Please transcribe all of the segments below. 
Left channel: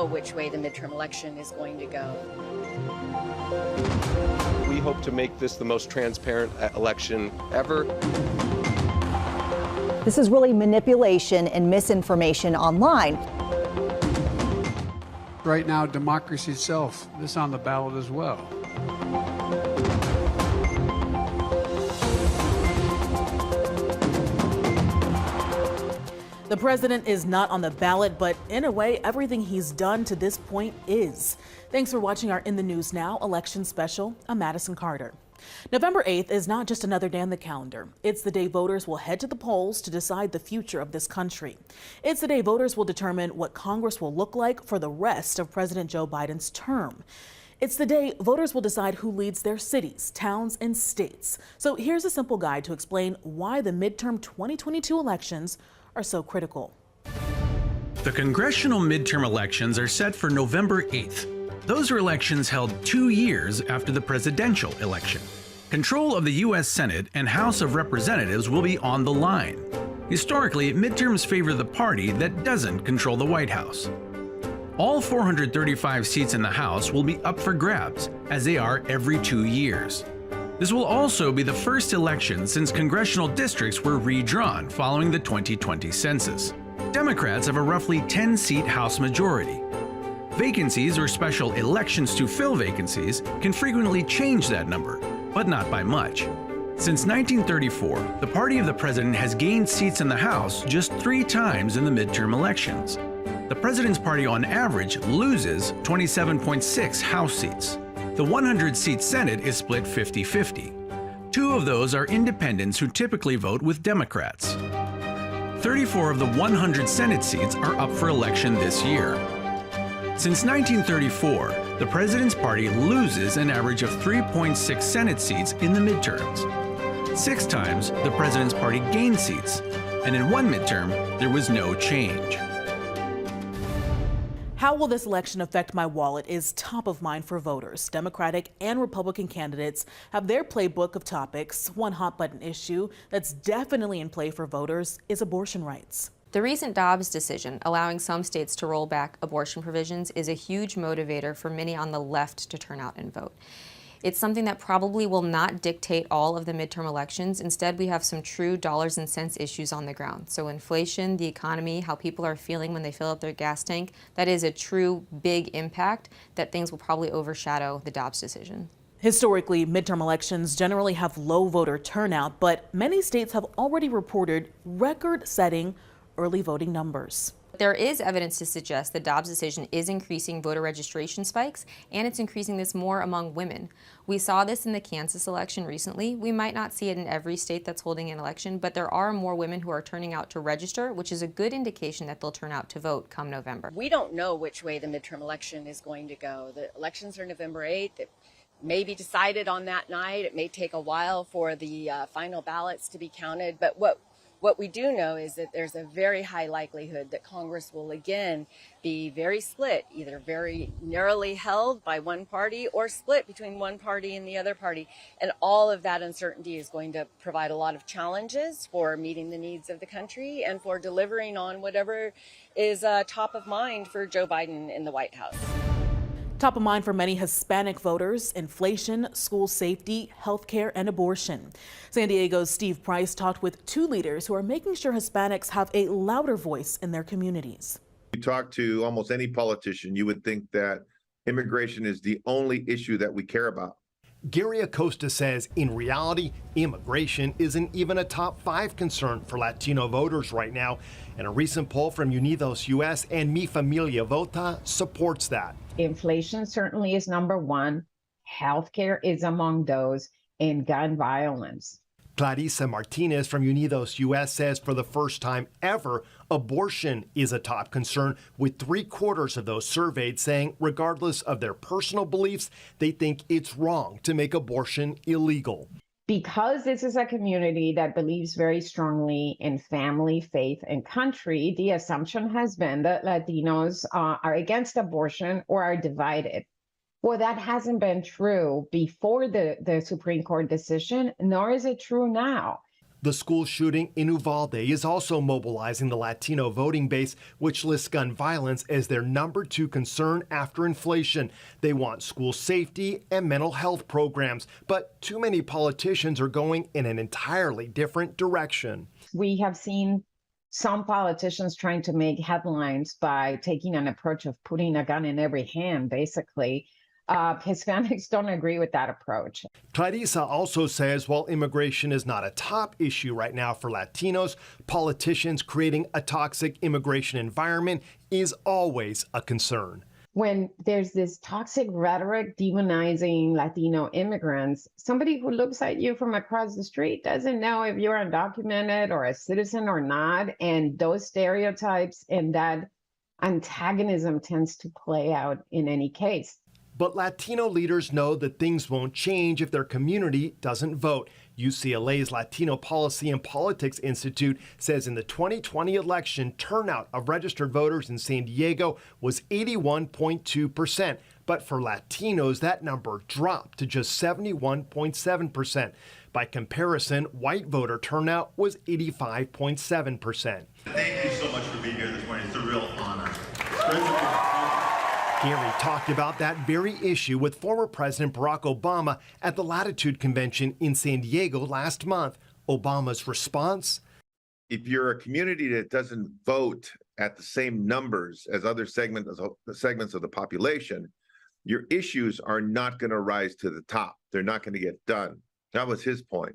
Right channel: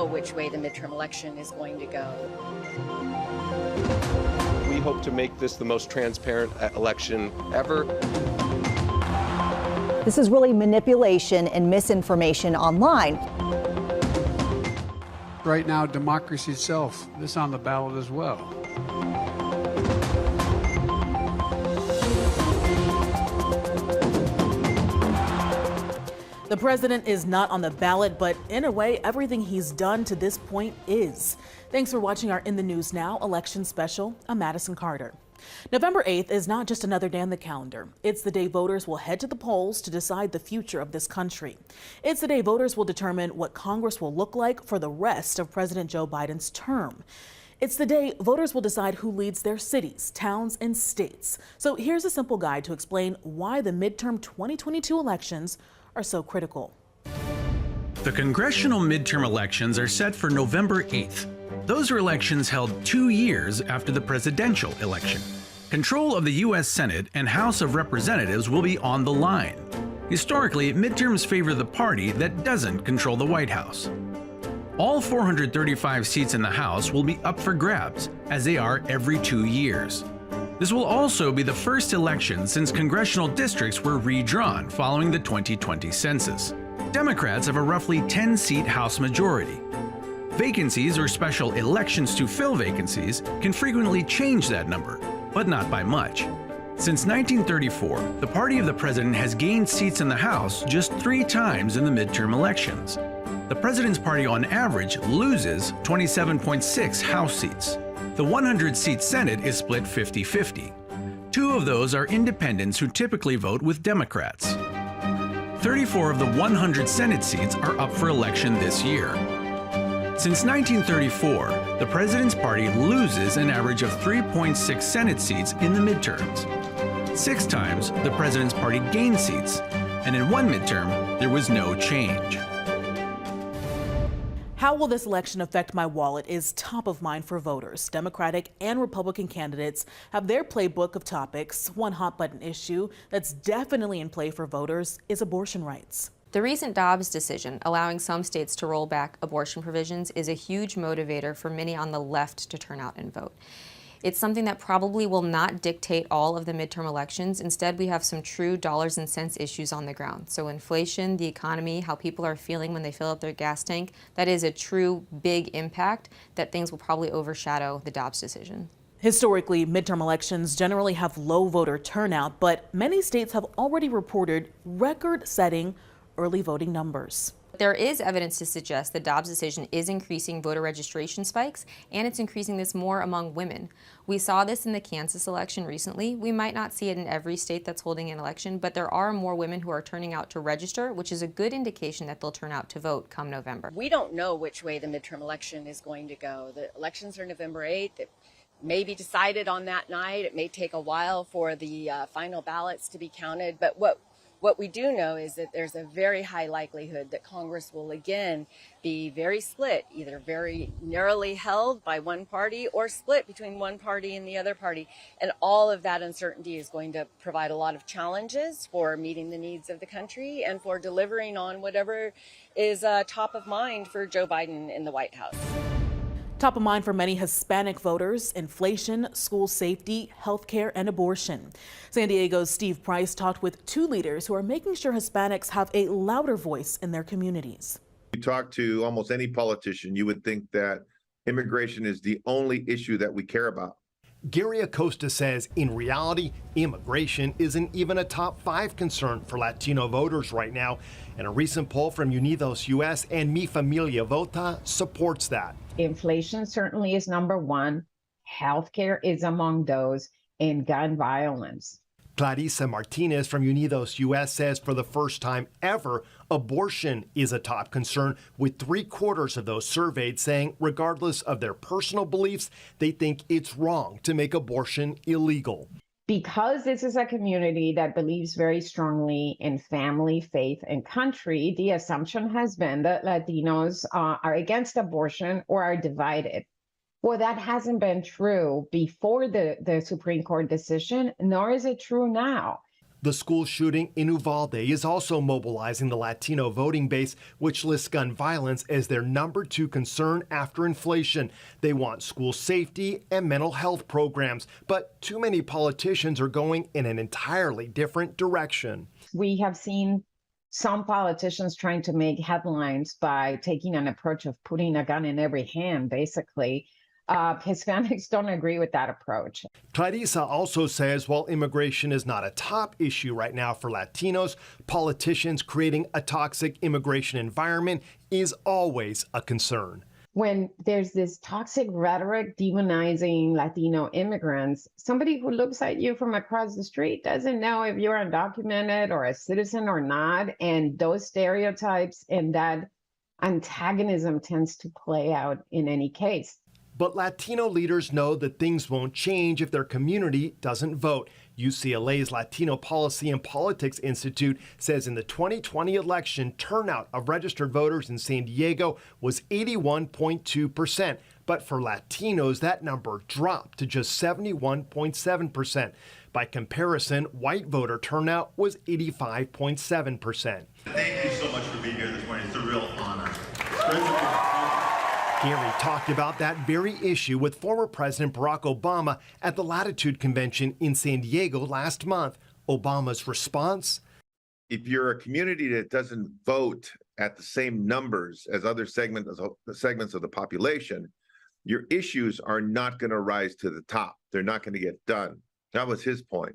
know which way the midterm election is going to go. We hope to make this the most transparent election ever. This is really manipulation and misinformation online. Right now, democracy itself is on the ballot as well. The president is not on the ballot, but in a way, everything he's done to this point is. Thanks for watching our In the News Now election special. I'm Madison Carter. November 8th is not just another day on the calendar. It's the day voters will head to the polls to decide the future of this country. It's the day voters will determine what Congress will look like for the rest of President Joe Biden's term. It's the day voters will decide who leads their cities, towns, and states. So here's a simple guide to explain why the midterm 2022 elections are so critical. The congressional midterm elections are set for November 8th. Those are elections held 2 years after the presidential election. Control of the U.S. Senate and House of Representatives will be on the line. Historically, midterms favor the party that doesn't control the White House. All 435 seats in the House will be up for grabs, as they are every 2 years. This will also be the first election since congressional districts were redrawn following the 2020 census. Democrats have a roughly 10-seat House majority. Vacancies or special elections to fill vacancies can frequently change that number, but not by much. Since 1934, the party of the president has gained seats in the House just 3 times in the midterm elections. The president's party on average loses 27.6 House seats. The 100-seat Senate is split 50-50. 2 of those are independents who typically vote with Democrats. 34 of the 100 Senate seats are up for election this year. Since 1934, the president's party loses an average of 3.6 Senate seats in the midterms. 6 times, the president's party gained seats, and in one midterm, there was no change. How will this election affect my wallet is top of mind for voters. Democratic and Republican candidates have their playbook of topics. One hot button issue that's definitely in play for voters is abortion rights. The recent Dobbs decision allowing some states to roll back abortion provisions is a huge motivator for many on the left to turn out and vote. It's something that probably will not dictate all of the midterm elections. Instead, we have some true dollars and cents issues on the ground. So inflation, the economy, how people are feeling when they fill up their gas tank, that is a true big impact that things will probably overshadow the Dobbs decision. Historically, midterm elections generally have low voter turnout, but many states have already reported record-setting early voting numbers. There is evidence to suggest the Dobbs decision is increasing voter registration spikes, and it's increasing this more among women. We saw this in the Kansas election recently. We might not see it in every state that's holding an election, but there are more women who are turning out to register, which is a good indication that they'll turn out to vote come November. We don't know which way the midterm election is going to go. The elections are November 8th. It may be decided on that night. It may take a while for the final ballots to be counted, but what we do know is that there's a very high likelihood that Congress will again be very split, either very narrowly held by one party or split between one party and the other party. And all of that uncertainty is going to provide a lot of challenges for meeting the needs of the country and for delivering on whatever is top of mind for Joe Biden in the White House. Top of mind for many Hispanic voters, inflation, school safety, healthcare, and abortion. San Diego's Steve Price talked with 2 leaders who are making sure Hispanics have a louder voice in their communities. You talk to almost any politician, you would think that immigration is the only issue that we care about. Gary Acosta says in reality, immigration isn't even a top 5 concern for Latino voters right now. And a recent poll from Unidos US and Mi Familia Vota supports that. Inflation certainly is number 1. Healthcare is among those, and gun violence. Clarissa Martinez from Unidos US says for the first time ever, abortion is a top concern, with 3/4 of those surveyed saying regardless of their personal beliefs, they think it's wrong to make abortion illegal. Because this is a community that believes very strongly in family, faith, and country, the assumption has been that Latinos are against abortion or are divided. Well, that hasn't been true before the Supreme Court decision, nor is it true now. The school shooting in Uvalde is also mobilizing the Latino voting base, which lists gun violence as their #2 concern after inflation. They want school safety and mental health programs, but too many politicians are going in an entirely different direction. We have seen some politicians trying to make headlines by taking an approach of putting a gun in every hand, basically. Hispanics don't agree with that approach. Clarissa also says while immigration is not a top issue right now for Latinos, politicians creating a toxic immigration environment is always a concern. When there's this toxic rhetoric demonizing Latino immigrants, somebody who looks at you from across the street doesn't know if you're undocumented or a citizen or not. And those stereotypes and that antagonism tends to play out in any case. But Latino leaders know that things won't change if their community doesn't vote. UCLA's Latino Policy and Politics Institute says in the 2020 election, turnout of registered voters in San Diego was 81.2%. But for Latinos, that number dropped to just 71.7%. By comparison, white voter turnout was 85.7%. Thank you so much for being here this morning. It's a real honor. Gary talked about that very issue with former President Barack Obama at the Latitude Convention in San Diego last month. Obama's response? If you're a community that doesn't vote at the same numbers as other segments of the population, your issues are not going to rise to the top. They're not going to get done. That was his point.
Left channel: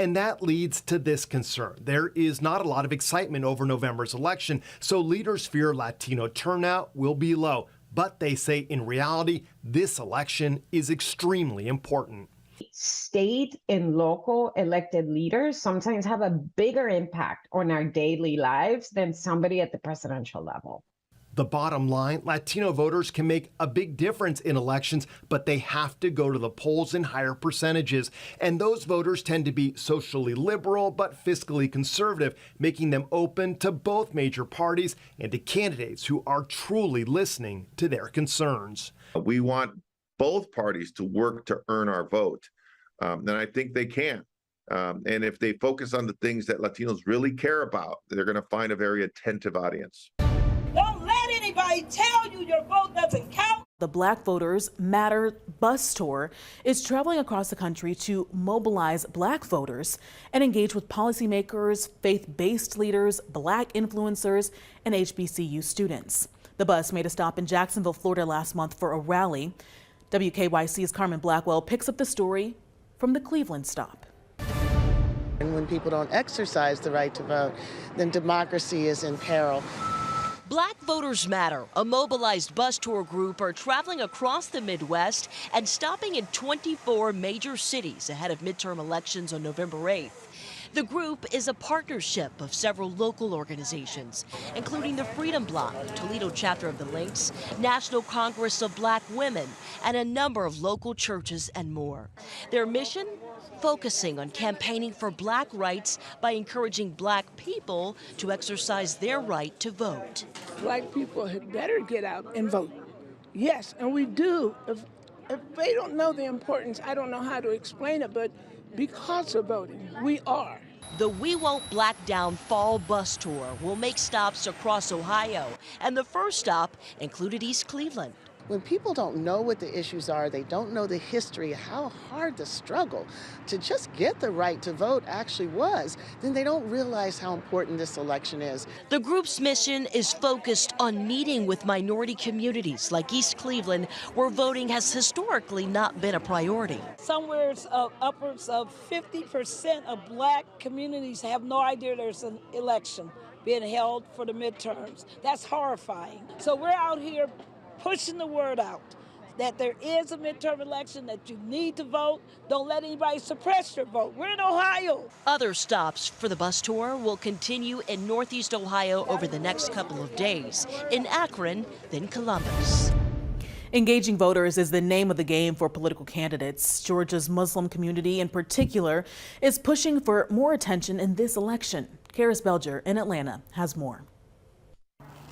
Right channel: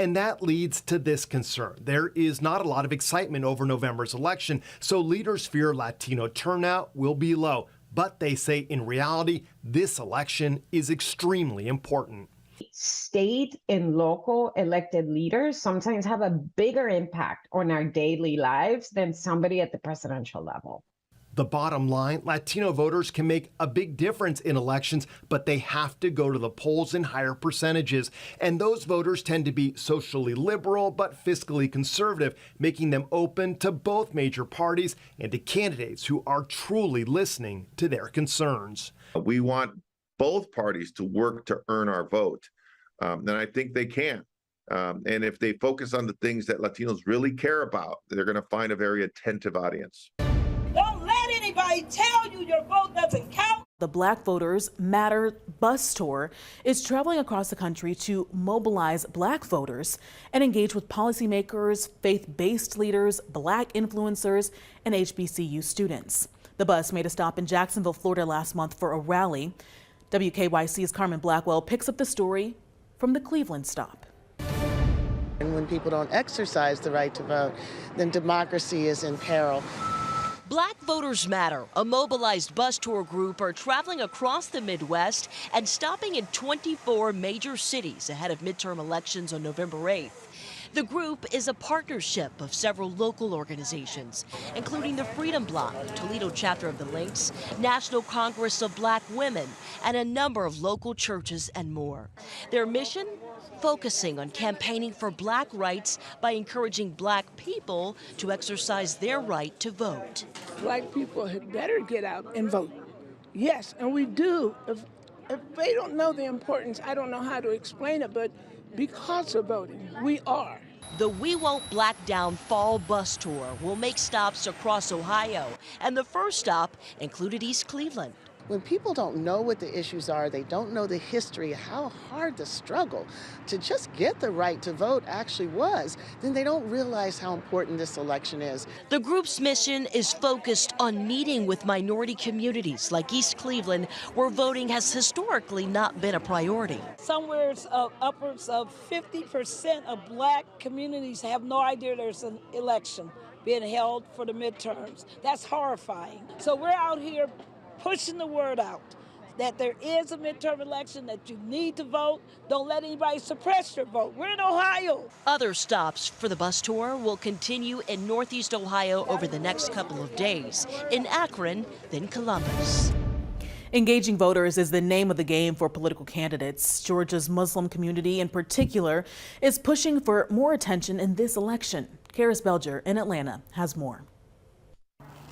And that leads to this concern. There is not a lot of excitement over November's election, so leaders fear Latino turnout will be low. But they say in reality, this election is extremely important. State and local elected leaders sometimes have a bigger impact on our daily lives than somebody at the presidential level. The bottom line, Latino voters can make a big difference in elections, but they have to go to the polls in higher percentages. And those voters tend to be socially liberal but fiscally conservative, making them open to both major parties and to candidates who are truly listening to their concerns. We want both parties to work to earn our vote, and I think they can. And if they focus on the things that Latinos really care about, they're going to find a very attentive audience. Don't let anybody tell you your vote doesn't count. The Black Voters Matter bus tour is traveling across the country to mobilize Black voters and engage with policymakers, faith-based leaders, Black influencers, and HBCU students. The bus made a stop in Jacksonville, Florida last month for a rally. WKYC's Carmen Blackwell picks up the story from the Cleveland stop. And when people don't exercise the right to vote, then democracy is in peril. Black Voters Matter, a mobilized bus tour group, are traveling across the Midwest and stopping in 24 major cities ahead of midterm elections on November 8th. The group is a partnership of several local organizations, including the Freedom Bloc, Toledo chapter of the Links, National Congress of Black Women, and a number of local churches and more. Their mission? Focusing on campaigning for Black rights by encouraging Black people to exercise their right to vote. Black people had better get out and vote. Yes, and we do. If they don't know the importance, I don't know how to explain it, but because of voting, we are. The We Won't Black Down Fall Bus Tour will make stops across Ohio, and the first stop included East Cleveland. When people don't know what the issues are, they don't know the history, how hard the struggle to just get the right to vote actually was, then they don't realize how important this election is. The group's mission is focused on meeting with minority communities like East Cleveland, where voting has historically not been a priority. Somewhere upwards of 50% of Black communities have no idea there's an election being held for the midterms. That's horrifying. So we're out here pushing the word out that there is a midterm election, that you need to vote. Don't let anybody suppress your vote. We're in Ohio. Other stops for the bus tour will continue in Northeast Ohio over the next couple of days, in Akron, then Columbus. Engaging voters is the name of the game for political candidates. Georgia's Muslim community in particular is pushing for more attention in this election. Karis Belger in Atlanta has more.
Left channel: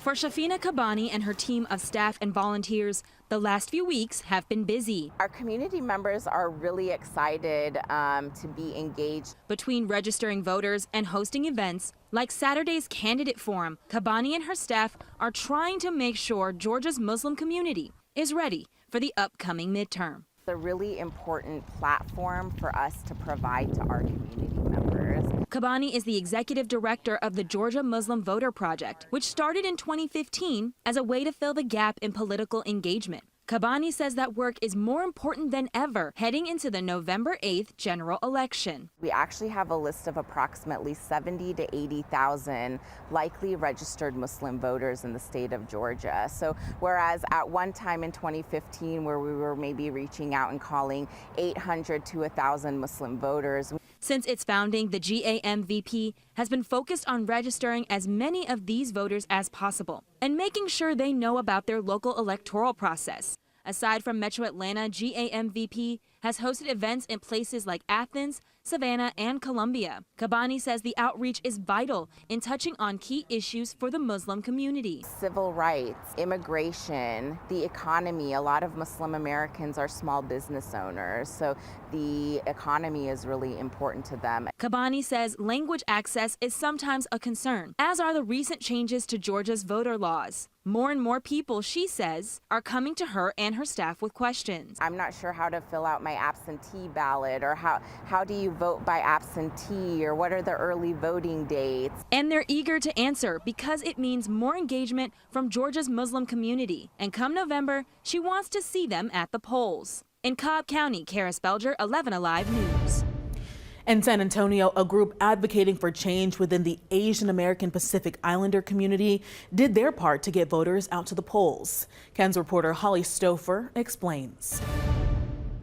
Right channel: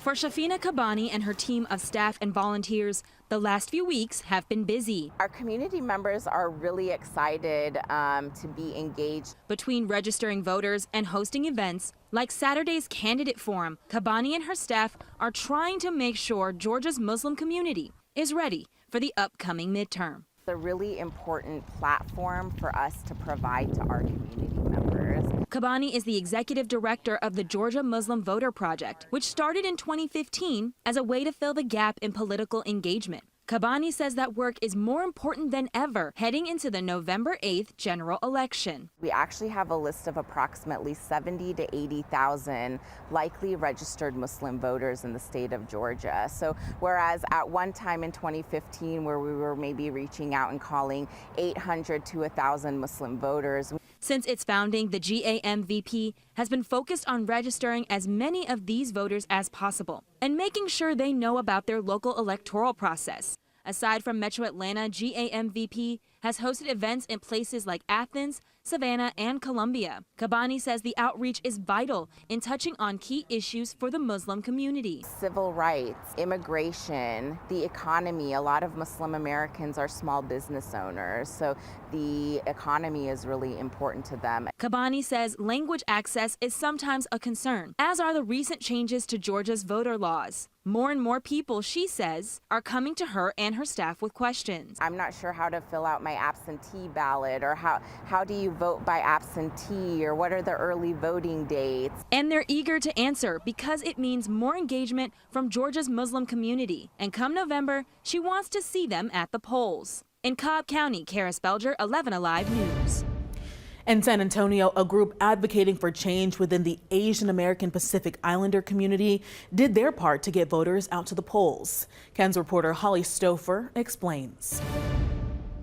For Shafina Kabani and her team of staff and volunteers, the last few weeks have been busy. Our community members are really excited to be engaged. Between registering voters and hosting events like Saturday's candidate forum, Kabani and her staff are trying to make sure Georgia's Muslim community is ready for the upcoming midterm. It's a really important platform for us to provide to our community members. Kabani is the executive director of the Georgia Muslim Voter Project, which started in 2015 as a way to fill the gap in political engagement. Kabani says that work is more important than ever heading into the November 8th general election. We actually have a list of approximately 70 to 80,000 likely registered Muslim voters in the state of Georgia. So whereas at one time in 2015 where we were maybe reaching out and calling 800 to 1,000 Muslim voters. Since its founding, the GAMVP has been focused on registering as many of these voters as possible and making sure they know about their local electoral process. Aside from Metro Atlanta, GAMVP has hosted events in places like Athens, Savannah, and Columbia. Kabani says the outreach is vital in touching on key issues for the Muslim community. Civil rights, immigration, the economy. A lot of Muslim Americans are small business owners, so the economy is really important to them. Kabani says language access is sometimes a concern, as are the recent changes to Georgia's voter laws. More and more people, she says, are coming to her and her staff with questions. I'm not sure how to fill out my absentee ballot, or how do you vote by absentee, or what are the early voting dates? And they're eager to answer because it means more engagement from Georgia's Muslim community. And come November, she wants to see them at the polls. In Cobb County, Karis Belger, 11 Alive News. In San Antonio, a group advocating for change within the Asian American Pacific Islander community did their part to get voters out to the polls. Ken's reporter Holly Stouffer explains.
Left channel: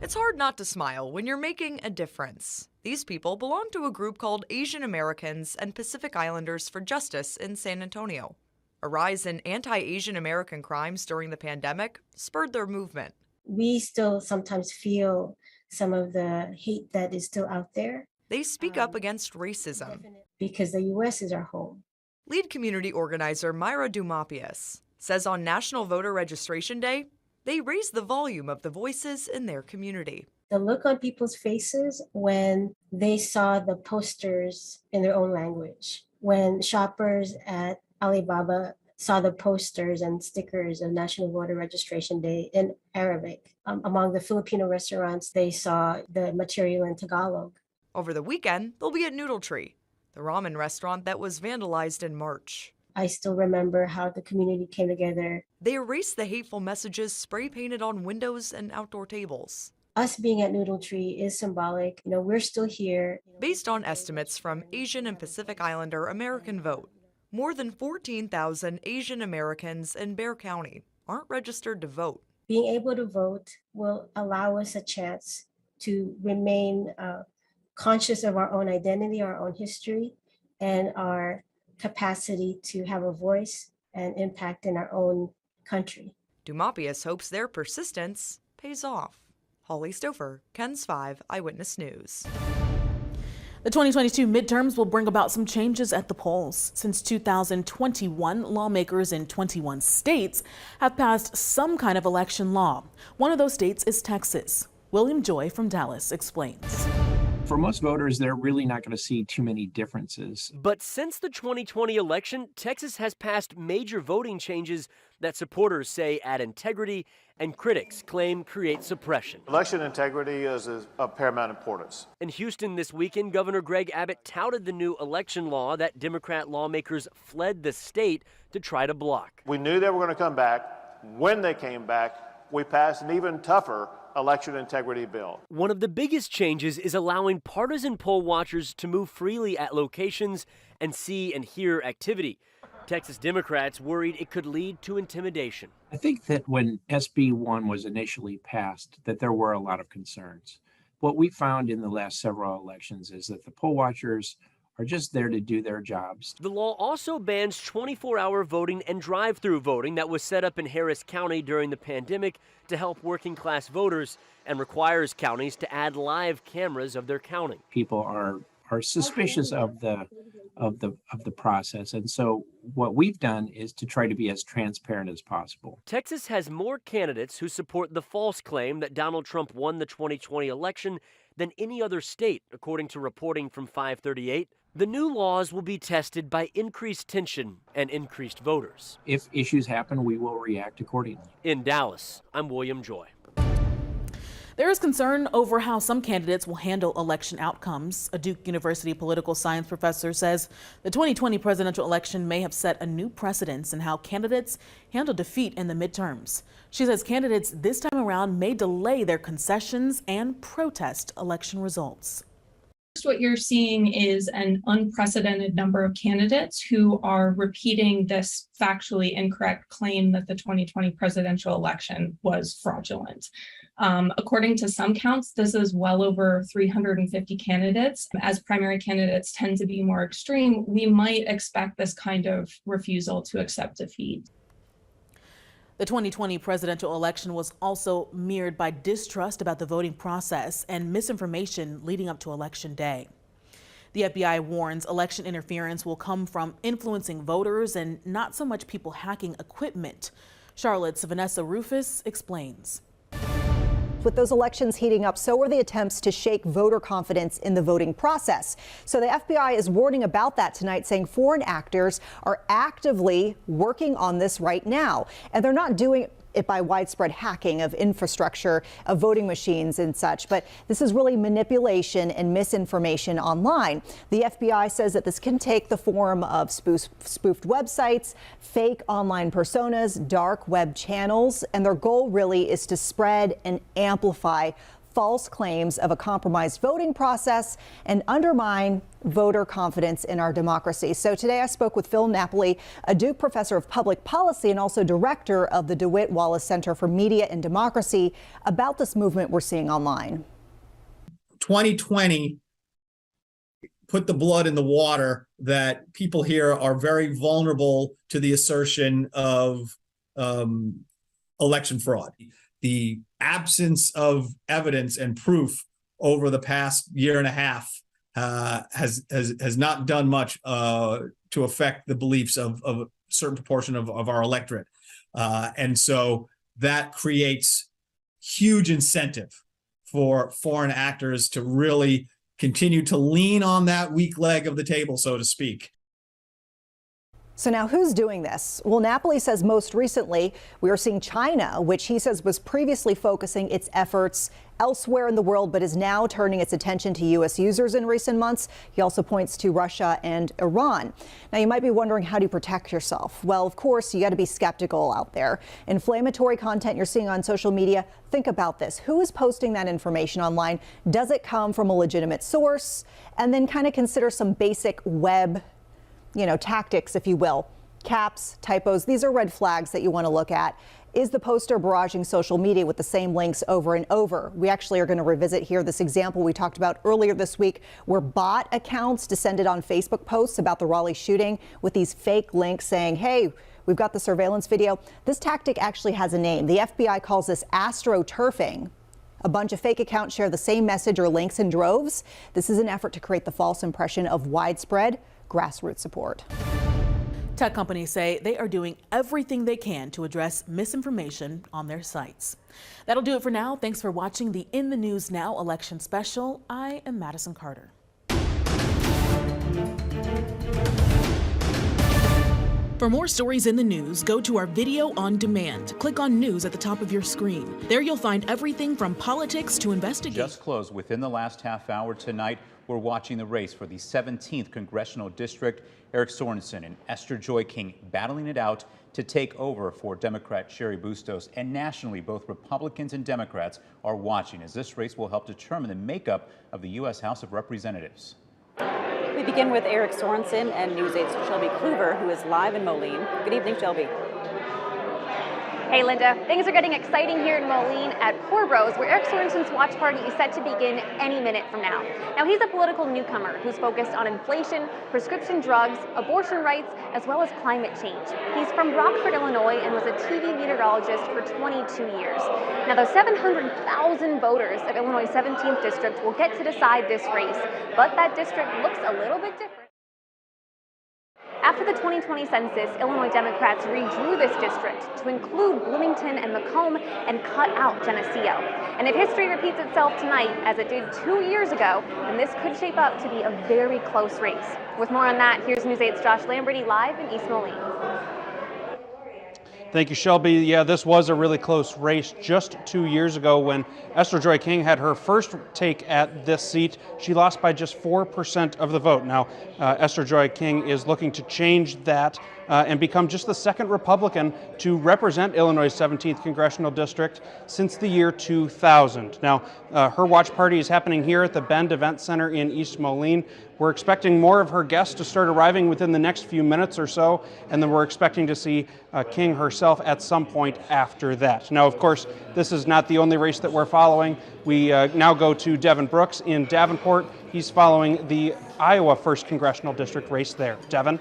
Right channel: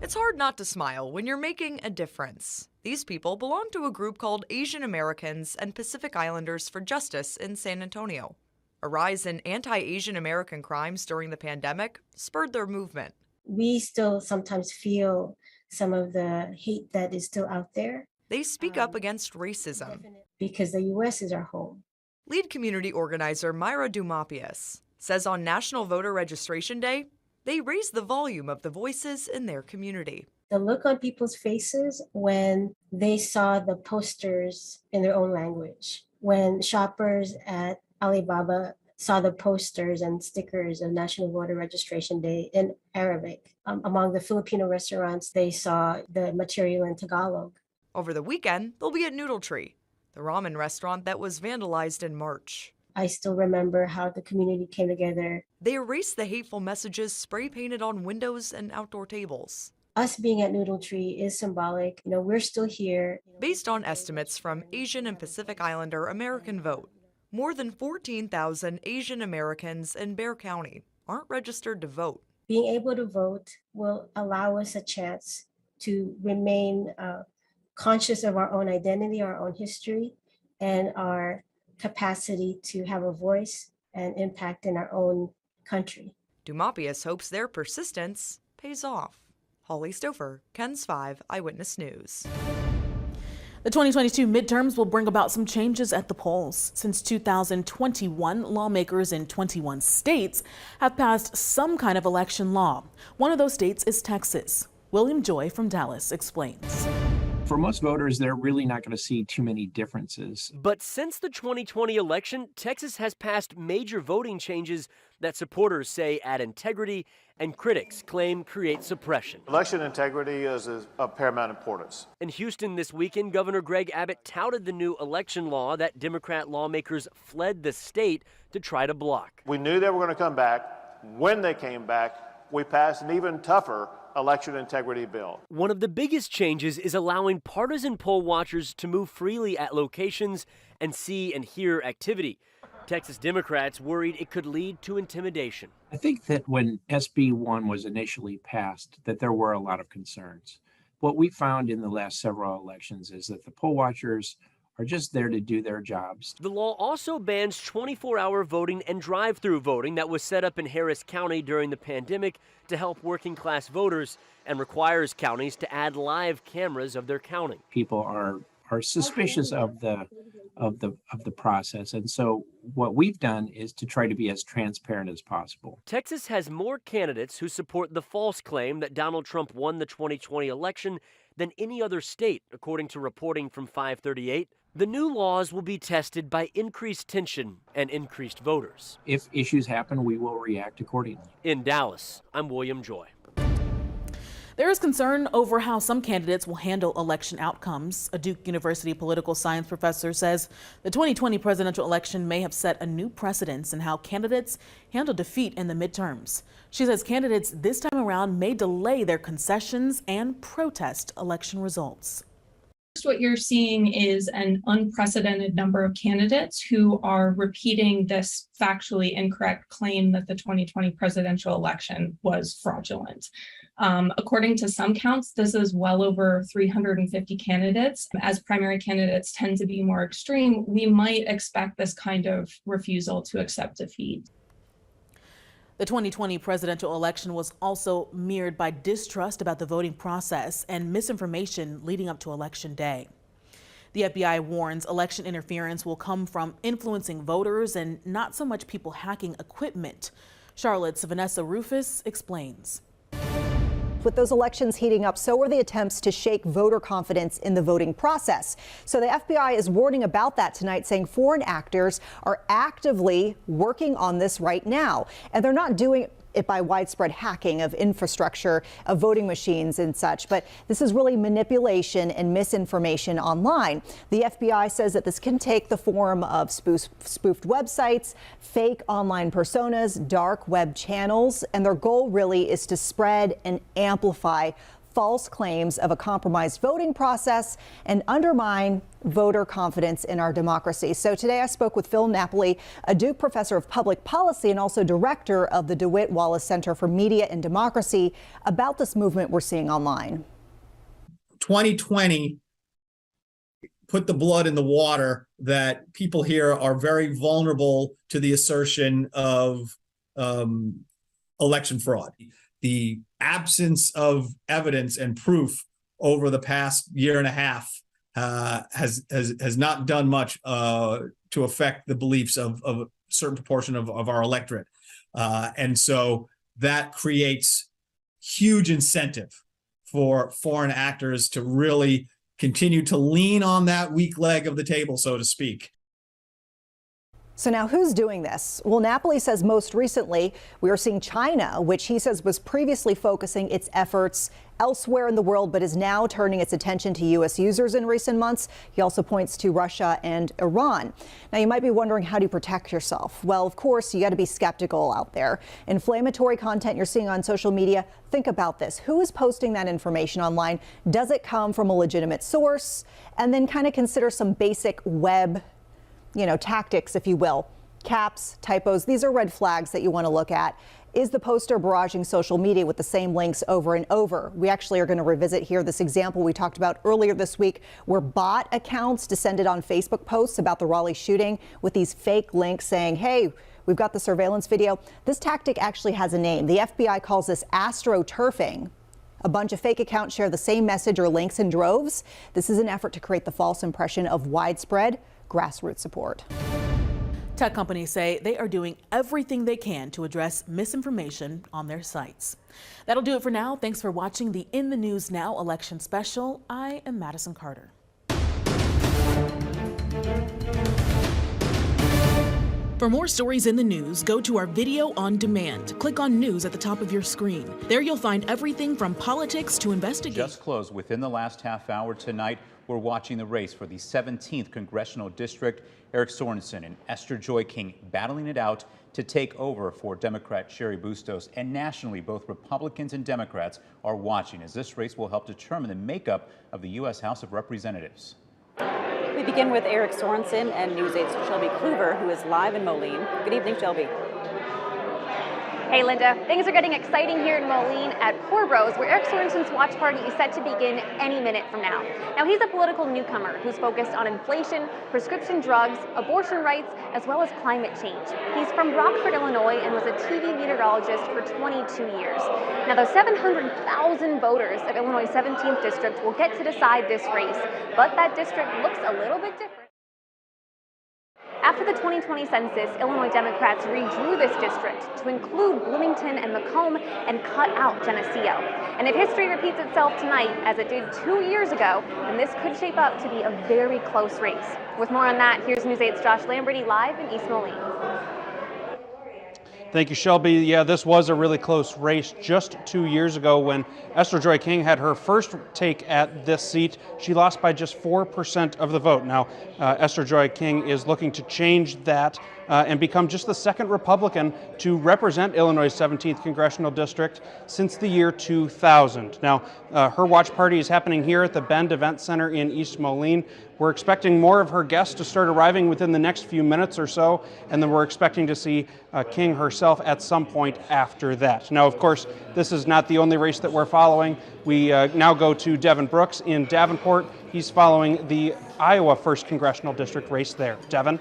It's hard not to smile when you're making a difference. These people belong to a group called Asian Americans and Pacific Islanders for Justice in San Antonio. A rise in anti-Asian American crimes during the pandemic spurred their movement. We still sometimes feel some of the hate that is still out there. They speak up against racism. Because the U.S. is our home. Lead community organizer Myra Dumapius says on National Voter Registration Day, they raise the volume of the voices in their community. The look on people's faces when they saw the posters in their own language, when shoppers at Alibaba saw the posters and stickers of National Voter Registration Day in Arabic. Among the Filipino restaurants, they saw the material in Tagalog. Over the weekend, they'll be at Noodle Tree, the ramen restaurant that was vandalized in March. I still remember how the community came together. They erased the hateful messages spray painted on windows and outdoor tables. Us being at Noodle Tree is symbolic. We're still here. Based on estimates from Asian and Pacific Islander American Vote, more than 14,000 Asian Americans in Bexar County aren't registered to vote. Being able to vote will allow us a chance to remain conscious of our own identity, our own history, and our capacity to have a voice and impact in our own country. Dumapius hopes their persistence pays off. Holly Stouffer, KENS 5 Eyewitness News. The 2022 midterms will bring about some changes at the polls. Since 2021, lawmakers in 21 states have passed some kind of election law. One of those states is Texas. William Joy from Dallas explains. For most voters, they're really not going to see too many differences. But since the 2020 election, Texas has passed major voting changes that supporters say add integrity and critics claim create suppression. Election integrity is of paramount importance. In Houston this weekend, Governor Greg Abbott touted the new election law that Democrat lawmakers fled the state to try to block. We knew they were going to come back. When they came back, we passed an even tougher election integrity bill. One of the biggest changes is allowing partisan poll watchers to move freely at locations and see and hear activity. Texas Democrats worried it could lead to intimidation. I think that when SB 1 was initially passed, that there were a lot of concerns. What we found in the last several elections is that the poll watchers are just there to do their jobs. The law also bans 24-hour voting and drive-through voting that was set up in Harris County during the pandemic to help working-class voters and requires counties to add live cameras of their counting. People are suspicious of the process, and so what we've done is to try to be as transparent as possible. Texas has more candidates who support the false claim that Donald Trump won the 2020 election than any other state, according to reporting from 538. The new laws will be tested by increased tension and increased voters. If issues happen, we will react accordingly. In Dallas, I'm William Joy. There is concern over how some candidates will handle election outcomes. A Duke University political science professor says the 2020 presidential election may have set a new precedence in how candidates handle defeat in the midterms. She says candidates this time around may delay their concessions and protest election results. What you're seeing is an unprecedented number of candidates who are repeating this factually incorrect claim that the 2020 presidential election was fraudulent. According to some counts, this is well over 350 candidates. As primary candidates tend to be more extreme, we might expect this kind of refusal to accept defeat. The 2020 presidential election was also mirrored by distrust about the voting process and misinformation leading up to Election Day. The FBI warns election interference will come from influencing voters and not so much people hacking equipment. Charlotte's Vanessa Rufus explains. With those elections heating up, so are the attempts to shake voter confidence in the voting process. So the FBI is warning about that tonight, saying foreign actors are actively working on this right now. And they're not doing it by widespread hacking of infrastructure, of voting machines and such. But this is really manipulation and misinformation online. The FBI says that this can take the form of spoofed websites, fake online personas, dark web channels, and their goal really is to spread and amplify false claims of a compromised voting process and undermine voter confidence in our democracy. So today I spoke with Phil Napoli, a Duke professor of public policy and also director of the DeWitt Wallace Center for Media and Democracy, about this movement we're seeing online. 2020 put the blood in the water that people here are very vulnerable to the assertion of election fraud. The absence of evidence and proof over the past year and a half has not done much to affect the beliefs of a certain proportion of our electorate. And so that creates huge incentive for foreign actors to really continue to lean on that weak leg of the table, so to speak. So now who's doing this? Well, Napoli says most recently we are seeing China, which he says was previously focusing its efforts elsewhere in the world, but is now turning its attention to U.S. users in recent months. He also points to Russia and Iran. Now, you might be wondering, how do you protect yourself? Well, of course, you got to be skeptical out there. Inflammatory content you're seeing on social media, think about this. Who is posting that information online? Does it come from a legitimate source? And then kind of consider some basic web tactics, if you will. Caps, typos, these are red flags that you want to look at. Is the poster barraging social media with the same links over and over? We actually are going to revisit here this example we talked about earlier this week, where bot accounts descended on Facebook posts about the Raleigh shooting with these fake links saying, hey, we've got the surveillance video. This tactic actually has a name. The FBI calls this astroturfing. A bunch of fake accounts share the same message or links in droves. This is an effort to create the false impression of widespread grassroots support. Tech companies say they are doing everything they can to address misinformation on their sites. That'll do it for now. Thanks for watching the In the News Now election special. I am Madison Carter. For more stories in the news, go to our video on demand. Click on News at the top of your screen. There you'll find everything from politics to investigation. Just closed within the last half hour tonight. We're watching the race for the 17th Congressional District. Eric Sorensen and Esther Joy King battling it out to take over for Democrat Sherry Bustos. And nationally, both Republicans and Democrats are watching, as this race will help determine the makeup of the U.S. House of Representatives. We begin with Eric Sorensen and News 8's Shelby Kluver, who is live in Moline. Good evening, Shelby. Hey, Linda. Things are getting exciting here in Moline at Poor Bros, where Eric Sorensen's watch party is set to begin any minute from now. Now, he's a political newcomer who's focused on inflation, prescription drugs, abortion rights, as well as climate change. He's from Rockford, Illinois, and was a TV meteorologist for 22 years. Now, those 700,000 voters of Illinois' 17th district will get to decide this race, but that district looks a little bit different. After the 2020 census, Illinois Democrats redrew this district to include Bloomington and Macomb and cut out Geneseo. And if history repeats itself tonight, as it did 2 years ago, then this could shape up to be a very close race. With more on that, here's News 8's Josh Lamberty live in East Moline. Thank you, Shelby. Yeah, this was a really close race just 2 years ago when Esther Joy King had her first take at this seat. She lost by just 4% of the vote. Now, Esther Joy King is looking to change that and become just the second Republican to represent Illinois' 17th Congressional District since the year 2000. Now, her watch party is happening here at the Bend Event Center in East Moline. We're expecting more of her guests to start arriving within the next few minutes or so, and then we're expecting to see King herself at some point after that. Now, of course, this is not the only race that we're following. We now go to Devin Brooks in Davenport. He's following the Iowa 1st Congressional District race there. Devin?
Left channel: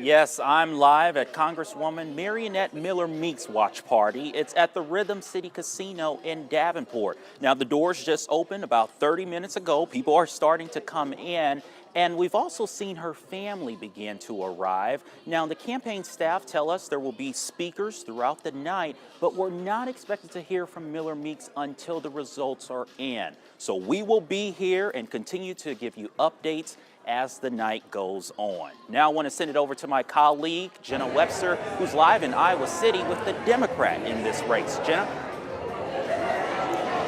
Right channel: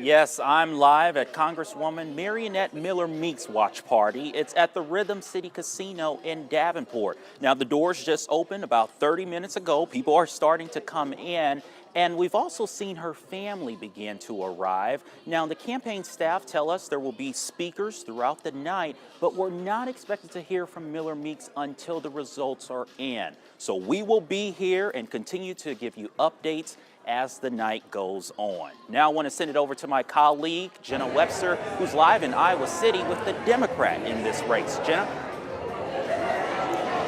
Yes, I'm live at Congresswoman Marionette Miller Meek's watch party. It's at the Rhythm City Casino in Davenport. Now, the doors just opened about 30 minutes ago. People are starting to come in, and we've also seen her family begin to arrive. Now, the campaign staff tell us there will be speakers throughout the night, but we're not expected to hear from Miller Meeks until the results are in. So we will be here and continue to give you updates as the night goes on. Now I want to send it over to my colleague, Jenna Webster, who's live in Iowa City with the Democrat in this race. Jenna?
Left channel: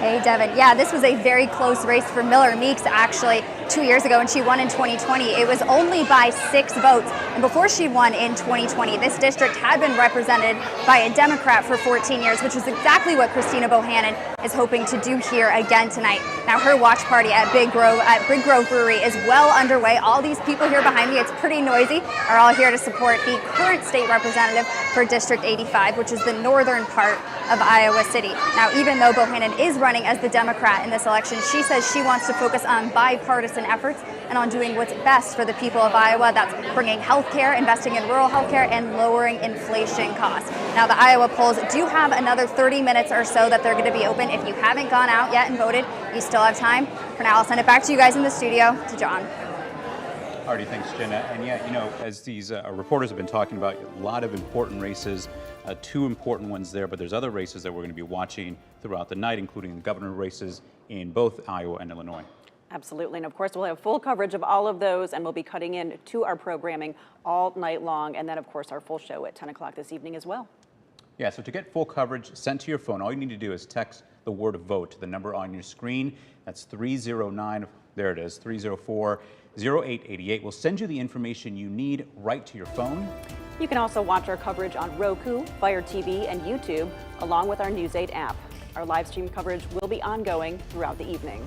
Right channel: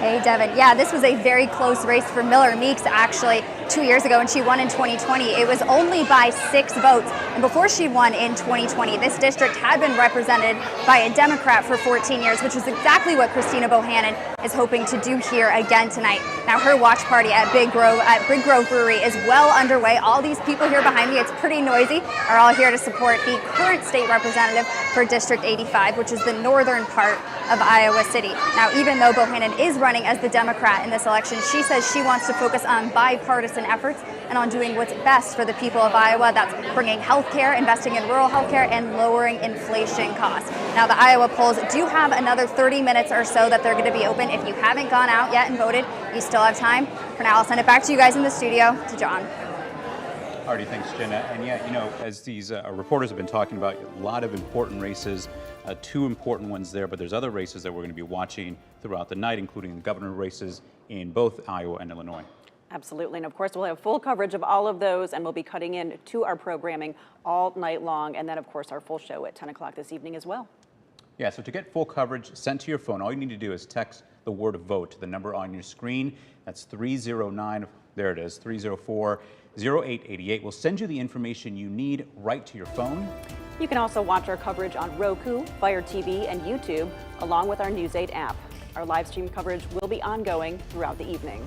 Hey, Devin. Yeah, this was a very close race for Miller Meeks, actually, 2 years ago, and she won in 2020. It was only by 6 votes. And before she won in 2020, this district had been represented by a Democrat for 14 years, which is exactly what Christina Bohannon is hoping to do here again tonight. Now, her watch party at Big Grove Brewery is well underway. All these people here behind me, it's pretty noisy, are all here to support the current state representative for District 85, which is the northern part of Iowa City. Now, even though Bohannon is running as the Democrat in this election, she says she wants to focus on bipartisan efforts and on doing what's best for the people of Iowa. That's bringing health care, investing in rural health care, and lowering inflation costs. Now, the Iowa polls do have another 30 minutes or so that they're going to be open. If you haven't gone out yet and voted, you still have time. For now, I'll send it back to you guys in the studio, to John. Alrighty, thanks, Jenna. And yeah, you know, as these reporters have been talking about, a lot of important races, 2 important ones there, but there's other races that we're going to be watching throughout the night, including the governor races in both Iowa and Illinois. Absolutely. And of course, we'll have full coverage of all of those, and we'll be cutting in to our programming all night long. And then, of course, our full show at 10 o'clock this evening as well. Yeah, so to get full coverage sent to your phone, all you need to do is text the word vote to the number on your screen. That's 309, there it is, 304-0888. We'll send you the information you need right to your phone. You can also watch our coverage on Roku, Fire TV, and YouTube, along with our News 8 app. Our live stream coverage will be ongoing throughout the evening.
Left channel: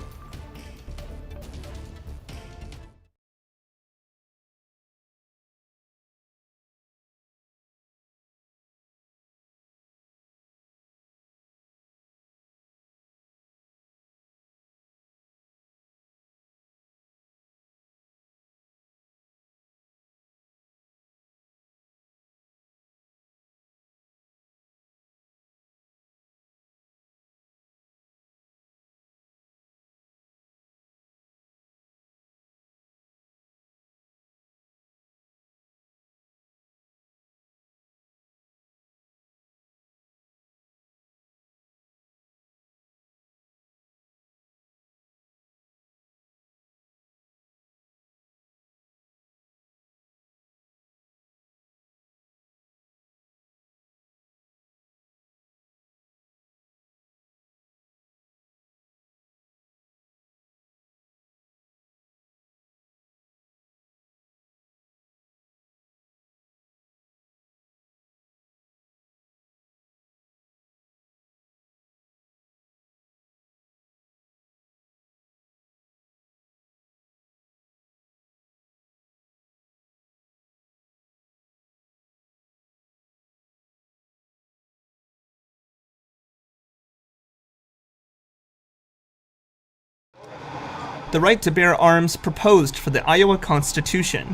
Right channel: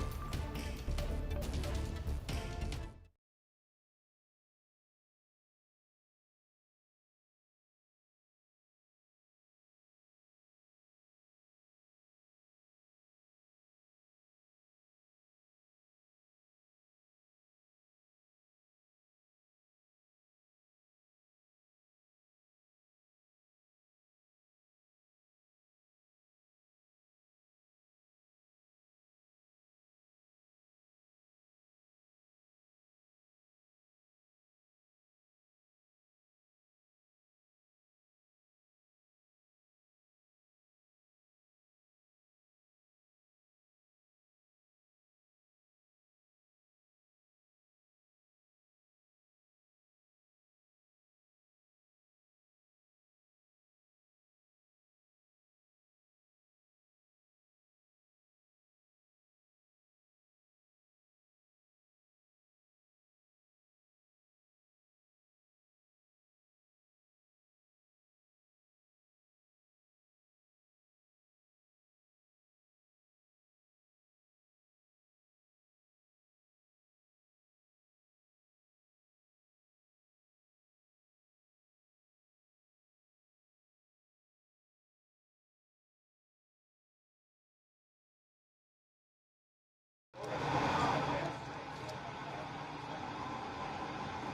The right to bear arms proposed for the Iowa Constitution.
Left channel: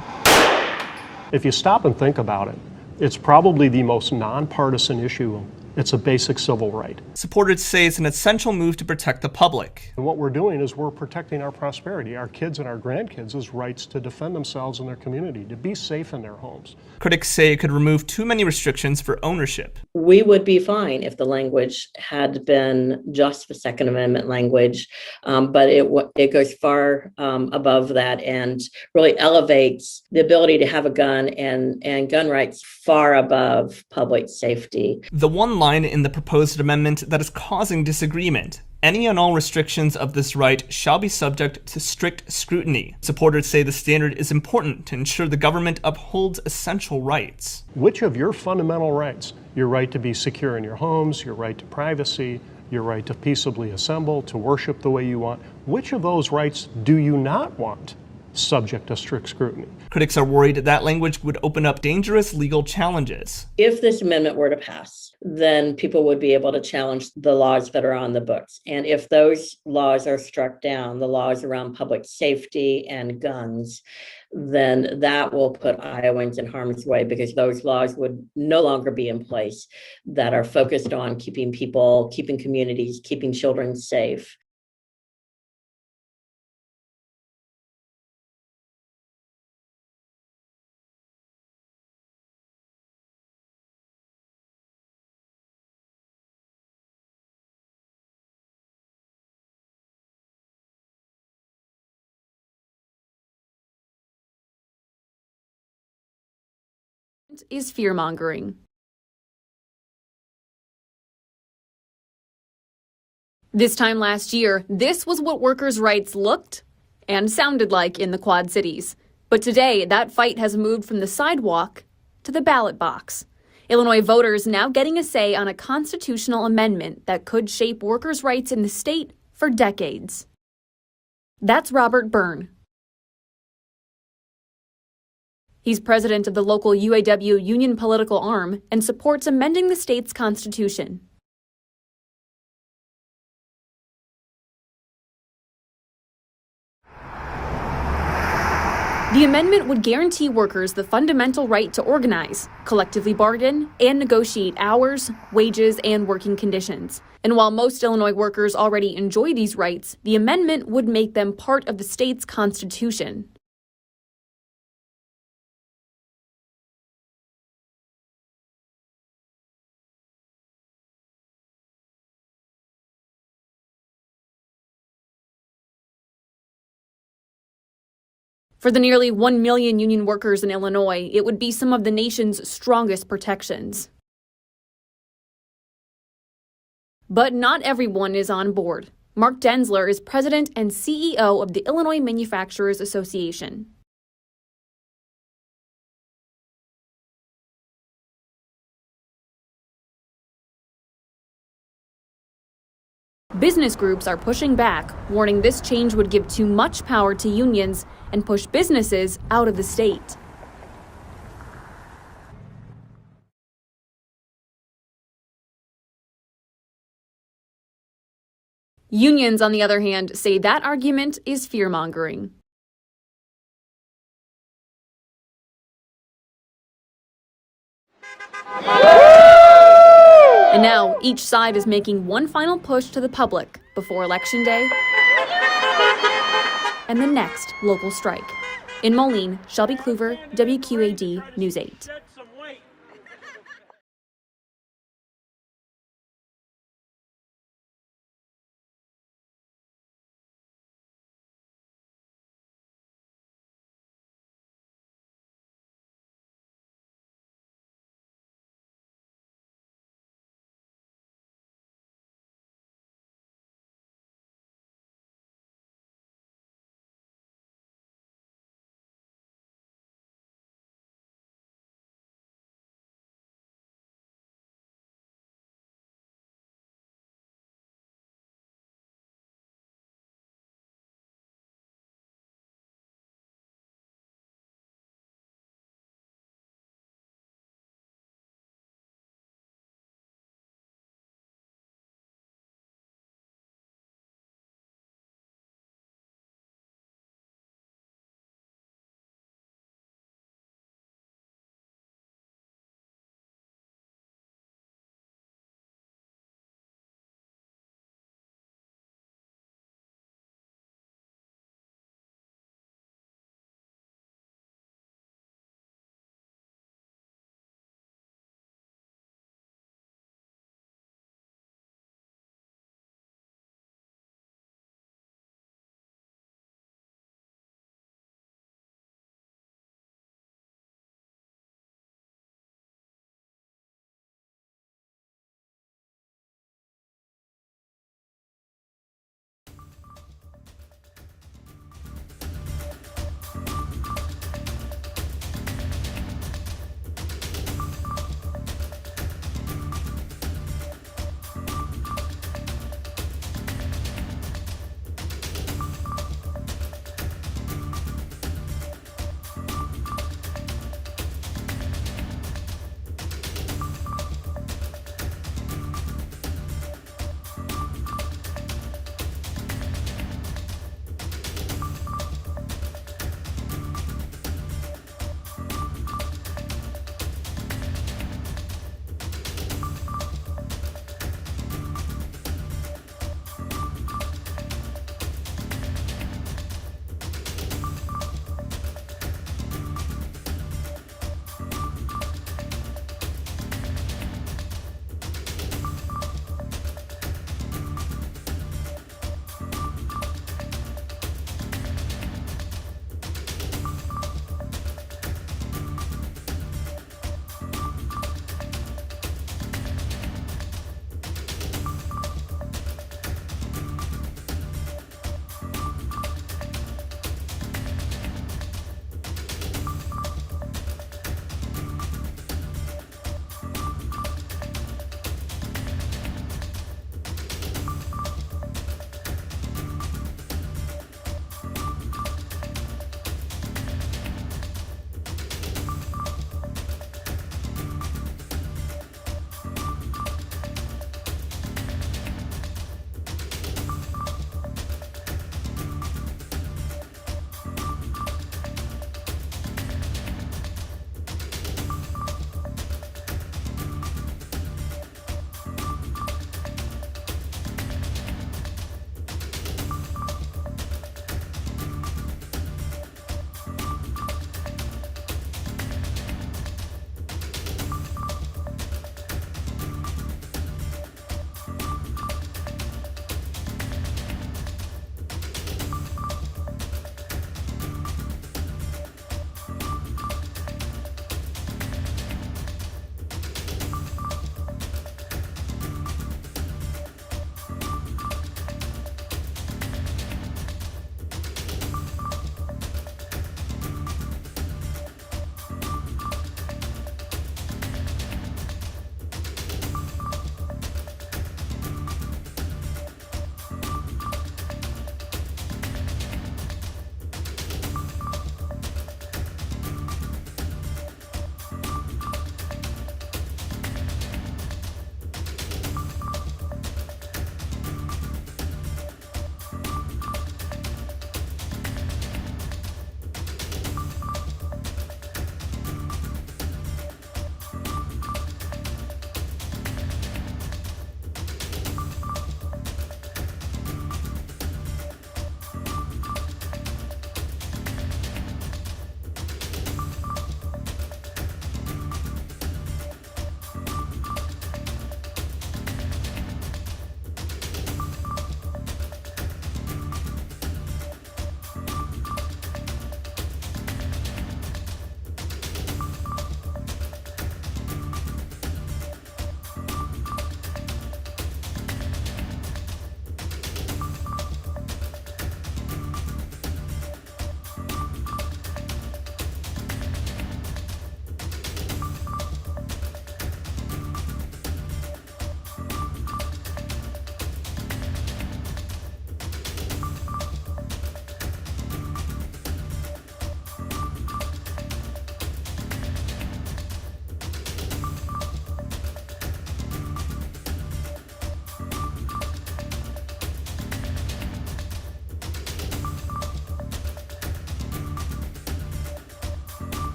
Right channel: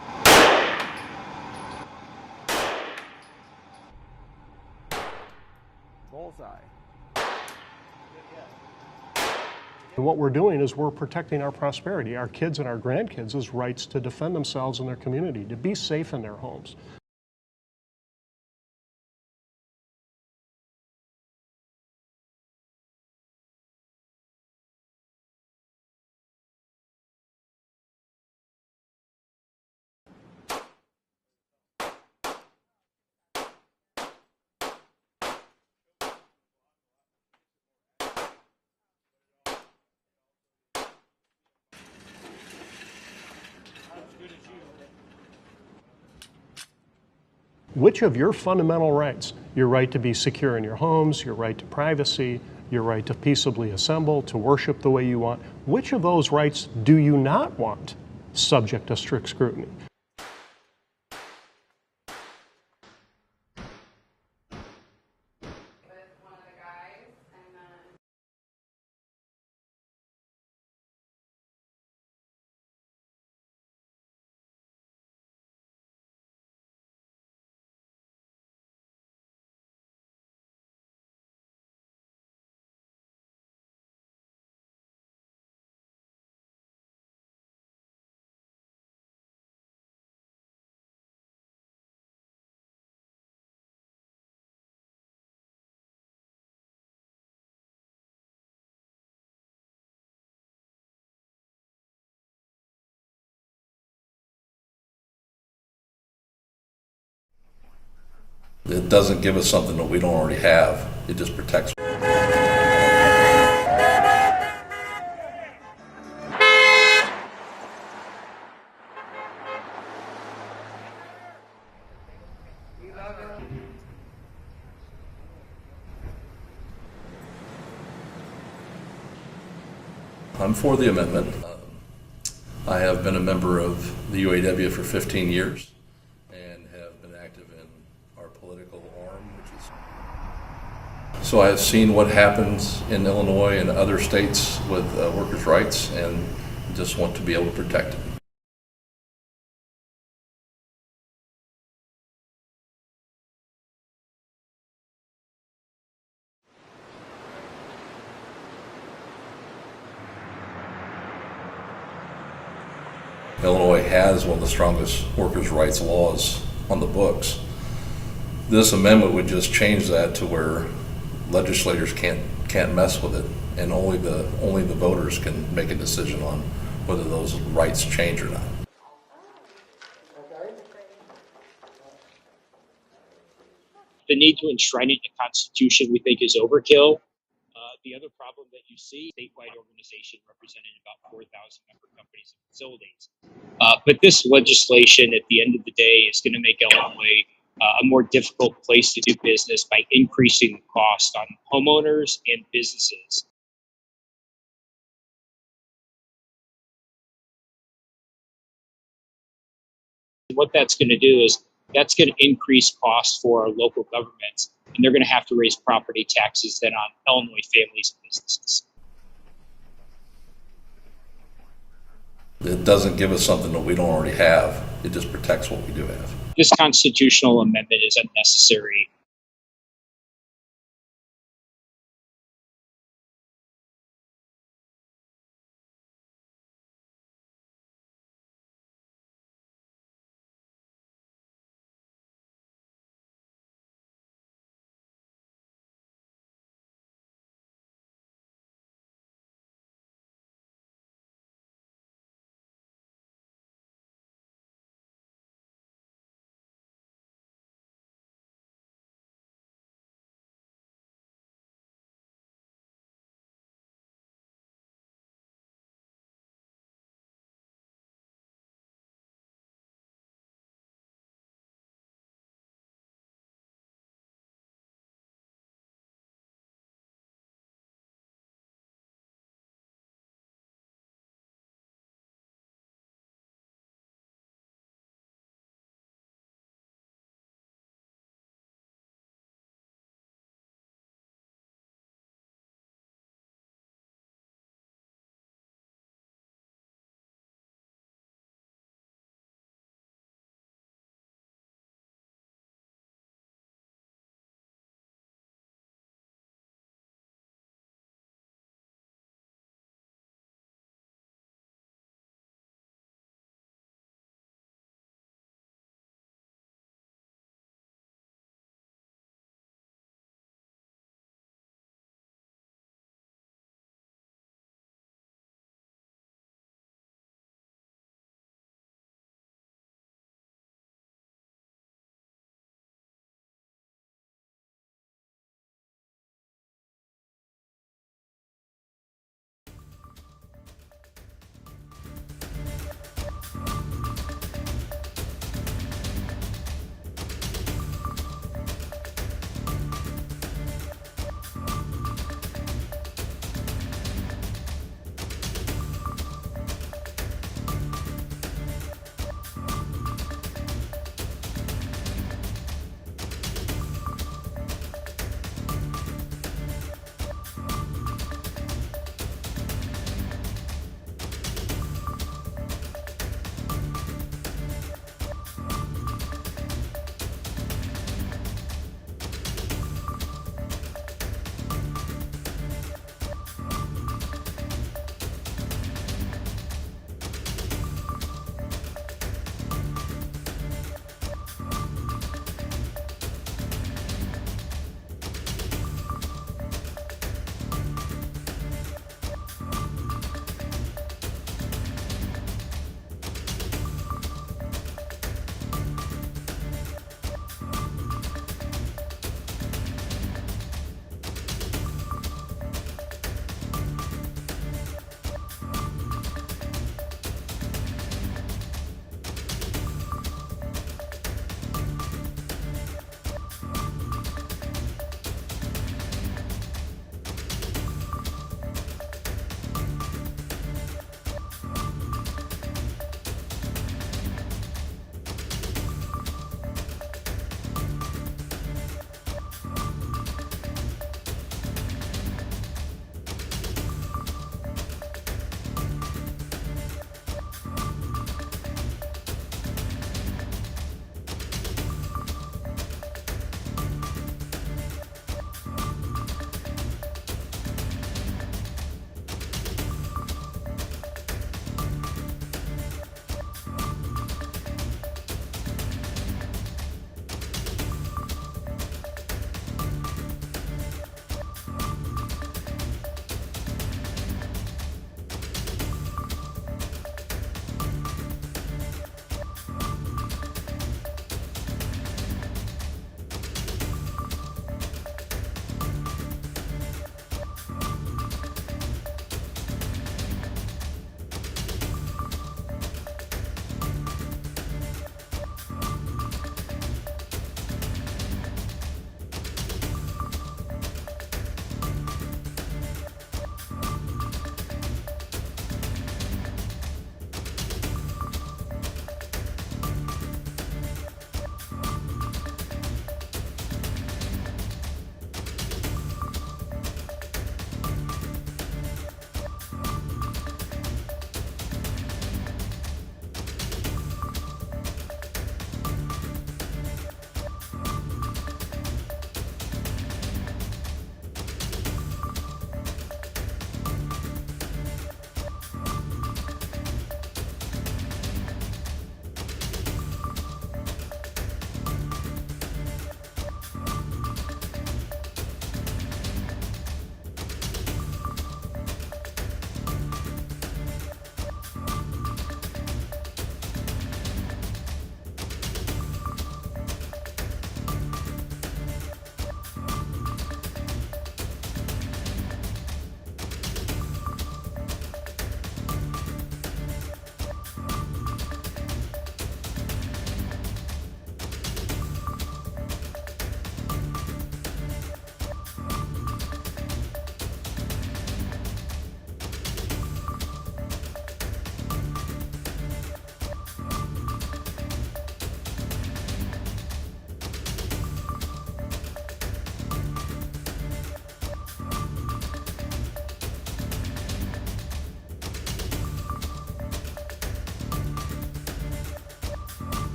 If you stop and think about it, it's probably the most nonpartisan issue It's a basic civil right. Supporters say it's an essential move to protect the public. And what we're doing is we're protecting our prosperity, our kids and our grandkids' rights to defend themselves and their community, to be safe in their homes. Critics say it could remove too many restrictions for ownership. We would be fine if the language had been just the Second Amendment language, but it goes far above that and really elevates the ability to have a gun and gun rights far above public safety. The one line in the proposed amendment that is causing disagreement: any and all restrictions of this right shall be subject to strict scrutiny. Supporters say the standard is important to ensure the government upholds essential rights. Which of your fundamental rights, your right to be secure in your homes, your right to privacy, your right to peaceably assemble, to worship the way you want, which of those rights do you not want subject to strict scrutiny? Critics are worried that language would open up dangerous legal challenges. If this amendment were to pass, then people would be able to challenge the laws that are on the books. And if those laws are struck down, the laws around public safety and guns, then that will put Iowans in harm's way, because those laws would no longer be in place that are focused on keeping people, keeping communities, keeping children safe. Is fear-mongering. It doesn't give us something that we don't already have. It just protects. This time last year, this was what workers' rights looked and sounded like in the Quad Cities. But today, that fight has moved from the sidewalk to the ballot box. Illinois voters now getting a say on a constitutional amendment that could shape workers' rights in the state for decades. I'm for the amendment. That's Robert Byrne. I have been a member of the UAW for 15 years. He's president of the local UAW union political arm and supports amending the state's constitution. So I have seen what happens in Illinois and other states with workers' rights, and just want to be able to protect it. The amendment would guarantee workers the fundamental right to organize, collectively bargain, and negotiate hours, wages, and working conditions. And while most Illinois workers already enjoy these rights, the amendment would make them part of the state's constitution. Illinois has one of the strongest workers' rights laws on the books. This amendment would just change that to where legislators can't mess with it, and only the voters can make a decision on whether those rights change or not. For the nearly 1 million union workers in Illinois, it would be some of the nation's strongest protections. The need to enshrine it in the Constitution, we think, is overkill. But not everyone is on board. Mark Denzler is president and CEO of the Illinois Manufacturers Association. But this legislation, at the end of the day, is going to make Illinois a more difficult place to do business by increasing the cost on homeowners and businesses. Business groups are pushing back, warning this change would give too much power to unions and push businesses out of the state. What that's going to do is that's going to increase costs for our local governments, and they're going to have to raise property taxes then on Illinois families and businesses. Unions, on the other hand, say that argument is fear-mongering. It doesn't give us something that we don't already have. It just protects what we do have. This constitutional amendment is unnecessary. And now each side is making one final push to the public before Election Day and the next local strike. In Moline, Shelby Kluver, WQAD News 8.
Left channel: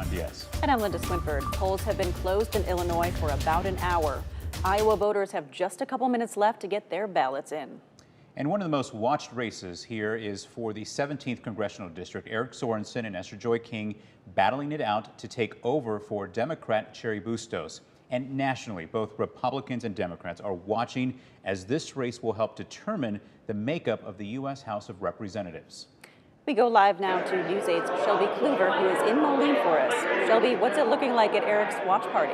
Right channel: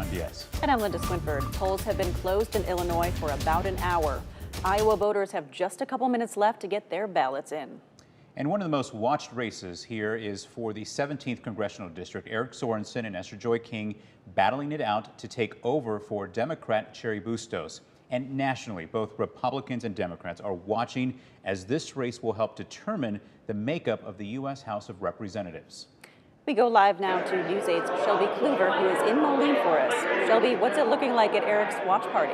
John Diaz. And I'm Linda Swinford. Polls have been closed in Illinois for about an hour. Iowa voters have just a couple minutes left to get their ballots in. And one of the most watched races here is for the 17th Congressional District. Eric Sorensen and Esther Joy King battling it out to take over for Democrat Cheri Bustos. And nationally, both Republicans and Democrats are watching as this race will help determine the makeup of the U.S. House of Representatives. We go live now to News 8's Shelby Kluver, who is in Moline for us. Shelby, what's it looking like at Eric's watch party?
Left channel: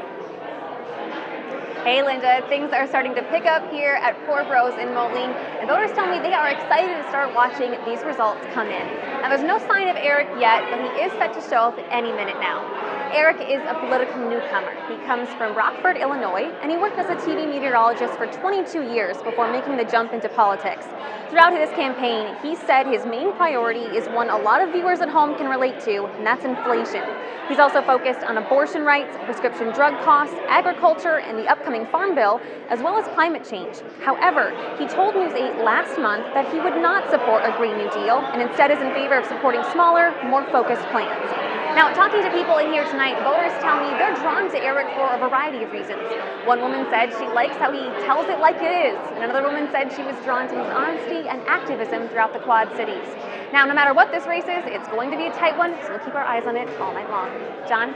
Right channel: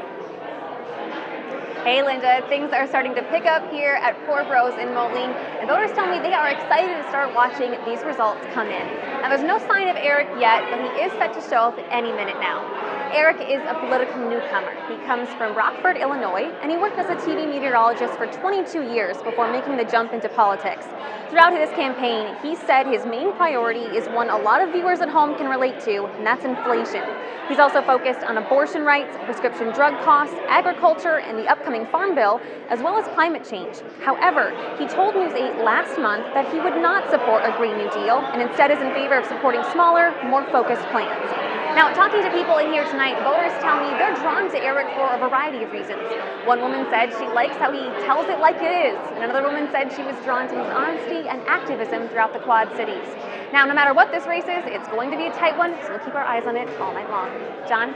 Hey Linda, things are starting to pick up here at Poor Bros in Moline, and voters tell me they are excited to start watching these results come in. Now there's no sign of Eric yet, but he is set to show up any minute now. Eric is a political newcomer. He comes from Rockford, Illinois, and he worked as a TV meteorologist for 22 years before making the jump into politics. Throughout his campaign, he said his main priority is one a lot of viewers at home can relate to, and that's inflation. He's also focused on abortion rights, prescription drug costs, agriculture, and the upcoming farm bill, as well as climate change. However, he told News 8 last month that he would not support a Green New Deal and instead is in favor of supporting smaller, more focused plans. Now, talking to people in here tonight, voters tell me they're drawn to Eric for a variety of reasons. One woman said she likes how he tells it like it is, and another woman said she was drawn to his honesty and activism throughout the Quad Cities. Now, no matter what this race is, it's going to be a tight one, so we'll keep our eyes on it all night long. John?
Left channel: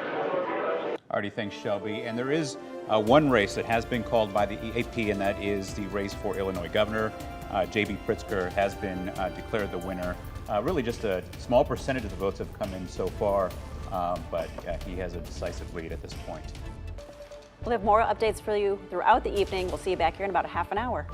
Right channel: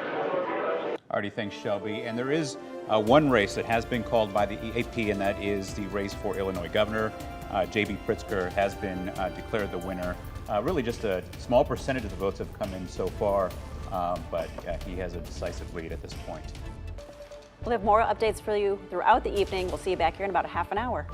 Alrighty, thanks, Shelby. And there is one race that has been called by the AAPI, and that is the race for Illinois governor. J.B. Pritzker has been declared the winner. Really just a small percentage of the votes have come in so far, but he has a decisive lead at this point. We'll have more updates for you throughout the evening. We'll see you back here in about a half an hour.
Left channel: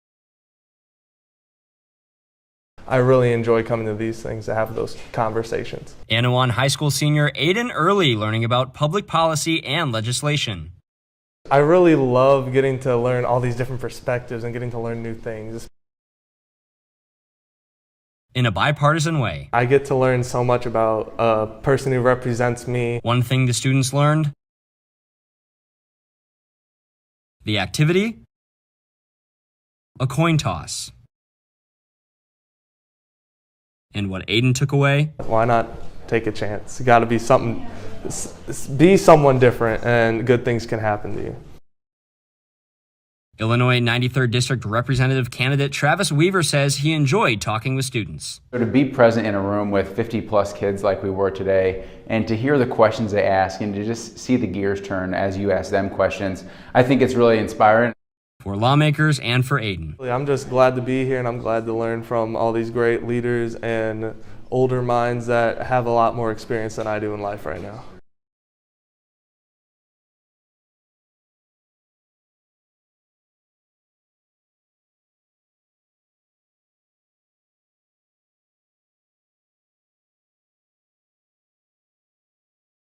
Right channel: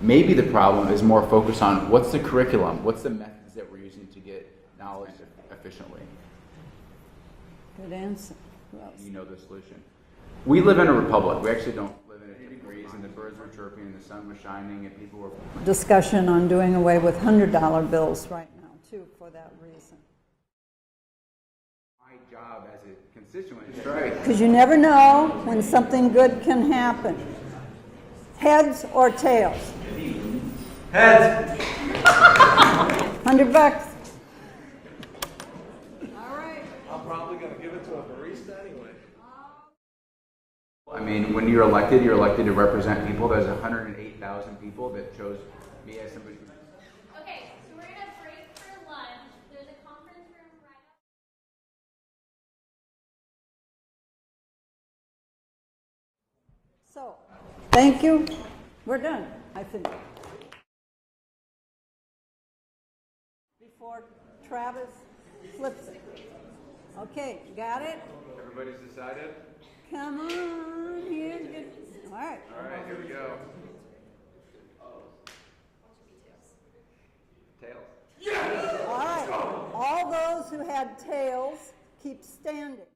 Maybe the problem is more focused on what's the curriculum. I really enjoy coming to these things to have those conversations. Anawan High School senior Aiden Early learning about public policy and legislation. We live in a republic. I really love getting to learn all these different perspectives and getting to learn new things. Discussion on doing away with $100 bills. In a bipartisan way. I get to learn so much about a person who represents me. One thing the students learned. Because you never know when something good can happen. The activity. Heads or tails. A coin toss. Heads. $100. And what Aiden took away. Why not take a chance? You got to be someone different, and good things can happen. I mean, when you're elected to represent people. Illinois 93rd District Representative candidate Travis Weaver says he enjoyed talking with students. So to be present in a room with 50+ kids like we were today, and to hear the questions they ask, and to just see the gears turn as you ask them questions, I think it's really inspiring. Thank you. For lawmakers and for Aiden. I'm just glad to be here, and I'm glad to learn from all these great leaders and older minds that have a lot more experience than I do in life right now. Everybody's decided? Come on, here's good. All right. All right, here we go. Tails. Yes! All right. All those who had tails, keep standing.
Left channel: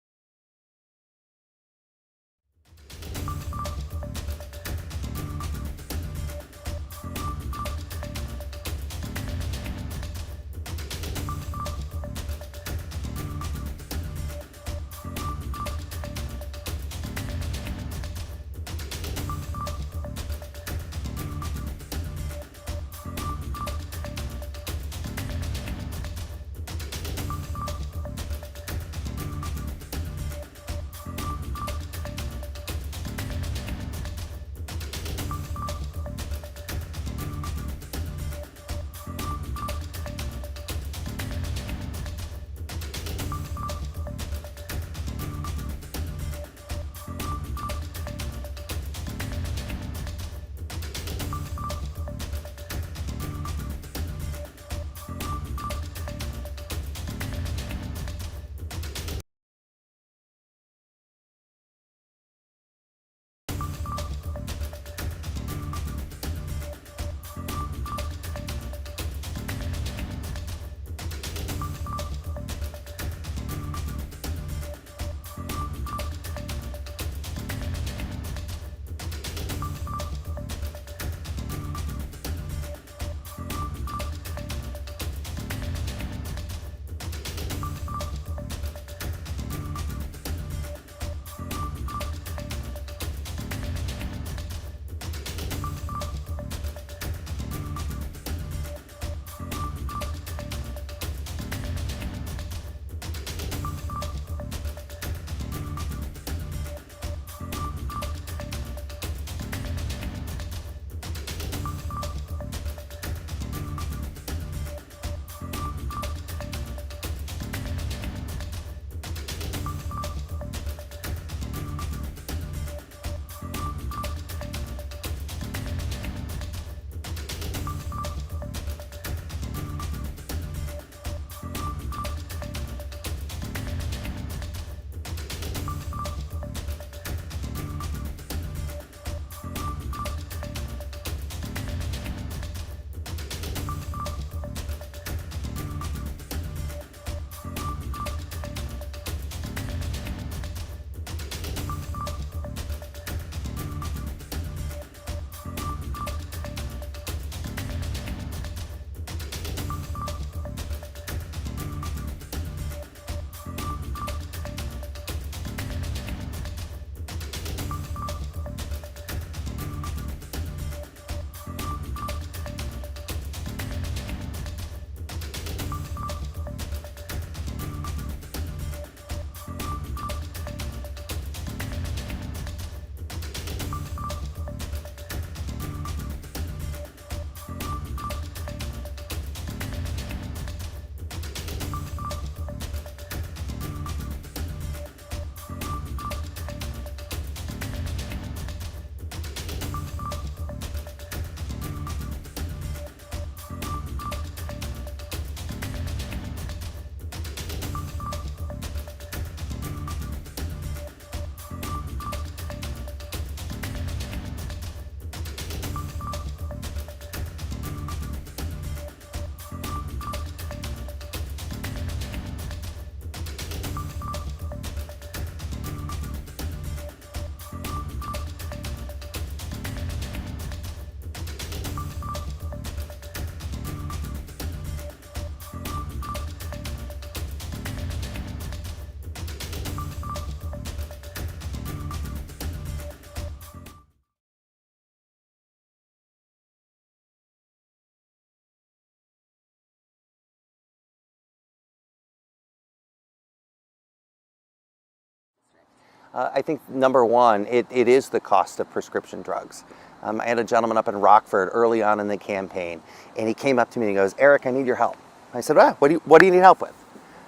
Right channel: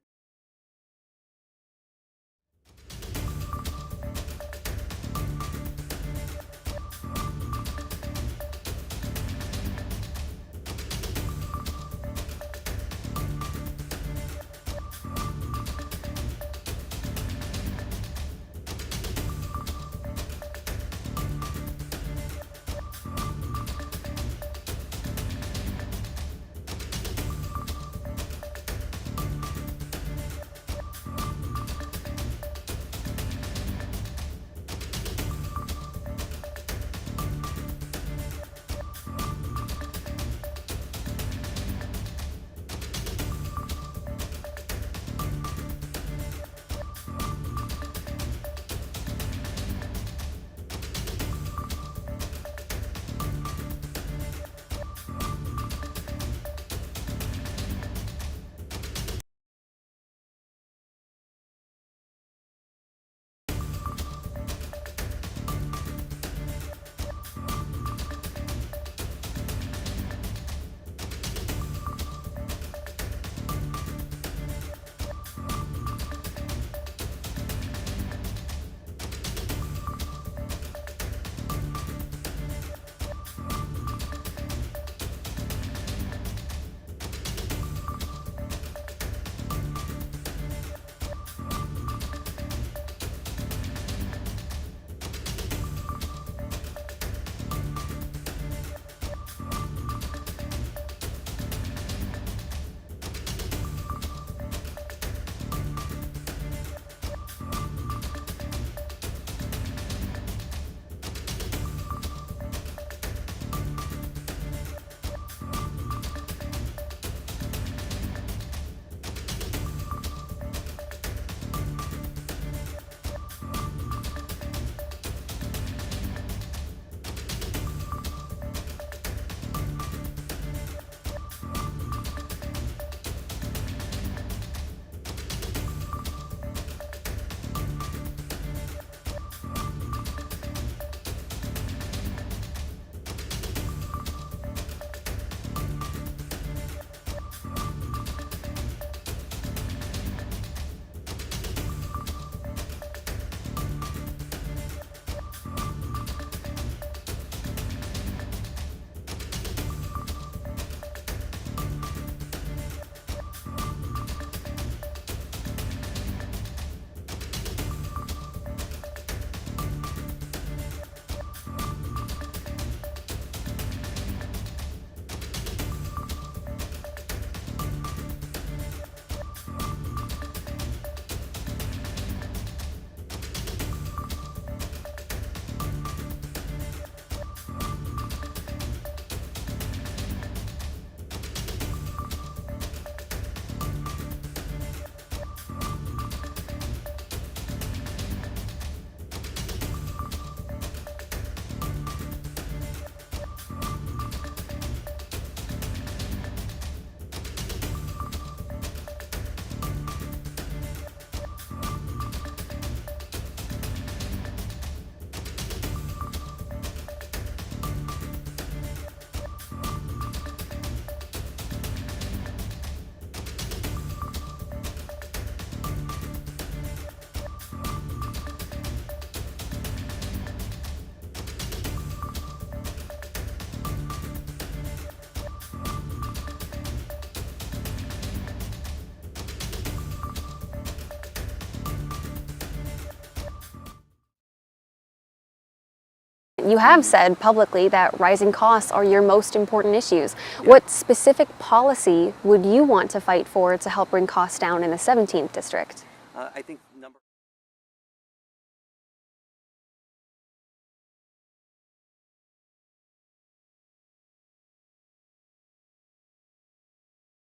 You have said publicly that rising costs are your most important issues. What specific policy would you want to fight for to help bring costs down in the 17th district? I think number one, it is the cost of prescription drugs. I had a gentleman up in Rockford early on in the campaign, and he came up to me and he goes, "Eric, I need your help." I said, what do you need help with?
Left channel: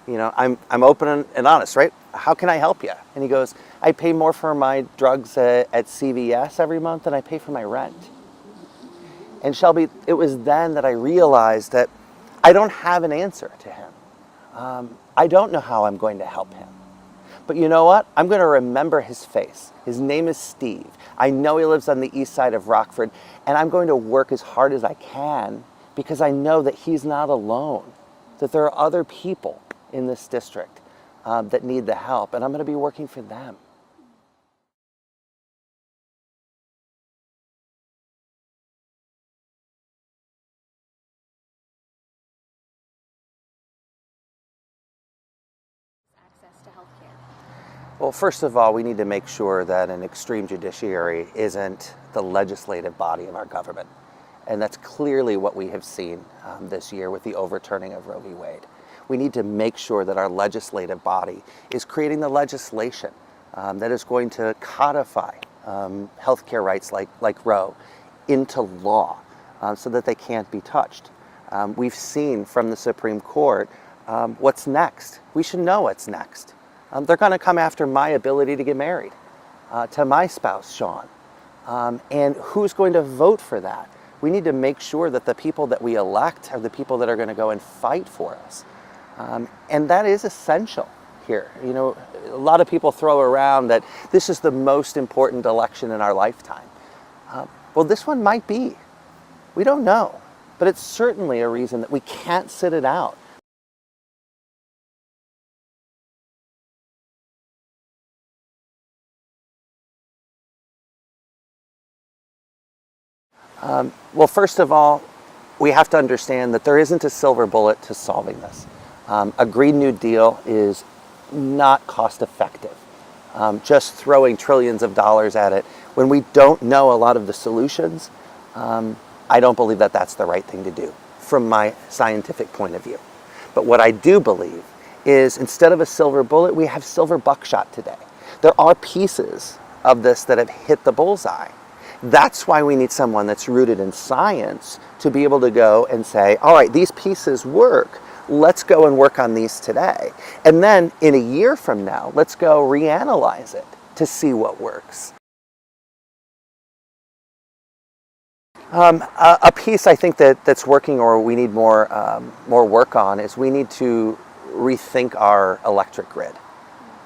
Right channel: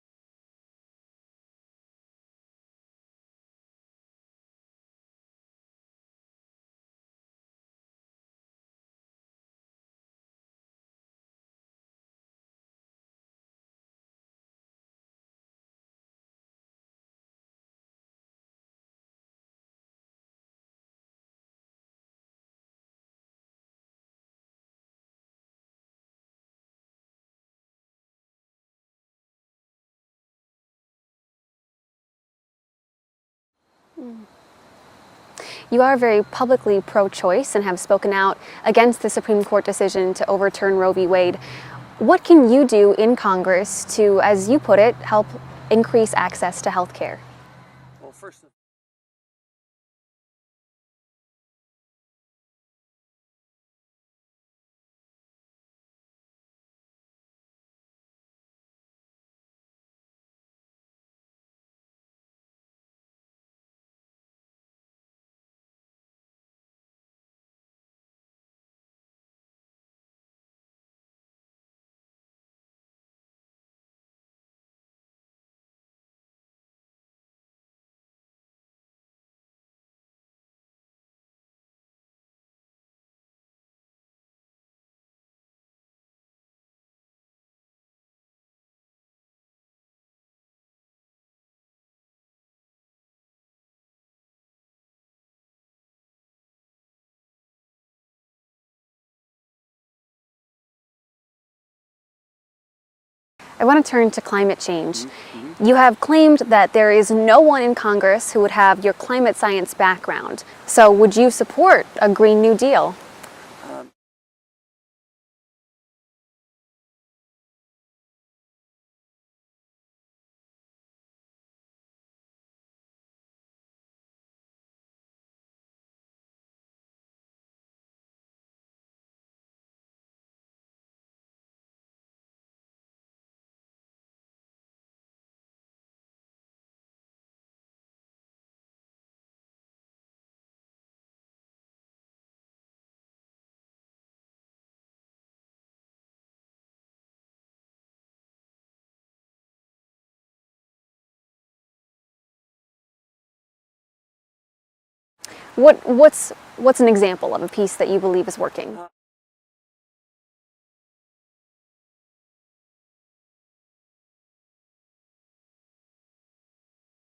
You know, I'm open and honest, right? How can I help you? And he goes, "I pay more for my drugs at CVS every month than I pay for my rent." And Shelby, it was then that I realized that I don't have an answer to him. I don't know how I'm going to help him. But you know what? I'm going to remember his face. His name is Steve. I know he lives on the east side of Rockford, and I'm going to work as hard as I can because I know that he's not alone, that there are other people in this district that need the help, and I'm going to be working for them. You are very publicly pro-choice and have spoken out against the Supreme Court decision to overturn Roe v. Wade. What can you do in Congress to, as you put it, help increase access to health care? Well, first of all, we need to make sure that an extreme judiciary isn't the legislative body of our government. And that's clearly what we have seen this year with the overturning of Roe v. Wade. We need to make sure that our legislative body is creating the legislation that is going to codify healthcare rights like Roe into law so that they can't be touched. We've seen from the Supreme Court what's next. We should know what's next. They're going to come after my ability to get married to my spouse, Sean. And who's going to vote for that? We need to make sure that the people that we elect are the people that are going to go and fight for us. And that is essential here. You know, a lot of people throw around that this is the most important election in our lifetime. Well, this one might be. We don't know. But it's certainly a reason that we can't sit it out. I want to turn to climate change. You have claimed that there is no one in Congress who would have your climate science background. So would you support a Green New Deal? Well, first of all, we have to understand that there isn't a silver bullet to solving this. A Green New Deal is not cost effective. Just throwing trillions of dollars at it when we don't know a lot of the solutions, I don't believe that that's the right thing to do from my scientific point of view. But what I do believe is instead of a silver bullet, we have silver buckshot today. There are pieces of this that have hit the bullseye. That's why we need someone that's rooted in science to be able to go and say, all right, these pieces work. Let's go and work on these today. And then in a year from now, let's go reanalyze it to see what works. What's an example of a piece that you believe is working? A piece I think that's working, or we need more work on, is we need to rethink our electric grid.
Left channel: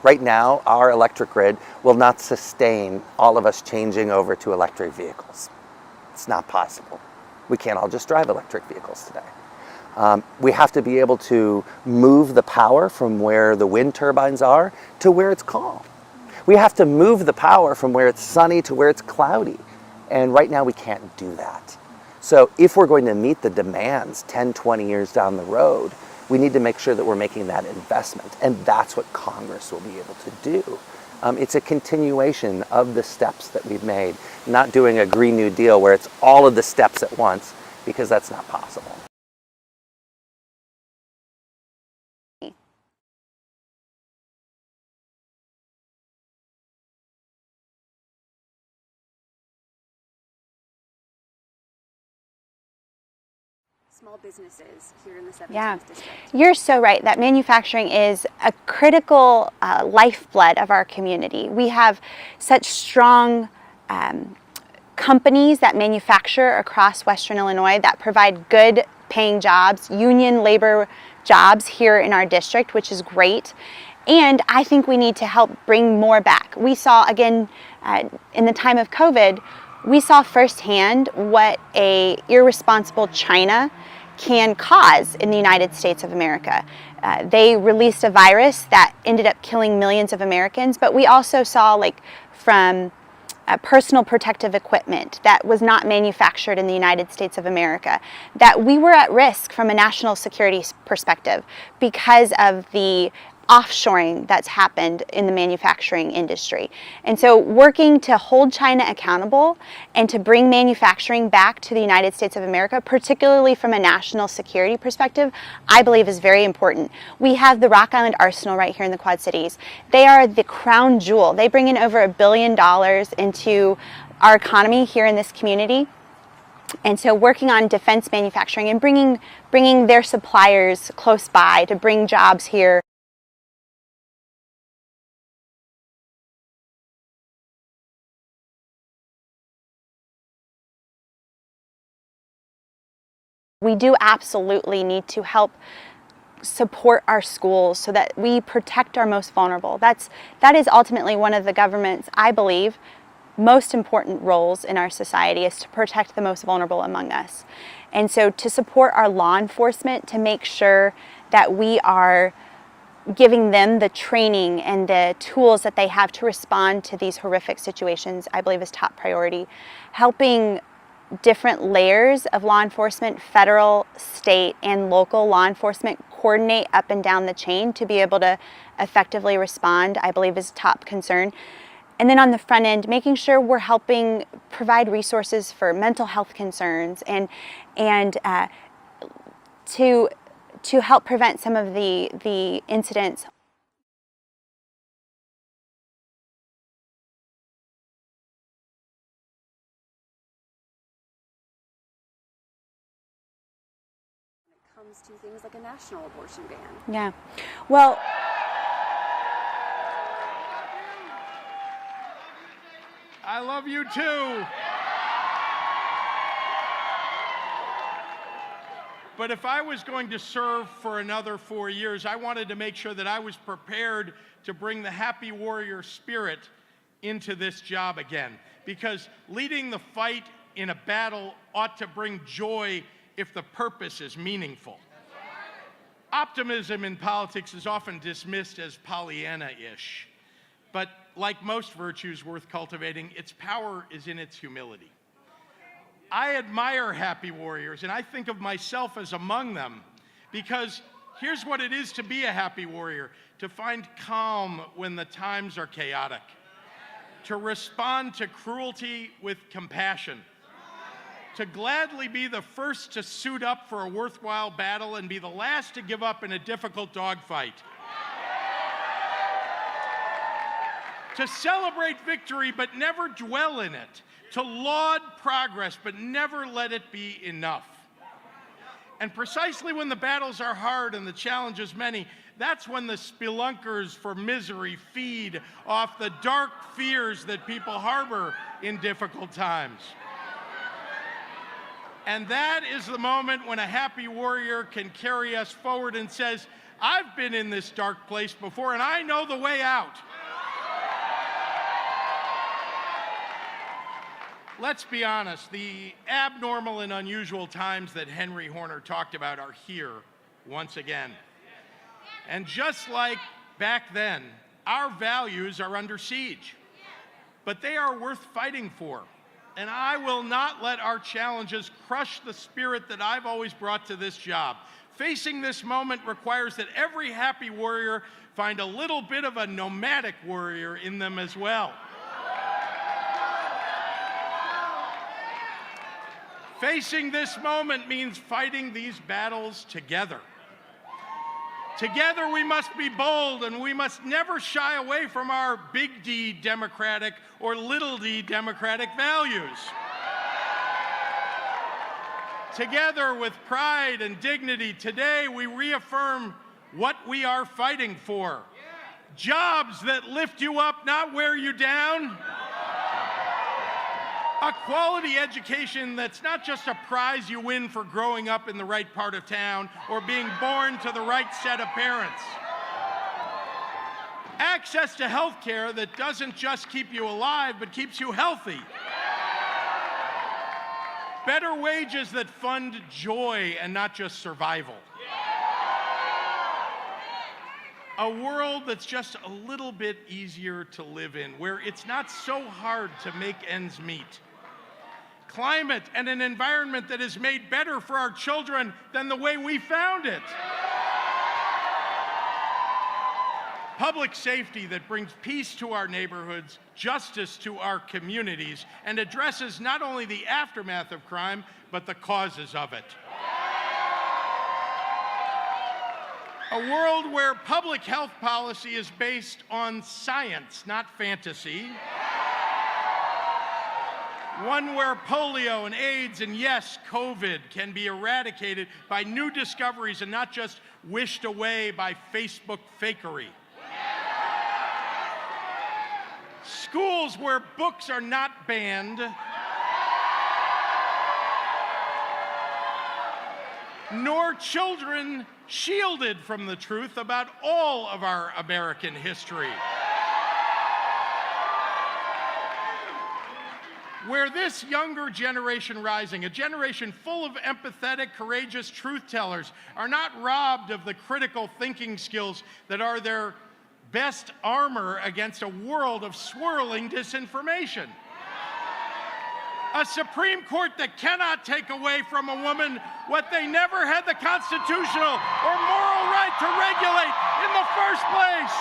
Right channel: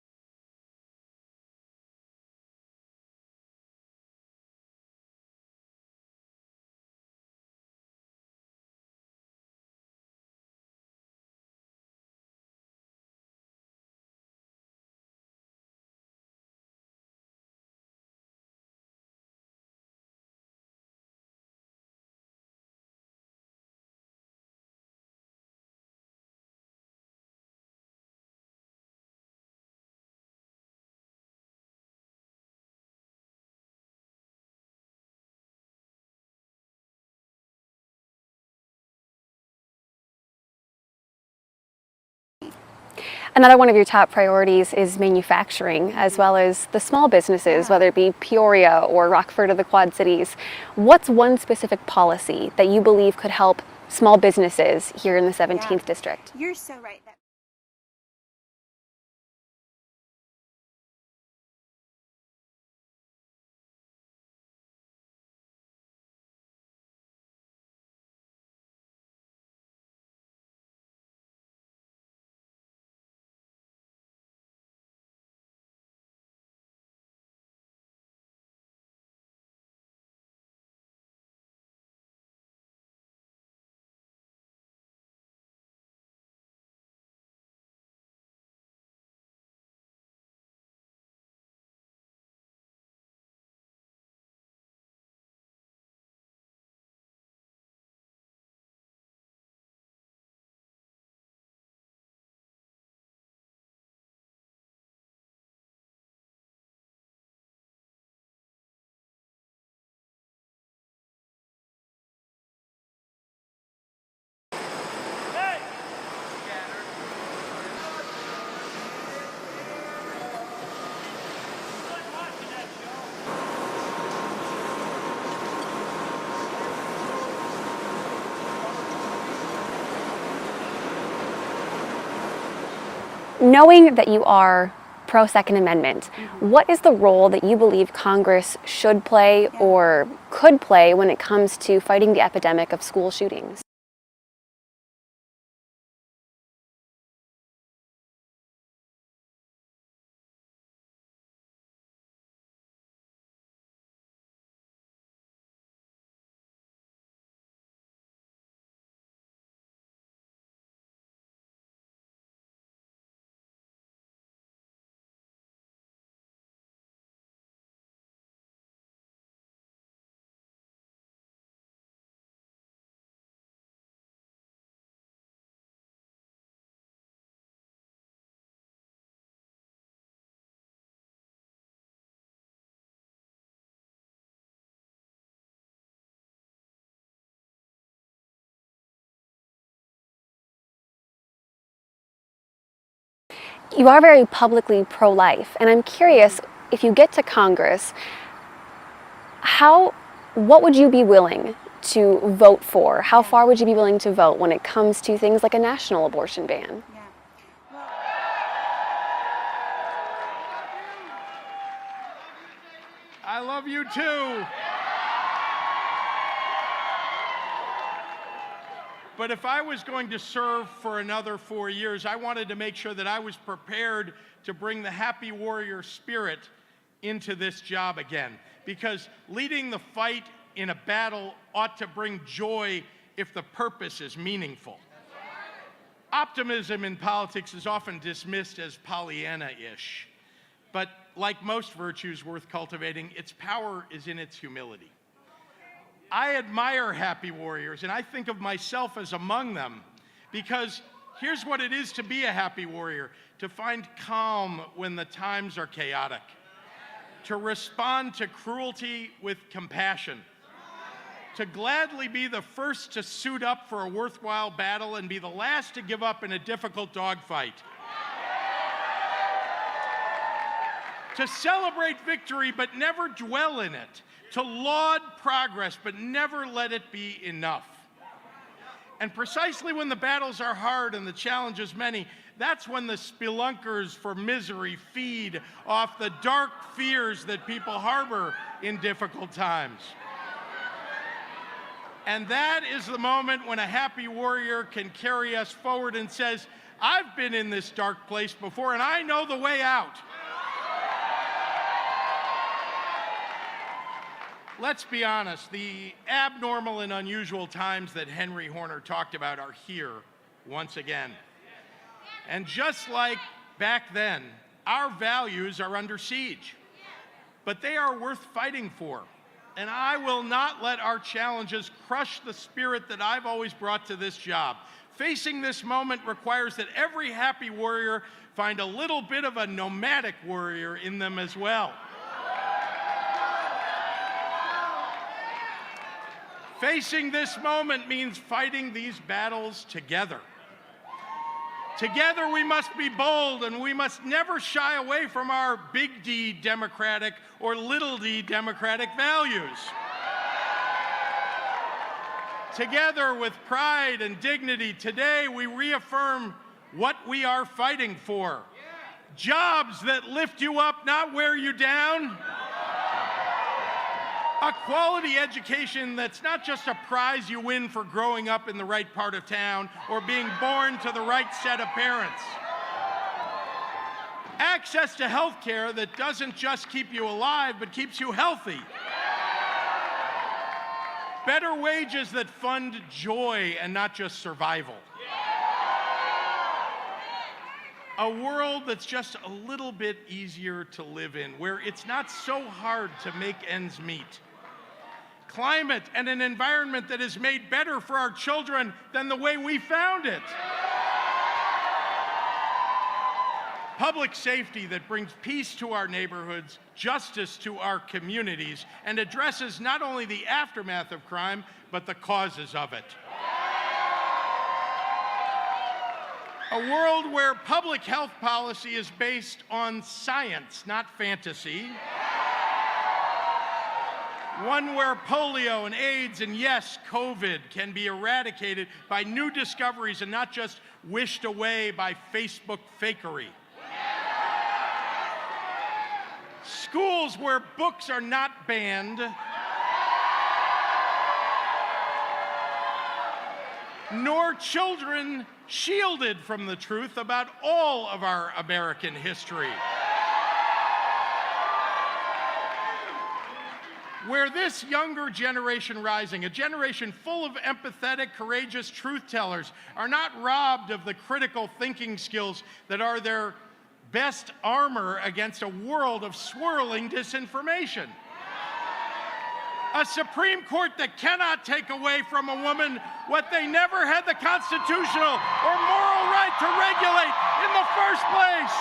Right now, our electric grid will not sustain all of us changing over to electric vehicles. It's not possible. We can't all just drive electric vehicles today. We have to be able to move the power from where the wind turbines are to where it's calm. We have to move the power from where it's sunny to where it's cloudy. And right now we can't do that. So if we're going to meet the demands 10, 20 years down the road, we need to make sure that we're making that investment. And that's what Congress will be able to do. It's a continuation of the steps that we've made, not doing a Green New Deal where it's all of the steps at once, because that's not possible. Another one of your top priorities is manufacturing, as well as the small businesses, whether it be Peoria or Rockford or the Quad Cities. What's one specific policy that you believe could help small businesses here in the 17th district? You're so right that manufacturing is a critical lifeblood of our community. We have such strong companies that manufacture across Western Illinois that provide good paying jobs, union labor jobs here in our district, which is great. And I think we need to help bring more back. We saw, again, in the time of COVID, we saw firsthand what a irresponsible China can cause in the United States of America. They released a virus that ended up killing millions of Americans, but we also saw, like, from personal protective equipment that was not manufactured in the United States of America, that we were at risk from a national security perspective because of the offshoring that's happened in the manufacturing industry. And so working to hold China accountable and to bring manufacturing back to the United States of America, particularly from a national security perspective, I believe is very important. We have the Rock Island Arsenal right here in the Quad Cities. They are the crown jewel. They bring in over $1 billion into our economy here in this community. And so working on defense manufacturing and bringing their suppliers close by to bring jobs here. Knowing that you are pro-Second Amendment, what is the role that you believe Congress should play or could play when it comes to fighting the epidemic of school shootings? We do absolutely need to help support our schools so that we protect our most vulnerable. That is ultimately one of the government's, I believe, most important roles in our society, is to protect the most vulnerable among us. And so to support our law enforcement, to make sure that we are giving them the training and the tools that they have to respond to these horrific situations, I believe is top priority. Helping different layers of law enforcement, federal, state, and local law enforcement coordinate up and down the chain to be able to effectively respond, I believe is top concern. And then on the front end, making sure we're helping provide resources for mental health concerns and to help prevent some of the incidents. You are very publicly pro-life, and I'm curious, if you get to Congress, what would you be willing to vote for? How far would you be willing to vote when it comes to things like a national abortion ban? Yeah, well, I love you too. But if I was going to serve for another 4 years, I wanted to make sure that I was prepared to bring the happy warrior spirit into this job again. Because leading the fight in a battle ought to bring joy if the purpose is meaningful. Optimism in politics is often dismissed as Pollyanna-ish. But like most virtues worth cultivating, its power is in its humility. I admire happy warriors, and I think of myself as among them, because here's what it is to be a happy warrior: to find calm when the times are chaotic, to respond to cruelty with compassion, to gladly be the first to suit up for a worthwhile battle and be the last to give up in a difficult dogfight, to celebrate victory but never dwell in it, to laud progress but never let it be enough. And precisely when the battles are hard and the challenges many, that's when the spelunkers for misery feed off the dark fears that people harbor in difficult times. And that is the moment when a happy warrior can carry us forward and says, I've been in this dark place before and I know the way out. Let's be honest, the abnormal and unusual times that Henry Horner talked about are here once again. And just like back then, our values are under siege, but they are worth fighting for. And I will not let our challenges crush the spirit that I've always brought to this job. Facing this moment requires that every happy warrior find a little bit of a nomadic warrior in them as well. Facing this moment means fighting these battles together. Together we must be bold, and we must never shy away from our big D democratic or little d democratic values. Together with pride and dignity, today we reaffirm what we are fighting for. Jobs that lift you up, not wear you down. A quality education that's not just a prize you win for growing up in the right part of town or being born to the right set of parents. Access to health care that doesn't just keep you alive, but keeps you healthy. Better wages that fund joy and not just survival. A world that's just a little bit easier to live in, where it's not so hard to make ends meet. Climate and an environment that is made better for our children than the way we found it. public safety that brings peace to our neighborhoods, justice to our communities, and addresses not only the aftermath of crime, but the causes of it. A world where public health policy is based on science, not fantasy. One where polio and AIDS and, yes, COVID can be eradicated by new discoveries and not just wished away by Facebook fakery. Schools where books are not banned, nor children shielded from the truth about all of our American history. Where this younger generation rising, a generation full of empathetic, courageous truth tellers, are not robbed of the critical thinking skills that are their best armor against a world of swirling disinformation. A Supreme Court that cannot take away from a woman what they never had the constitutional or moral right to regulate in the first place.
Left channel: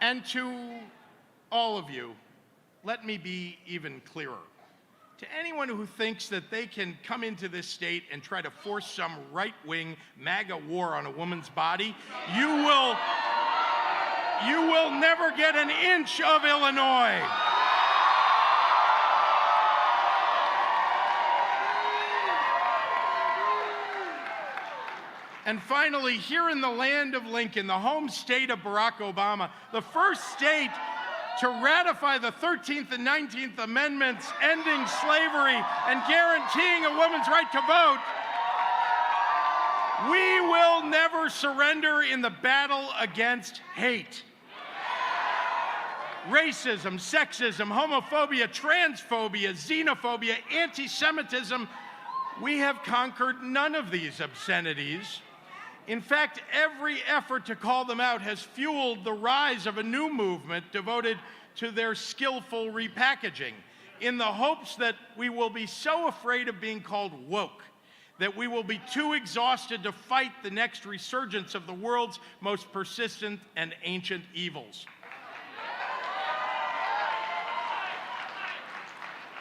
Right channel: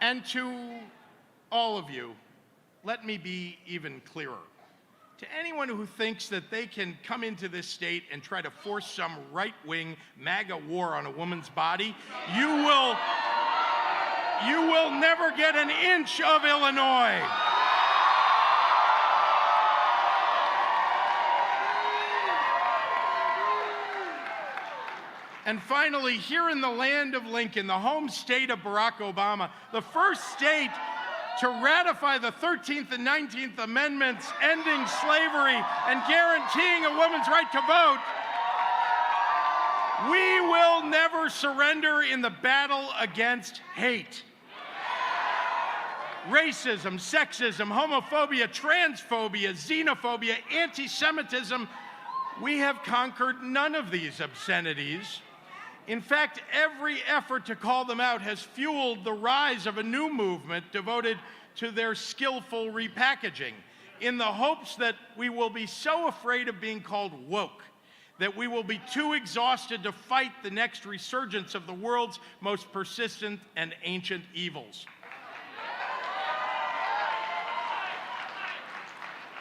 And to all of you, let me be even clearer. To anyone who thinks that they can come into this state and try to force some right-wing MAGA war on a woman's body, you will never get an inch of Illinois. And finally, here in the land of Lincoln, the home state of Barack Obama, the first state to ratify the 13th and 19th Amendments ending slavery and guaranteeing a woman's right to vote, we will never surrender in the battle against hate. Racism, sexism, homophobia, transphobia, xenophobia, anti-Semitism, we have conquered none of these obscenities. In fact, every effort to call them out has fueled the rise of a new movement devoted to their skillful repackaging, in the hopes that we will be so afraid of being called woke that we will be too exhausted to fight the next resurgence of the world's most persistent and ancient evils.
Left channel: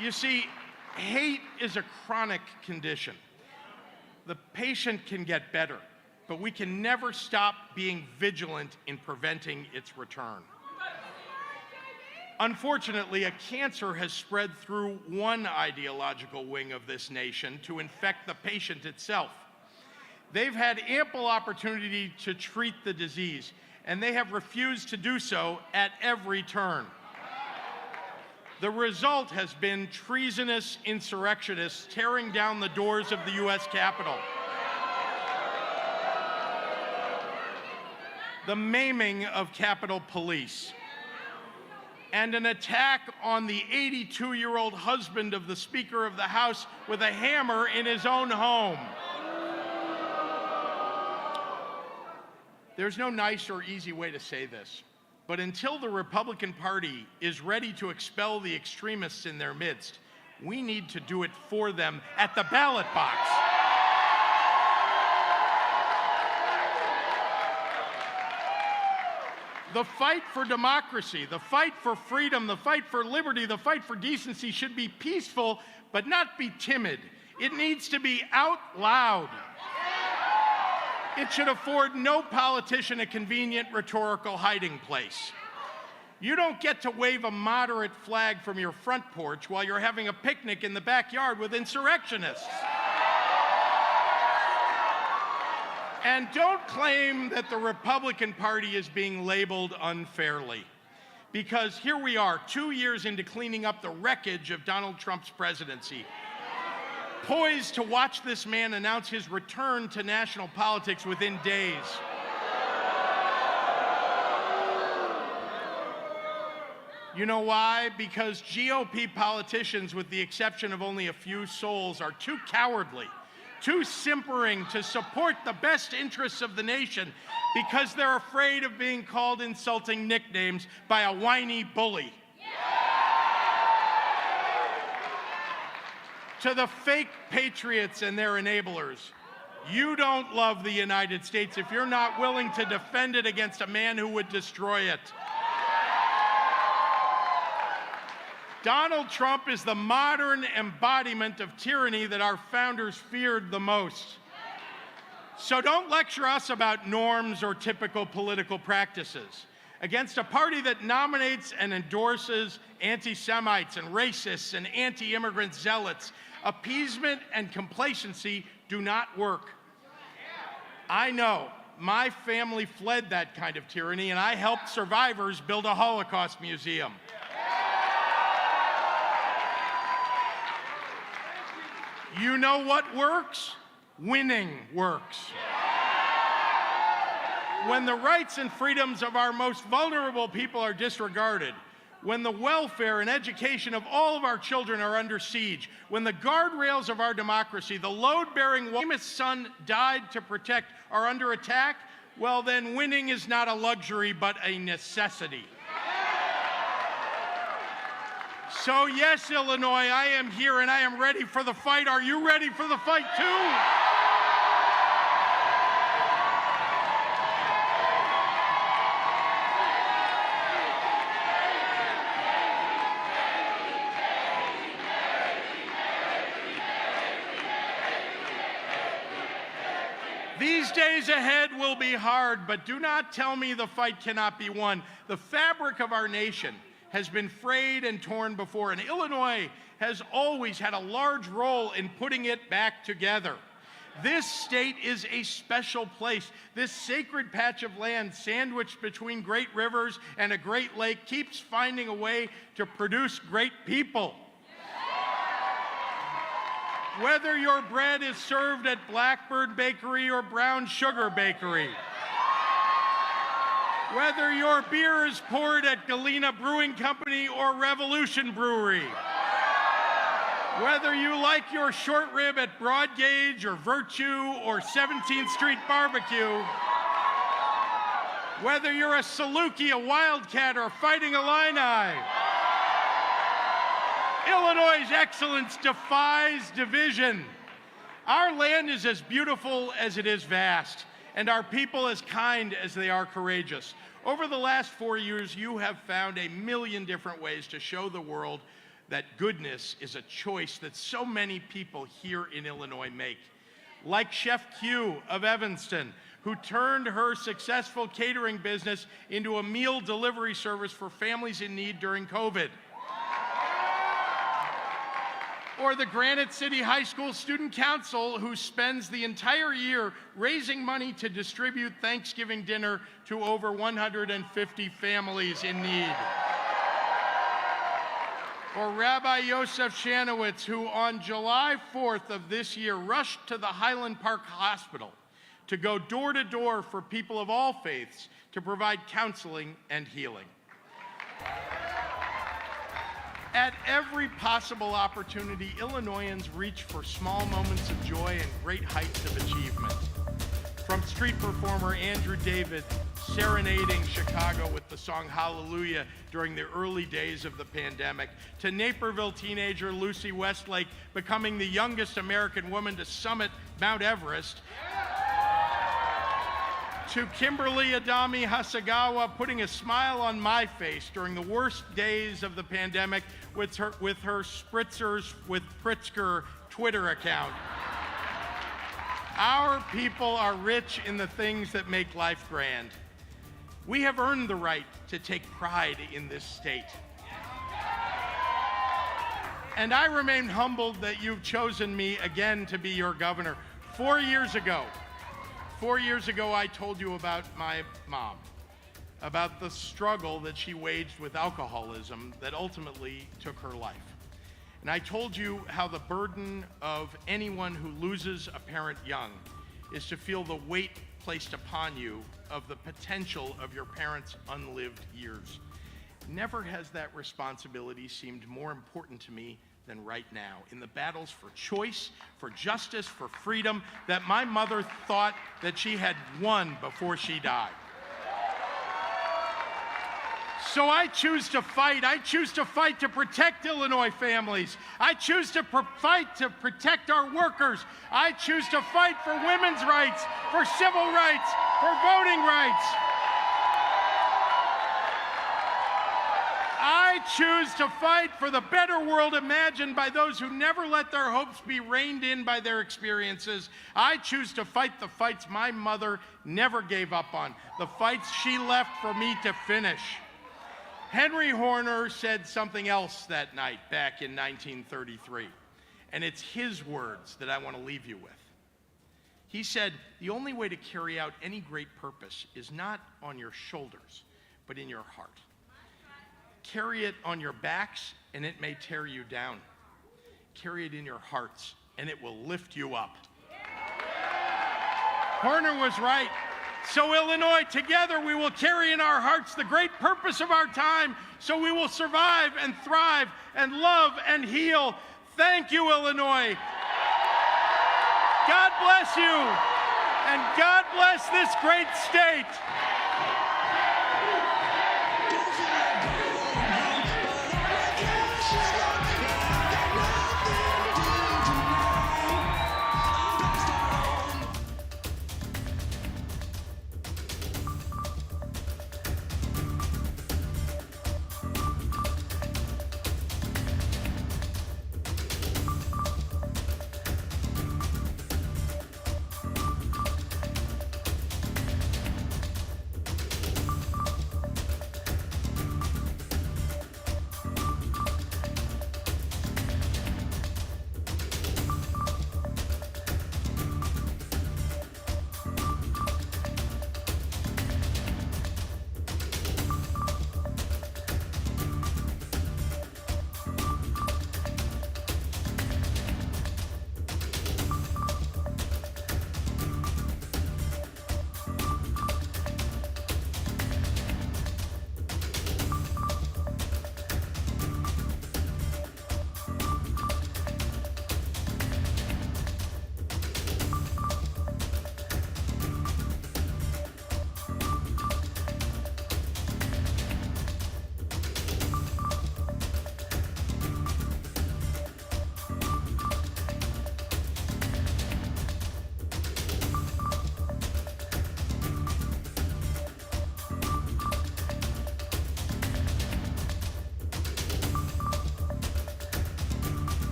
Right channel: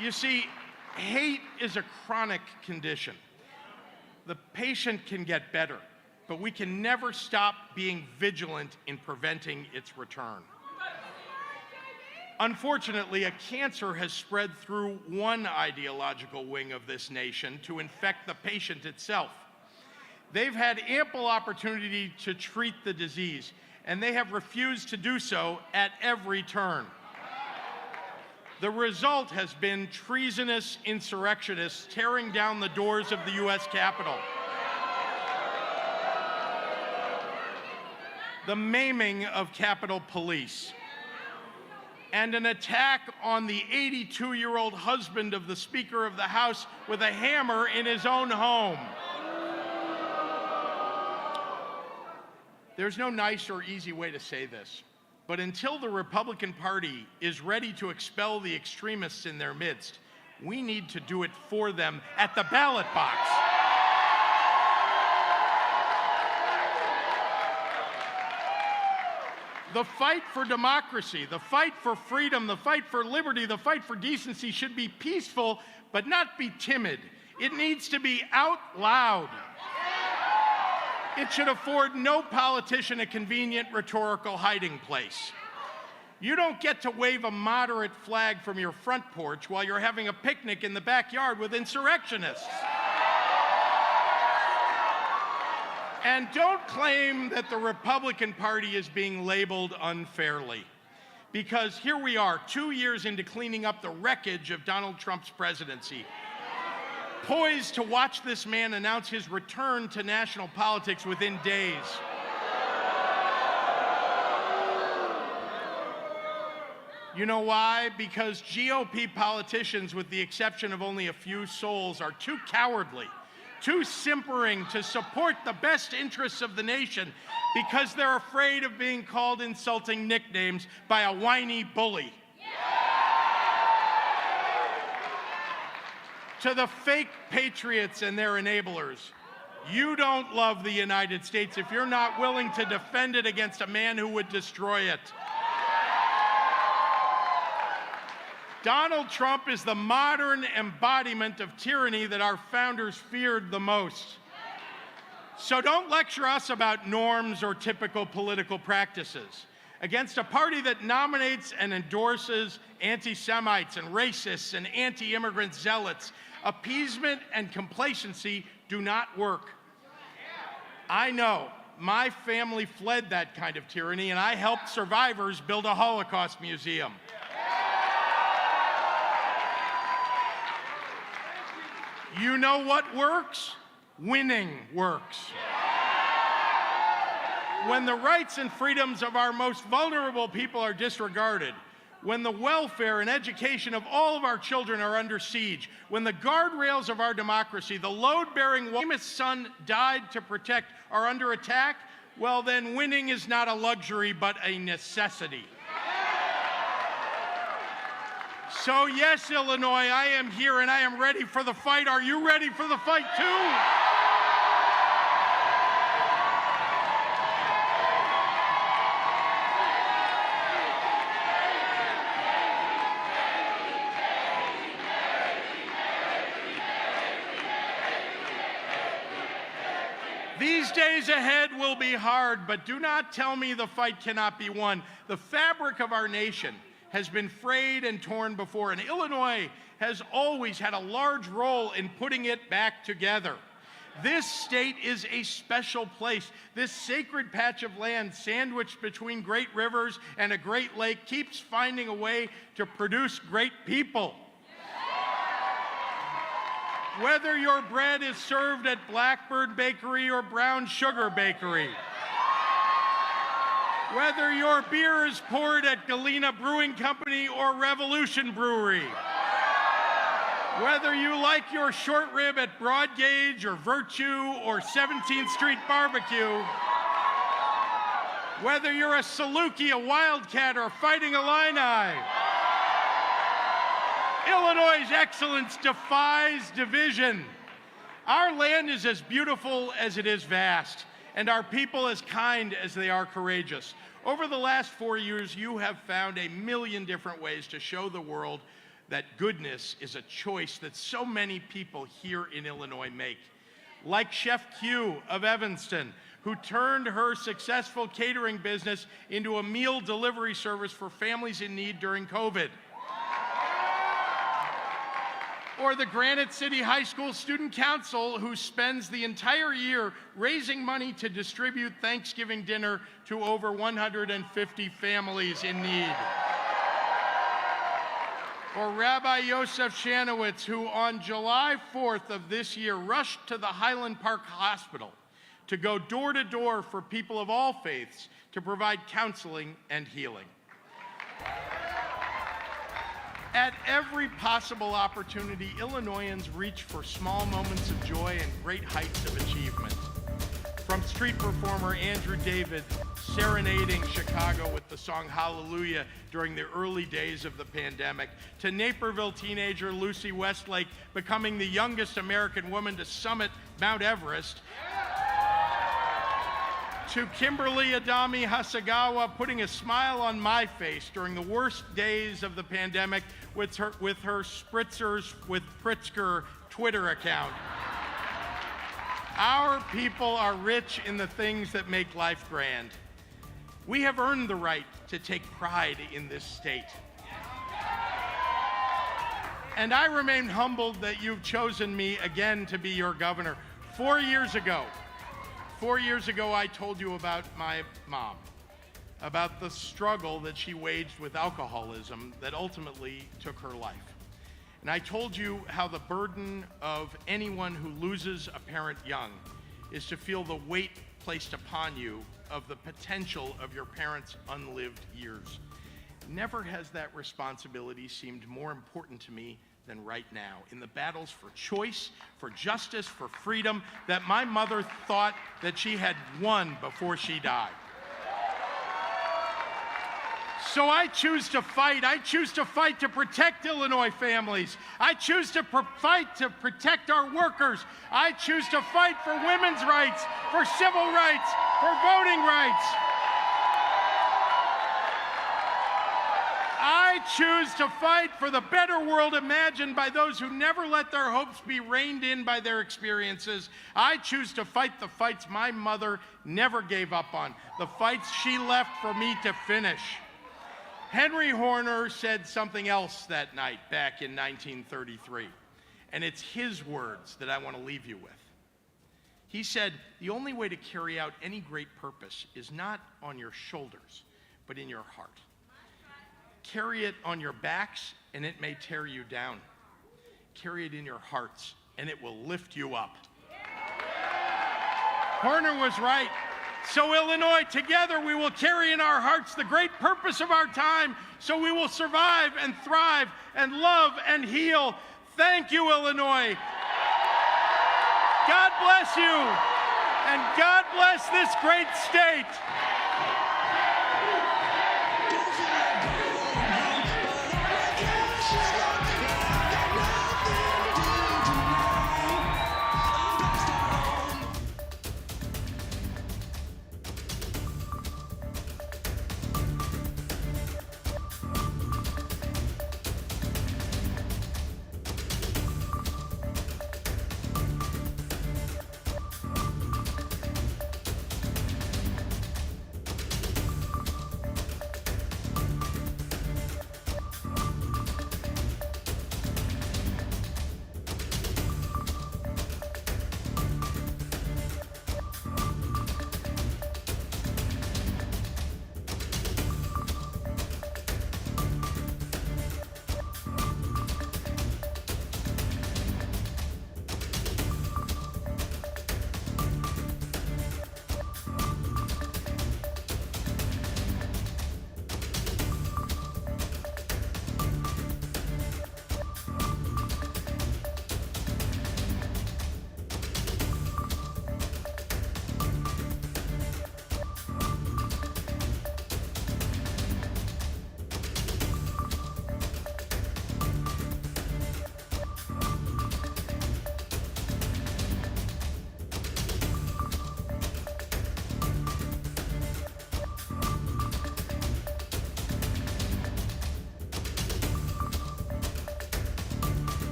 You see, hate is a chronic condition. The patient can get better, but we can never stop being vigilant in preventing its return. Unfortunately, a cancer has spread through one ideological wing of this nation to infect the patient itself. They've had ample opportunity to treat the disease, and they have refused to do so at every turn. The result has been treasonous insurrectionists tearing down the doors of the U.S. Capitol, the maiming of Capitol Police, and an attack on the 82-year-old husband of the Speaker of the House with a hammer in his own home. There's no nice or easy way to say this, but until the Republican Party is ready to expel the extremists in their midst, we need to do it for them at the ballot box. The fight for democracy, the fight for freedom, the fight for liberty, the fight for decency should be peaceful, but not be timid. It needs to be out loud. It should afford no politician a convenient rhetorical hiding place. You don't get to wave a moderate flag from your front porch while you're having a picnic in the backyard with insurrectionists. And don't claim that the Republican Party is being labeled unfairly, because here we are, 2 years into cleaning up the wreckage of Donald Trump's presidency, poised to watch this man announce his return to national politics within days. You know why? Because GOP politicians, with the exception of only a few souls, are too cowardly, too simpering to support the best interests of the nation, because they're afraid of being called insulting nicknames by a whiny bully. To the fake patriots and their enablers, you don't love the United States if you're not willing to defend it against a man who would destroy it. Donald Trump is the modern embodiment of tyranny that our founders feared the most. So don't lecture us about norms or typical political practices. Against a party that nominates and endorses anti-Semites and racists and anti-immigrant zealots, appeasement and complacency do not work. I know. My family fled that kind of tyranny, and I helped survivors build a Holocaust museum. You know what works? Winning works. When the rights and freedoms of our most vulnerable people are disregarded, when the welfare and education of all of our children are under siege, when the guardrails of our democracy, the load-bearing famous son died to protect, are under attack, well then winning is not a luxury but a necessity. So yes, Illinois, I am here and I am ready for the fight. Are you ready for the fight too? These days ahead will be hard, but do not tell me the fight cannot be won. The fabric of our nation has been frayed and torn before, and Illinois has always had a large role in putting it back together. This state is a special place. This sacred patch of land sandwiched between great rivers and a great lake keeps finding a way to produce great people. Whether your bread is served at Blackbird Bakery or Brown Sugar Bakery, whether your beer is poured at Galena Brewing Company or Revolution Brewery, whether you like your short rib at Broad Gauge or Virtue or 17th Street Barbecue, whether you're a Saluki, a Wildcat, or Fighting Illini, Illinois' excellence defies division. Our land is as beautiful as it is vast, and our people as kind as they are courageous. Over the last 4 years, you have found a million different ways to show the world that goodness is a choice that so many people here in Illinois make. Like Chef Q of Evanston, who turned her successful catering business into a meal delivery service for families in need during COVID. Or the Granite City High School Student Council, who spends the entire year raising money to distribute Thanksgiving dinner to over 150 families in need. Or Rabbi Yosef Shanowitz, who on July 4th of this year rushed to the Highland Park Hospital to go door to door for people of all faiths to provide counseling and healing. At every possible opportunity, Illinoisans reach for small moments of joy and great heights of achievement. From street performer Andrew David serenading Chicago with the song Hallelujah during the early days of the pandemic, to Naperville teenager Lucy Westlake becoming the youngest American woman to summit Mount Everest, to Kimberly Adami Hasagawa putting a smile on my face during the worst days of the pandemic with her Spritzers with Pritzker Twitter account. Our people are rich in the things that make life grand. We have earned the right to take pride in this state. And I remain humbled that you've chosen me again to be your governor. 4 years ago, I told you about my mom, about the struggle that she waged with alcoholism that ultimately took her life. And I told you how the burden of anyone who loses a parent young is to feel the weight placed upon you of the potential of your parents' unlived years. Never has that responsibility seemed more important to me than right now, in the battles for choice, for justice, for freedom that my mother thought that she had won before she died. So I choose to fight. I choose to fight to protect Illinois families. I choose to fight to protect our workers. I choose to fight for women's rights, for civil rights, for voting rights. I choose to fight for the better world imagined by those who never let their hopes be reined in by their experiences. I choose to fight the fights my mother never gave up on, the fights she left for me to finish. Henry Horner said something else that night back in 1933, and it's his words that I want to leave you with. He said, "The only way to carry out any great purpose is not on your shoulders, but in your heart. Carry it on your backs, and it may tear you down. Carry it in your hearts, and it will lift you up." Horner was right. So Illinois, together we will carry in our hearts the great purpose of our time, so we will survive and thrive and love and heal. Thank you, Illinois. God bless you, and God bless this great state.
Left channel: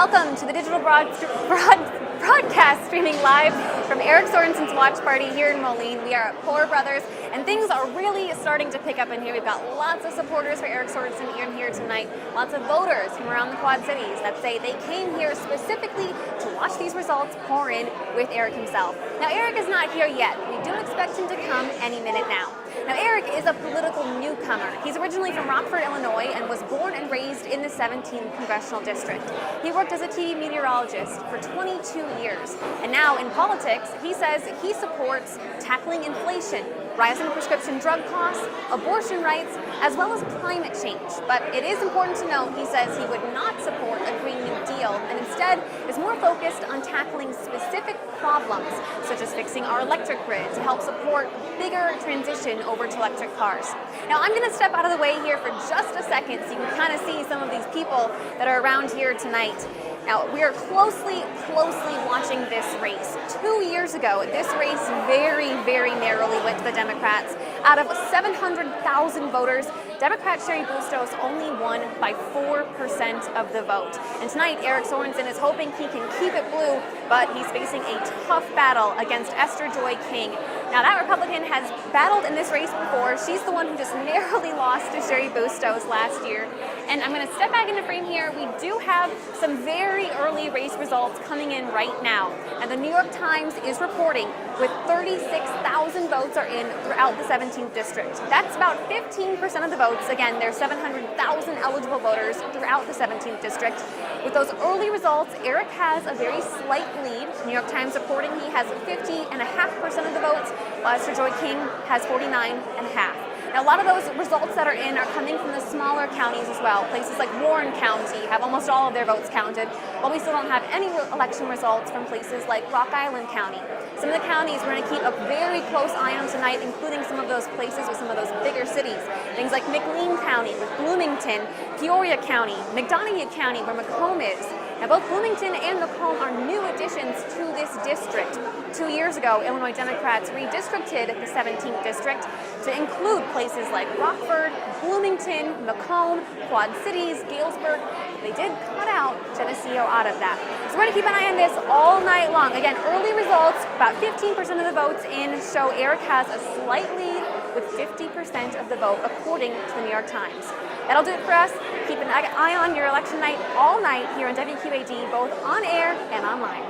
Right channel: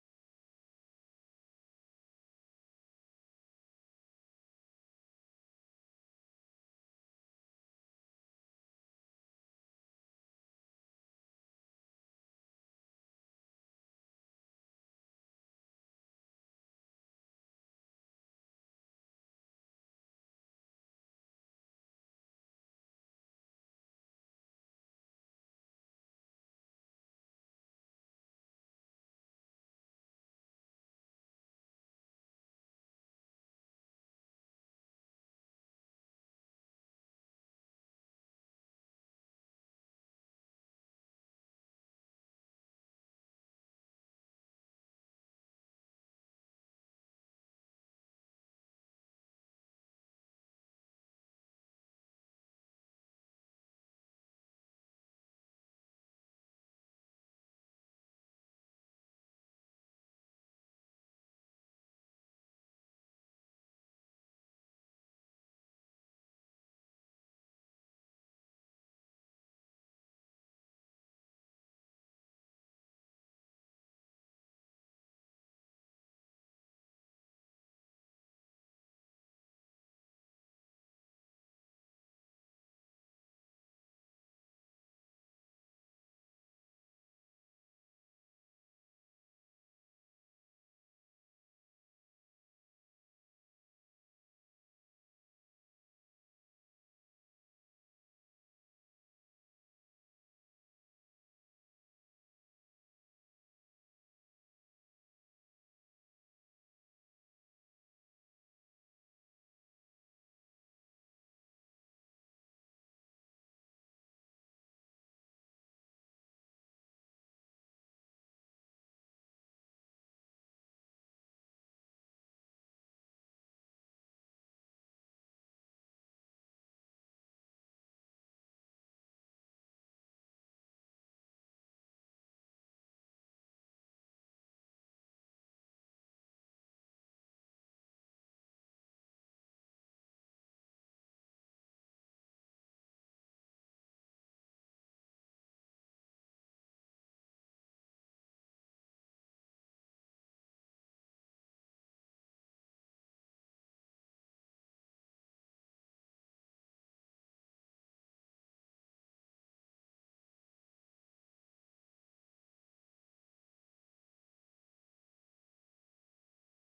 Welcome to the digital broadcast streaming live from Eric Sorensen's watch party here in Moline. We are at Poor Brothers, and things are really starting to pick up in here. We've got lots of supporters for Eric Sorensen in here tonight, lots of voters from around the Quad Cities that say they came here specifically to watch these results pour in with Eric himself. Now, Eric is not here yet. We do expect him to come any minute now. Now, Eric is a political newcomer. He's originally from Rockford, Illinois, and was born and raised in the 17th Congressional District. He worked as a TV meteorologist for 22 years. And now in politics, he says he supports tackling inflation, rising prescription drug costs, abortion rights, as well as climate change. But it is important to note, he says he would not support a Green New Deal, and instead is more focused on tackling specific problems, such as fixing our electric grid to help support bigger transition over to electric cars. Now, I'm going to step out of the way here for just a second so you can kind of see some of these people that are around here tonight. Now, we are closely watching this race. 2 years ago, this race very narrowly went to the Democrats. Out of 700,000 voters, Democrat Cheri Bustos only won by 4% of the vote. And tonight, Eric Sorensen is hoping he can keep it blue, but he's facing a tough battle against Esther Joy King. Now, that Republican has battled in this race before. She's the one who just narrowly lost to Cheri Bustos last year. And I'm going to step back into frame here. We do have some very early race results coming in right now. And the New York Times is reporting with 36,000 votes are in throughout the 17th district. That's about 15% of the votes. Again, there's 700,000 eligible voters throughout the 17th district. With those early results, Eric has a very slight lead. New York Times reporting he has 50.5% of the votes, while Esther Joy King has 49.5%. Now, a lot of those results that are in are coming from the smaller counties as well. Places like Warren County have almost all of their votes counted, while we still don't have any election results from places like Rock Island County. Some of the counties we're going to keep a very close eye on tonight, including some of those places with some of those bigger cities. Things like McLean County with Bloomington, Peoria County, McDonough County where Macomb is. Now, both Bloomington and Macomb are new additions to this district. 2 years ago, Illinois Democrats redistricted the 17th district to include places like Rockford, Bloomington, Macomb, Quad Cities, Galesburg. They did cut out Geneseo out of that. So we're going to keep an eye on this all night long. Again, early results, about 15% of the votes in show Eric has a slight lead with 50% of the vote, according to the New York Times. That'll do it for us. Keep an eye on your election night all night here on WQAD, both on air and online.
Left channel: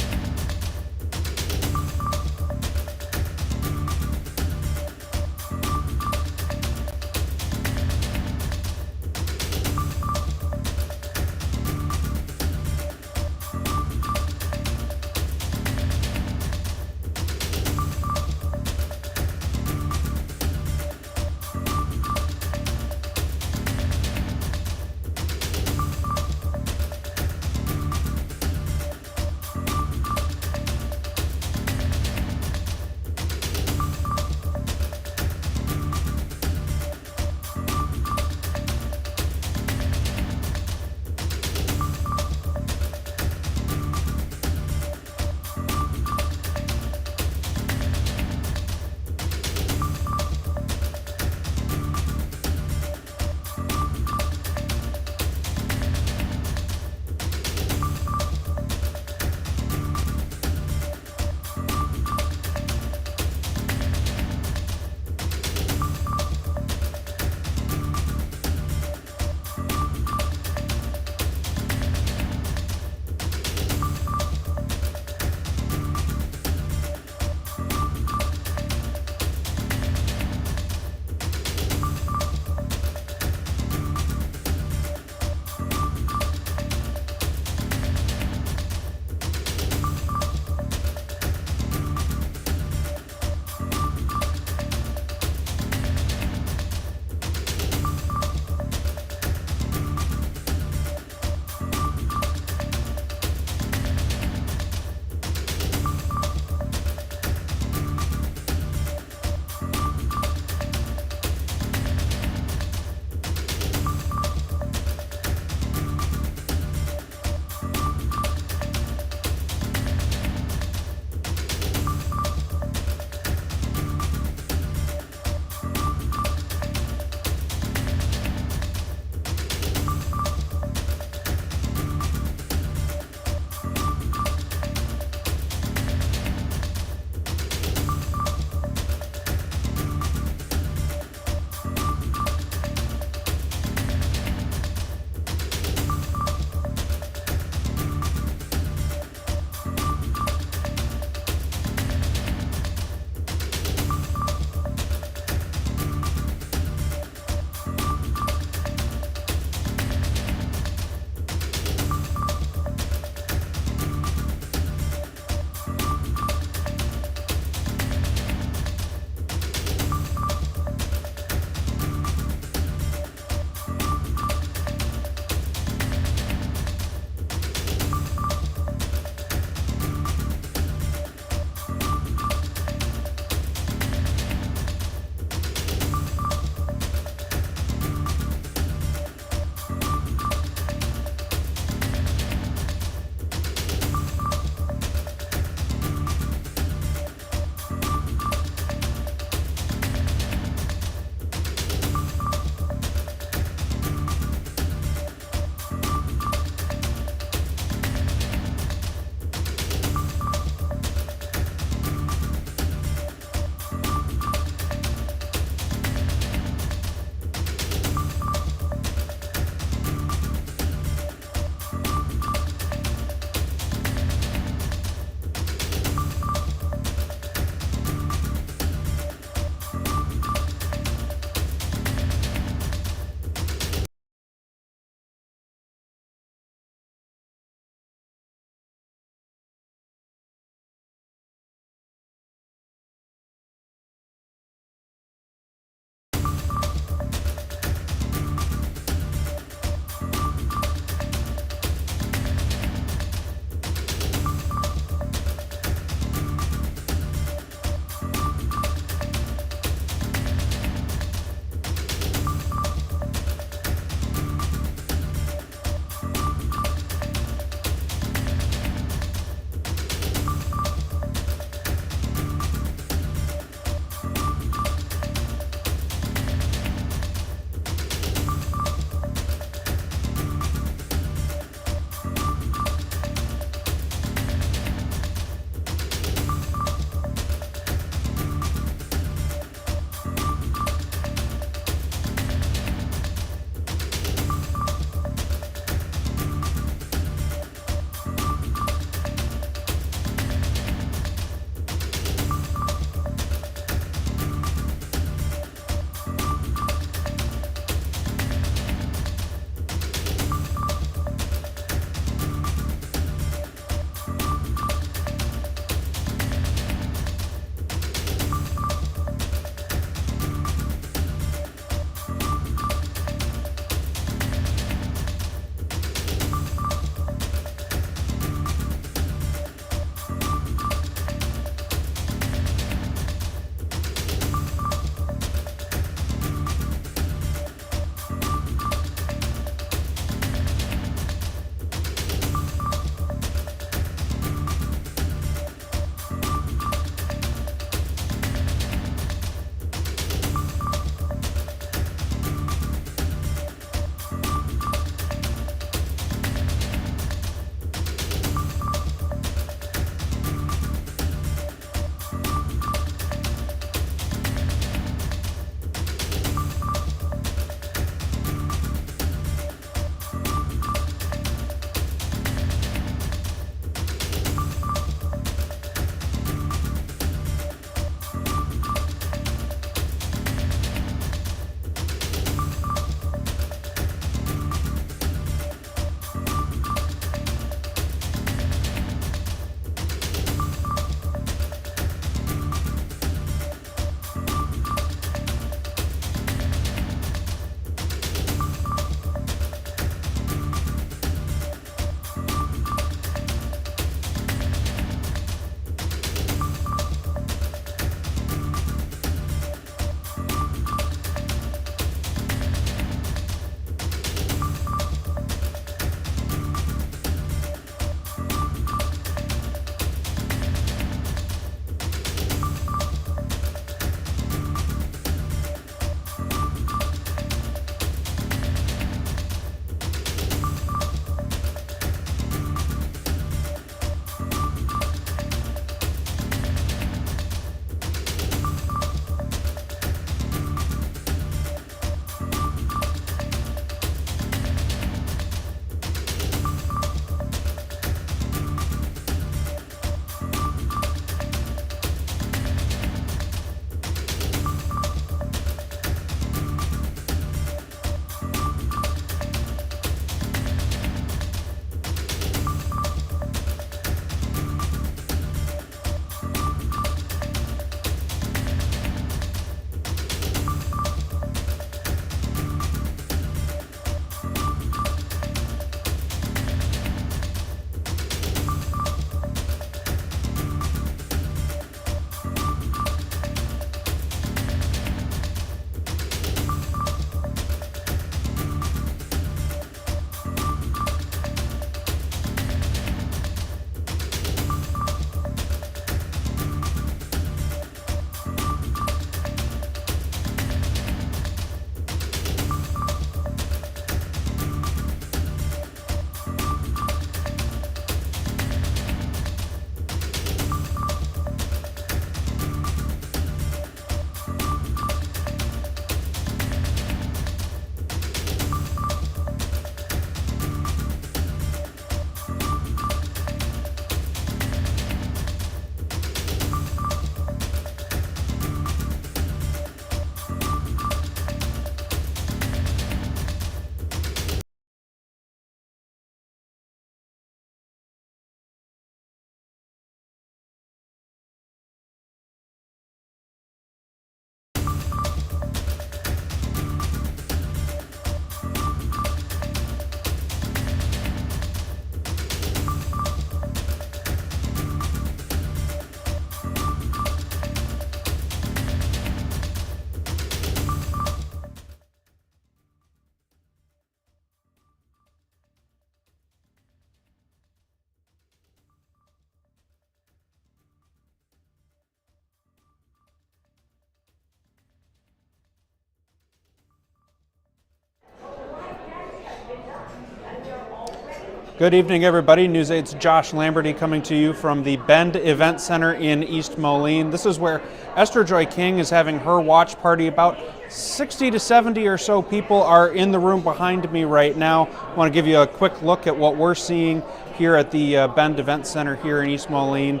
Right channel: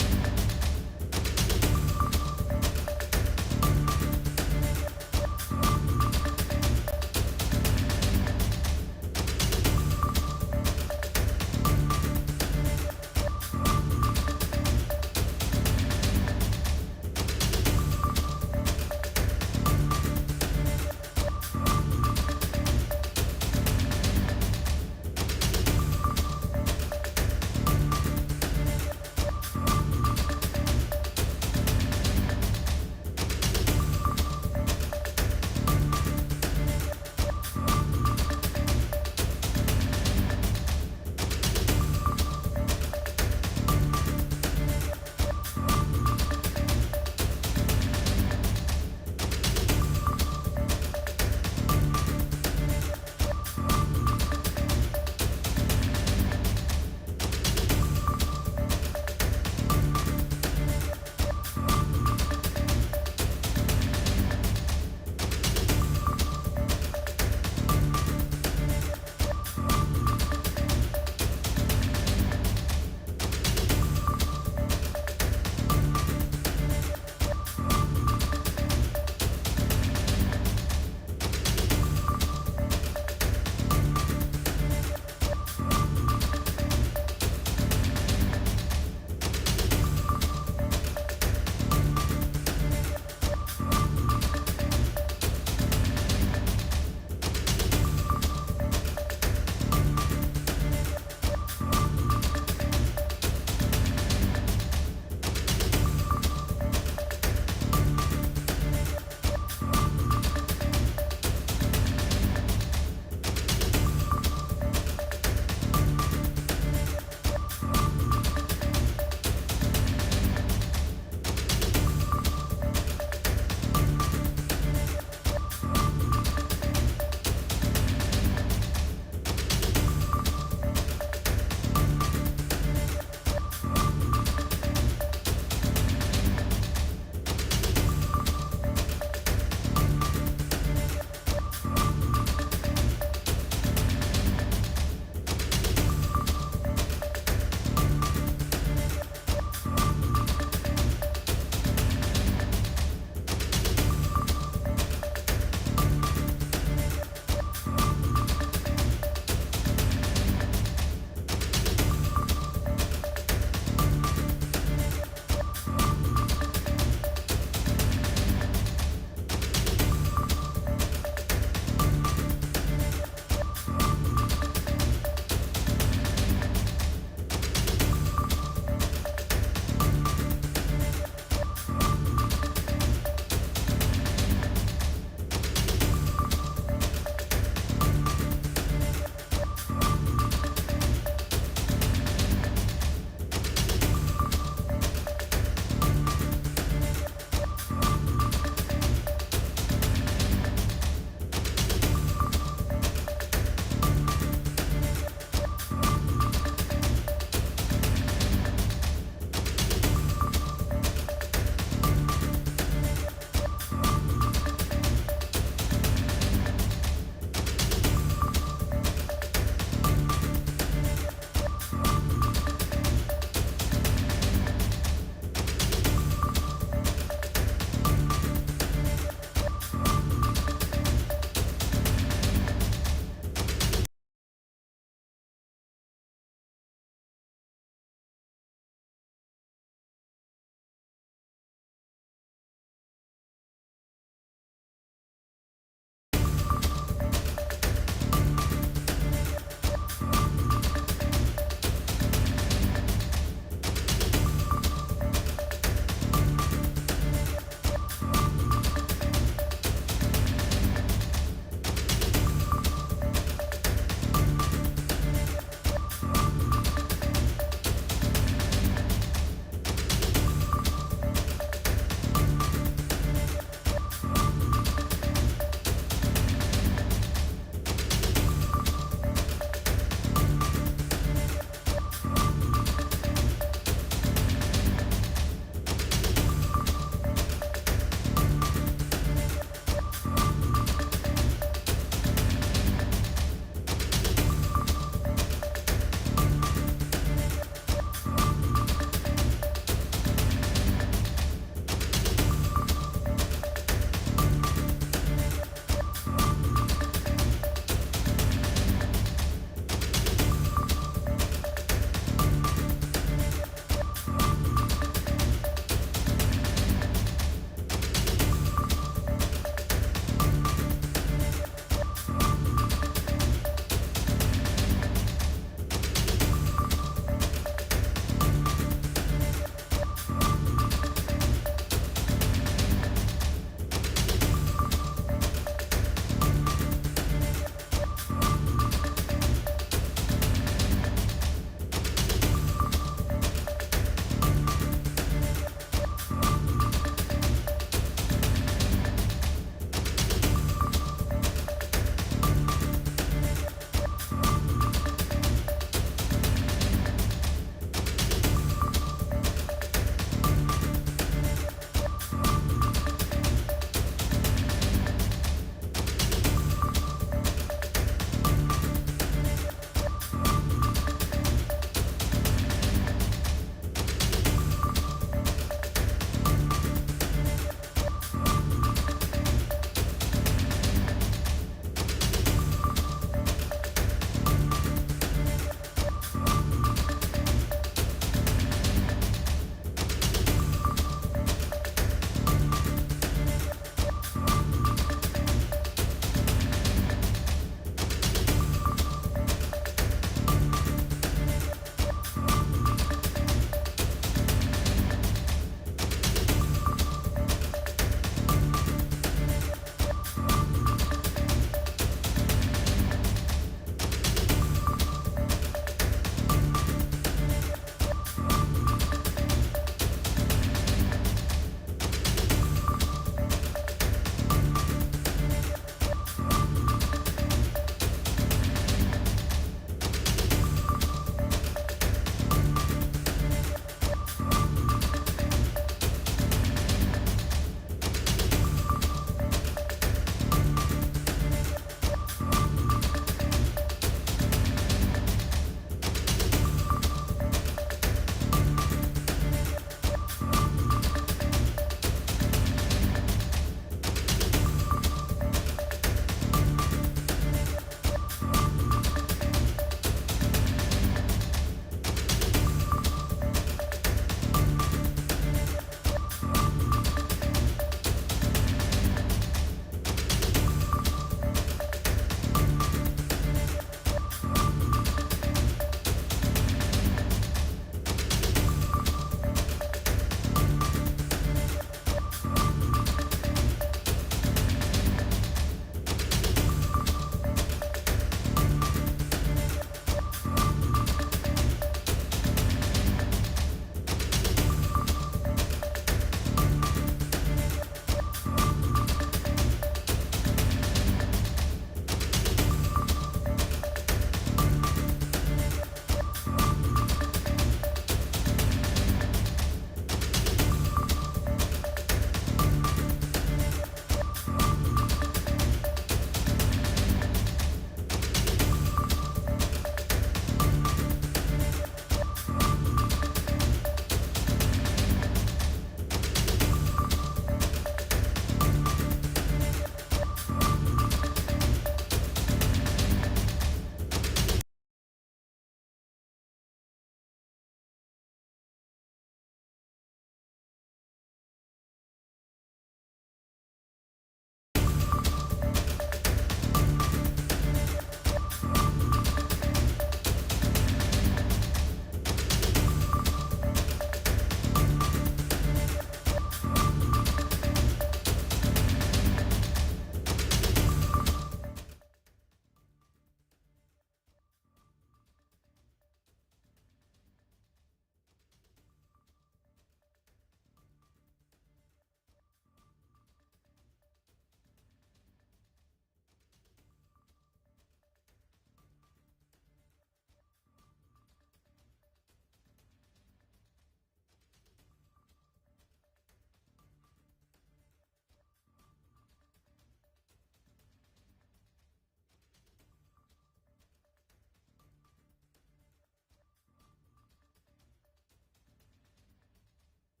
Good evening, everybody. News 8's Josh Lamberty coming to you from the Bend Event Center in East Moline. This is where Esther Joy King is having her watch party. About 60 to 70 or so people are in the room behind me right now. I want to give you a quick look at what we're seeing here at the Bend Event Center here in East Moline.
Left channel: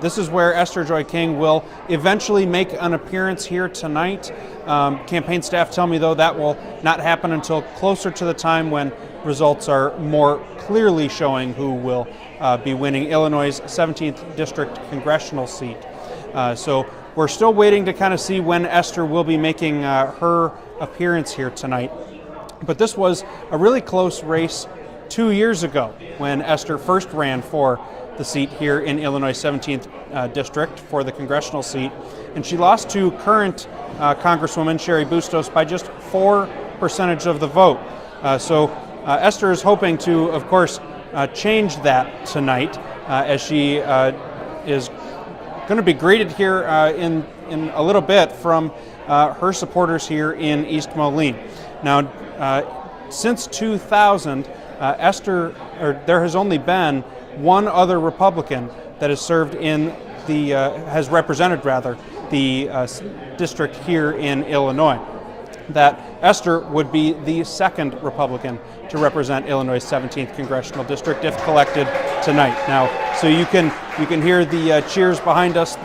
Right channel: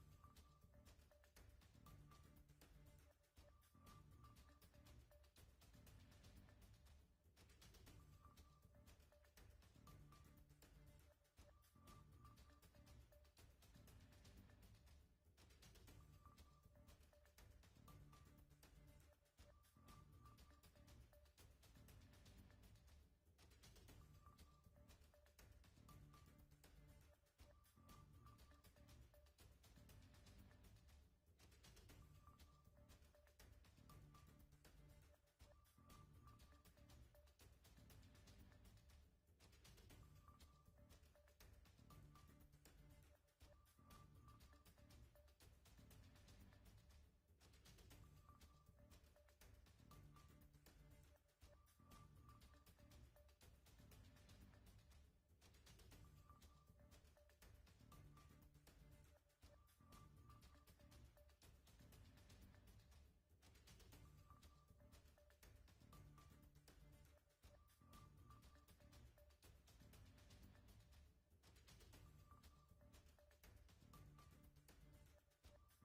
This is where Esther Joy King will eventually make an appearance here tonight. Campaign staff tell me, though, that will not happen until closer to the time when results are more clearly showing who will be winning Illinois' 17th District Congressional seat. So we're still waiting to kind of see when Esther will be making her appearance here tonight. But this was a really close race 2 years ago when Esther first ran for the seat here in Illinois' 17th District for the congressional seat. And she lost to current Congresswoman Cheri Bustos by just 4% of the vote. So Esther is hoping to, of course, change that tonight as she is going to be greeted here in a little bit from her supporters here in East Moline. Now, since 2000, there has only been one other Republican that has served in the, has represented rather, the district here in Illinois. That Esther would be the second Republican to represent Illinois' 17th Congressional District if collected tonight. Now, so you can hear the cheers behind us.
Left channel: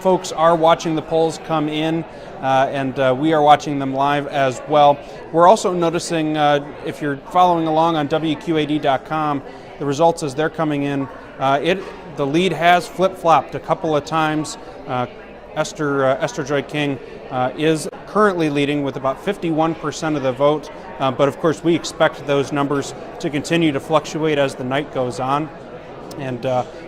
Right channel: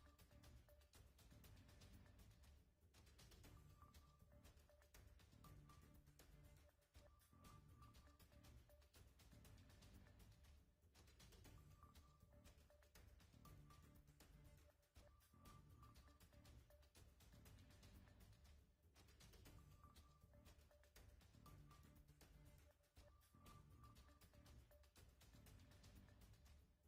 Folks are watching the polls come in, and we are watching them live as well. We're also noticing, if you're following along on WQAD.com, the results as they're coming in, the lead has flip-flopped a couple of times. Esther Joy King is currently leading with about 51% of the vote, but of course we expect those numbers to continue to fluctuate as the night goes on, and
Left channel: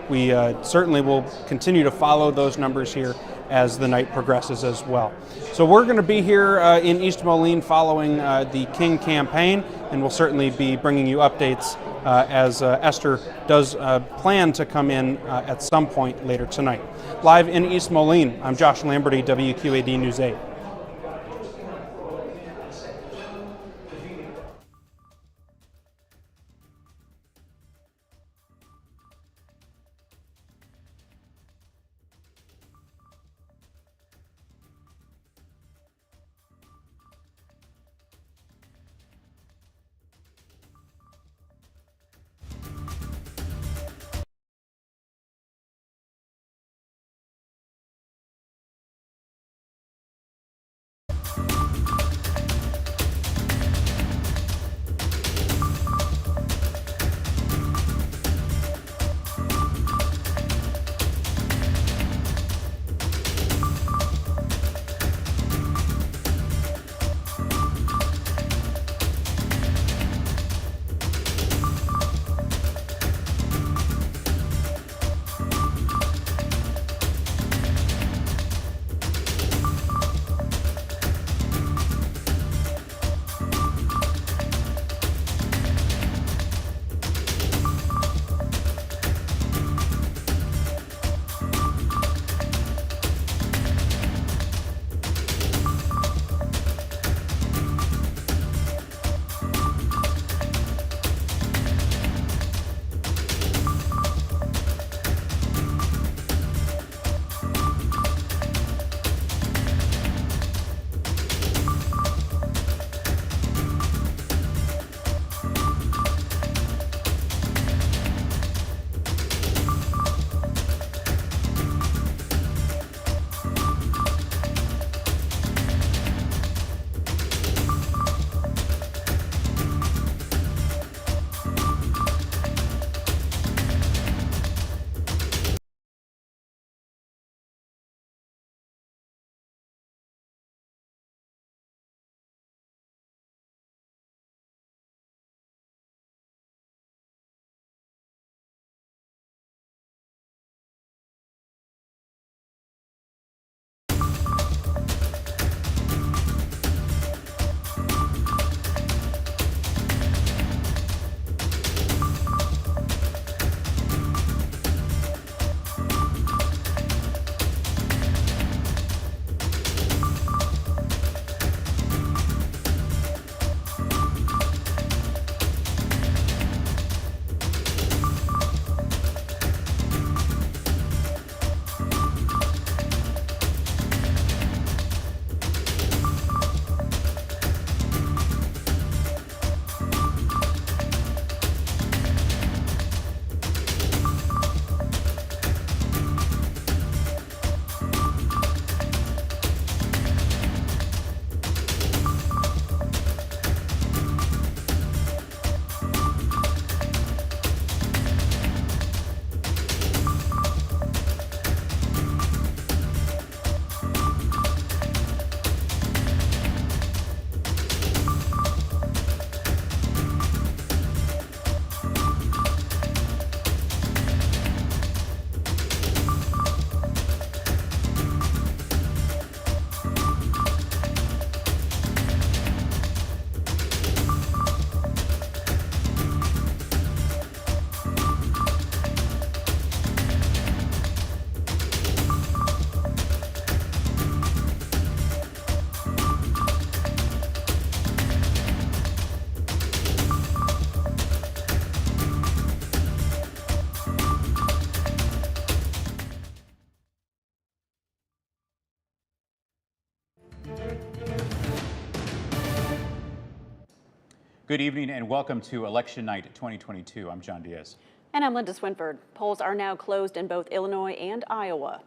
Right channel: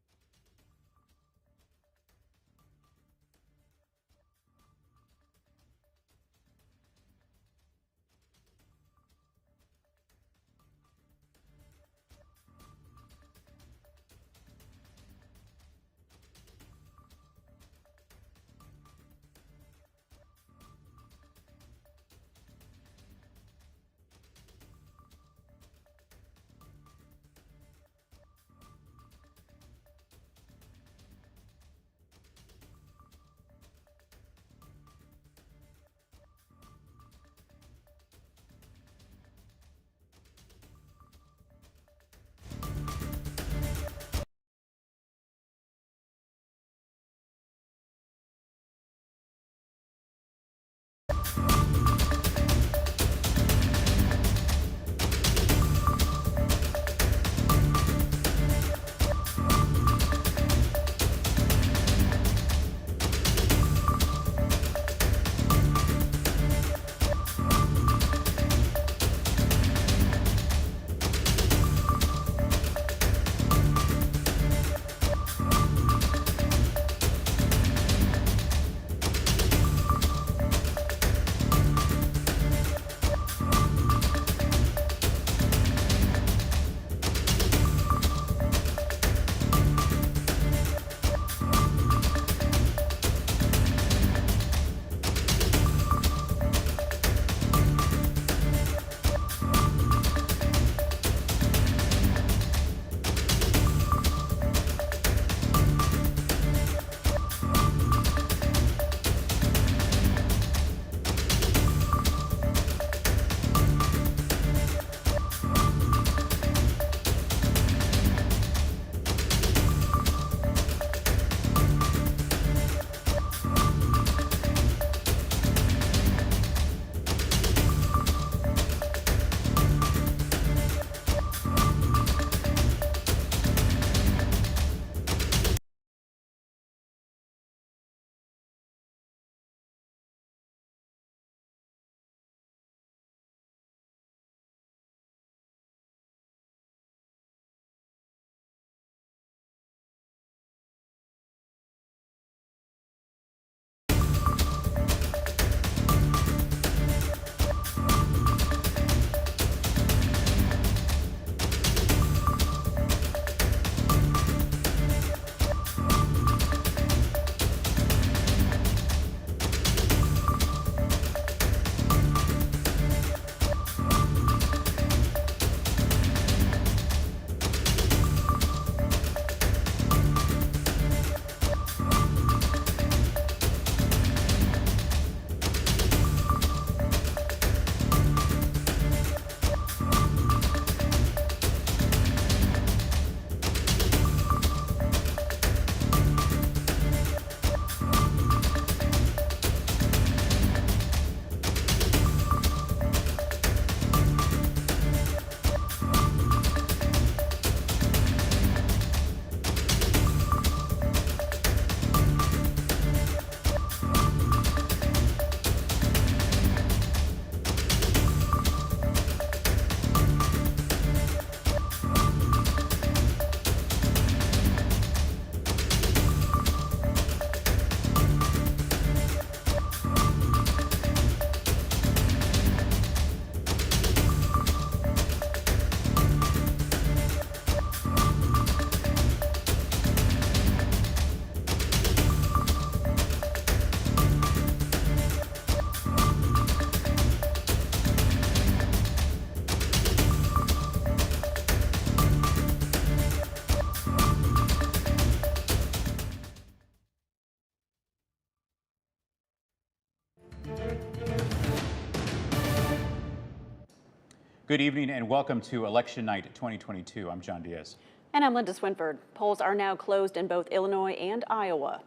we certainly will continue to follow those numbers here as the night progresses as well. So we're going to be here in East Moline following the King campaign, and we'll certainly be bringing you updates as Esther does plan to come in at some point later tonight. Live in East Moline, I'm Josh Lamberty, WQAD News 8. Good evening and welcome to Election Night 2022. I'm John Diaz. And I'm Linda Swinford. Polls are now closed in both Illinois and Iowa.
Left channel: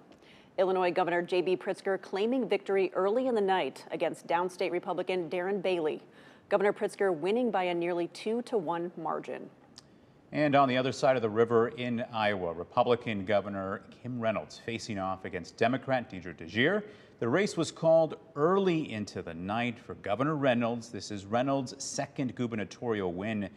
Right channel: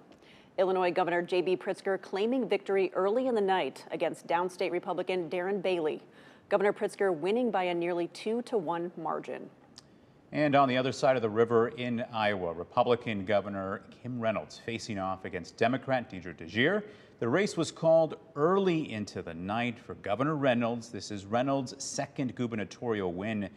Illinois Governor J.B. Pritzker claiming victory early in the night against downstate Republican Darren Bailey. Governor Pritzker winning by a nearly 2-to-1 margin. And on the other side of the river in Iowa, Republican Governor Kim Reynolds facing off against Democrat Deidre DeGier. The race was called early into the night for Governor Reynolds. This is Reynolds' second gubernatorial win.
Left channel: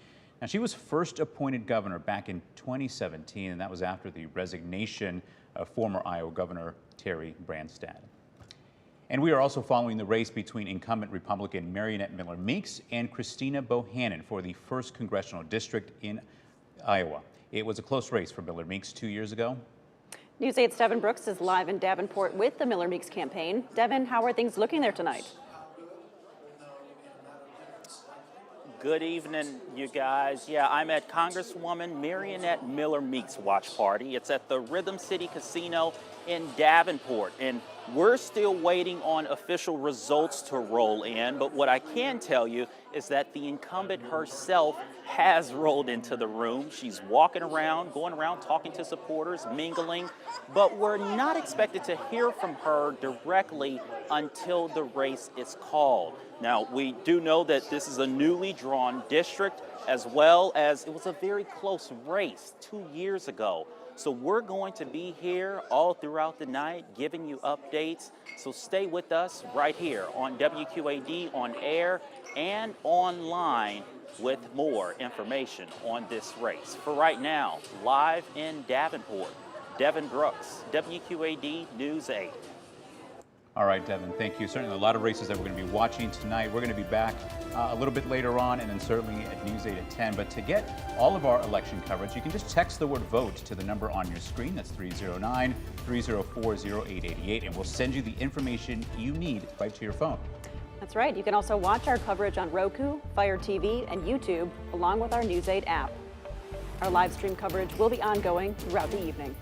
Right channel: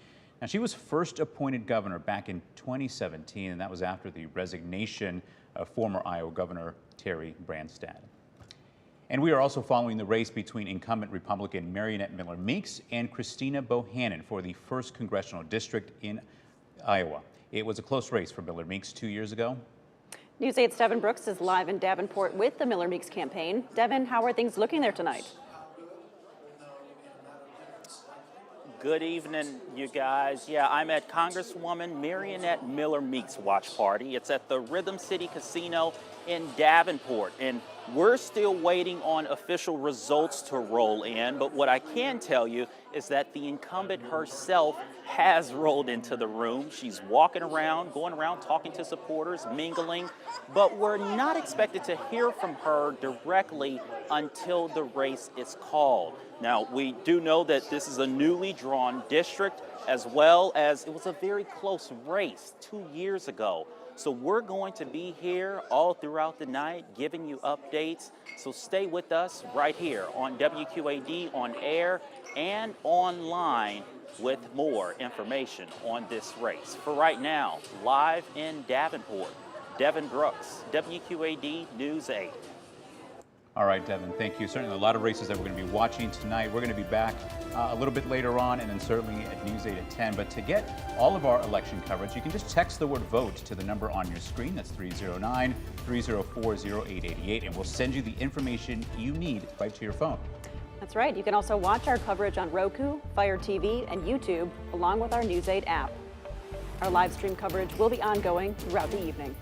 Now, she was first appointed governor back in 2017, and that was after the resignation of former Iowa Governor Terry Branstad. And we are also following the race between incumbent Republican Mariannette Miller Meeks and Christina Bohannon for the 1st Congressional District in Iowa. It was a close race for Miller Meeks 2 years ago. News 8's Devin Brooks is live in Davenport with the Miller Meeks campaign. Devin, how are things looking there tonight? Good evening, you guys. Yeah, I'm at Congresswoman Mariannette Miller Meeks' watch party. It's at the Rhythm City Casino in Davenport, and we're still waiting on official results to roll in, but what I can tell you is that the incumbent herself has rolled into the room. She's walking around, going around, talking to supporters, mingling, but we're not expected to hear from her directly until the race is called. Now, we do know that this is a newly drawn district, as well as it was a very close race 2 years ago. So we're going to be here all throughout the night giving you updates. So stay with us right here on WQAD on air and online with more information on this race. For right now, live in Davenport, Devin Brooks, WQAD News 8. All right, Devin, thank you. Certainly a lot of races that we're going to be watching tonight. We're going to be back a little bit later on, and then certainly at News 8 at 10. But to get all of our election coverage, you can just text the word VOTE to the number on your screen. That's 309-304-0888, and we'll send you the information you need right to your phone. That's right. You can also watch our coverage on Roku, Fire TV, and YouTube, along with our News 8 app. Our live stream coverage will be ongoing throughout the evening.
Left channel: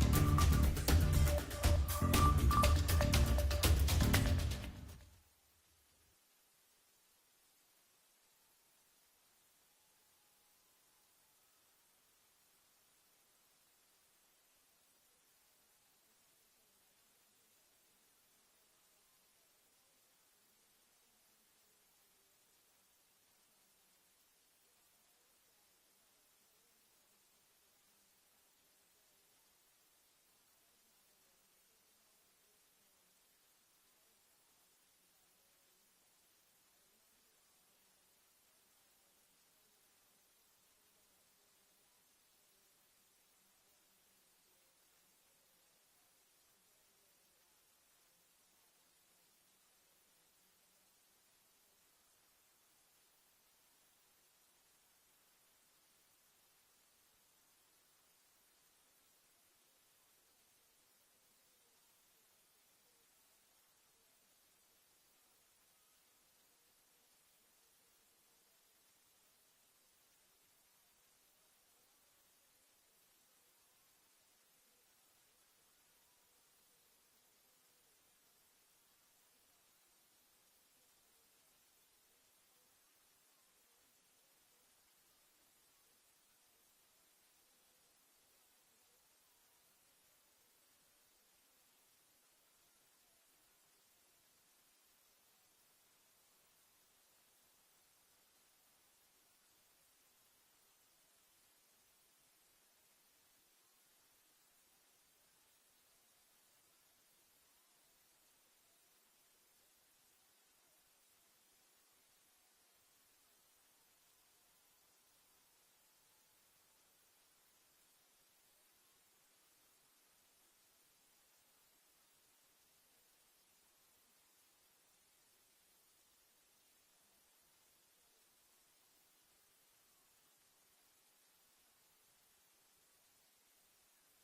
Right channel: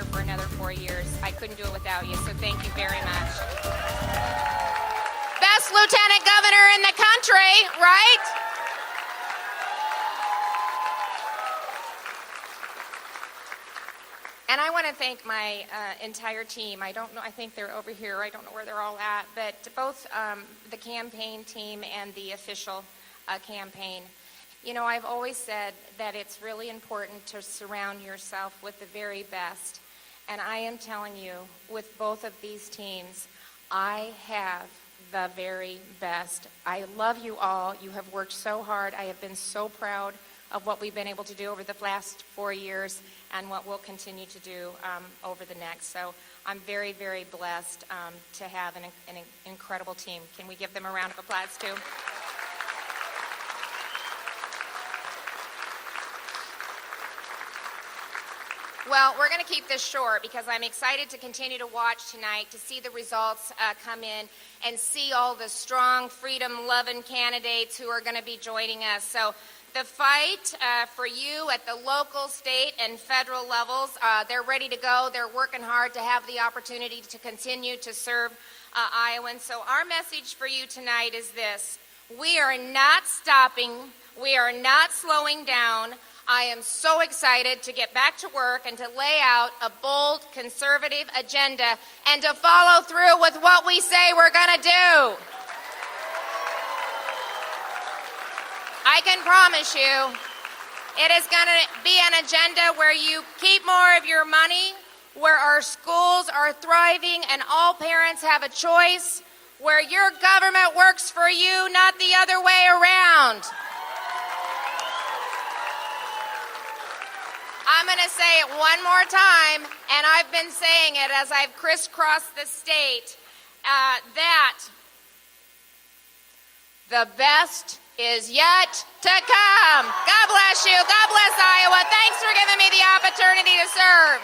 here for another 4 years. I couldn't do it without you, so thank you very much. Best lieutenant governor in the country, right? And I want to thank my entire team. I don't know, I think they're over here. I don't know where they're all at, but both the campaign team and the official campaign. You know, I've always said that it's really important to surround yourself with the very best. And I am telling you, with both of these teams, I have the very best. I love you all. You have worked so hard. I have been so proud of what we've been able to do over the last 4 years and what we'll continue to do over the next. So I'm very, very blessed to have an incredible team. Can we give them a round of applause too? Well, we're going to keep this short because I'm excited to continue to watch tonight to see the results come in and see all the strong, freedom-loving candidates who are going to be joining us. So the fight for you at the local, state, and federal levels, they're ready to go. They're working hard to have the opportunity to continue to serve Iowans. So our message for you tonight is this. We are not stopping. We are not slowing down. I am so excited to get back to work and to lay out a bold, conservative agenda and to follow through with what we say we're going to do. I can promise you it is going to be an agenda where you keep more of your money, where our schools are thriving and all parents have a choice, where your government works for you, not the other way around. I'm going to say it one more time, and I've been saying it as I've crisscrossed the state, that the best is yet to come. God bless you. God bless Iowa. Thanks for giving me the opportunity to serve.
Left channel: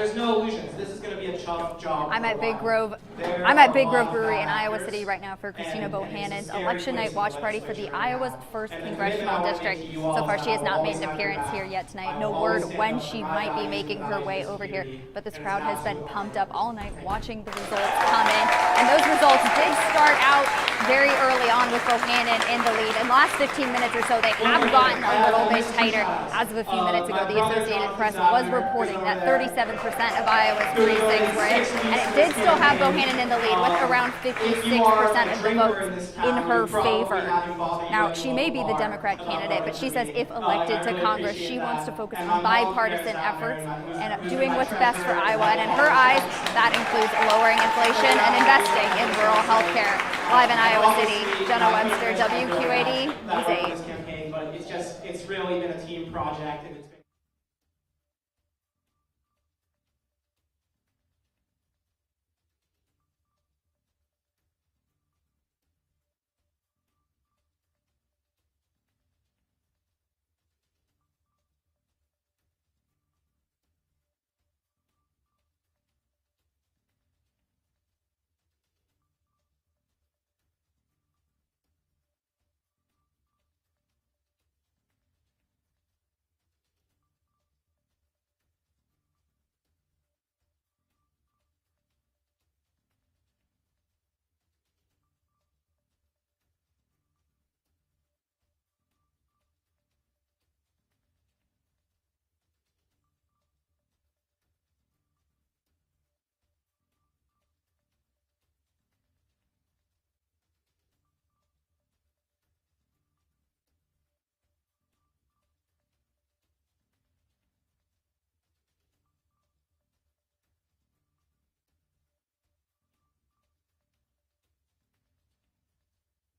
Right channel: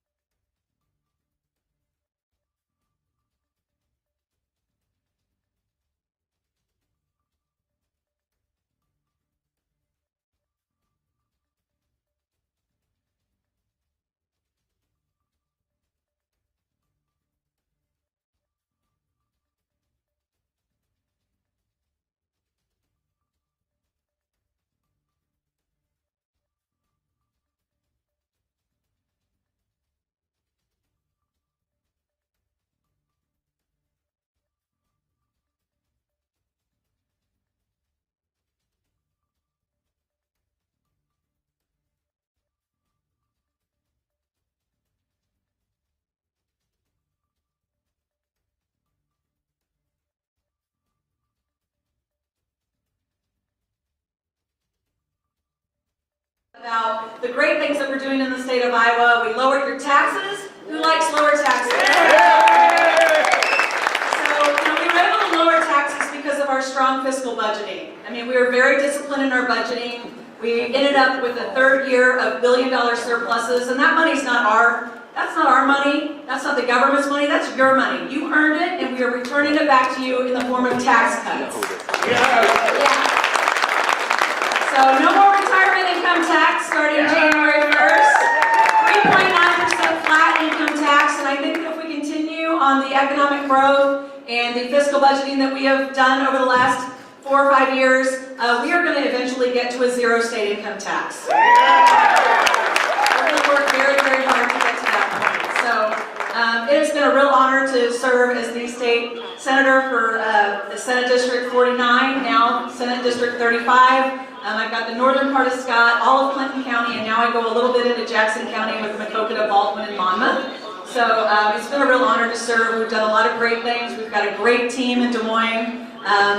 there's no illusions. This is going to be a tough job. I'm at Big Grove Brewery in Iowa City right now for Christina Bohannon's election night watch party for the Iowa's 1st Congressional District. So far, she has not made an appearance here yet tonight. No word when she might be making her way over here, but this crowd has been pumped up all night watching the results come in. And those results did start out very early on with Bohannon in the lead. In the last 15 minutes or so, they have gotten a little bit tighter. As of a few minutes ago, the Associated Press was reporting that 37% of Iowa's precincts were in, and it did still have Bohannon in the lead with around 56% of the votes in her favor. Now, she may be the Democrat candidate, but she says if elected to Congress, she wants to focus on bipartisan efforts and doing what's best for Iowa. And in her eyes, that includes lowering inflation and investing in rural health care. Live in Iowa City, Jenna Webster, WQAD News 8. It's really been a team project. Now, the great things that we're doing in the state of Iowa, we lowered your taxes. Who likes lower taxes? So, we were able to lower taxes because of our strong fiscal budgeting. I mean, we were very disciplined in our budgeting. We ended up with a third year of billion-dollar surpluses, and that money's that's not our money. That's not the government's money. That's your money. You earned it, and we are returning it back to you in the form of tax cuts. Yeah. So no more retirement income tax starting January 1st. 3.9% flat income tax, and I think that if we continue on the economic growth and the fiscal budgeting that we have done over the last 4 or 5 years, we are going to eventually get to a zero state income tax. We're going to work very, very hard to get to that point. So it has been a real honor to serve as the state senator for Senate District 49, now Senate District 35. I've got the northern part of Scott, all of Clinton County, and now I go a little bit into Jackson County with Maquoketa, Baldwin, and Monmouth. So it's been a real honor to serve. We've done a lot of great things. We've got a great team in Des Moines,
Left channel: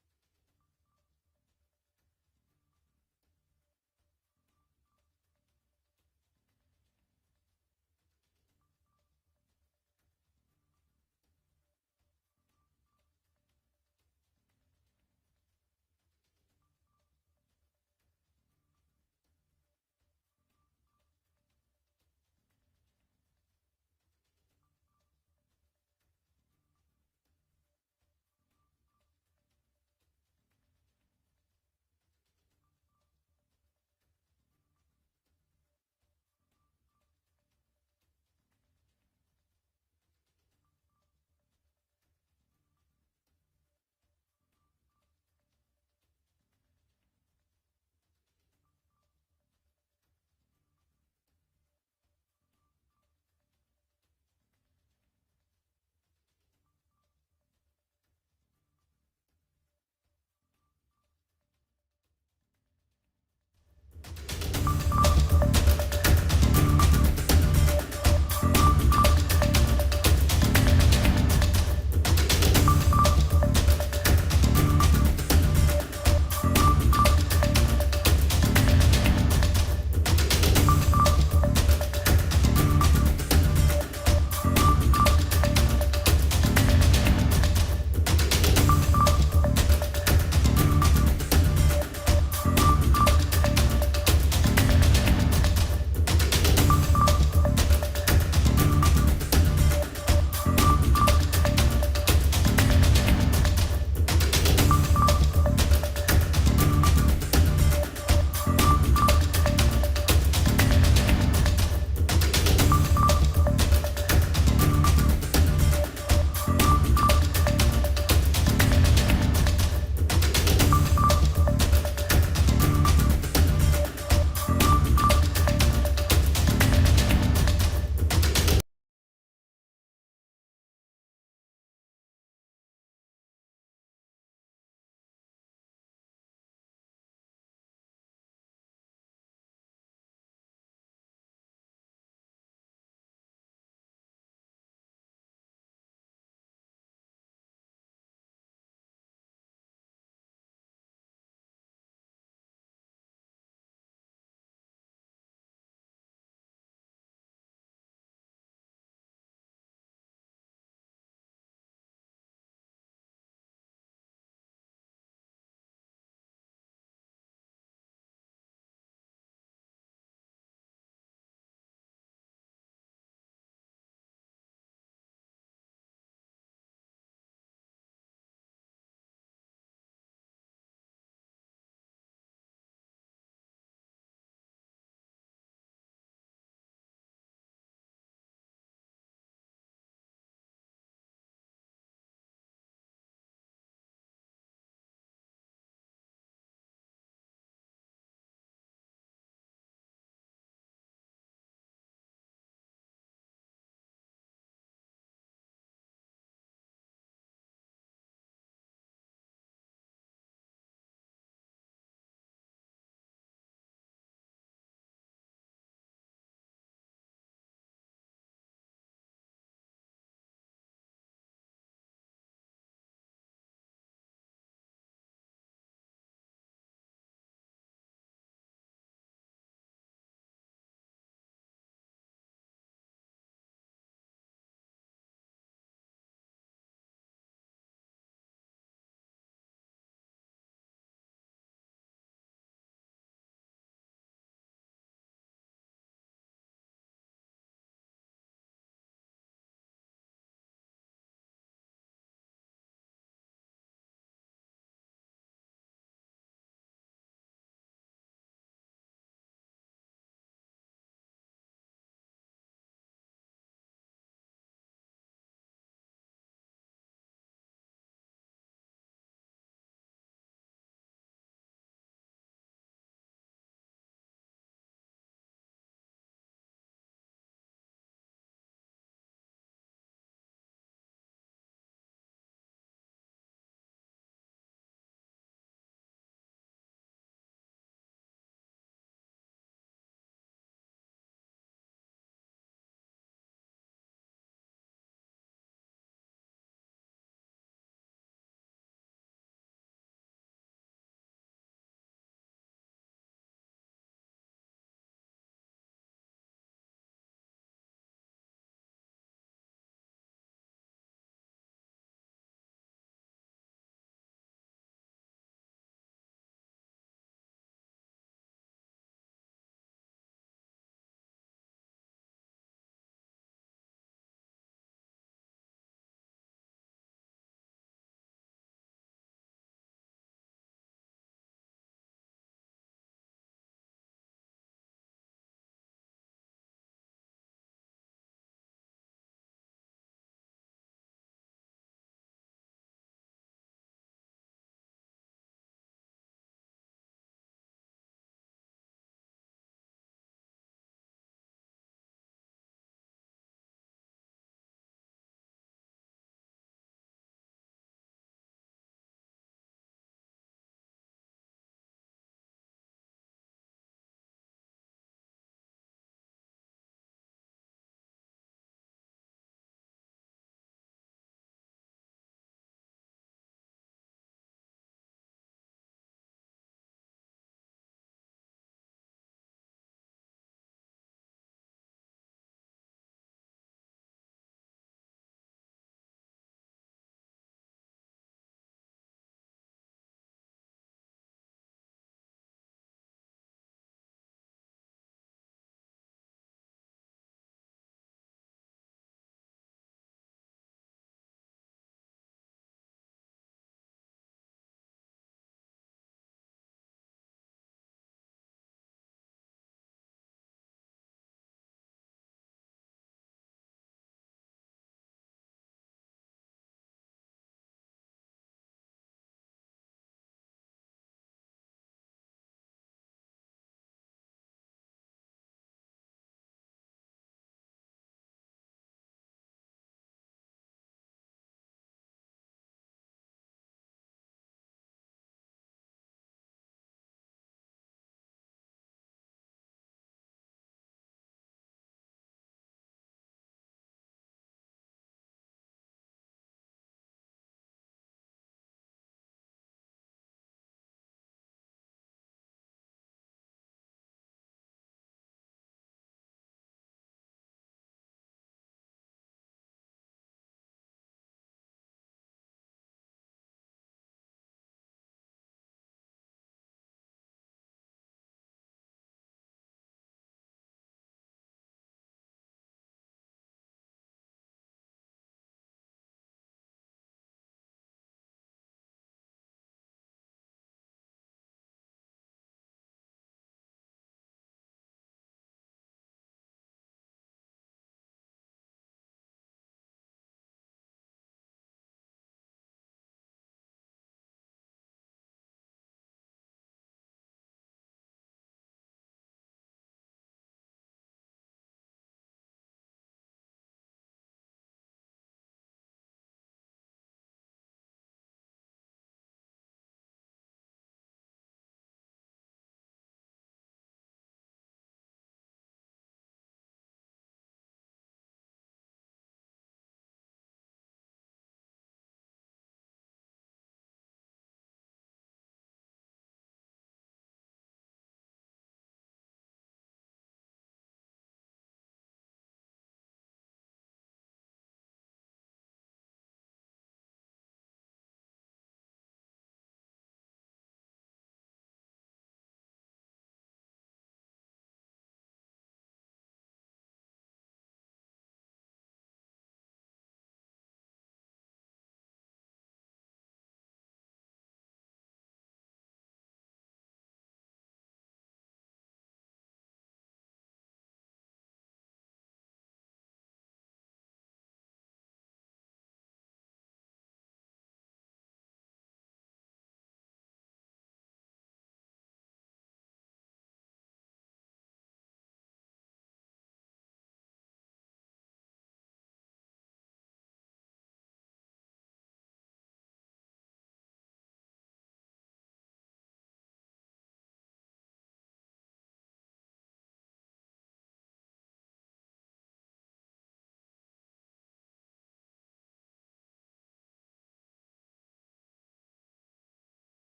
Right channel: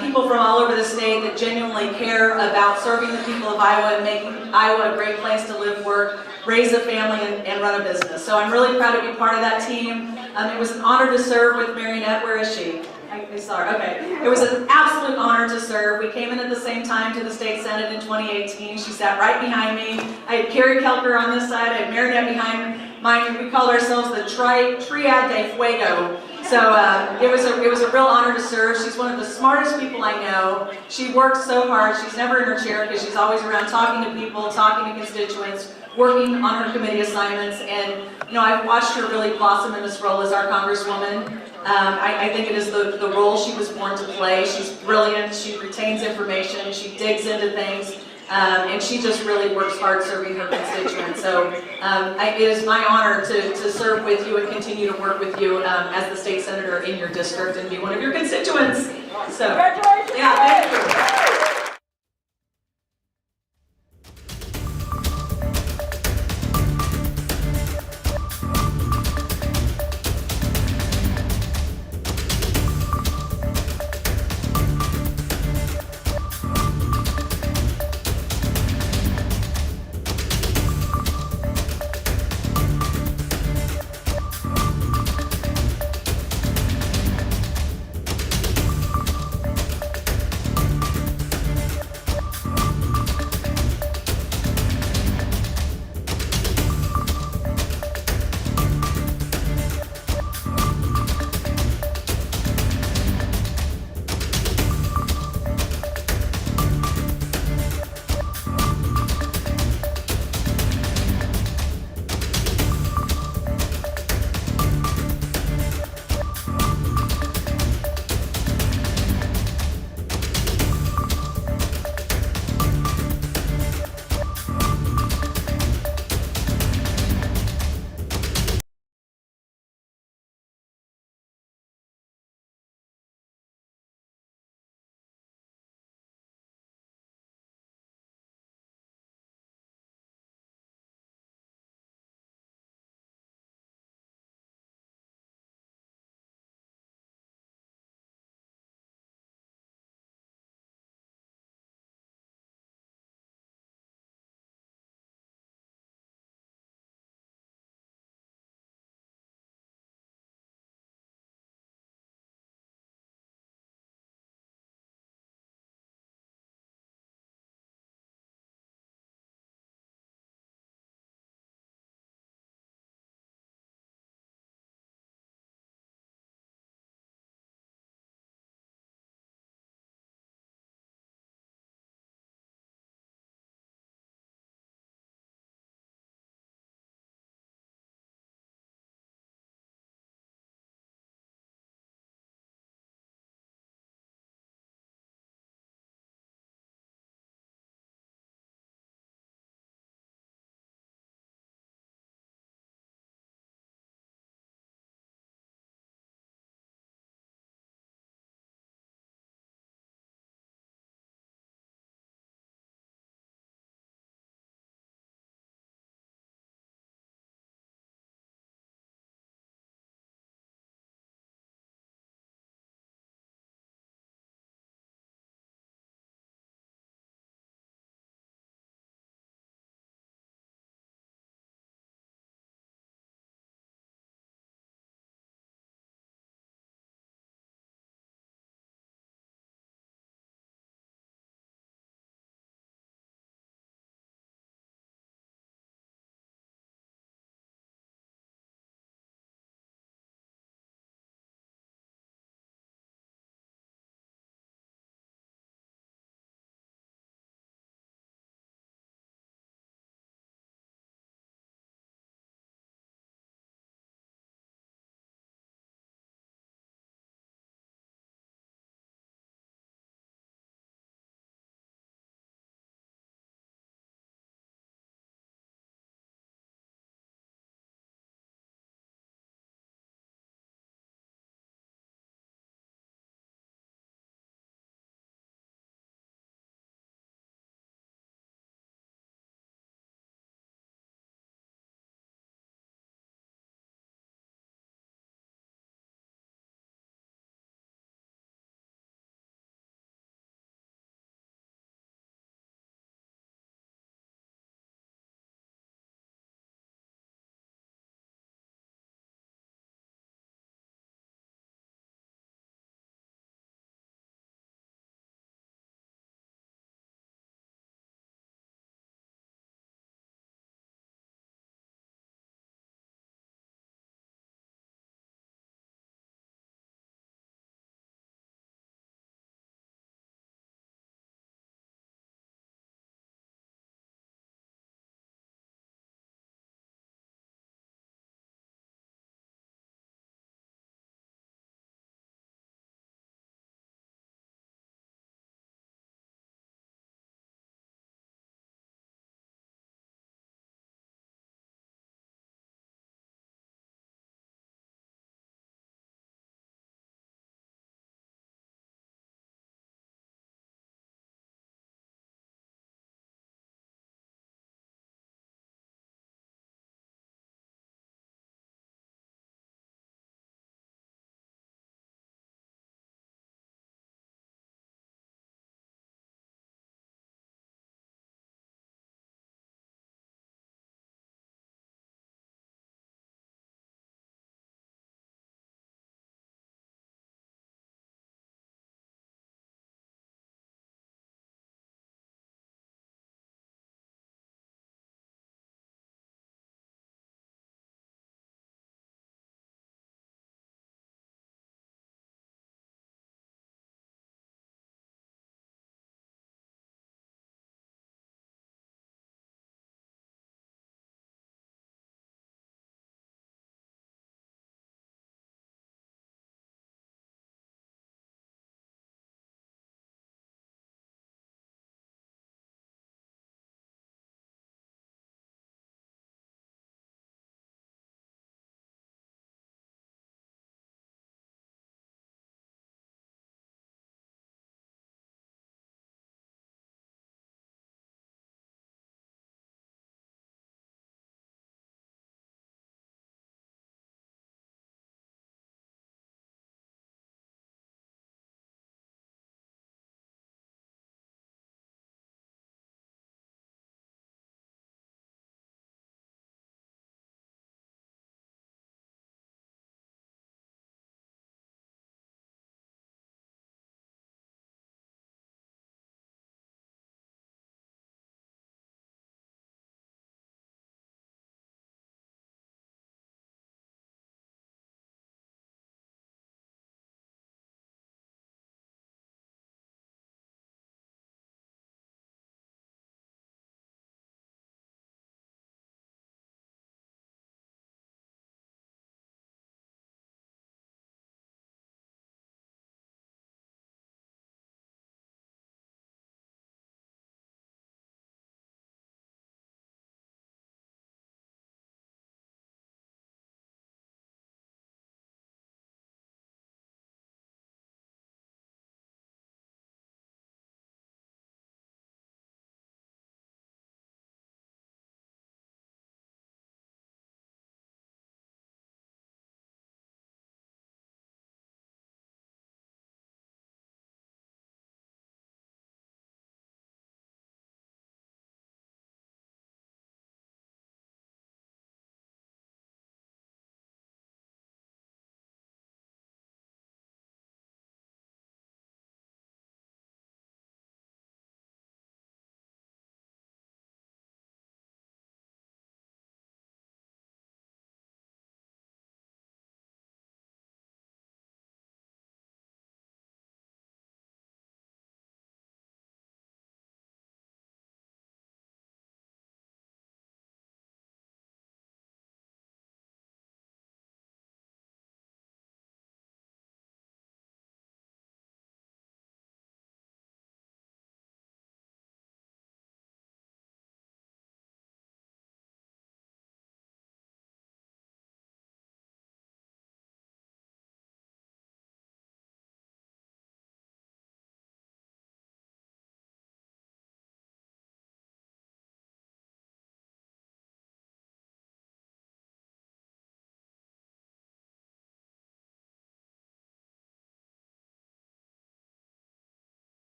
people from all over the state that genuinely care about serving the people of Iowa and making Iowa a great place to live, work, raise a family, and run a business. So I'm really proud to be part of that team. It was an honor to serve with Marionette. Where is she? I saw her. Okay. It was an absolute honor to serve. We came in at the same time to the state senate in 2018. She sat right behind me. I had Carrie Kelker on this side. I had Marionette behind mine. We called ourselves the Triad de Fuego. So it was a real honor to serve. She's one of the smartest people I know. She works so hard. She's never in her chair because she's always around talking to people, talking to constituents, working on her committee assignments. And I've watched her really blossom in this role as our Congresswoman. I think it is the role she was born to play. She's brilliant. She retains information. She digs into things. And she just really works hard serving her constituents. So it is my honor to serve with you and continue to work with you as the state senator in your district and be one of your constituents. So, congratulations! Yeah, thank you.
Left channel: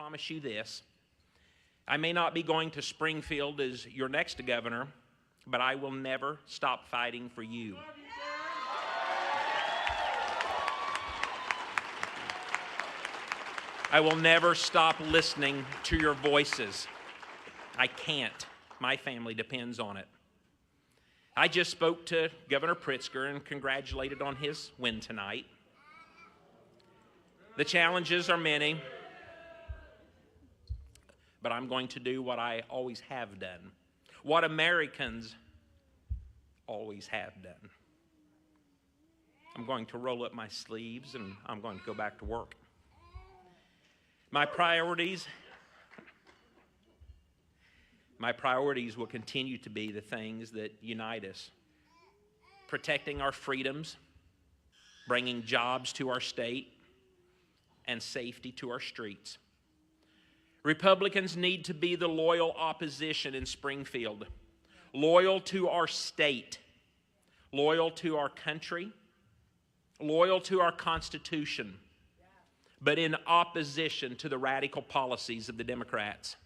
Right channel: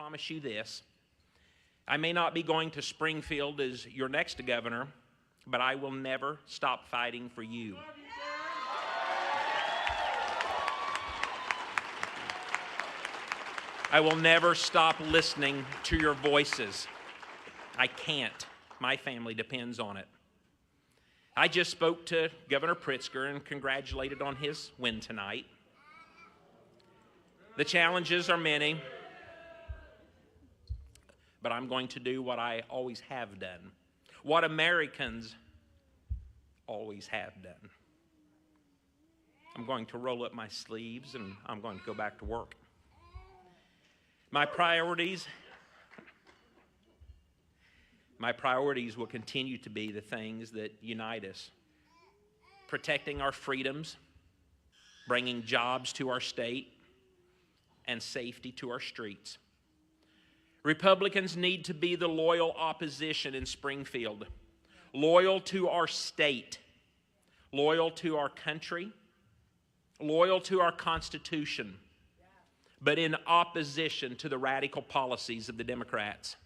promise you this. I may not be going to Springfield as your next governor, but I will never stop fighting for you. I will never stop listening to your voices. I can't. My family depends on it. I just spoke to Governor Pritzker and congratulated on his win tonight. The challenges are many, but I'm going to do what I always have done, what Americans always have done. I'm going to roll up my sleeves and I'm going to go back to work. My priorities will continue to be the things that unite us. Protecting our freedoms, bringing jobs to our state, and safety to our streets. Republicans need to be the loyal opposition in Springfield, loyal to our state, loyal to our country, loyal to our Constitution, but in opposition to the radical policies of the Democrats.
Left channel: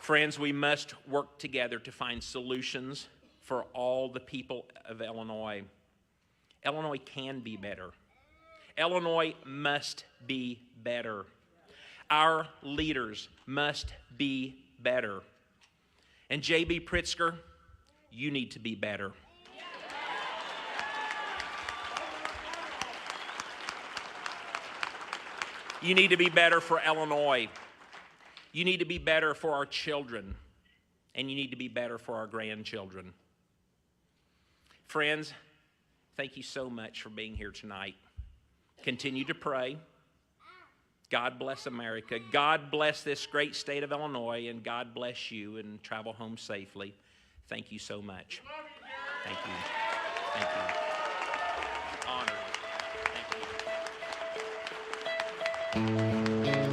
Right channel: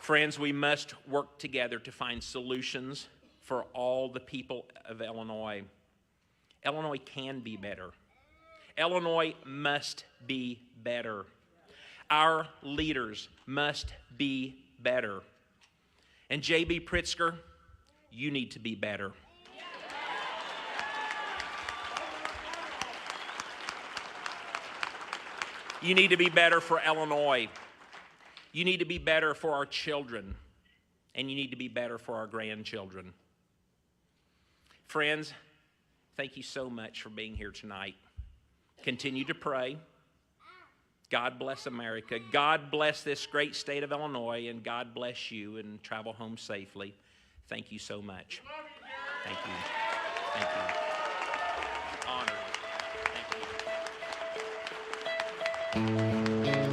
Friends, we must work together to find solutions for all the people of Illinois. Illinois can be better. Illinois must be better. Our leaders must be better. And J.B. Pritzker, you need to be better. You need to be better for Illinois. You need to be better for our children. And you need to be better for our grandchildren. Friends, thank you so much for being here tonight. Continue to pray. God bless America. God bless this great state of Illinois, and God bless you, and travel home safely. Thank you so much. Thank you. Thank you. Honored. Thank you.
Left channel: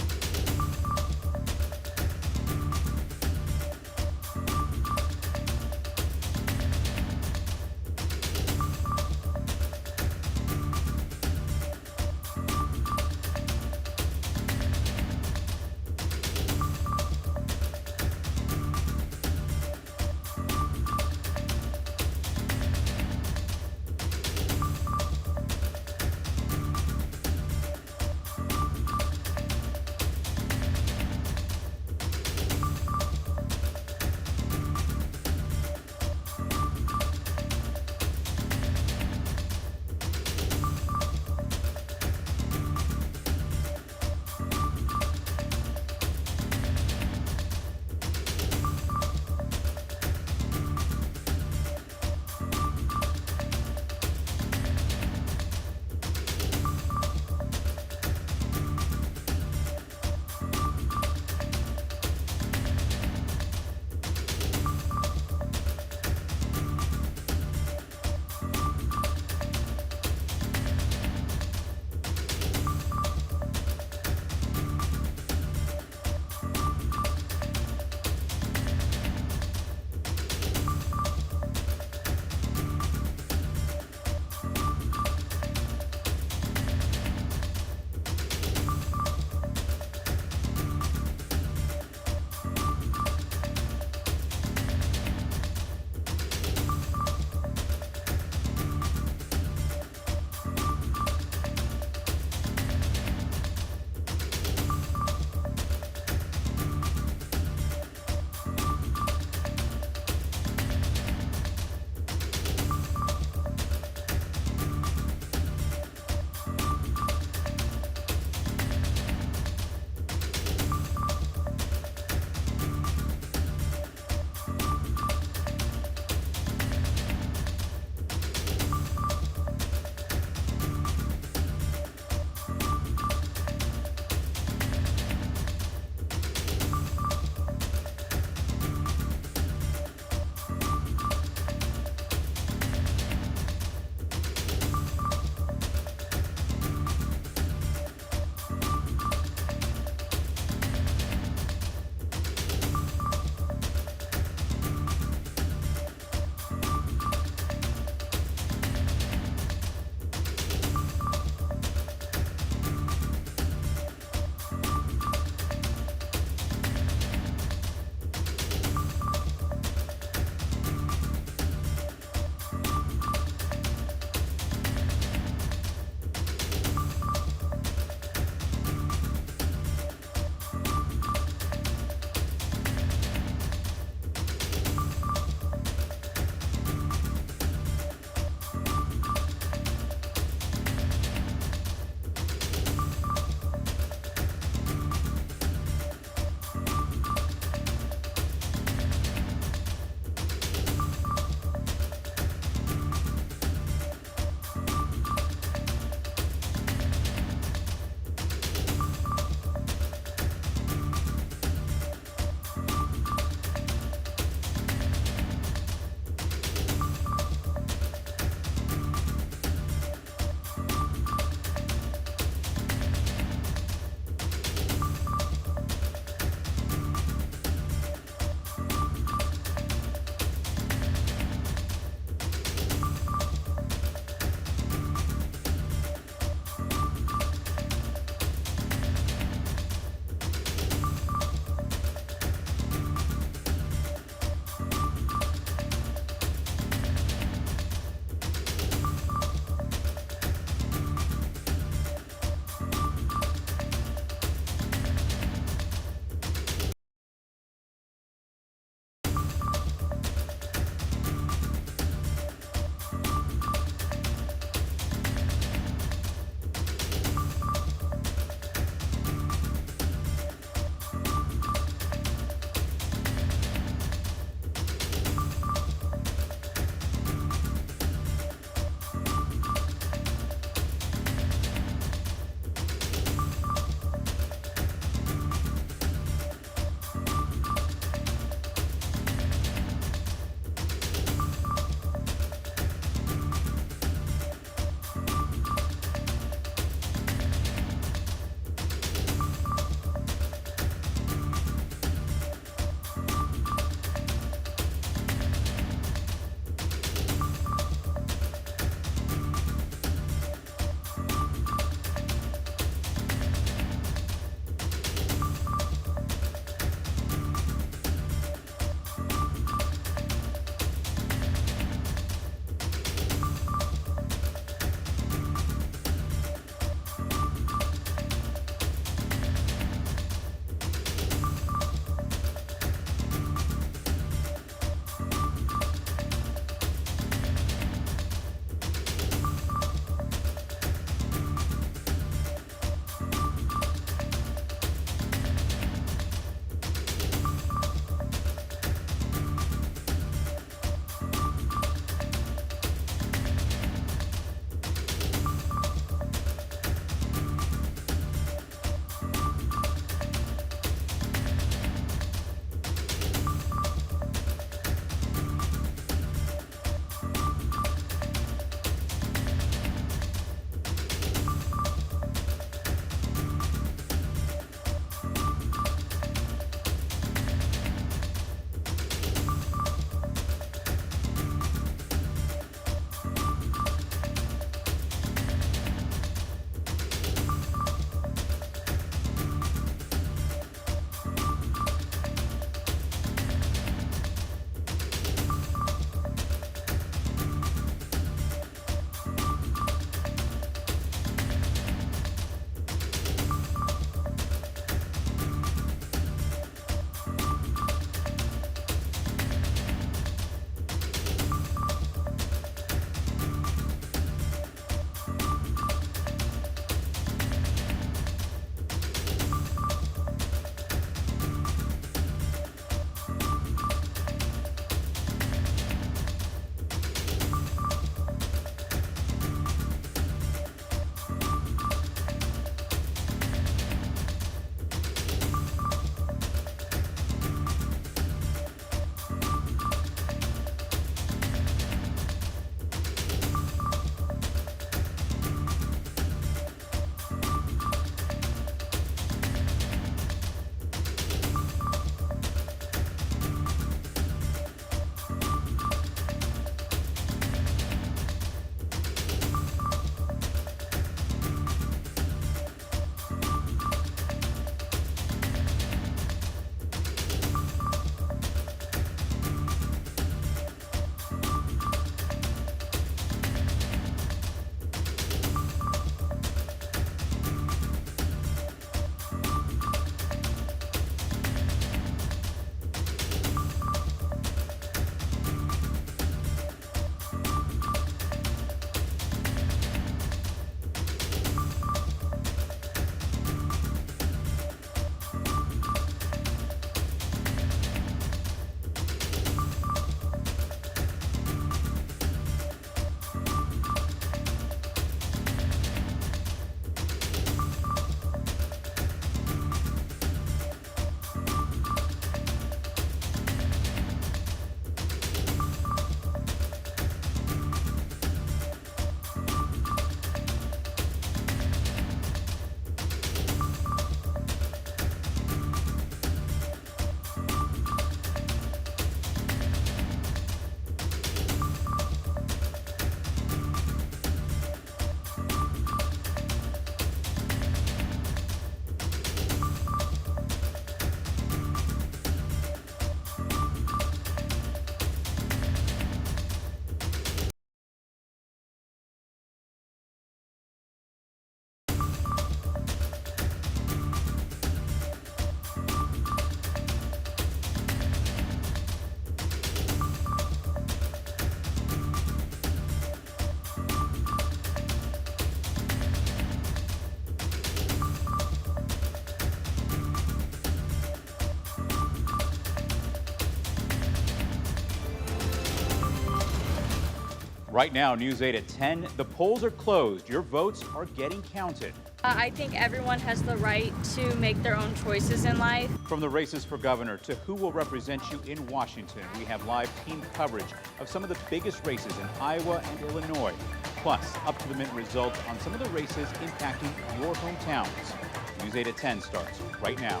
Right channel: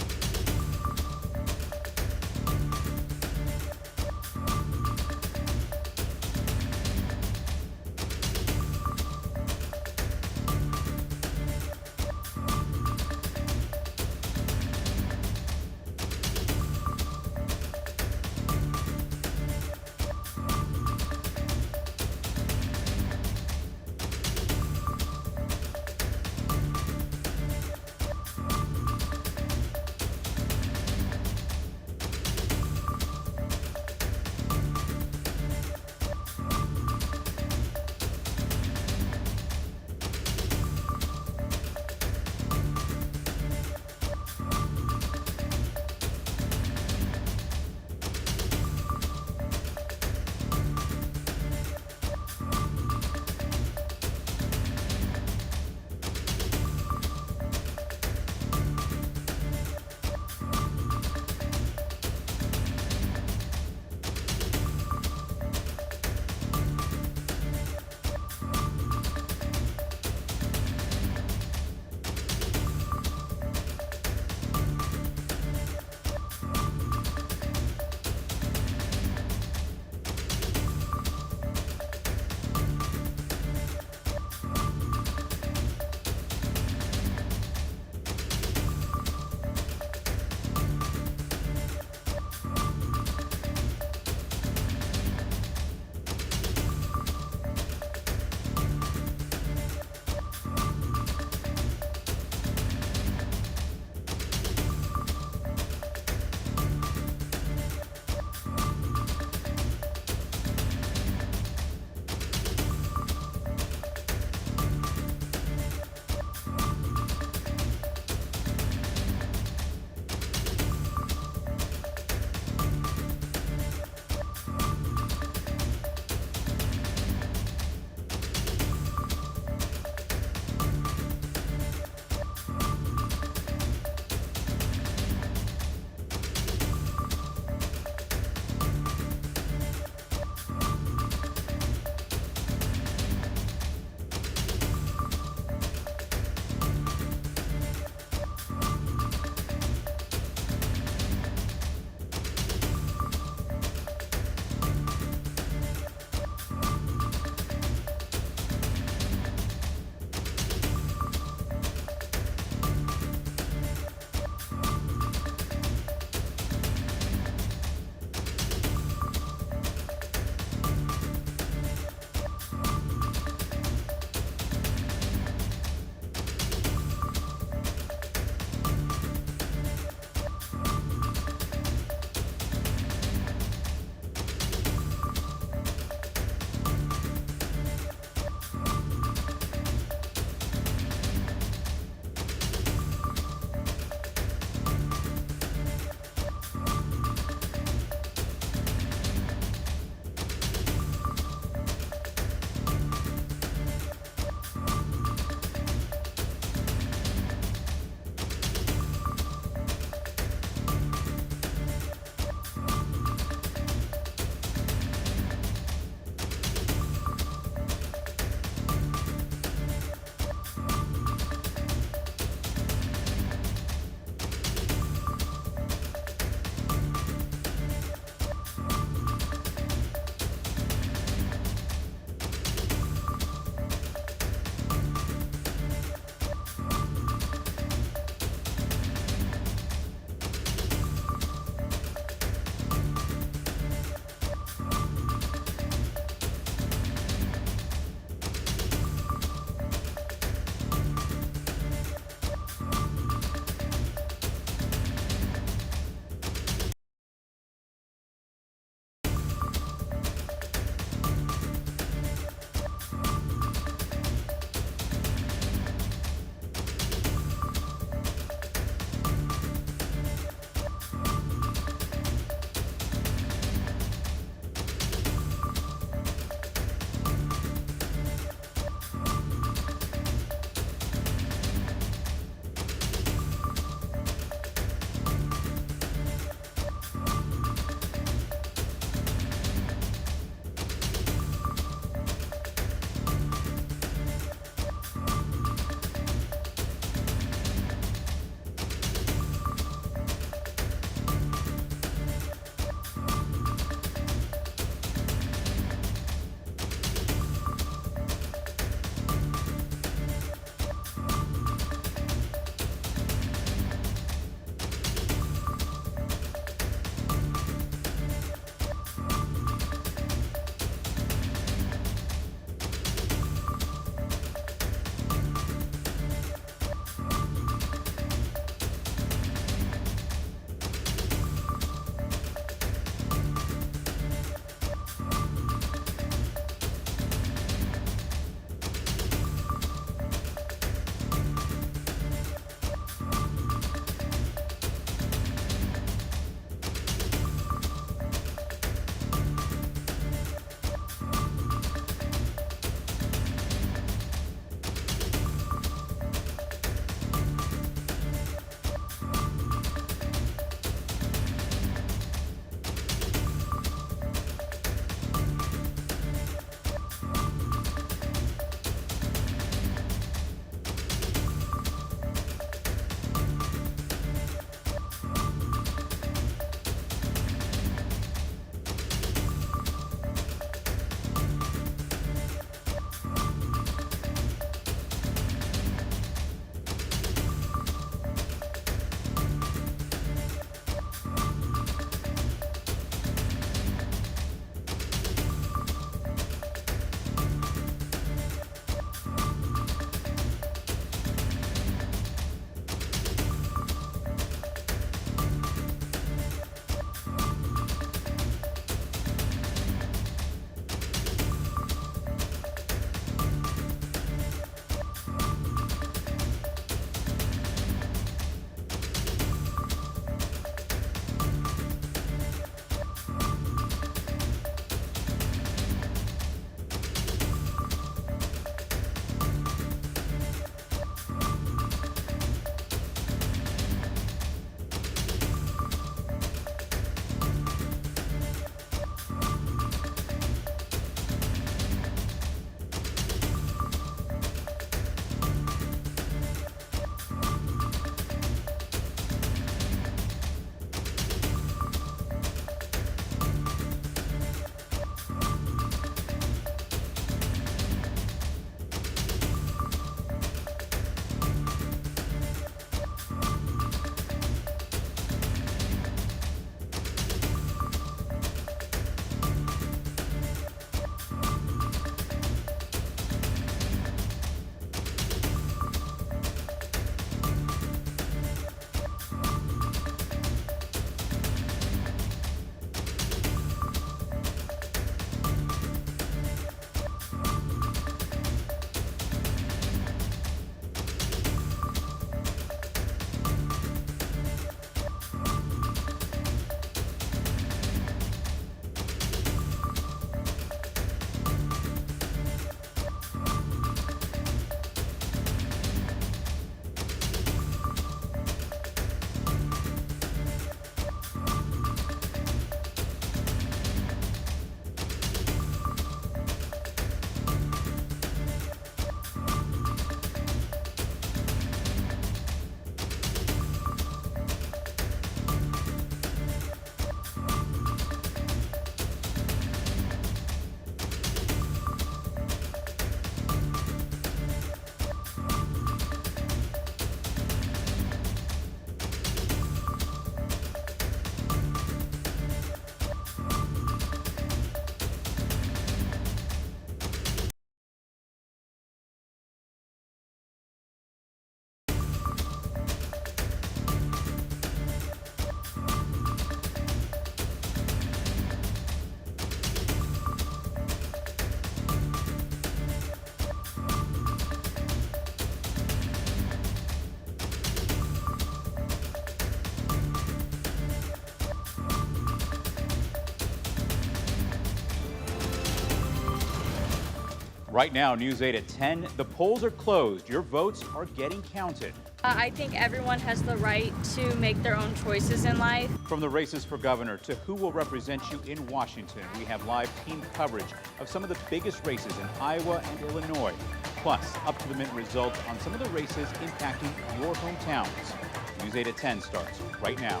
Right now, News 8 at 10. The polls are closed. Your votes are getting counted. I think everyone has the right to make their own choices in life. From the races for governor to who will represent you in Washington, we have live team coverage of some of the biggest races in Iowa and Illinois. Plus, up-to-the-minute results on some of the races impacting your hometowns. News 8 at 10 starts right now.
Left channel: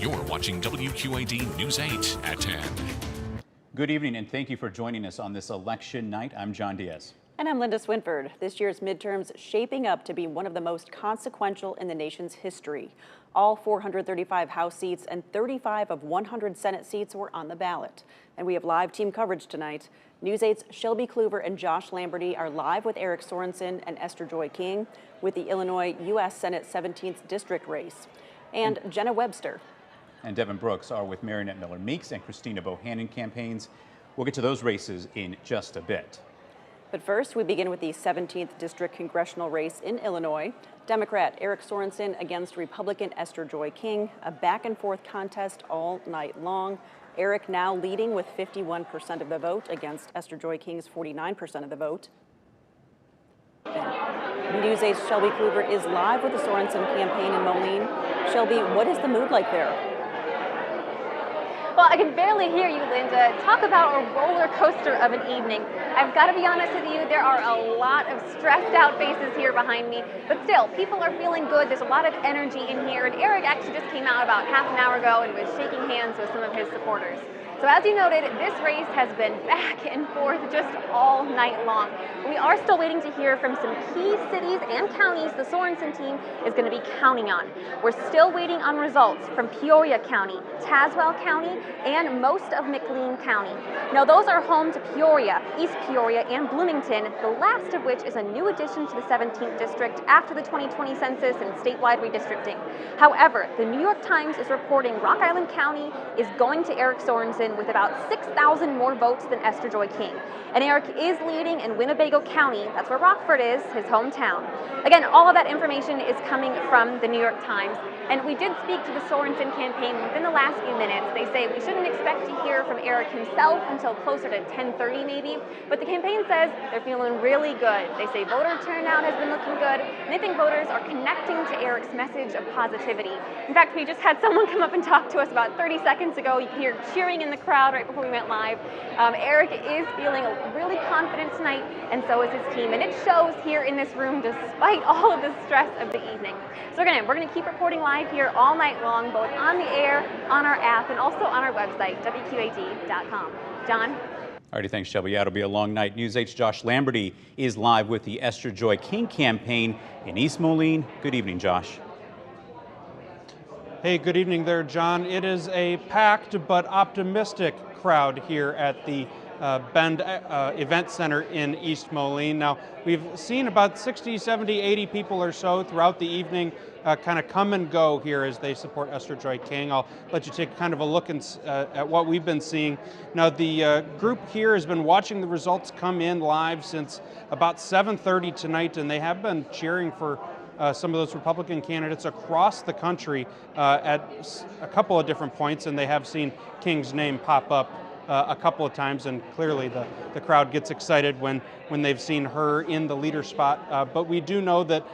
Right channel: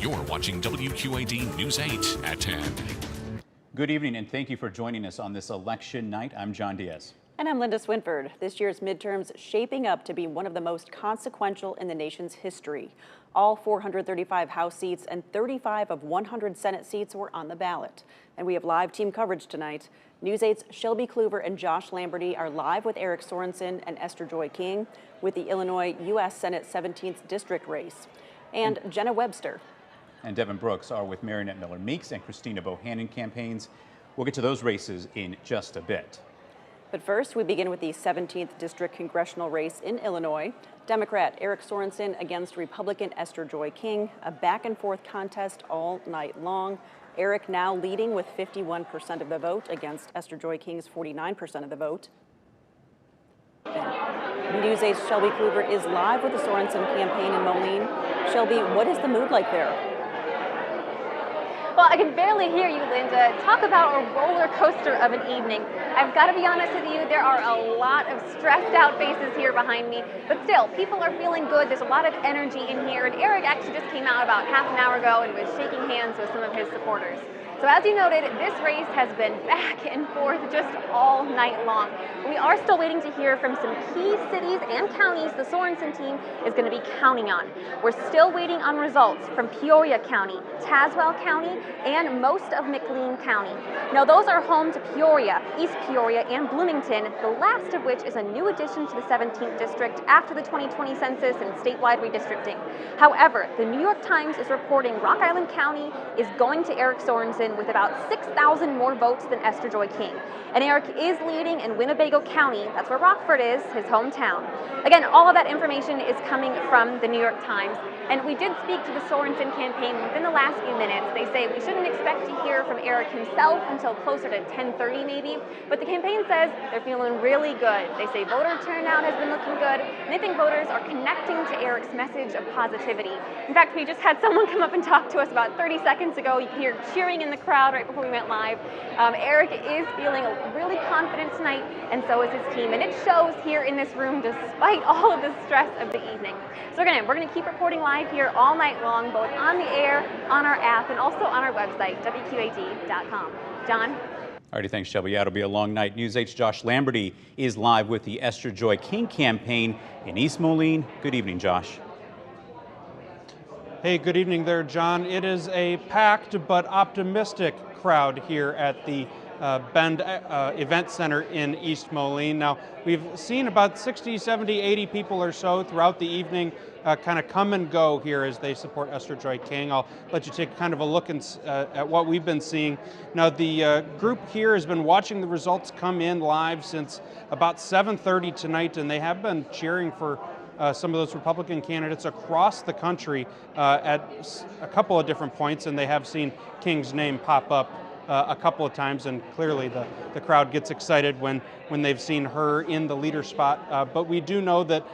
You're watching WQAD News 8 at 10. Good evening, and thank you for joining us on this election night. I'm John Diaz. And I'm Linda Swinford. This year's midterms shaping up to be one of the most consequential in the nation's history. All 435 House seats and 35 of 100 Senate seats were on the ballot. And we have live team coverage tonight. News 8's Shelby Kluver and Josh Lamberty are live with Eric Sorensen and Esther Joy King with the Illinois U.S. Senate 17th District race. And Jenna Webster and Devin Brooks are with Marionette Miller Meeks and Christina Bohannon campaigns. We'll get to those races in just a bit. But first, we begin with the 17th District congressional race in Illinois. Democrat Eric Sorensen against Republican Esther Joy King, a back-and-forth contest all night long. Eric now leading with 51% of the vote against Esther Joy King's 49% of the vote. News 8's Shelby Kluver is live with the Sorensen campaign in Moline. Shelby, what is the mood like there? Well, I can barely hear you, Linda. Talk about a roller coaster of an evening. I've got to be honest with you, there are a lot of stressed out faces here behind me, but still, people are feeling good. There's a lot of energy in here, and Eric actually just came out about half an hour ago and was shaking hands with some of his supporters. So as you noted, this race has been back and forth just all night long. We are still waiting to hear from some key cities and counties the Sorensen team is going to be counting on. We're still waiting on results from Peoria County, Tazewell County, and most of McLean County. Now those are home to Peoria, East Peoria, and Bloomington, the last of which is a new addition to the 17th District after the 2020 census and statewide redistricting. However, the New York Times is reporting Rock Island County is going to Eric Sorensen with about 6,000 more votes than Esther Joy King. And Eric is leading in Winnebago County, that's where Rockford is, his hometown. Again, all of that information is coming from the New York Times. And we did speak to the Sorensen campaign within the last few minutes. They say we shouldn't expect to hear from Eric himself until closer to 10:30 maybe, but the campaign says they're feeling really good. They say voter turnout has been looking good, and they think voters are connecting to Eric's message of positivity. In fact, we just had someone come up and talk to us about 30 seconds ago. You could hear cheering in the crowd right before we went live. Eric is feeling really confident tonight, and so is his team, and it shows here in this room despite all of the stress of the evening. So again, we're going to keep reporting live here all night long, both on the air, on our app, and also on our website, WQAD.com. John? All righty, thanks, Shelby. Yeah, it'll be a long night. News 8's Josh Lamberty is live with the Esther Joy King campaign in East Moline. Good evening, Josh. Hey, good evening there, John. It is a packed but optimistic crowd here at the Bend Event Center in East Moline. Now, we've seen about 60, 70, 80 people or so throughout the evening kind of come and go here as they support Esther Joy King. I'll let you take kind of a look at what we've been seeing. Now, the group here has been watching the results come in live since about 7:30 tonight, and they have been cheering for some of those Republican candidates across the country at a couple of different points, and they have seen King's name pop up a couple of times, and clearly the crowd gets excited when they've seen her in the leader spot. But we do know that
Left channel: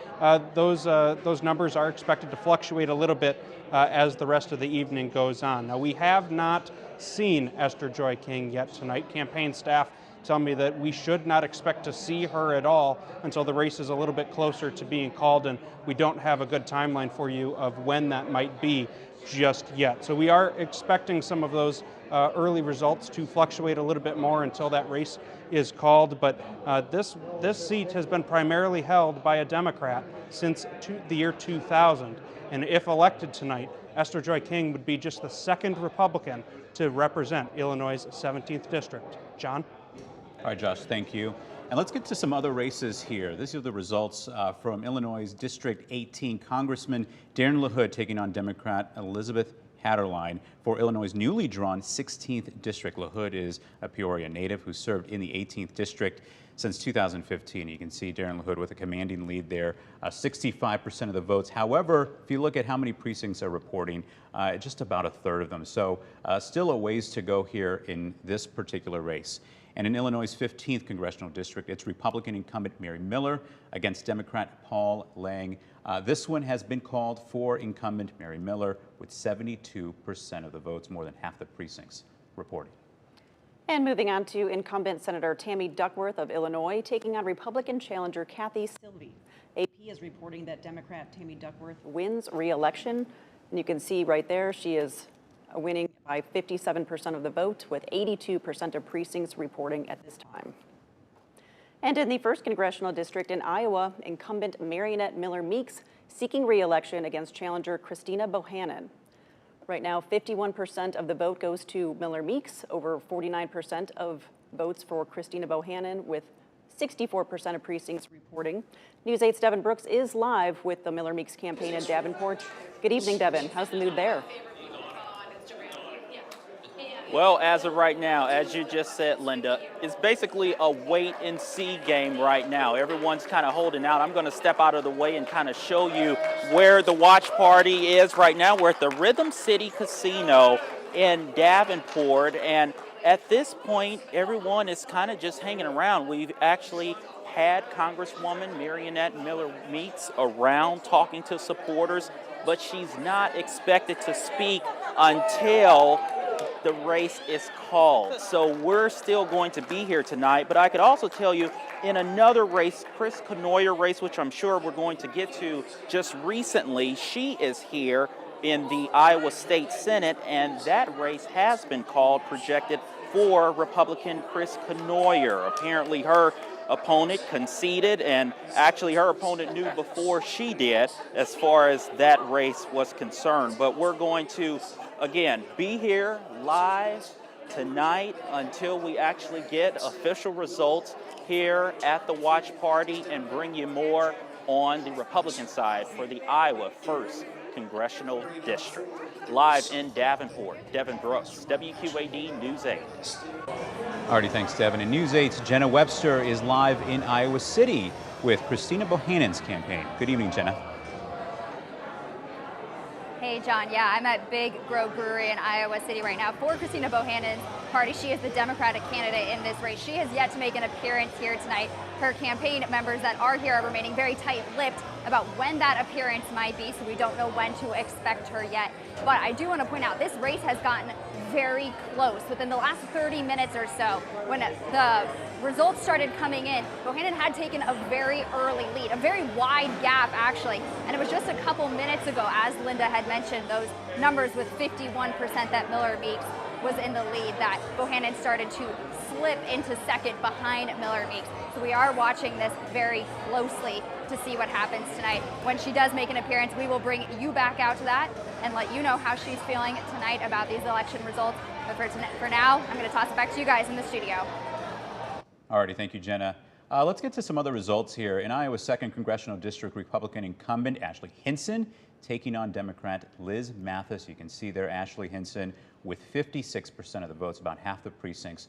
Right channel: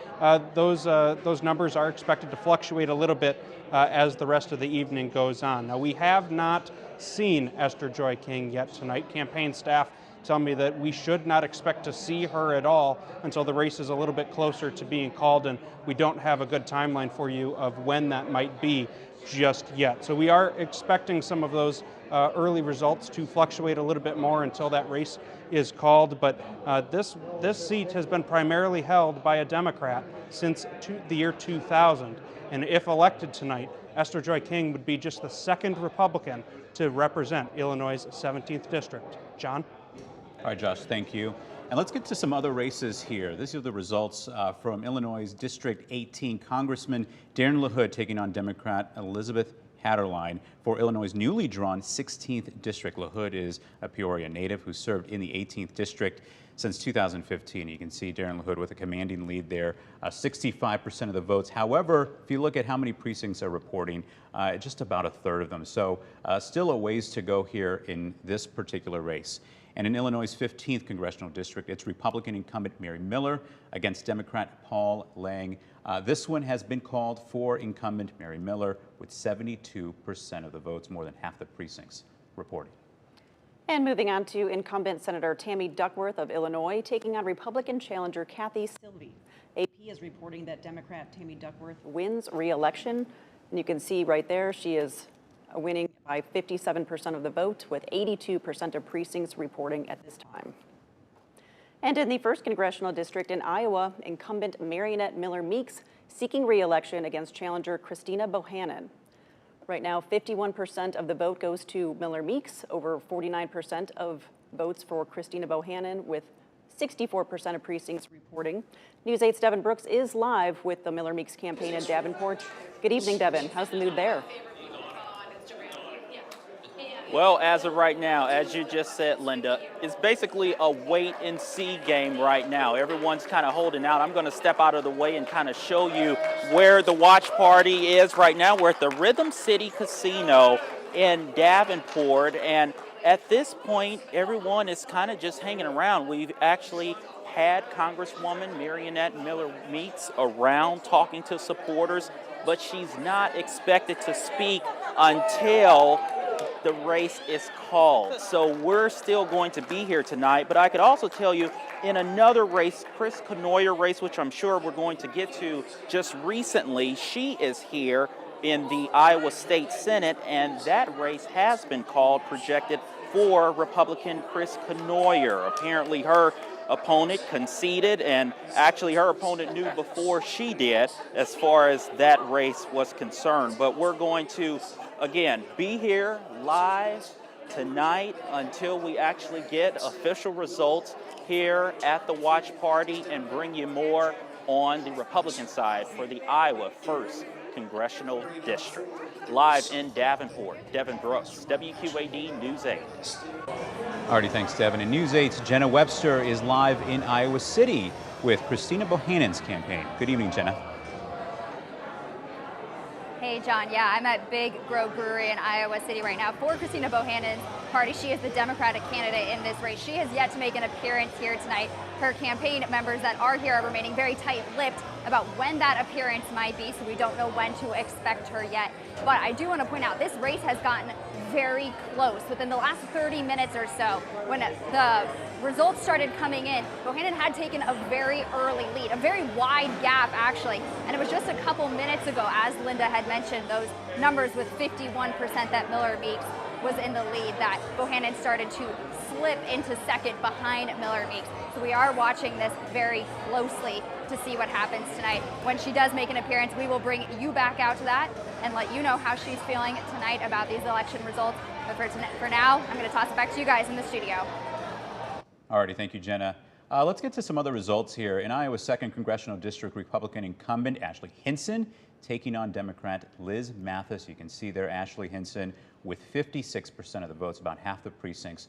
those numbers are expected to fluctuate a little bit as the rest of the evening goes on. Now, we have not seen Esther Joy King yet tonight. Campaign staff tell me that we should not expect to see her at all until the race is a little bit closer to being called, and we don't have a good timeline for you of when that might be just yet. So we are expecting some of those early results to fluctuate a little bit more until that race is called, but this seat has been primarily held by a Democrat since the year 2000, and if elected tonight, Esther Joy King would be just the second Republican to represent Illinois' 17th District. John? All right, Josh, thank you. And let's get to some other races here. These are the results from Illinois' District 18. Congressman Darren LaHood taking on Democrat Elizabeth Hatterline for Illinois' newly drawn 16th District. LaHood is a Peoria native who served in the 18th District since 2015. You can see Darren LaHood with a commanding lead there, 65% of the votes. However, if you look at how many precincts are reporting, just about a third of them. So still a ways to go here in this particular race. And in Illinois' 15th congressional district, it's Republican incumbent Mary Miller against Democrat Paul Lang. This one has been called for incumbent Mary Miller with 72% of the votes, more than half the precincts reporting. And moving on to incumbent Senator Tammy Duckworth of Illinois taking on Republican challenger Kathy Sylvie. AP is reporting that Democrat Tammy Duckworth wins re-election. And you can see right there she is winning by 57% of the vote, with 82% of precincts reporting at this time. And in the 1st Congressional District in Iowa, incumbent Marionette Miller Meeks seeking re-election against challenger Christina Bohannon. Right now, 51% of the vote goes to Miller Meeks, over 49% of votes for Christina Bohannon, with 64% of precincts reporting. News 8's Devin Brooks is live with the Miller Meeks campaign in Davenport. Good evening, Devin. How's the mood there? Well, as of right now, as you just said, Linda, it's basically a wait-and-see game right now. Everyone's kind of holding out. I'm going to step out of the way and kind of show you where the watch party is right now. We're at the Rhythm City Casino in Davenport, and at this point, everyone is kind of just hanging around. We've actually had Congresswoman Marionette Miller Meeks around talking to supporters, but she's not expected to speak until the race is called. So we're still going to be here tonight, but I could also tell you in another race, Chris Knoyer race, which I'm sure we're going to get to just recently, she is here in the Iowa State Senate, and that race has been called, projected for Republican Chris Knoyer. Apparently her opponent conceded, and actually her opponent knew before she did as far as that race was concerned. But we're going to, again, be here live tonight until we actually get official results here at the watch party and bring you more on the Republican side for the Iowa 1st Congressional District. Live in Davenport, Devin Brooks, WQAD News 8. Alrighty, thanks, Devin. And News 8's Jenna Webster is live in Iowa City with Christina Bohannon's campaign. Good evening, Jenna. Hey, John. Yeah, I'm at Big Grove Brewery in Iowa City right now for Christina Bohannon's party. She is the Democratic candidate in this race. She has yet to make an appearance here tonight. Her campaign members that are here are remaining very tight-lipped about when that appearance might be, so we don't know when to expect her yet. But I do want to point out this race has gotten very close. Within the last 30 minutes or so, when the results started coming in, Bohannon had taken a very early lead, a very wide gap actually, and it was just a couple minutes ago, as Linda had mentioned, those numbers with 51% that Miller Meeks was in the lead, that Bohannon started to slip into second behind Miller Meeks. So we are watching this very closely to see what happens tonight. When she does make an appearance, we will bring you back out to that and let you know how she's feeling tonight about these election results. But for now, I'm going to toss it back to you guys in the studio. Alrighty, thank you, Jenna. Let's get to some other results here. In Iowa's 2nd Congressional District, Republican incumbent Ashley Hinson taking on Democrat Liz Mathis. You can see there Ashley Hinson with 56% of the votes, about half the precincts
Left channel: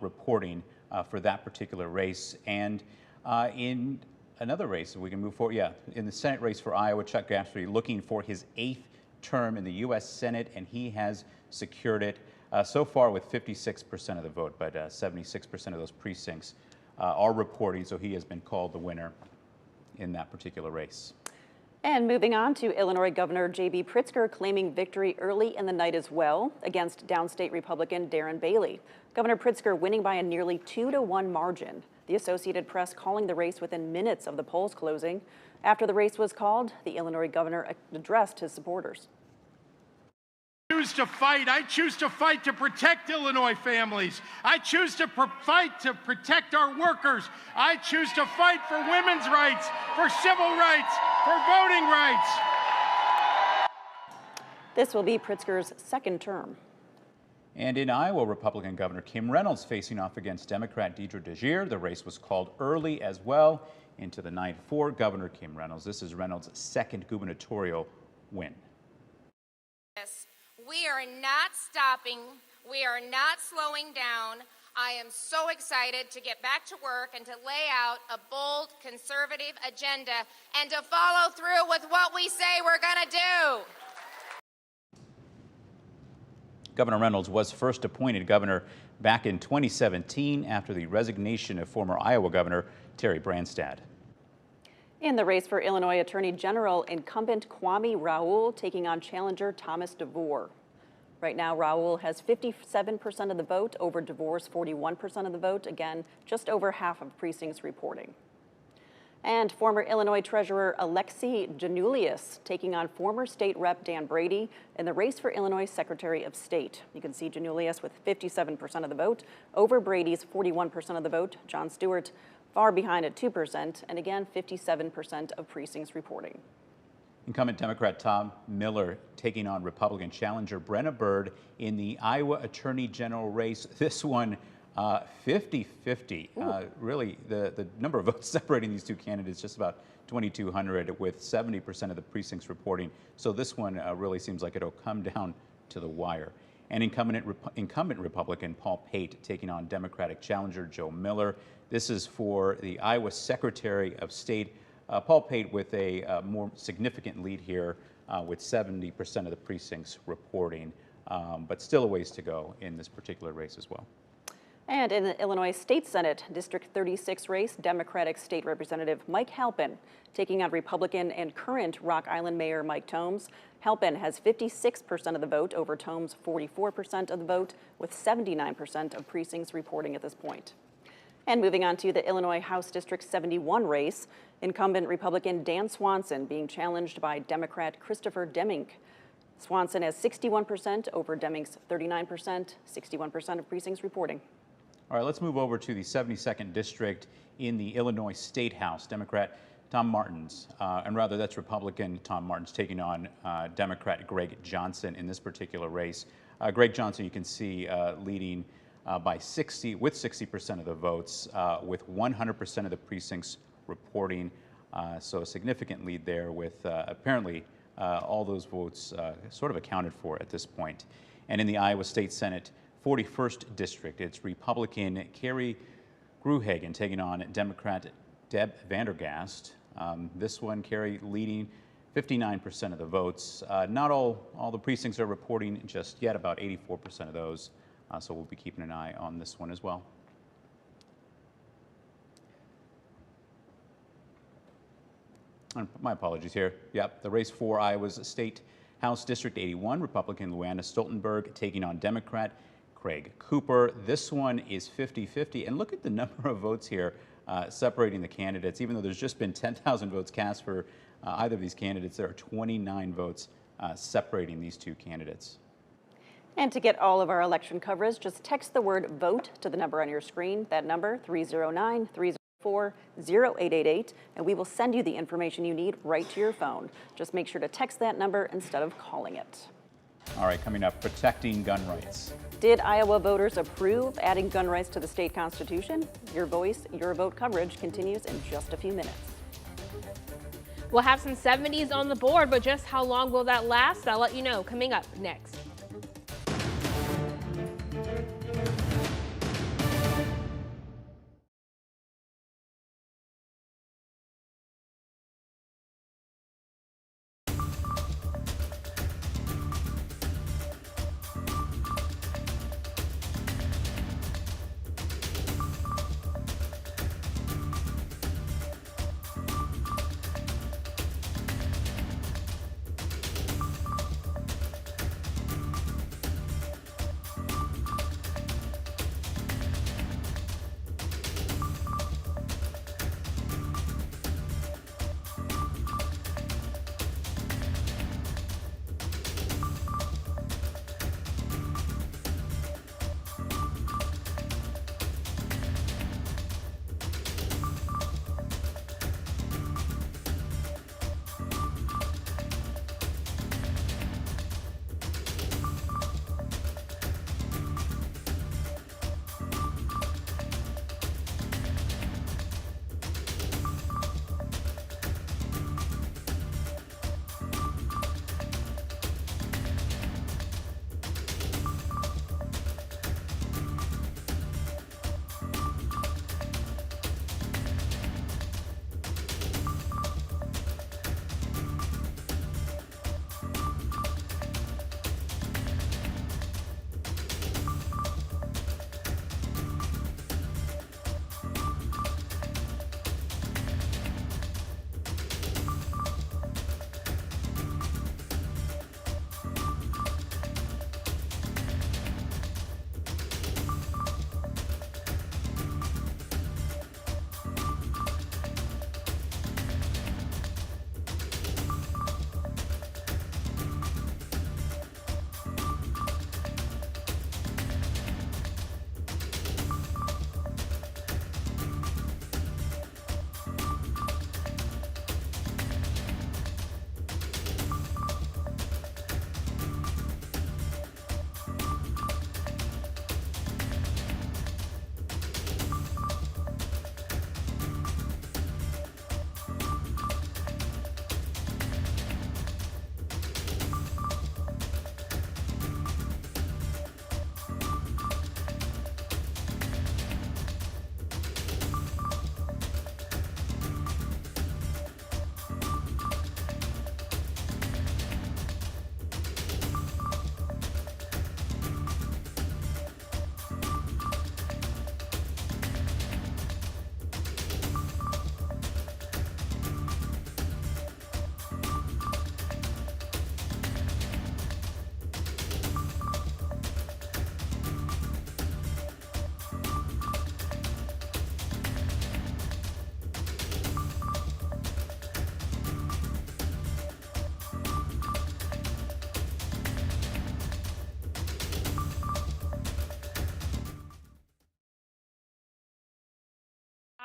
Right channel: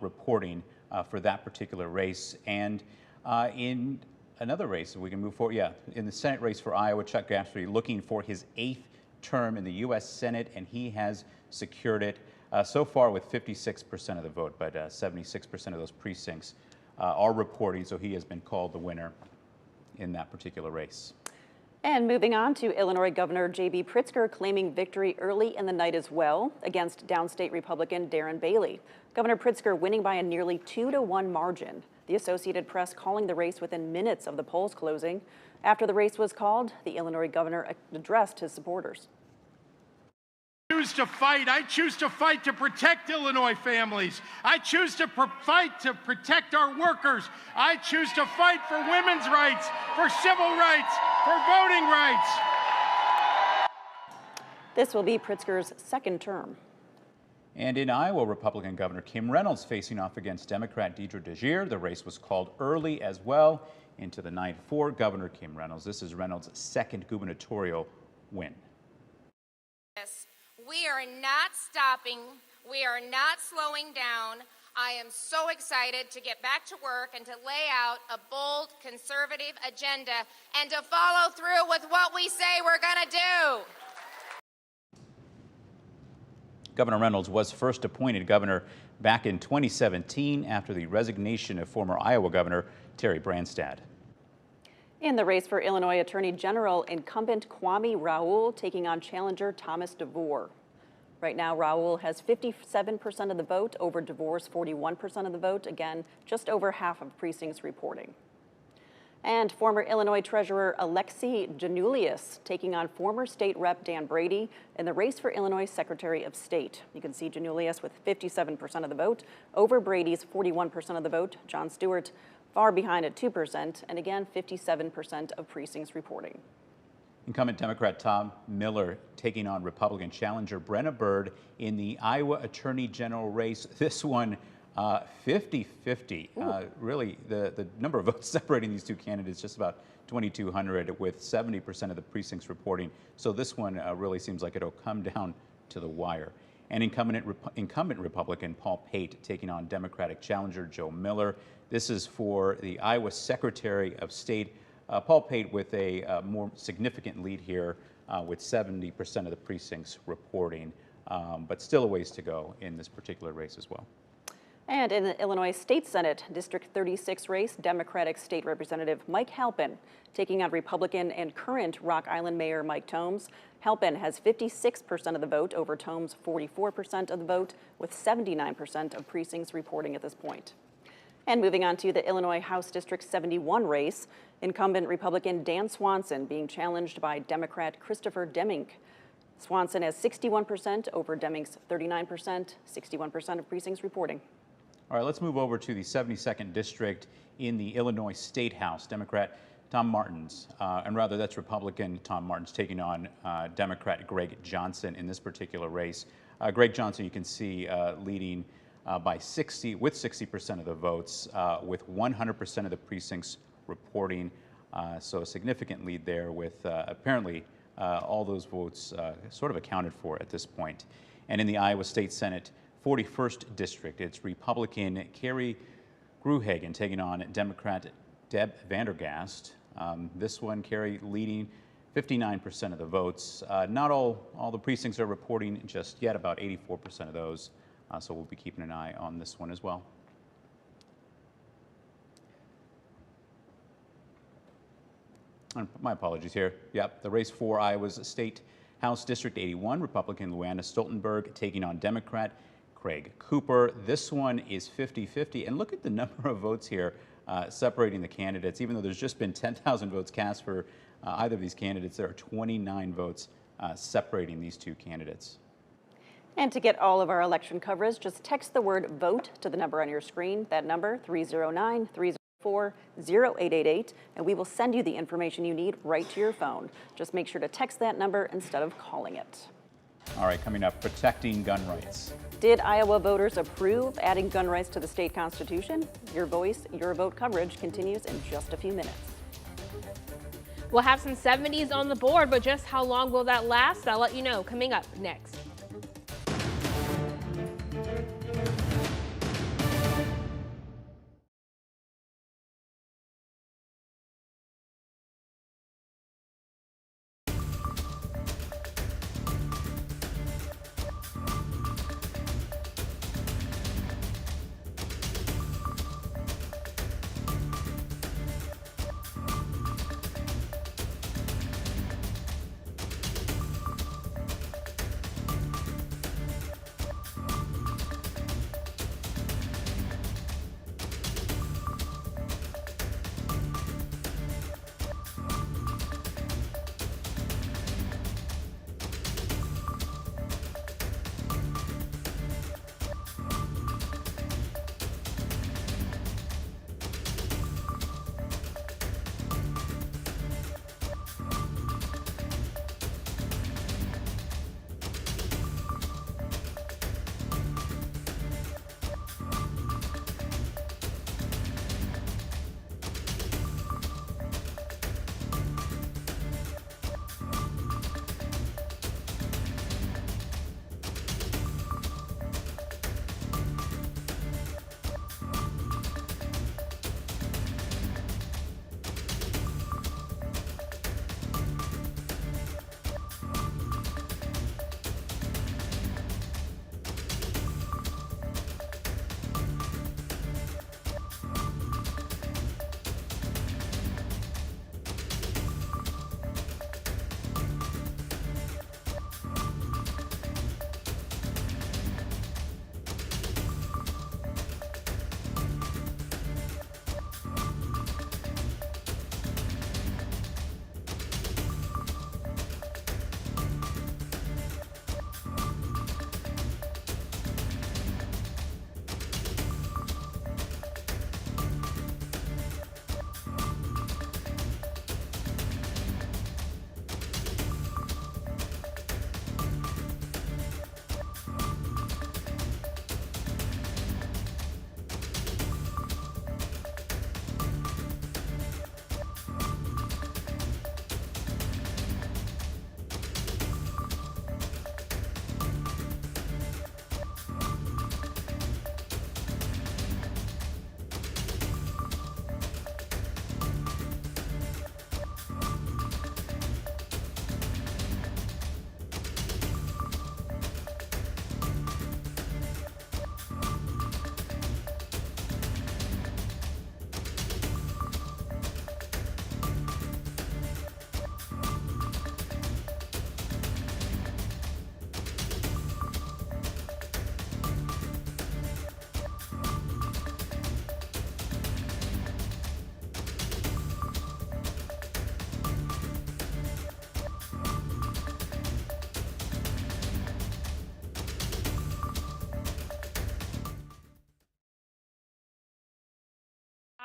reporting for that particular race. And in another race, if we can move forward, in the Senate race for Iowa, Chuck Grassley looking for his 8th term in the U.S. Senate, and he has secured it so far with 56% of the vote, but 76% of those precincts are reporting, so he has been called the winner in that particular race. And moving on to Illinois Governor J.B. Pritzker claiming victory early in the night as well against downstate Republican Darren Bailey. Governor Pritzker winning by a nearly 2-to-1 margin. The Associated Press calling the race within minutes of the polls closing. After the race was called, the Illinois governor addressed his supporters. I choose to fight to protect Illinois families. I choose to fight to protect our workers. I choose to fight for women's rights, for civil rights, for voting rights. This will be Pritzker's 2nd term. And in Iowa, Republican Governor Kim Reynolds facing off against Democrat Deidre DeGier. The race was called early as well into the night for Governor Kim Reynolds. This is Reynolds' 2nd gubernatorial win. We are not stopping. We are not slowing down. I am so excited to get back to work and to lay out a bold, conservative agenda and to follow through with what we say we're going to do. Governor Reynolds was first appointed governor back in 2017 after the resignation of former Iowa Governor Terry Branstad. In the race for Illinois Attorney General, incumbent Kwame Raoul taking on challenger Thomas DeVore. Right now, Raoul has 57% of the vote over DeVore's 41% of the vote. Again, just over half of precincts reporting. And former Illinois Treasurer Alexi Janulius taking on former State Rep Dan Brady in the race for Illinois Secretary of State. You can see Janulius with 57% of the vote over Brady's 41% of the vote. Jon Stewart far behind at 2%, and again, 57% of precincts reporting. Incumbent Democrat Tom Miller taking on Republican challenger Brenna Byrd in the Iowa Attorney General race. This one 50-50. Really, the number of votes separating these two candidates just about 2,200, with 70% of the precincts reporting. So this one really seems like it'll come down to the wire. And incumbent Republican Paul Pate taking on Democratic challenger Joe Miller. This is for the Iowa Secretary of State. Paul Pate with a more significant lead here with 70% of the precincts reporting, but still a ways to go in this particular race as well. And in the Illinois State Senate District 36 race, Democratic State Representative Mike Halpin taking on Republican and current Rock Island Mayor Mike Tomes. Halpin has 56% of the vote over Tomes' 44% of the vote, with 79% of precincts reporting at this point. And moving on to the Illinois House District 71 race, incumbent Republican Dan Swanson being challenged by Democrat Christopher Deming. Swanson has 61% over Deming's 39%, 61% of precincts reporting. All right, let's move over to the 72nd District in the Illinois State House. Democrat Tom Martins, and rather that's Republican Tom Martins taking on Democrat Greg Johnson in this particular race. Greg Johnson, you can see leading by 60% of the votes, with 100% of the precincts reporting. So a significant lead there, with apparently all those votes sort of accounted for at this point. And in the Iowa State Senate 41st District, it's Republican Carrie Gruhagen taking on Democrat Deb Vandergast. This one, Carrie leading 59% of the votes. Not all the precincts are reporting just yet, about 84% of those. So we'll be keeping an eye on this one as well. And my apologies here. Yep, the race for Iowa's State House District 81, Republican Luana Stoltenberg taking on Democrat Craig Cooper. This one is 50-50, and look at the number of votes here separating the candidates. Even though there's just been 10,000 votes cast for either of these candidates, there are 29 votes separating these two candidates. And to get all of our election coverage, just text the word VOTE to the number on your screen. That number, 309-304-0888, and we will send you the information you need right to your phone. Just make sure to text that number instead of calling it. All right, coming up, protecting gun rights. Did Iowa voters approve adding gun rights to the state constitution? Your voice, your vote coverage continues in just a few minutes. We'll have some 70s on the board, but just how long will that last? I'll let you know coming up next.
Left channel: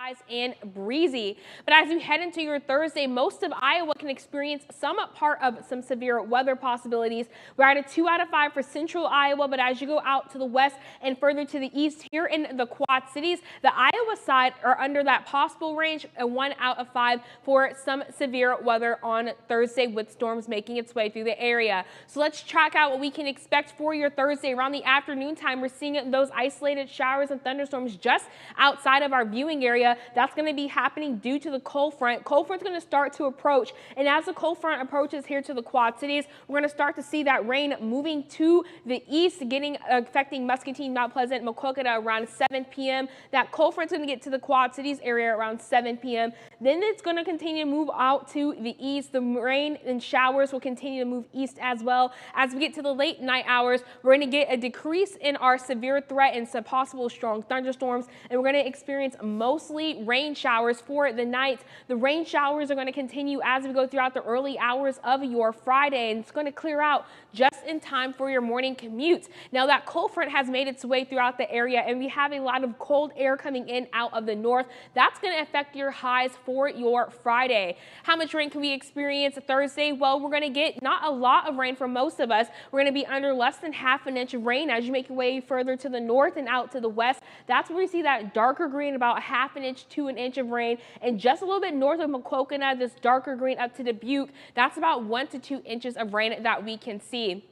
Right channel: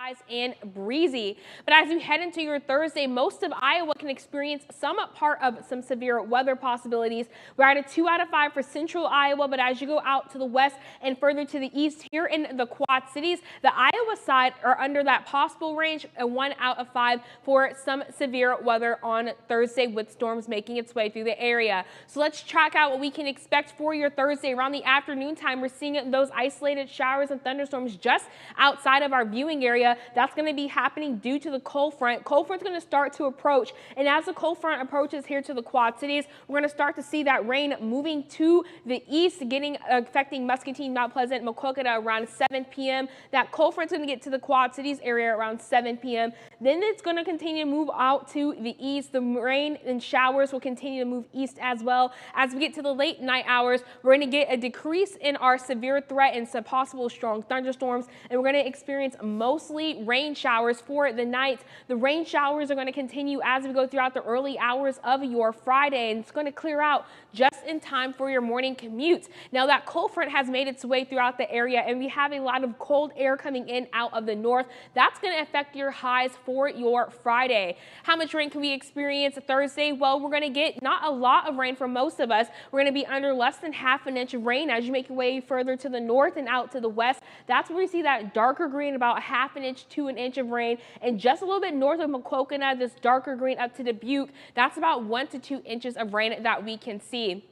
skies and breezy. But as you head into your Thursday, most of Iowa can experience some part of some severe weather possibilities. We're at a 2 out of 5 for central Iowa, but as you go out to the west and further to the east here in the Quad Cities, the Iowa side are under that possible range, a 1 out of 5 for some severe weather on Thursday with storms making its way through the area. So let's track out what we can expect for your Thursday. Around the afternoon time, we're seeing those isolated showers and thunderstorms just outside of our viewing area. That's going to be happening due to the cold front. Cold front's going to start to approach, and as the cold front approaches here to the Quad Cities, we're going to start to see that rain moving to the east, affecting Muscatine, Mount Pleasant, Maquoketa around 7 p.m. That cold front's going to get to the Quad Cities area around 7 p.m. Then it's going to continue to move out to the east. The rain and showers will continue to move east as well. As we get to the late night hours, we're going to get a decrease in our severe threat and some possible strong thunderstorms, and we're going to experience mostly rain showers for the night. The rain showers are going to continue as we go throughout the early hours of your Friday, and it's going to clear out just in time for your morning commute. Now that cold front has made its way throughout the area, and we have a lot of cold air coming in out of the north. That's going to affect your highs for your Friday. How much rain can we experience Thursday? Well, we're going to get not a lot of rain for most of us. We're going to be under less than ½ an inch of rain as you make your way further to the north and out to the west. That's where we see that darker green, about ½ an inch to an inch of rain, and just a little bit north of Maquoketa, this darker green up to Dubuque, that's about 1 to 2 inches of rain that we can see.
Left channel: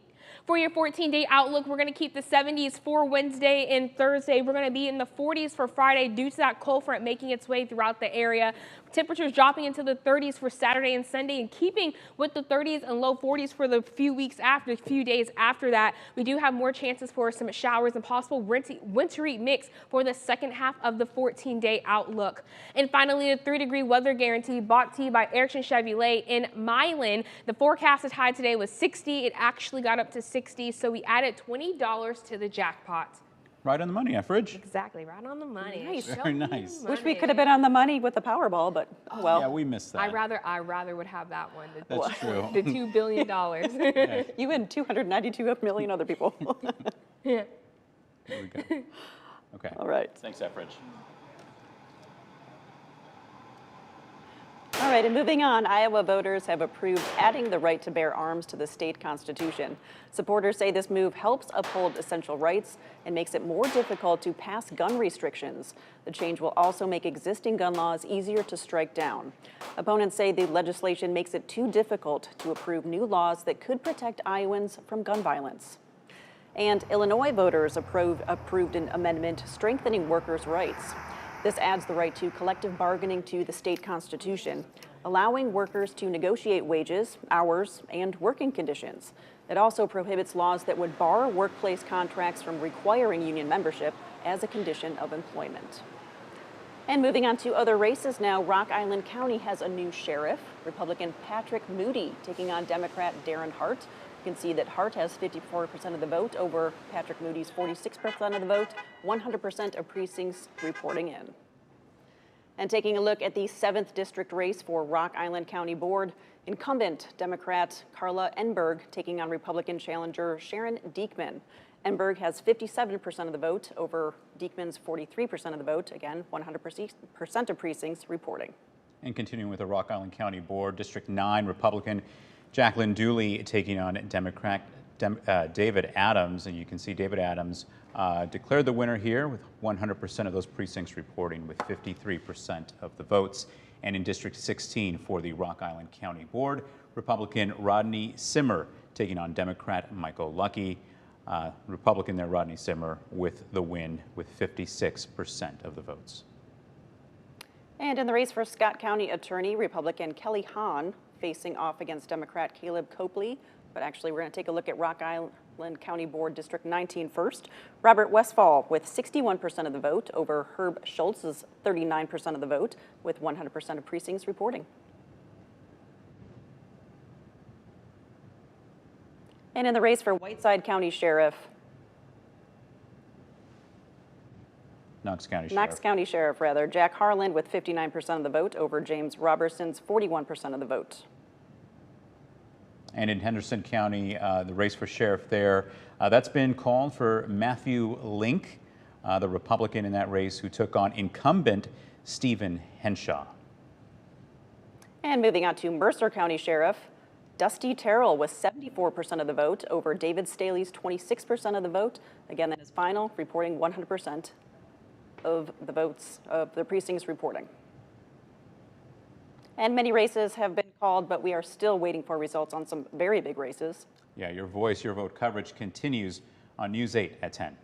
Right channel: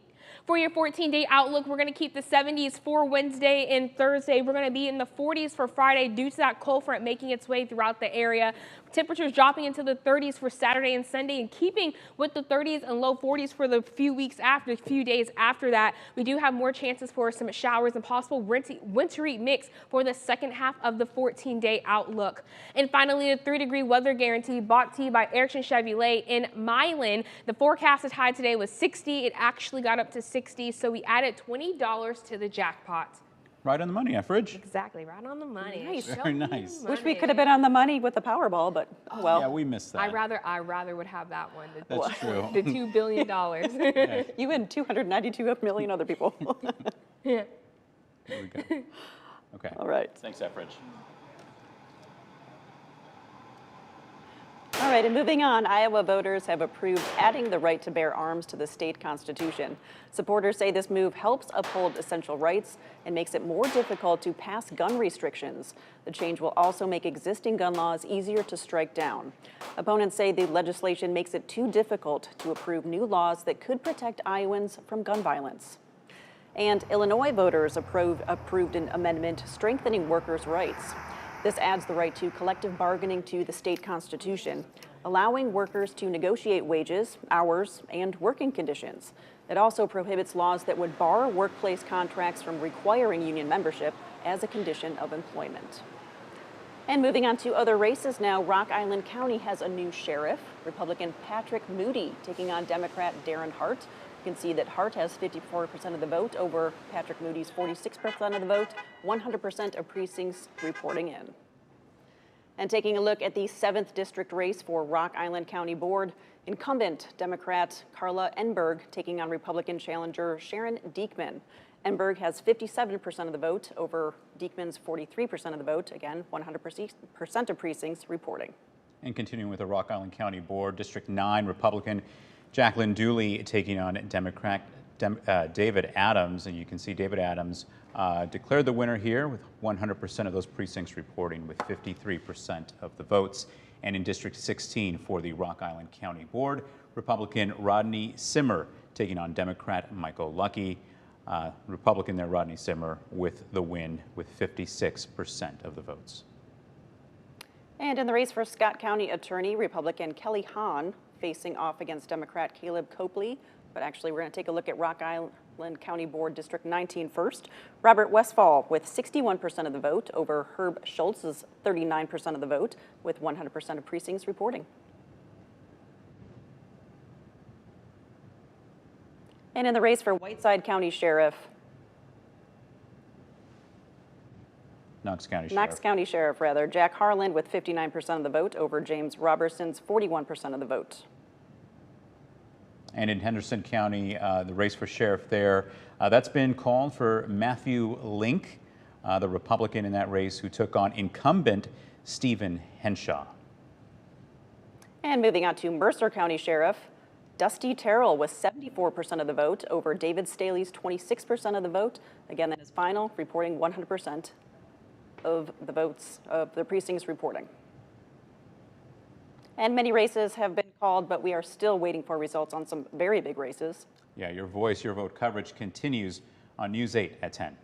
For your 14-day outlook, we're going to keep the 70s for Wednesday and Thursday. We're going to be in the 40s for Friday due to that cold front making its way throughout the area. Temperatures dropping into the 30s for Saturday and Sunday, and keeping with the 30s and low 40s for the few days after that. We do have more chances for some showers and possible wintry mix for the second half of the 14-day outlook. And finally, the 3-degree weather guarantee brought to you by Erickson Chevrolet in Milan. The forecasted high today was 60. It actually got up to 60, so we added $20 to the jackpot. Right on the money, Fridge. Exactly, right on the money. Nice. Very nice. Wish we could have been on the money with the Powerball, but oh well. Yeah, we missed that. I rather would have that one. That's true. The $2 billion. You and 292 million other people. Yeah. There we go. Okay. All right. Thanks, Fridge. All right, and moving on, Iowa voters have approved adding the right to bear arms to the state constitution. Supporters say this move helps uphold essential rights and makes it more difficult to pass gun restrictions. The change will also make existing gun laws easier to strike down. Opponents say the legislation makes it too difficult to approve new laws that could protect Iowans from gun violence. And Illinois voters approved an amendment strengthening workers' rights. This adds the right to collective bargaining to the state constitution, allowing workers to negotiate wages, hours, and working conditions. It also prohibits laws that would bar workplace contracts from requiring union membership as a condition of employment. And moving on to other races now, Rock Island County has a new sheriff, Republican Patrick Moody taking on Democrat Darren Hart. You can see that Hart has 54% of the vote over Patrick Moody's 46% of the vote, 100% of precincts reporting in. And taking a look at the 7th district race for Rock Island County Board, incumbent Democrat Carla Enberg taking on Republican challenger Sharon Diekman. Enberg has 57% of the vote over Diekman's 43% of the vote, again, 100% of precincts reporting. And continuing with the Rock Island County Board, District 9 Republican Jacqueline Dooley taking on Democrat David Adams, and you can see David Adams declared the winner here with 100% of those precincts reporting with 53% of the votes. And in District 16 for the Rock Island County Board, Republican Rodney Simmer taking on Democrat Michael Luckey. Republican there, Rodney Simmer, with the win with 56% of the votes. And in the race for Scott County Attorney, Republican Kelly Hahn facing off against Democrat Caleb Copley. But actually, we're going to take a look at Rock Island County Board District 19 first. Robert Westfall with 61% of the vote over Herb Schultz's 39% of the vote with 100% of precincts reporting. And in the race for Whiteside County Sheriff, Knox County Sheriff, Jack Harland with 59% of the vote over James Robertson's 41% of the vote. And in Henderson County, the race for sheriff there, that's been called for Matthew Link, the Republican in that race who took on incumbent Stephen Henshaw. And moving on to Mercer County Sheriff, Dusty Terrell with 74% of the vote over David Staley's 26% of the vote. Again, that is final, reporting 100% of the votes of the precincts reporting. And many races have been called, but we are still waiting for results on some very big races. Yeah, your voice, your vote coverage continues on News 8 at 10.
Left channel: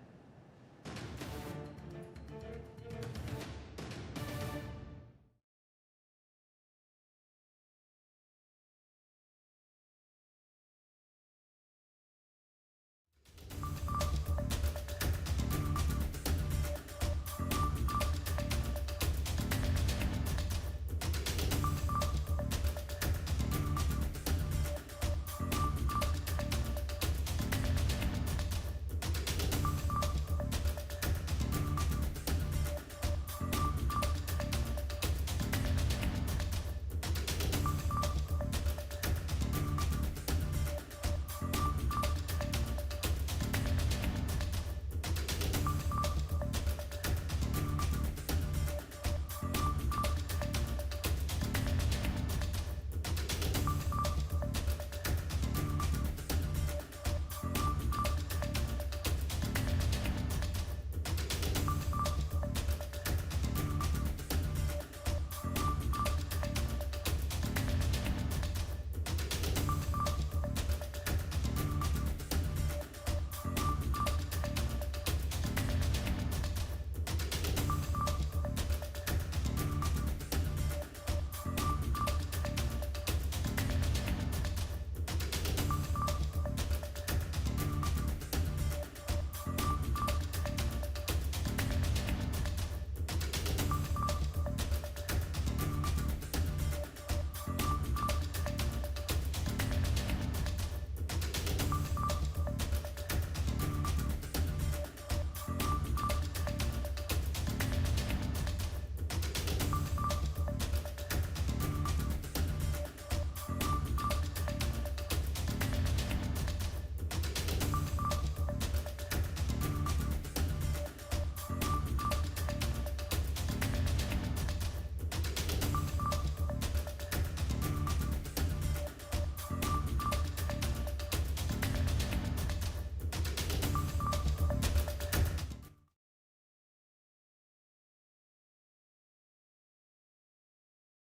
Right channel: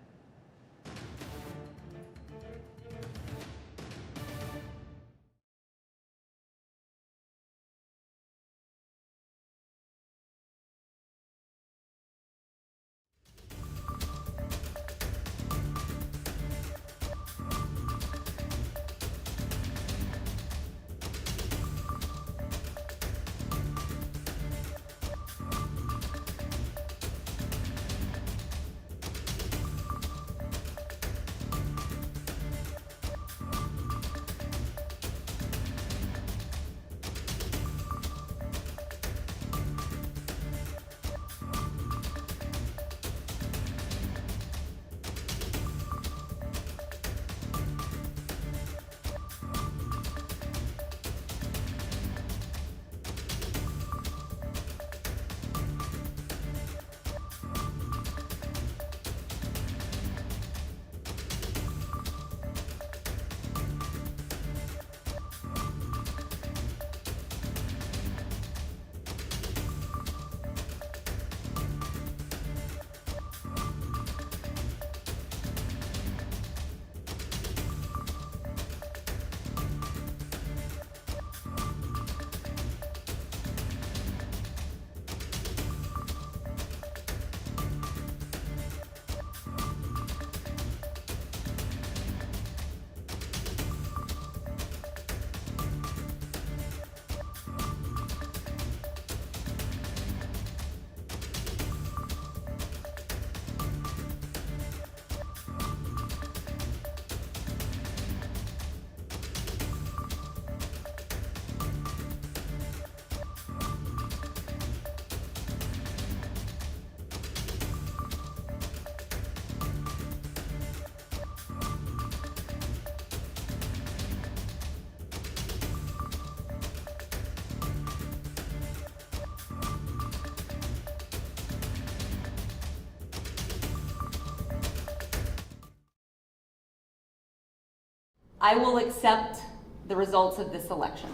I will accept the results of this election.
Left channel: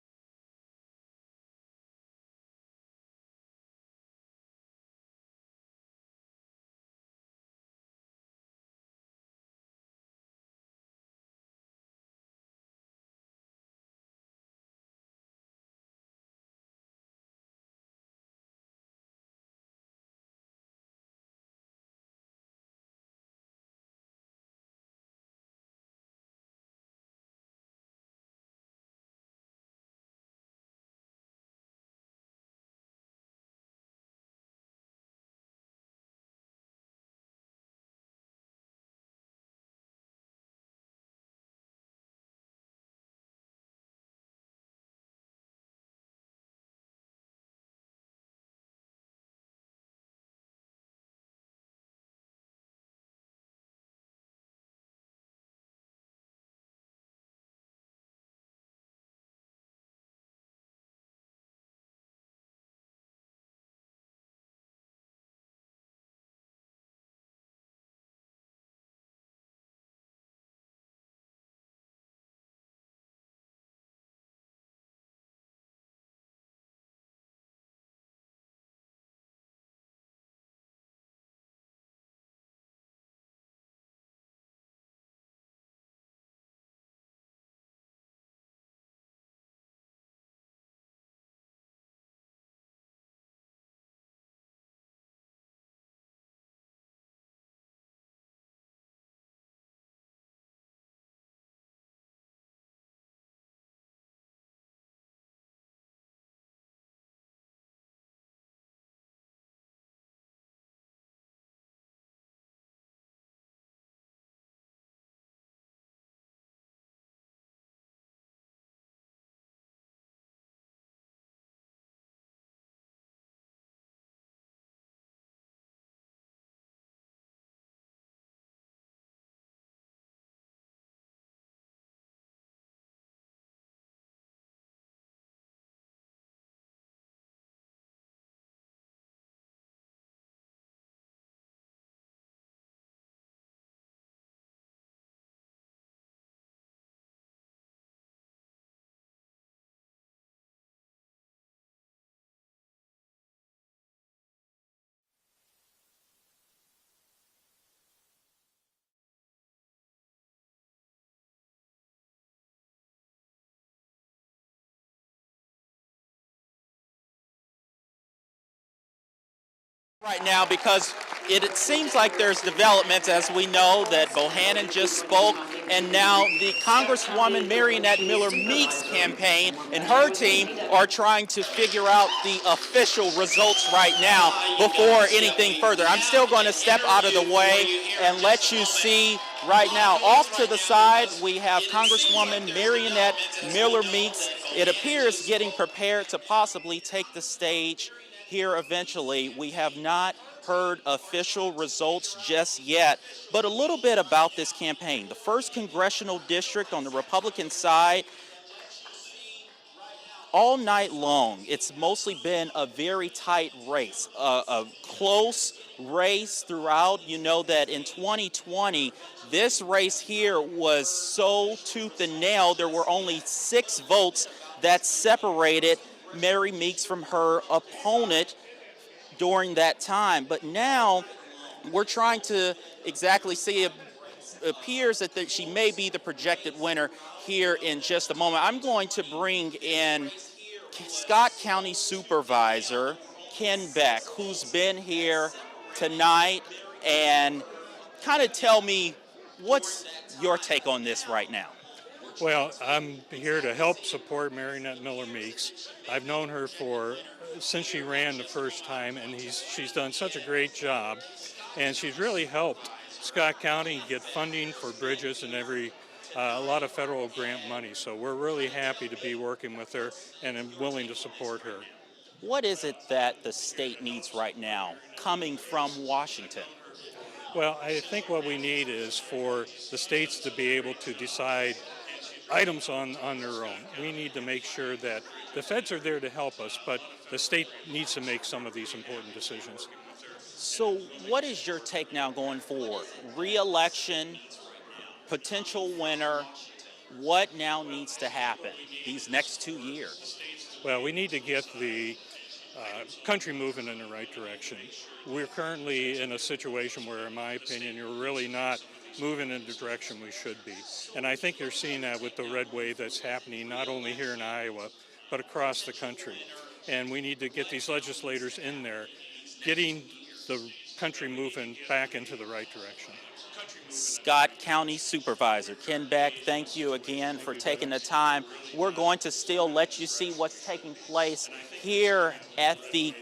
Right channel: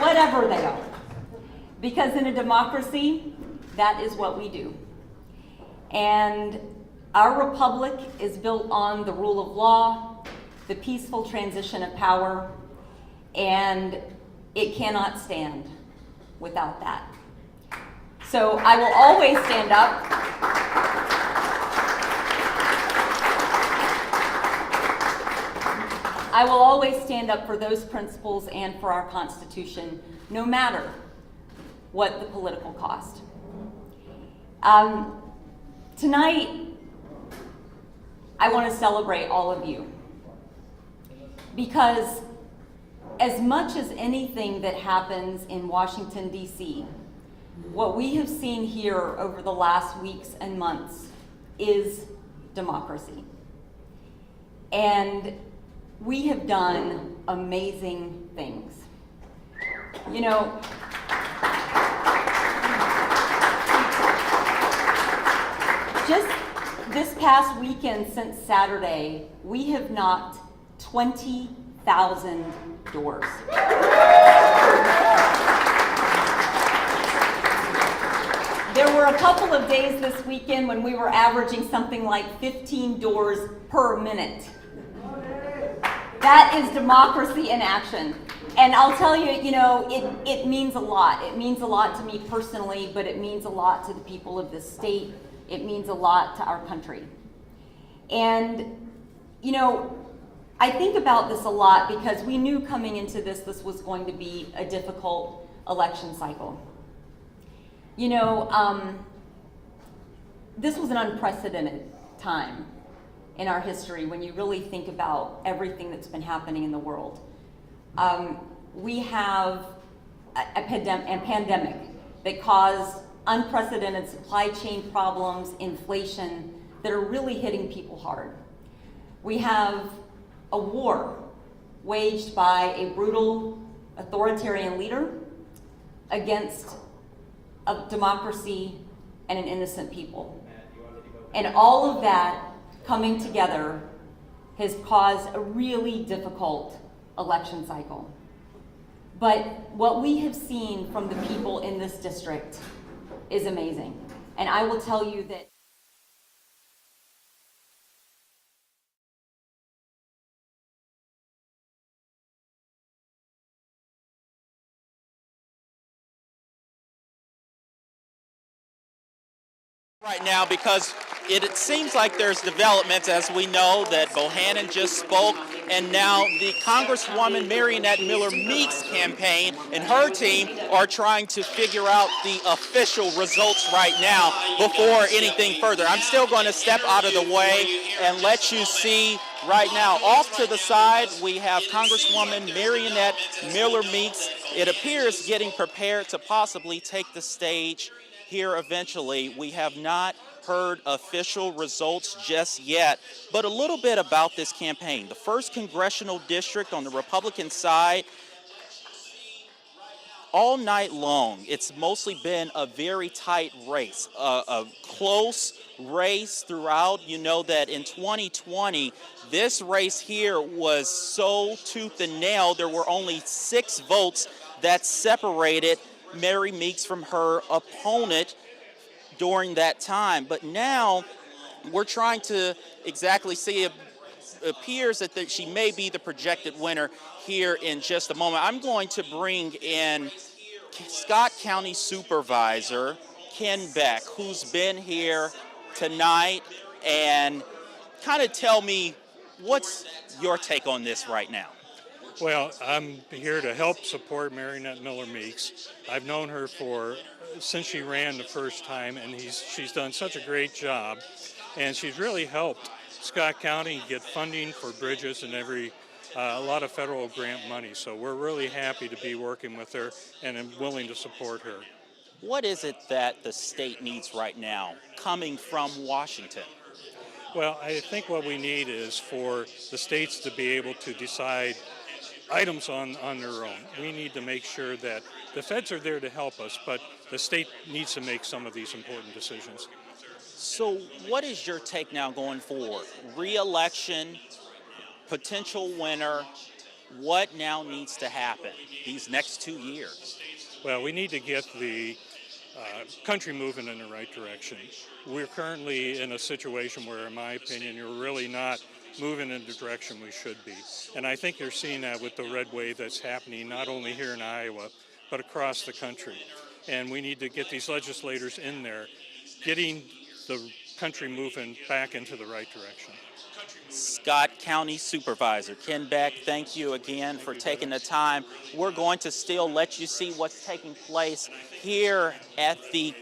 Whatever they are. Because in a democracy, that is what we do. And our republic is built on the rule of law, the peaceful transition of power, and it cannot stand without that. So I will always stand up. I will always stand up for those principles and for our Constitution, no matter what the political cost. Tonight, I want to celebrate all of you, because as much as anything that happens in Washington, D.C., what we have seen here over the last weeks and months is democracy. And we have done amazing things. You know, just this past weekend since Saturday, we have knocked 20,000 doors. There were a couple of days this weekend when we were averaging something like 15 doors per minute. That is democracy in action. And I'll tell you, you know, it means a lot. It means a lot to me personally, but it means a lot to the people of this state. It means a lot to our country. And, you know, I think about this a lot because we knew coming into this was going to be a difficult election cycle. You know, this was an unprecedented time in our history when you really think about everything that's been happening in the world. We have a pandemic that caused unprecedented supply chain problems, inflation, that are really hitting people hard. We have a war waged by a brutal authoritarian leader against a democracy and an innocent people. And all of that coming together has caused a really difficult election cycle. But what we have seen from the people in this district is amazing. And I will tell you that right now, because it seems like there's developments, as we know, that Bohannon just spoke, and now the Congresswoman Marionette Miller Meeks campaign and her team are trying to figure out the official results right now before anything further. I'm still going to step out of the way and let you see right now. Off to the side, we have Congresswoman Marionette Miller Meeks, it appears, getting prepared to possibly take the stage here eventually. We have not heard official results just yet, but a little bit about this campaign. The 1st Congressional District on the Republican side, all night long, it's mostly been a very tight race, a close race throughout. You know that in 2020, this race here was so tooth and nail. There were only 6 votes that separated Mary Meeks from her opponent during that time. But now we're trying to exactly see, it appears that she may be the projected winner here in just a moment. I'm going to bring in Scott County Supervisor Ken Beck, who's been here tonight, and kind of tell me, what's your take on this right now? Well, I'm here to help support Marionette Miller Meeks. I've known her since she ran the first time, and she's done such a great job, and she's really helped Scott County get funding for bridges and a lot of federal grant money. So we're really happy to be working with her, and I'm willing to support her. What is it that the state needs right now, coming from Washington? Well, I think what we need is for the states to be able to decide items on their own. We need to make sure that the feds are there to help us, but the state needs to make some of these important decisions. So what is your take now going forward? Re-election, potential winner, what now needs to happen these next 2 years? Well, we need to get the country moving in the right direction. We're currently in a situation where, in my opinion, you're really not moving in the direction we should be. And I think you're seeing that with the red wave that's happening not only here in Iowa, but across the country. And we need to get these legislators in there, getting the country moving back into the right direction. Scott County Supervisor Ken Beck, thank you again for taking the time. We're going to still let you see what's taking place here at the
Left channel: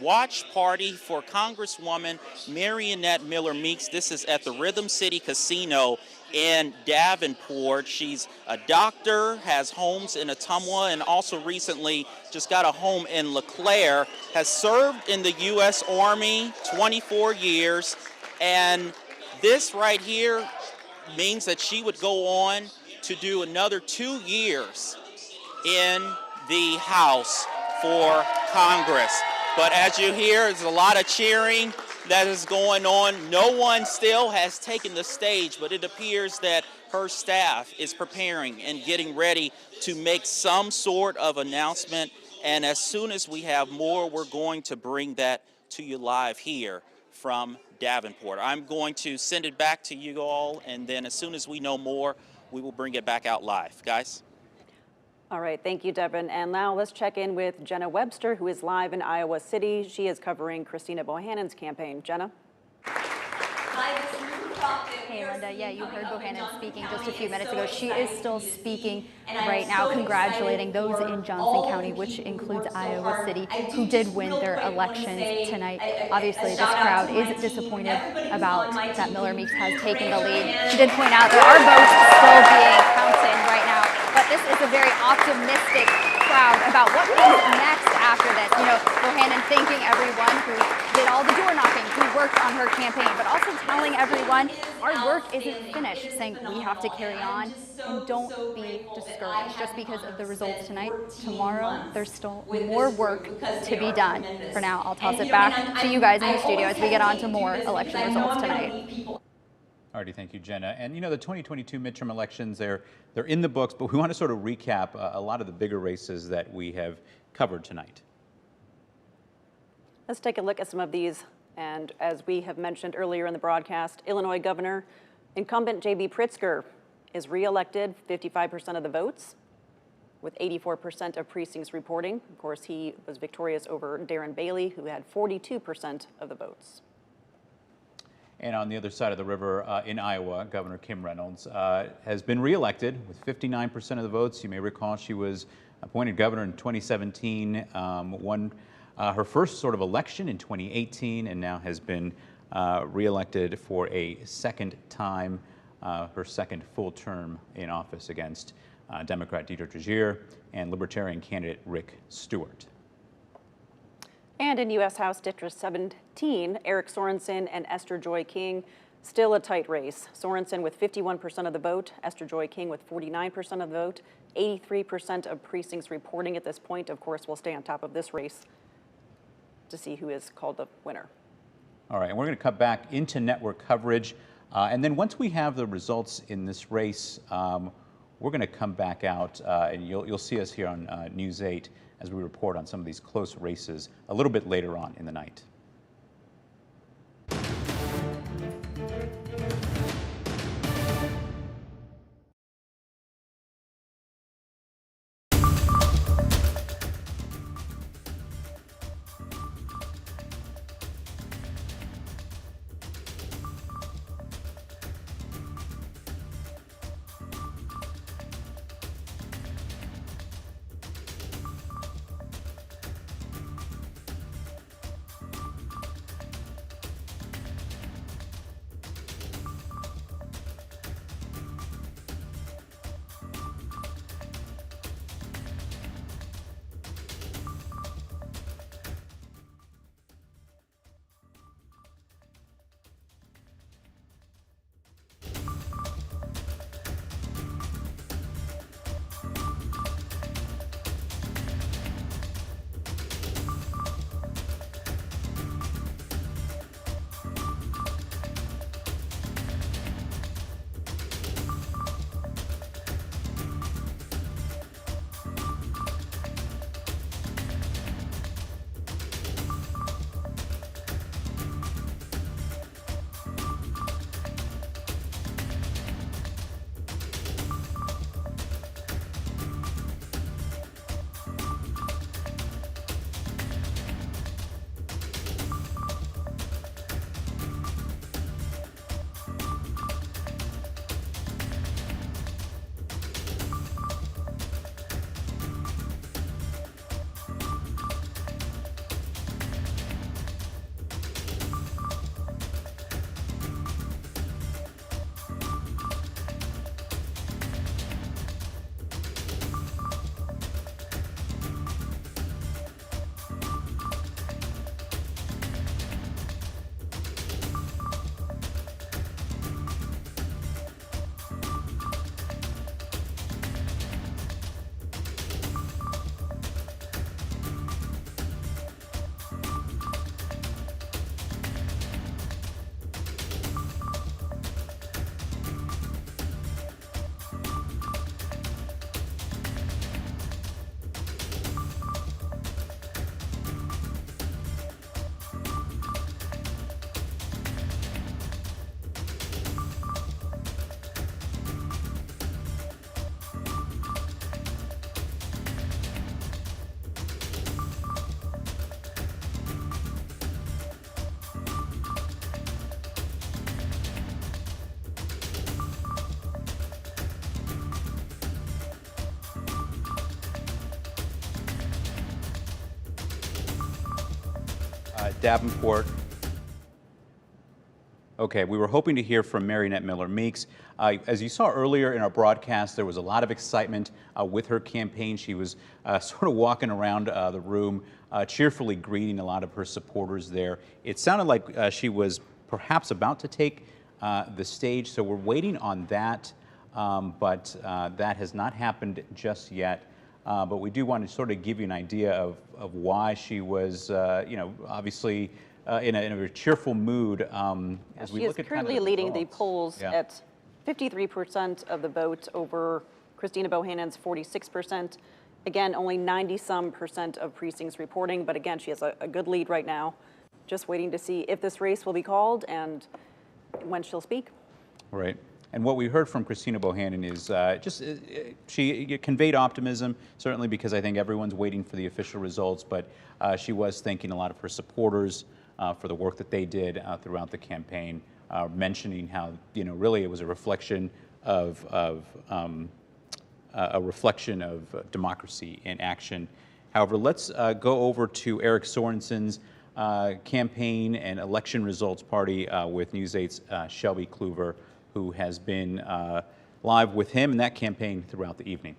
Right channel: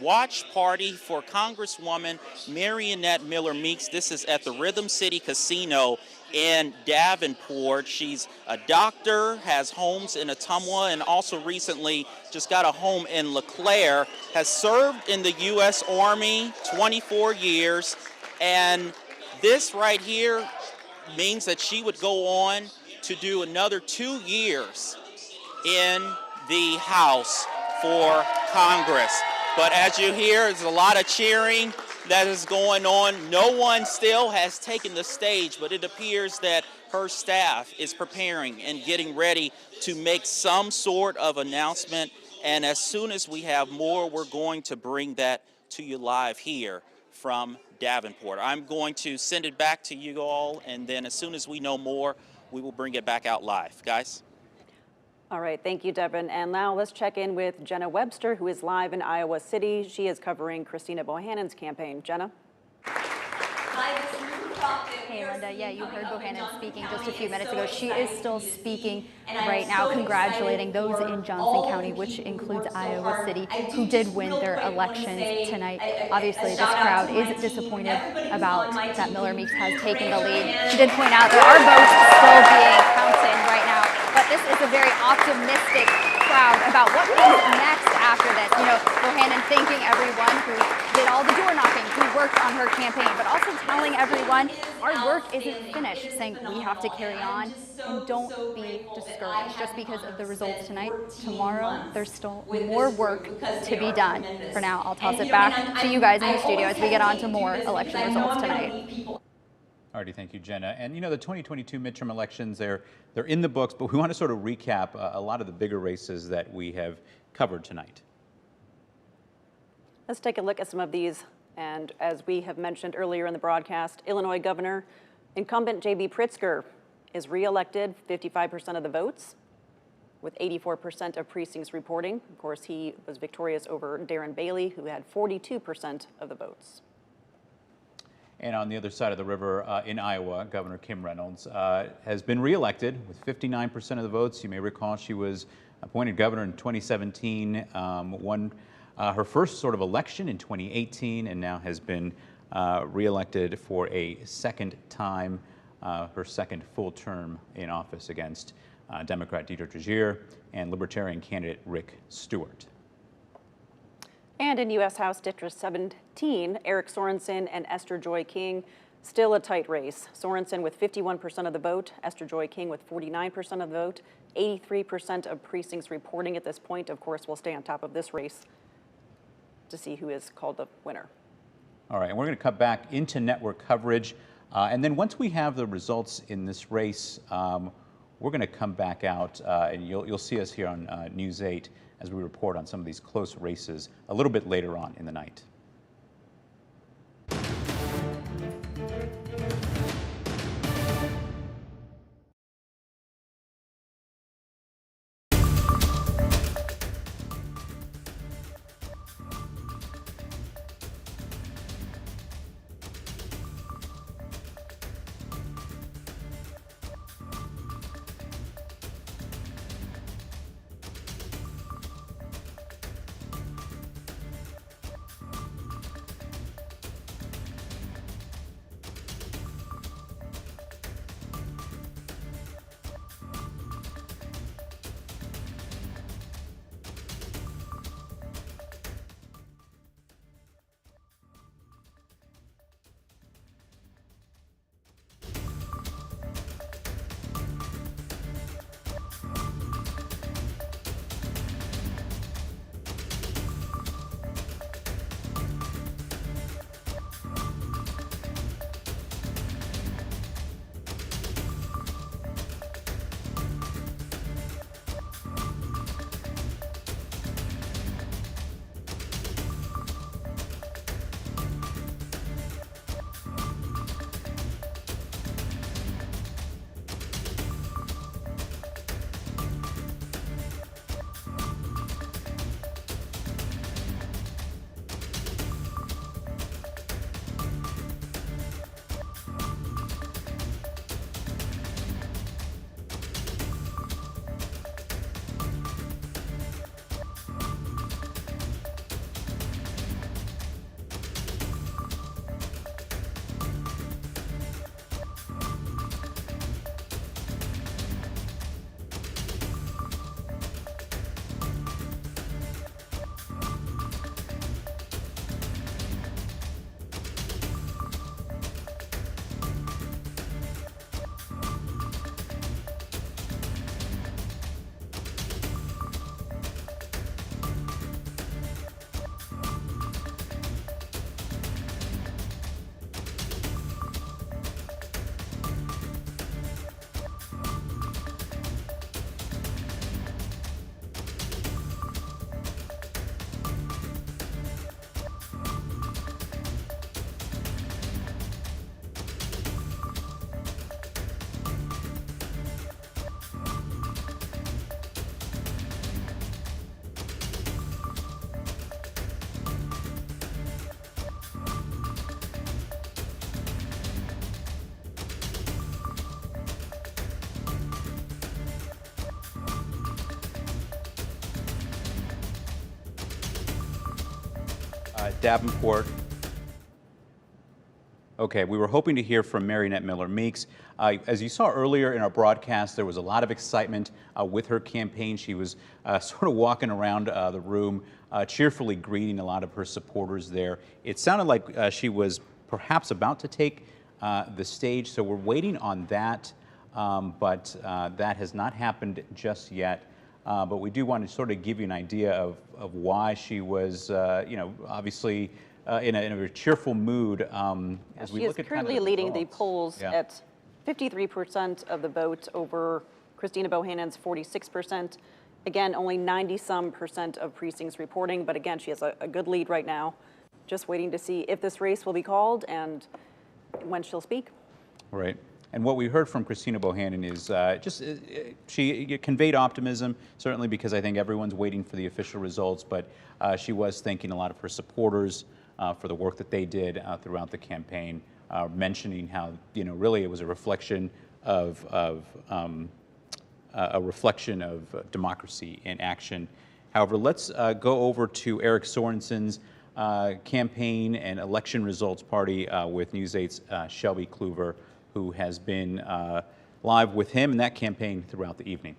watch party for Congresswoman Marionette Miller Meeks. This is at the Rhythm City Casino in Davenport. She's a doctor, has homes in Ottumwa, and also recently just got a home in LeClaire, has served in the U.S. Army 24 years, and this right here means that she would go on to do another 2 years in the House for Congress. But as you hear, there's a lot of cheering that is going on. No one still has taken the stage, but it appears that her staff is preparing and getting ready to make some sort of announcement. And as soon as we have more, we're going to bring that to you live here from Davenport. I'm going to send it back to you all, and then as soon as we know more, we will bring it back out live. Guys? All right, thank you, Devin. And now let's check in with Jenna Webster, who is live in Iowa City. She is covering Christina Bohannon's campaign. Jenna? Hey, Linda. Yeah, you heard Bohannon speaking just a few minutes ago. She is still speaking right now, congratulating those in Johnson County, which includes Iowa City, who did win their elections tonight. Obviously, this crowd is disappointed about that Miller Meeks has taken the lead. She did point out there are votes still being counted right now, but this is a very optimistic crowd about what comes next after this. You know, Bohannon thanking everyone who did all the door knocking, who worked on her campaign, but also telling everyone our work isn't finished, saying we have to carry on and don't be discouraged just because of the results tonight. Tomorrow, there's still more work to be done. For now, I'll toss it back to you guys in the studio as we get on to more election results tonight. Alrighty, thank you, Jenna. And you know, the 2022 midterm elections, they're in the books, but we want to sort of recap a lot of the bigger races that we have covered tonight. Let's take a look at some of these. And as we have mentioned earlier in the broadcast, Illinois Governor incumbent J.B. Pritzker is re-elected, 55% of the votes, with 84% of precincts reporting. Of course, he was victorious over Darren Bailey, who had 42% of the votes. And on the other side of the river in Iowa, Governor Kim Reynolds has been reelected with 59% of the votes. You may recall she was appointed governor in 2017, won her first sort of election in 2018, and now has been reelected for a second time, her second full term in office against Democrat Deidre Tregier and Libertarian candidate Rick Stewart. And in U.S. House District 17, Eric Sorensen and Esther Joy King, still a tight race. Sorensen with 51% of the vote, Esther Joy King with 49% of the vote, 83% of precincts reporting at this point. Of course, we'll stay on top of this race to see who is called the winner. All right, and we're going to cut back into network coverage. And then once we have the results in this race, we're going to come back out and you'll see us here on News 8 as we report on some of these close races a little bit later on in the night. Davenport. Okay, we were hoping to hear from Marionette Miller Meeks. As you saw earlier in our broadcast, there was a lot of excitement with her campaign. She was sort of walking around the room, cheerfully greeting a lot of her supporters there. It sounded like she was perhaps about to take the stage, so we're waiting on that, but that has not happened just yet. But we do want to sort of give you an idea of why she was, you know, obviously in a very cheerful mood. As we she look is at currently kind of leading the results. polls Yeah. at 53% of the vote over Christina Bohannon's 46%. Again, only 90-some% of precincts reporting, but again, she has a good lead right now. Just waiting to see if this race will be called and when she'll speak. Right. And what we heard from Christina Bohannon is she conveyed optimism, certainly because I think everyone's waiting for the official results, but she was thanking a lot of her supporters for the work that they did throughout the campaign, mentioning how, you know, really it was a reflection of democracy in action. However, let's go over to Eric Sorensen's campaign and election results party with News 8's Shelby Kluver, who has been live with him in that campaign throughout the evening.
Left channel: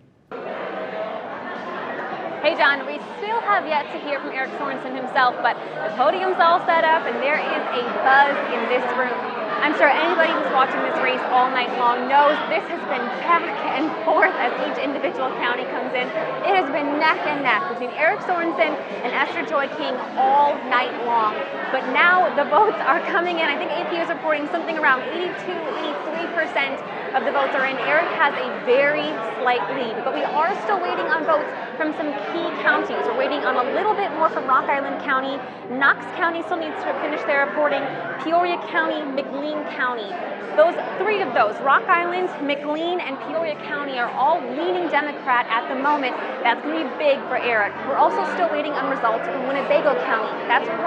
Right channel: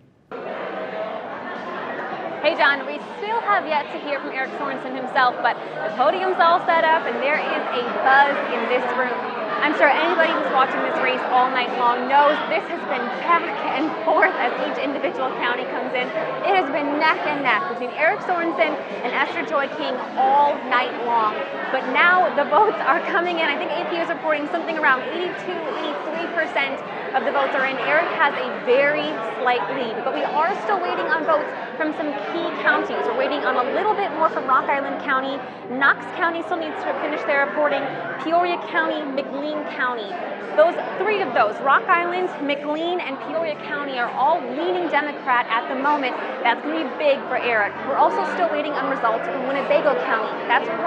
Hey John, we still have yet to hear from Eric Sorensen himself, but the podium's all set up and there is a buzz in this room. I'm sure anybody who's watching this race all night long knows this has been back and forth as each individual county comes in. It has been neck and neck between Eric Sorensen and Esther Joy King all night long. But now the votes are coming in. I think AAPI is reporting something around 82, 83% of the votes are in. Eric has a very slight lead, but we are still waiting on votes from some key counties. We're waiting on a little bit more from Rock Island County. Knox County still needs to finish their reporting. Peoria County, McLean County. Those three of those, Rock Island, McLean, and Peoria County, are all leaning Democrat at the moment. That's going to be big for Eric. We're also still waiting on results from Winnebago County. That's where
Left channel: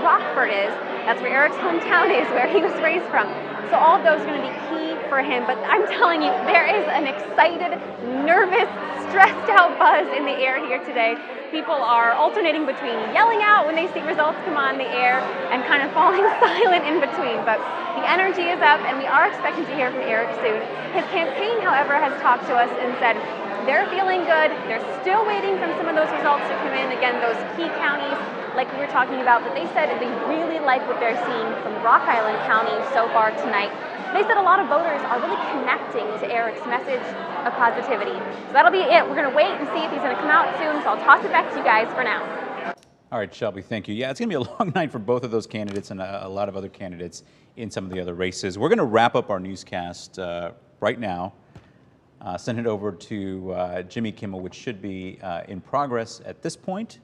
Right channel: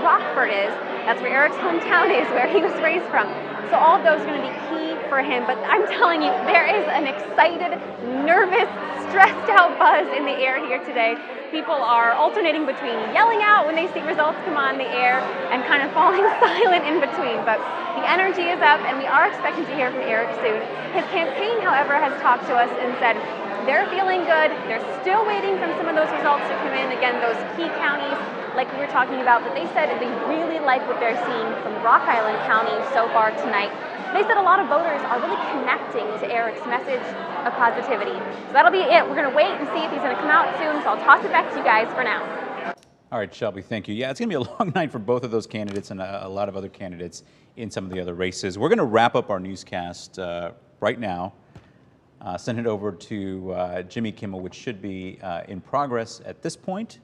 Rockford is. That's where Eric's hometown is, where he was raised from. So all of those are going to be key for him. But I'm telling you, there is an excited, nervous, stressed out buzz in the air here today. People are alternating between yelling out when they see results come on the air and kind of falling silent in between. But the energy is up and we are expecting to hear from Eric soon. His campaign, however, has talked to us and said they're feeling good. They're still waiting for some of those results to come in. Again, those key counties like we were talking about, but they said they really like what they're seeing from Rock Island County so far tonight. They said a lot of voters are really connecting to Eric's message of positivity. So that'll be it. We're going to wait and see if he's going to come out soon, so I'll toss it back to you guys for now. All right, Shelby, thank you. Yeah, it's going to be a long night for both of those candidates and a lot of other candidates in some of the other races. We're going to wrap up our newscast right now, send it over to Jimmy Kimmel, which should be in progress at this point.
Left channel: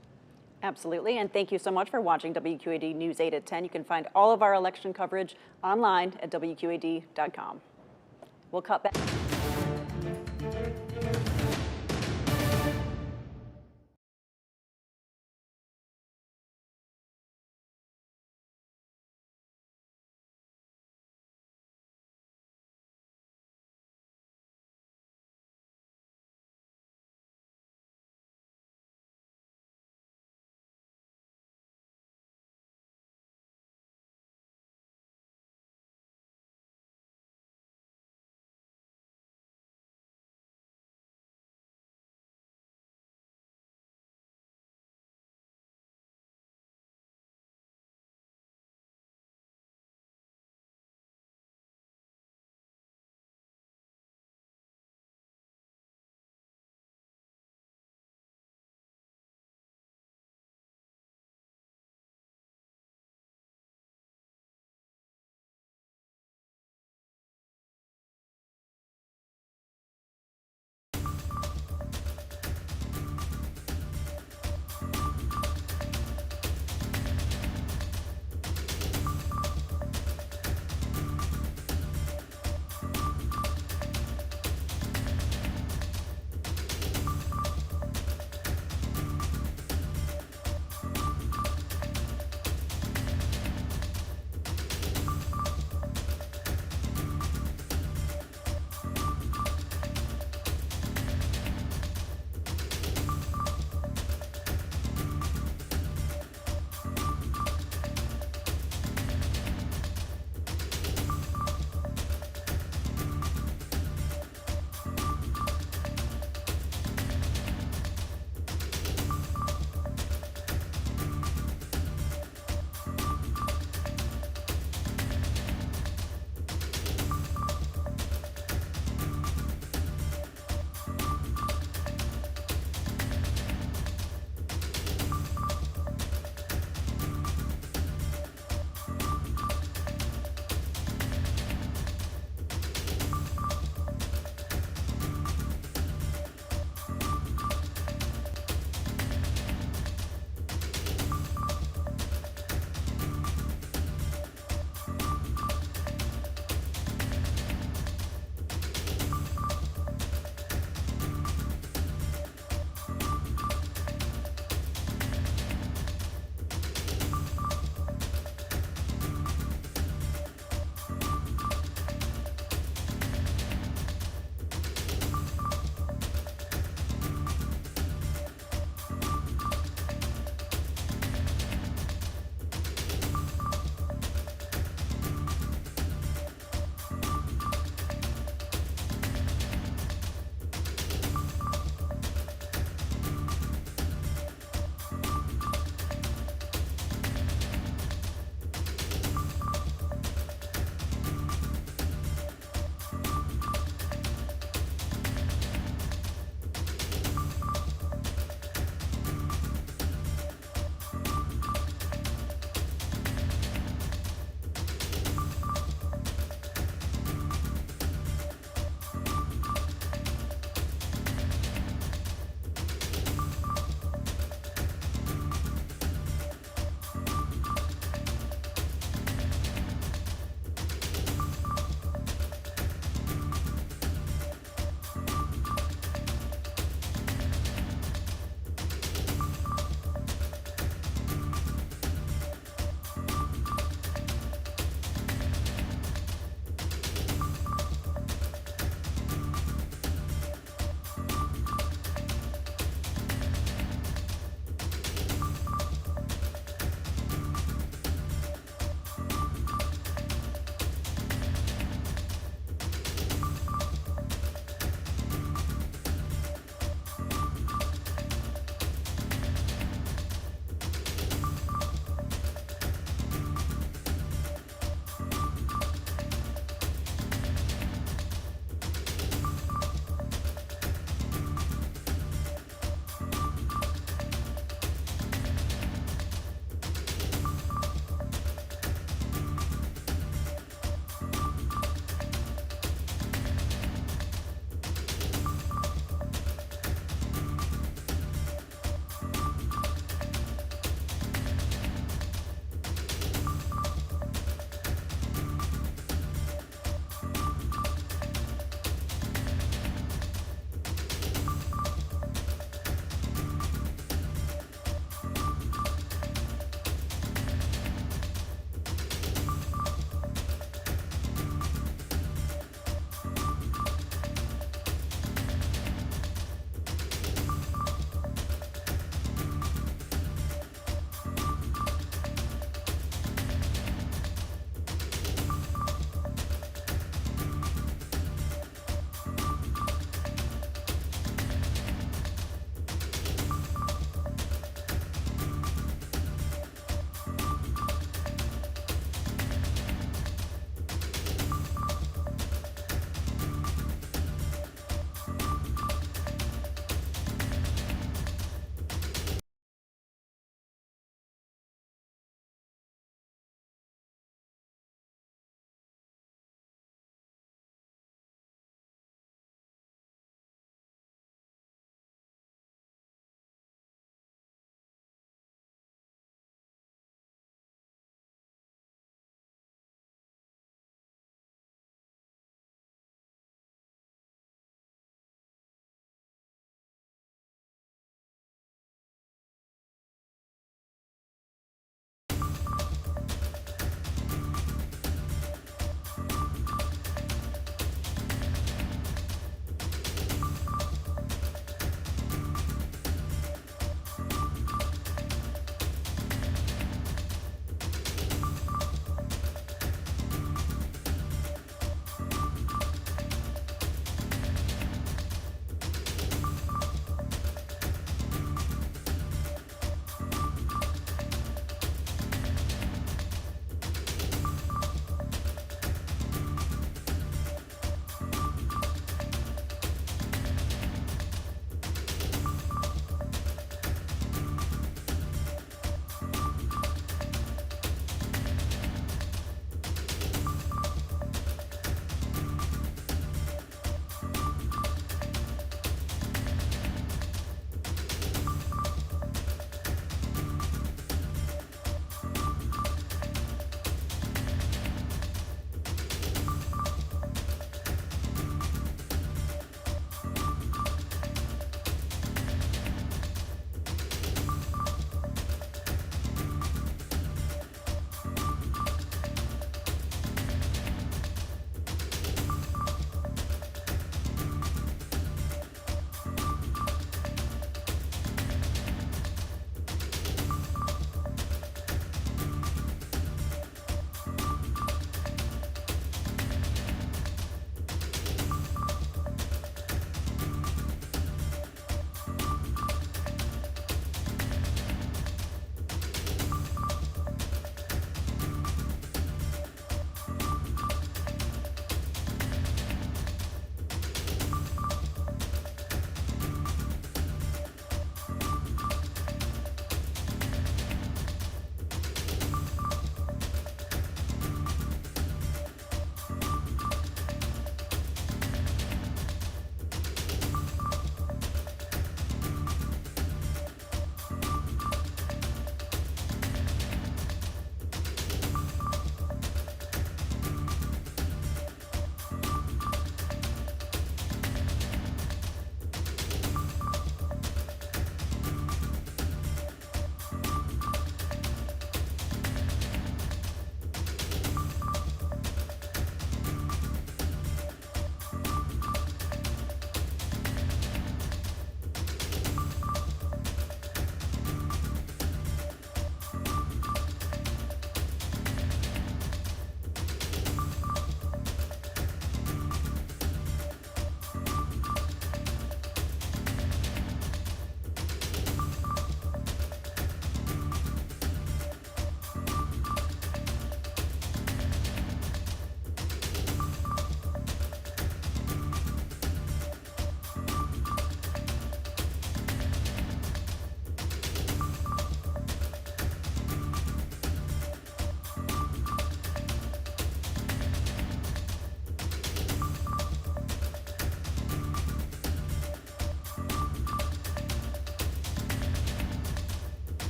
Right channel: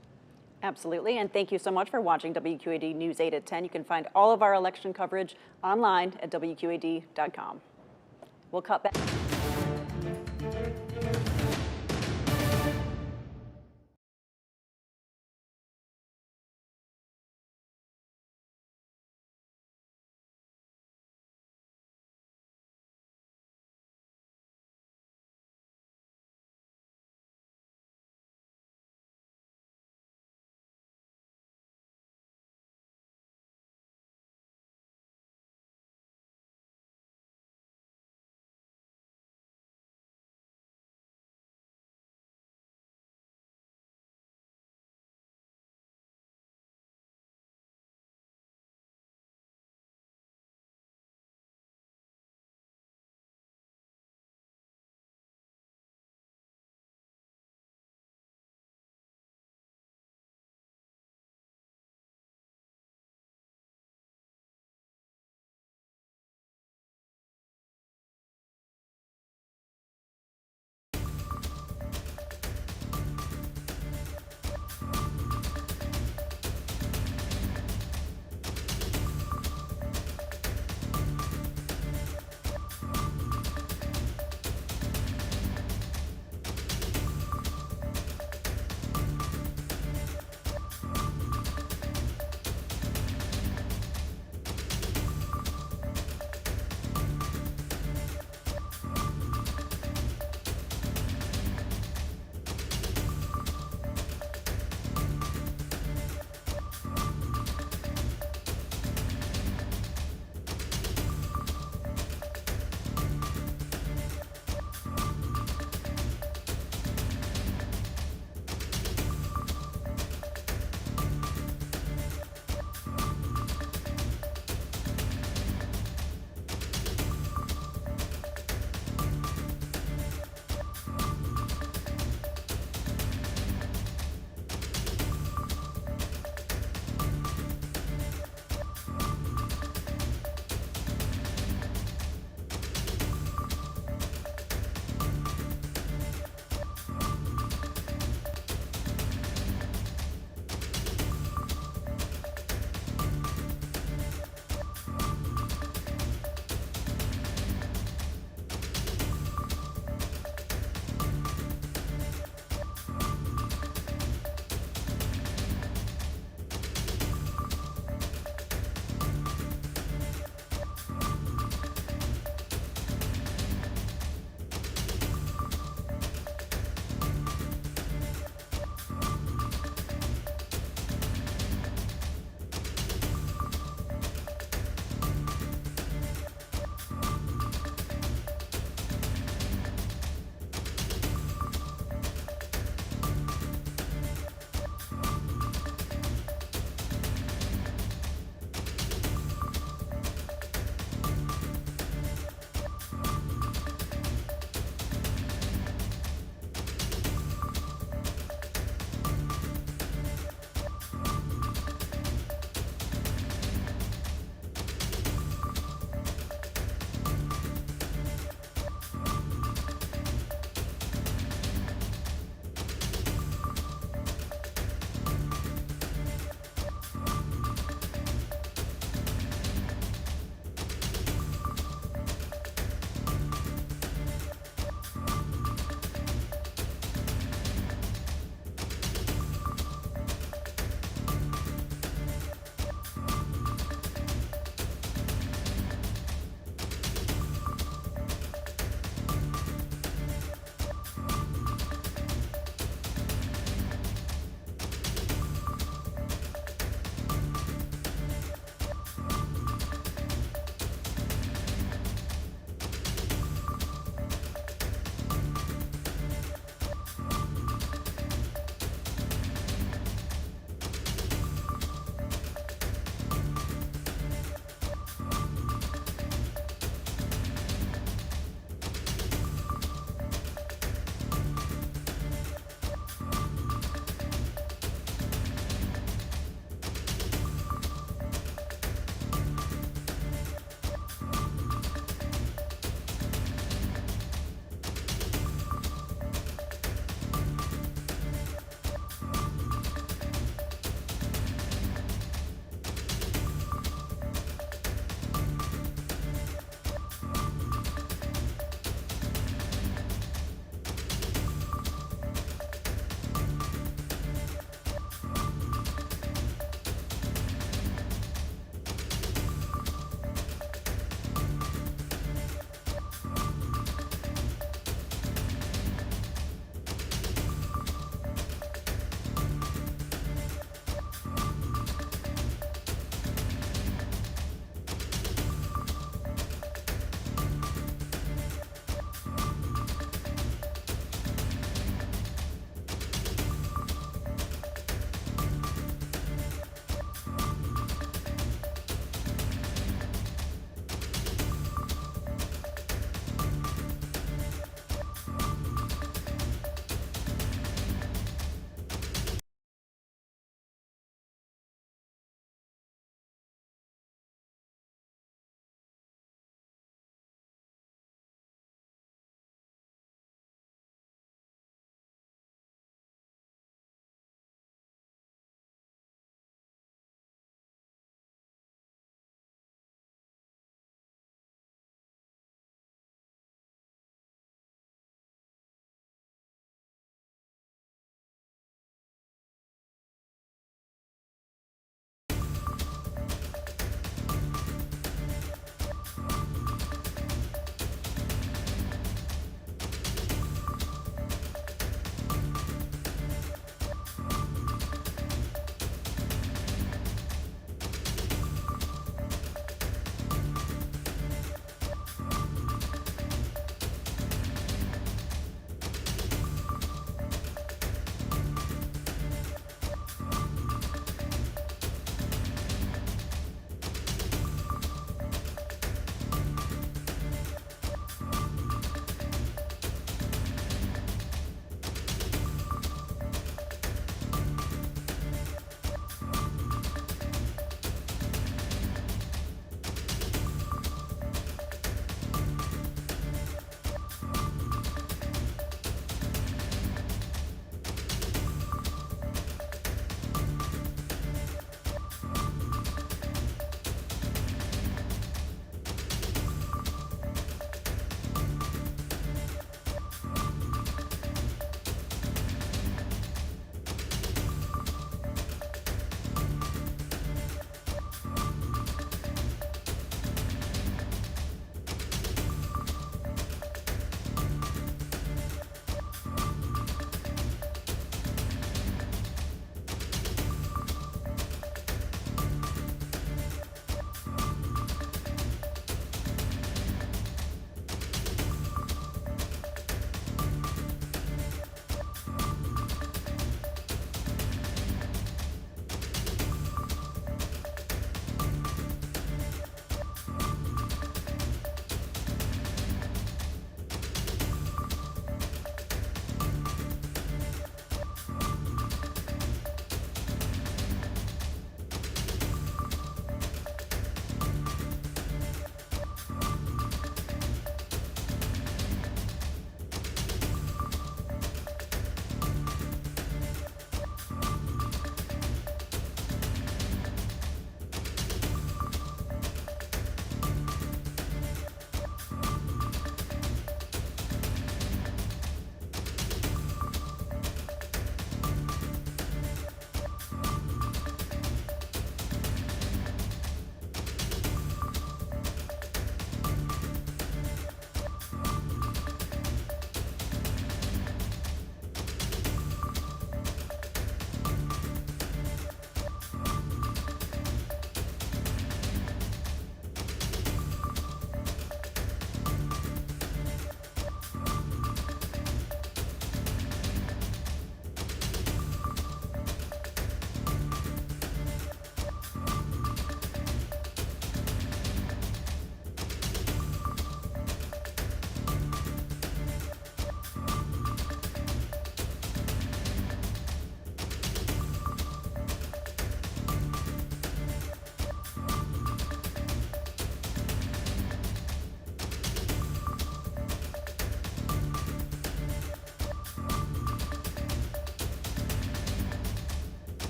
Absolutely, and thank you so much for watching WQAD News 8 at 10. You can find all of our election coverage online at WQAD.com. We'll cut back.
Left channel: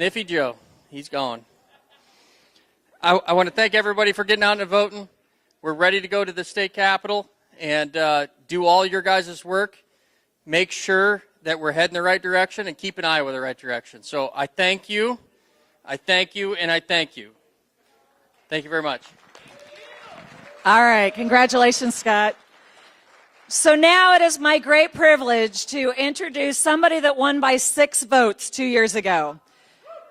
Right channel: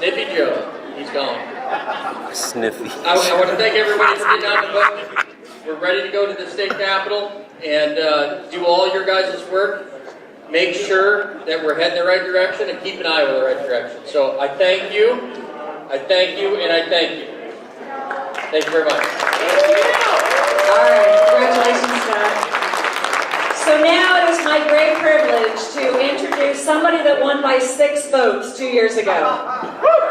Sniffy Joe. He's gone. Sniffy. I want to thank everybody for getting out and voting. We're ready to go to the state capitol and do all your guys' work. Make sure that we're heading the right direction and keeping Iowa the right direction. So I thank you, and I thank you. Thank you very much. All right, congratulations, Scott. So now it is my great privilege to introduce somebody that won by 6 votes 2 years ago.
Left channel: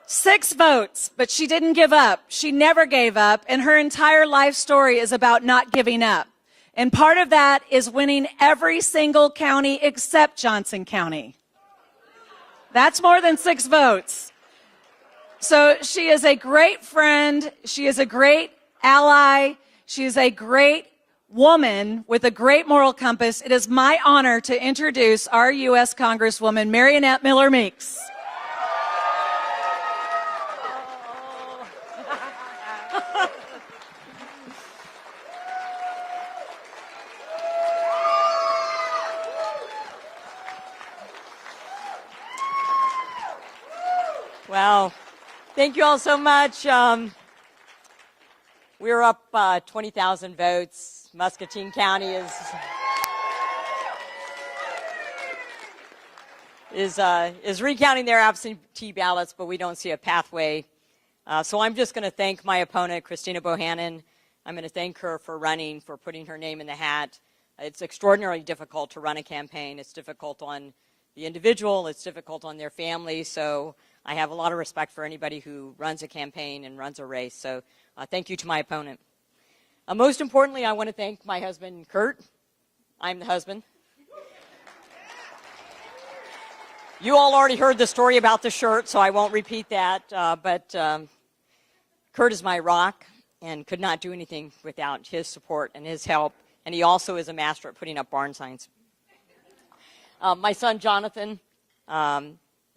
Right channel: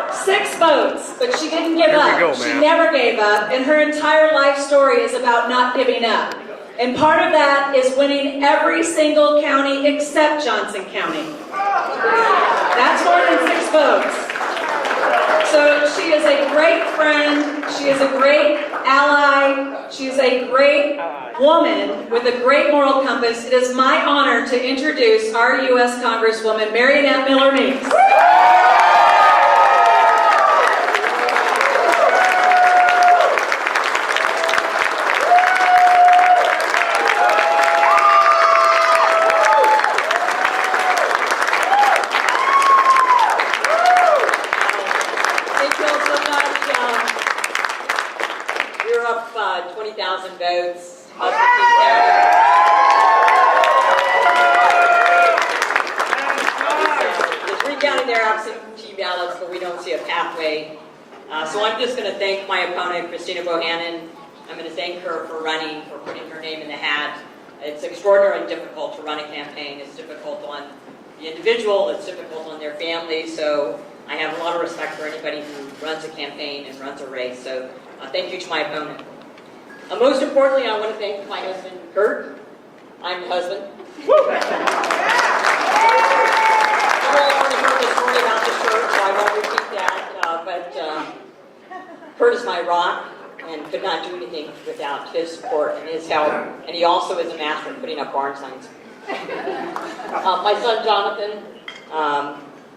6 votes, but she didn't give up. She never gave up, and her entire life story is about not giving up. And part of that is winning every single county except Johnson County. That's more than 6 votes. So she is a great friend, she is a great ally, she is a great woman with a great moral compass. It is my honor to introduce our U.S. Congresswoman, Mariannette Miller Meeks. Thank you all so much. You're up 20,000 votes, Muscatine County is recounting their absentee ballots, but we don't see a pathway. So I'm just going to thank my opponent, Christina Bohannon. I'm going to thank her for running, for putting her name in the hat. It's extraordinarily difficult to run a campaign. It's difficult on the individual, it's difficult on their family, so I have a lot of respect for anybody who runs a campaign and runs a race, so thank you to my opponent. Most importantly, I want to thank my husband, Kurt. I'm the husband. You all already heard the story about the shirt, so I won't repeat that, but Kurt is my rock and could not do anything without his support and his help, and he also is a master at putting up barn signs. My son, Jonathan,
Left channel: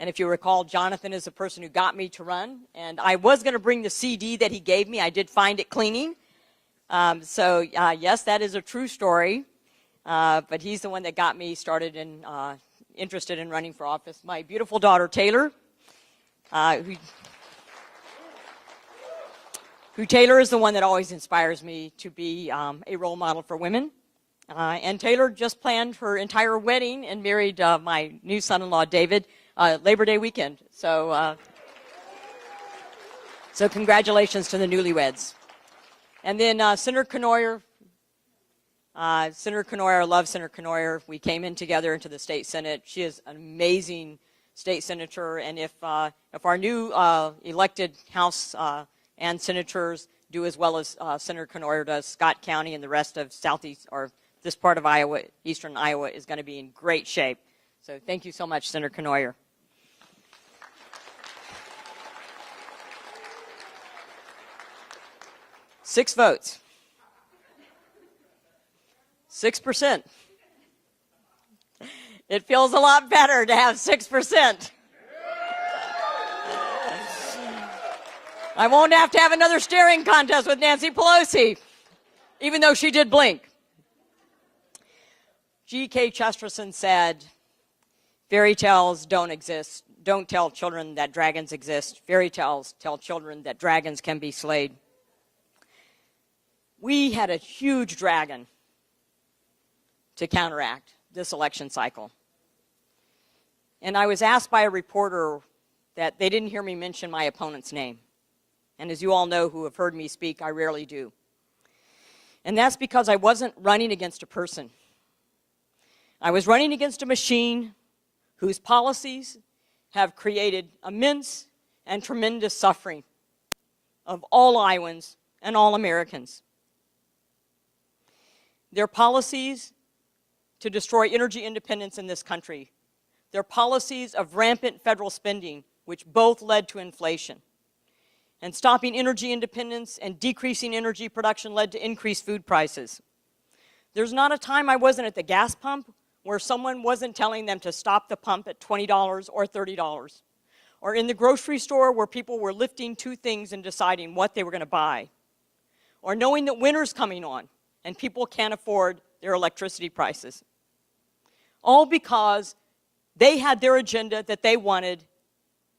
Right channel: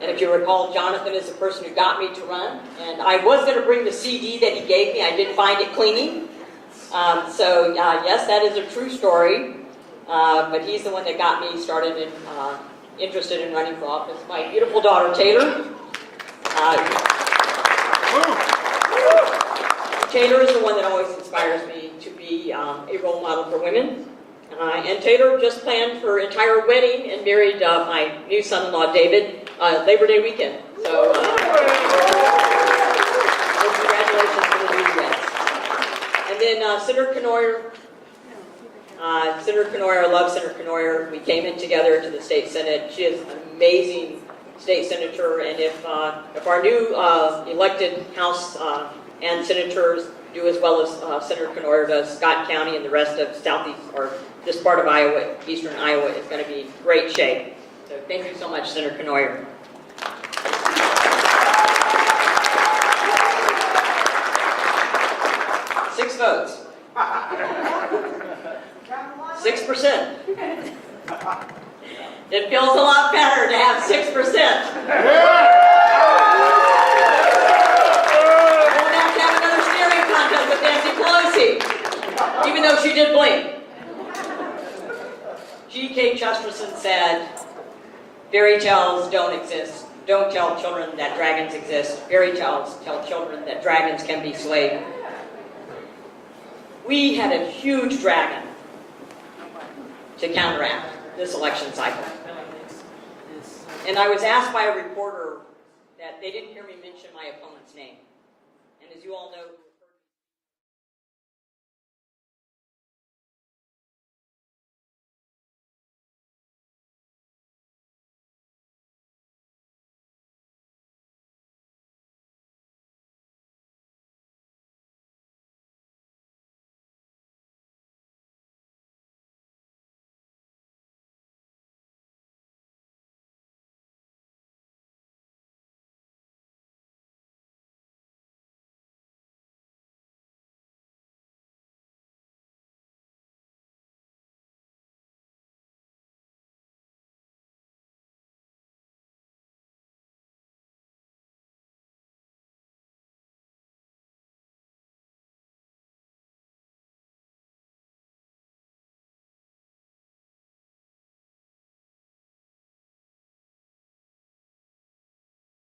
and if you recall, Jonathan is the person who got me to run. And I was going to bring the CD that he gave me. I did find it cleaning. Yes, that is a true story. But he's the one that got me started and interested in running for office. My beautiful daughter, Taylor. Taylor is the one that always inspires me to be a role model for women. And Taylor just planned her entire wedding and married my new son-in-law, David, Labor Day weekend. So congratulations to the newlyweds. And then Senator Kenoyer. Senator Kenoyer, I love Senator Kenoyer. We came in together to the state senate. She is an amazing state senator, and if our new elected House and senators do as well as Senator Kenoyer does, Scott County and the rest of southeast or this part of Iowa, eastern Iowa, is going to be in great shape. So thank you so much, Senator Kenoyer. Six votes. 6%. It feels a lot better to have 6%. I won't have to have another staring contest with Nancy Pelosi, even though she did blink. G.K. Chesterton said, fairy tales don't exist. Don't tell children that dragons exist. Fairy tales tell children that dragons can be slayed. We had a huge dragon to counteract this election cycle. And I was asked by a reporter that they didn't hear me mention my opponent's name. And as you all know who have heard me speak, I rarely do. And that's because I wasn't running against a person. I was running against a machine whose policies have created immense and tremendous suffering of all Iowans and all Americans. Their policies to destroy energy independence in this country. Their policies of rampant federal spending, which both led to inflation. And stopping energy independence and decreasing energy production led to increased food prices. There's not a time I wasn't at the gas pump where someone wasn't telling them to stop the pump at $20 or $30. Or in the grocery store where people were lifting two things and deciding what they were going to buy. Or knowing that winter's coming on and people can't afford their electricity prices. All because they had their agenda that they wanted,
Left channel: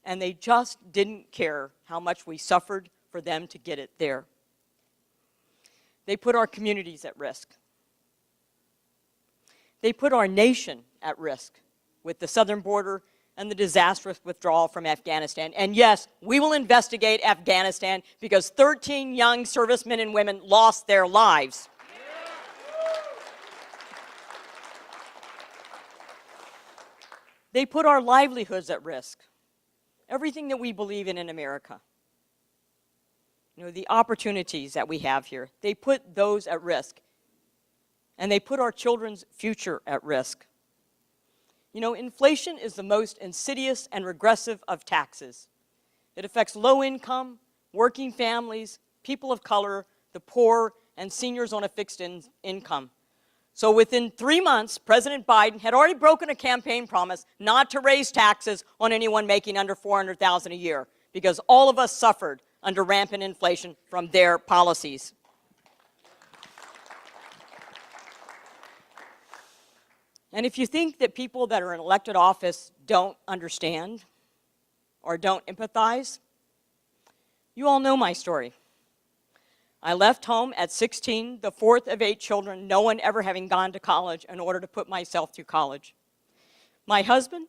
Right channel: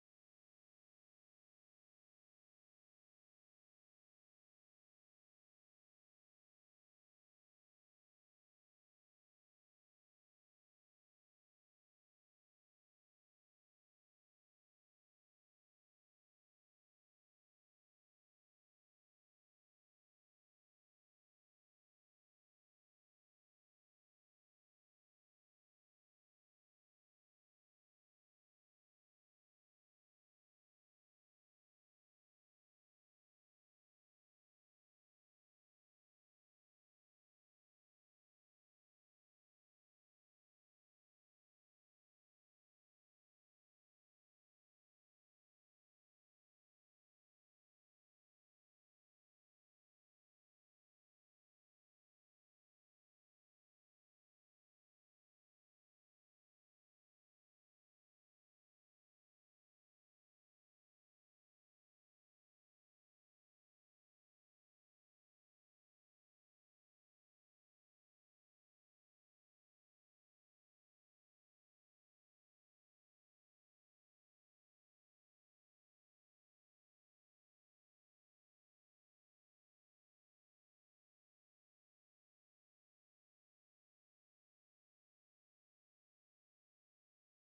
and they just didn't care how much we suffered for them to get it there. They put our communities at risk. They put our nation at risk with the southern border and the disastrous withdrawal from Afghanistan. And yes, we will investigate Afghanistan because 13 young servicemen and women lost their lives. They put our livelihoods at risk. Everything that we believe in America. You know, the opportunities that we have here, they put those at risk. And they put our children's future at risk. You know, inflation is the most insidious and regressive of taxes. It affects low income, working families, people of color, the poor, and seniors on a fixed income. So within 3 months, President Biden had already broken a campaign promise not to raise taxes on anyone making under $400,000 a year, because all of us suffered under rampant inflation from their policies. And if you think that people that are in elected office don't understand or don't empathize, you all know my story. I left home at 16, the fourth of 8 children, no one ever having gone to college, in order to put myself through college. My husband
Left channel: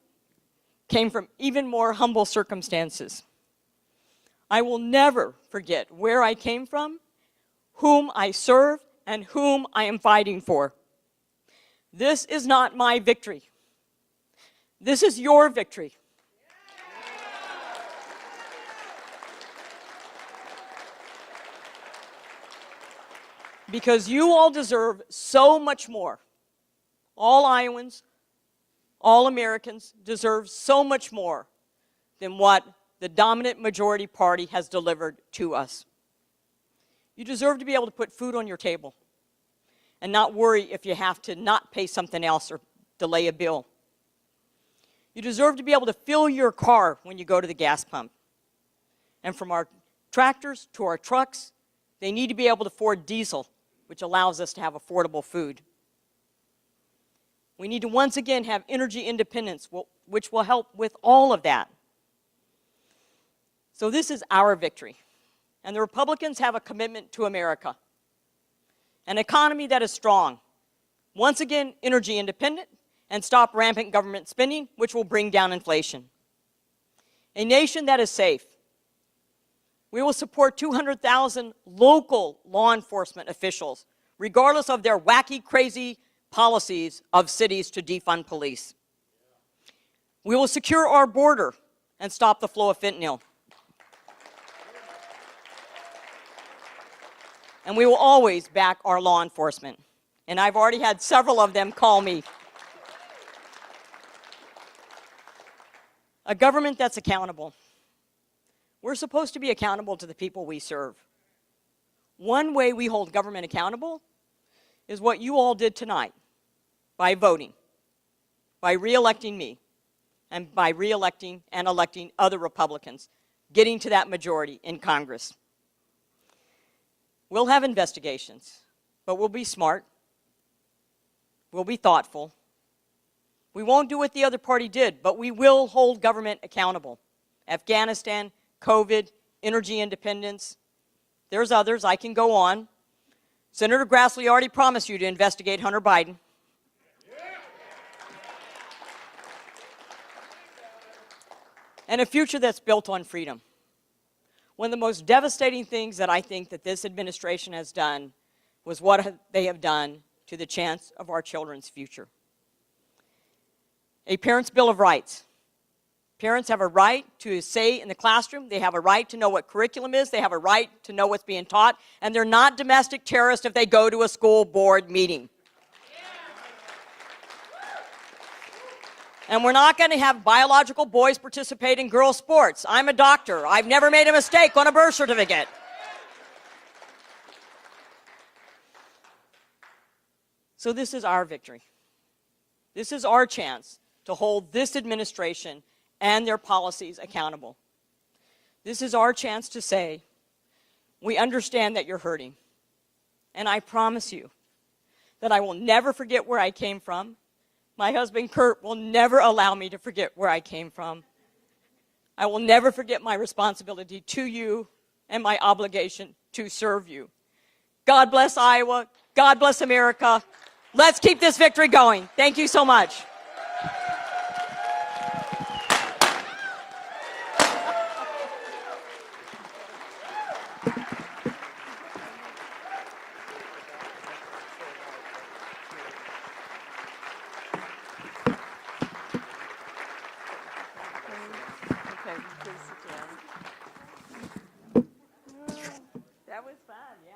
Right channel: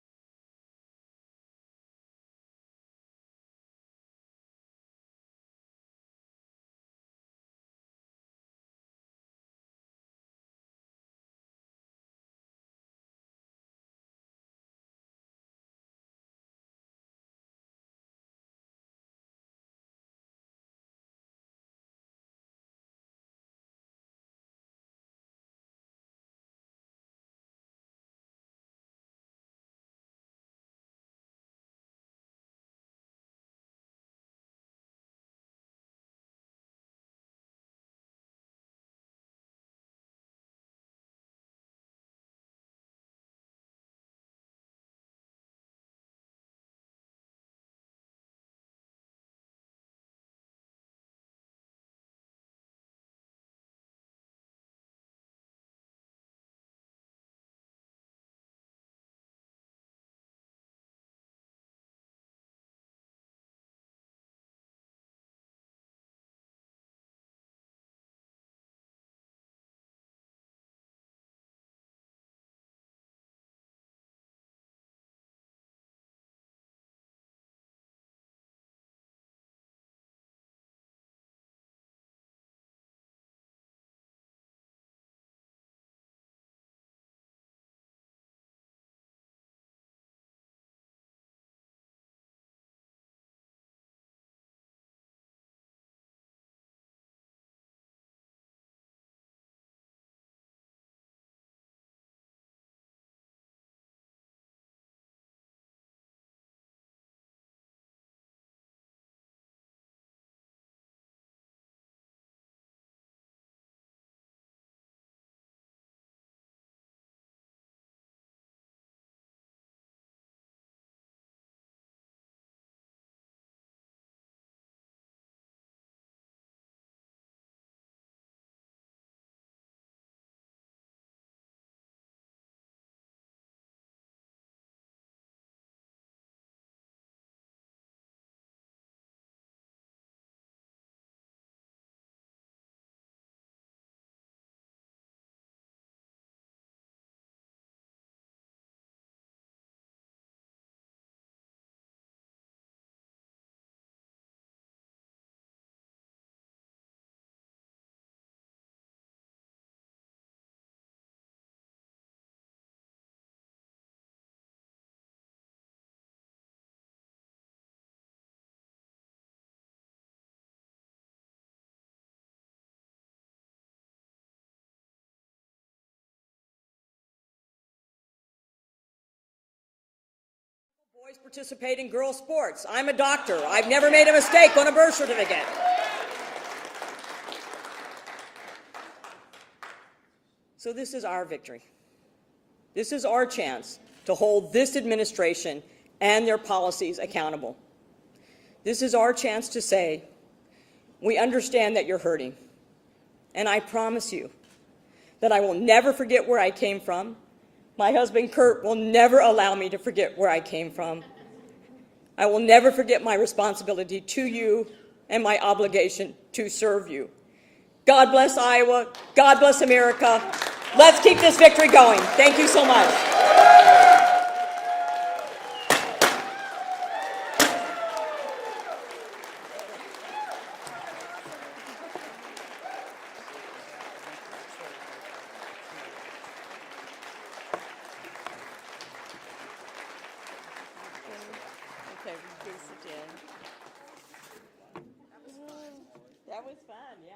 came from even more humble circumstances. I will never forget where I came from, whom I serve, and whom I am fighting for. This is not my victory. This is your victory. Because you all deserve so much more. All Iowans, all Americans deserve so much more than what the dominant majority party has delivered to us. You deserve to be able to put food on your table and not worry if you have to not pay something else or delay a bill. You deserve to be able to fill your car when you go to the gas pump. And from our tractors to our trucks, they need to be able to afford diesel, which allows us to have affordable food. We need to once again have energy independence, which will help with all of that. So this is our victory. And the Republicans have a commitment to America. An economy that is strong. Once again, energy independent, and stop rampant government spending, which will bring down inflation. A nation that is safe. We will support 200,000 local law enforcement officials, regardless of their wacky, crazy policies of cities to defund police. We will secure our border and stop the flow of fentanyl. And we will always back our law enforcement. And I've already had several of them call me. A government that's accountable. We're supposed to be accountable to the people we serve. One way we hold government accountable is what you all did tonight, by voting, by re-electing me, and by re-electing and electing other Republicans, getting to that majority in Congress. We'll have investigations, but we'll be smart. We'll be thoughtful. We won't do what the other party did, but we will hold government accountable. Afghanistan, COVID, energy independence. There's others. I can go on. Senator Grassley already promised you to investigate Hunter Biden. And a future that's built on freedom. One of the most devastating things that I think that this administration has done was what they have done to the chance of our children's future. A parent's Bill of Rights. Parents have a right to say in the classroom, they have a right to know what curriculum is, they have a right to know what's being taught, and they're not domestic terrorists if they go to a school board meeting. And we're not going to have biological boys participate in girls' sports. I'm a doctor. I've never made a mistake on a birth certificate. So this is our victory. This is our chance to hold this administration and their policies accountable. This is our chance to say, we understand that you're hurting. And I promise you that I will never forget where I came from. My husband, Kurt, will never allow me to forget where I came from. I will never forget my responsibility to you and my obligation to serve you. God bless Iowa. God bless America. Let's keep this victory going. Thank you so much. That was fun, yeah.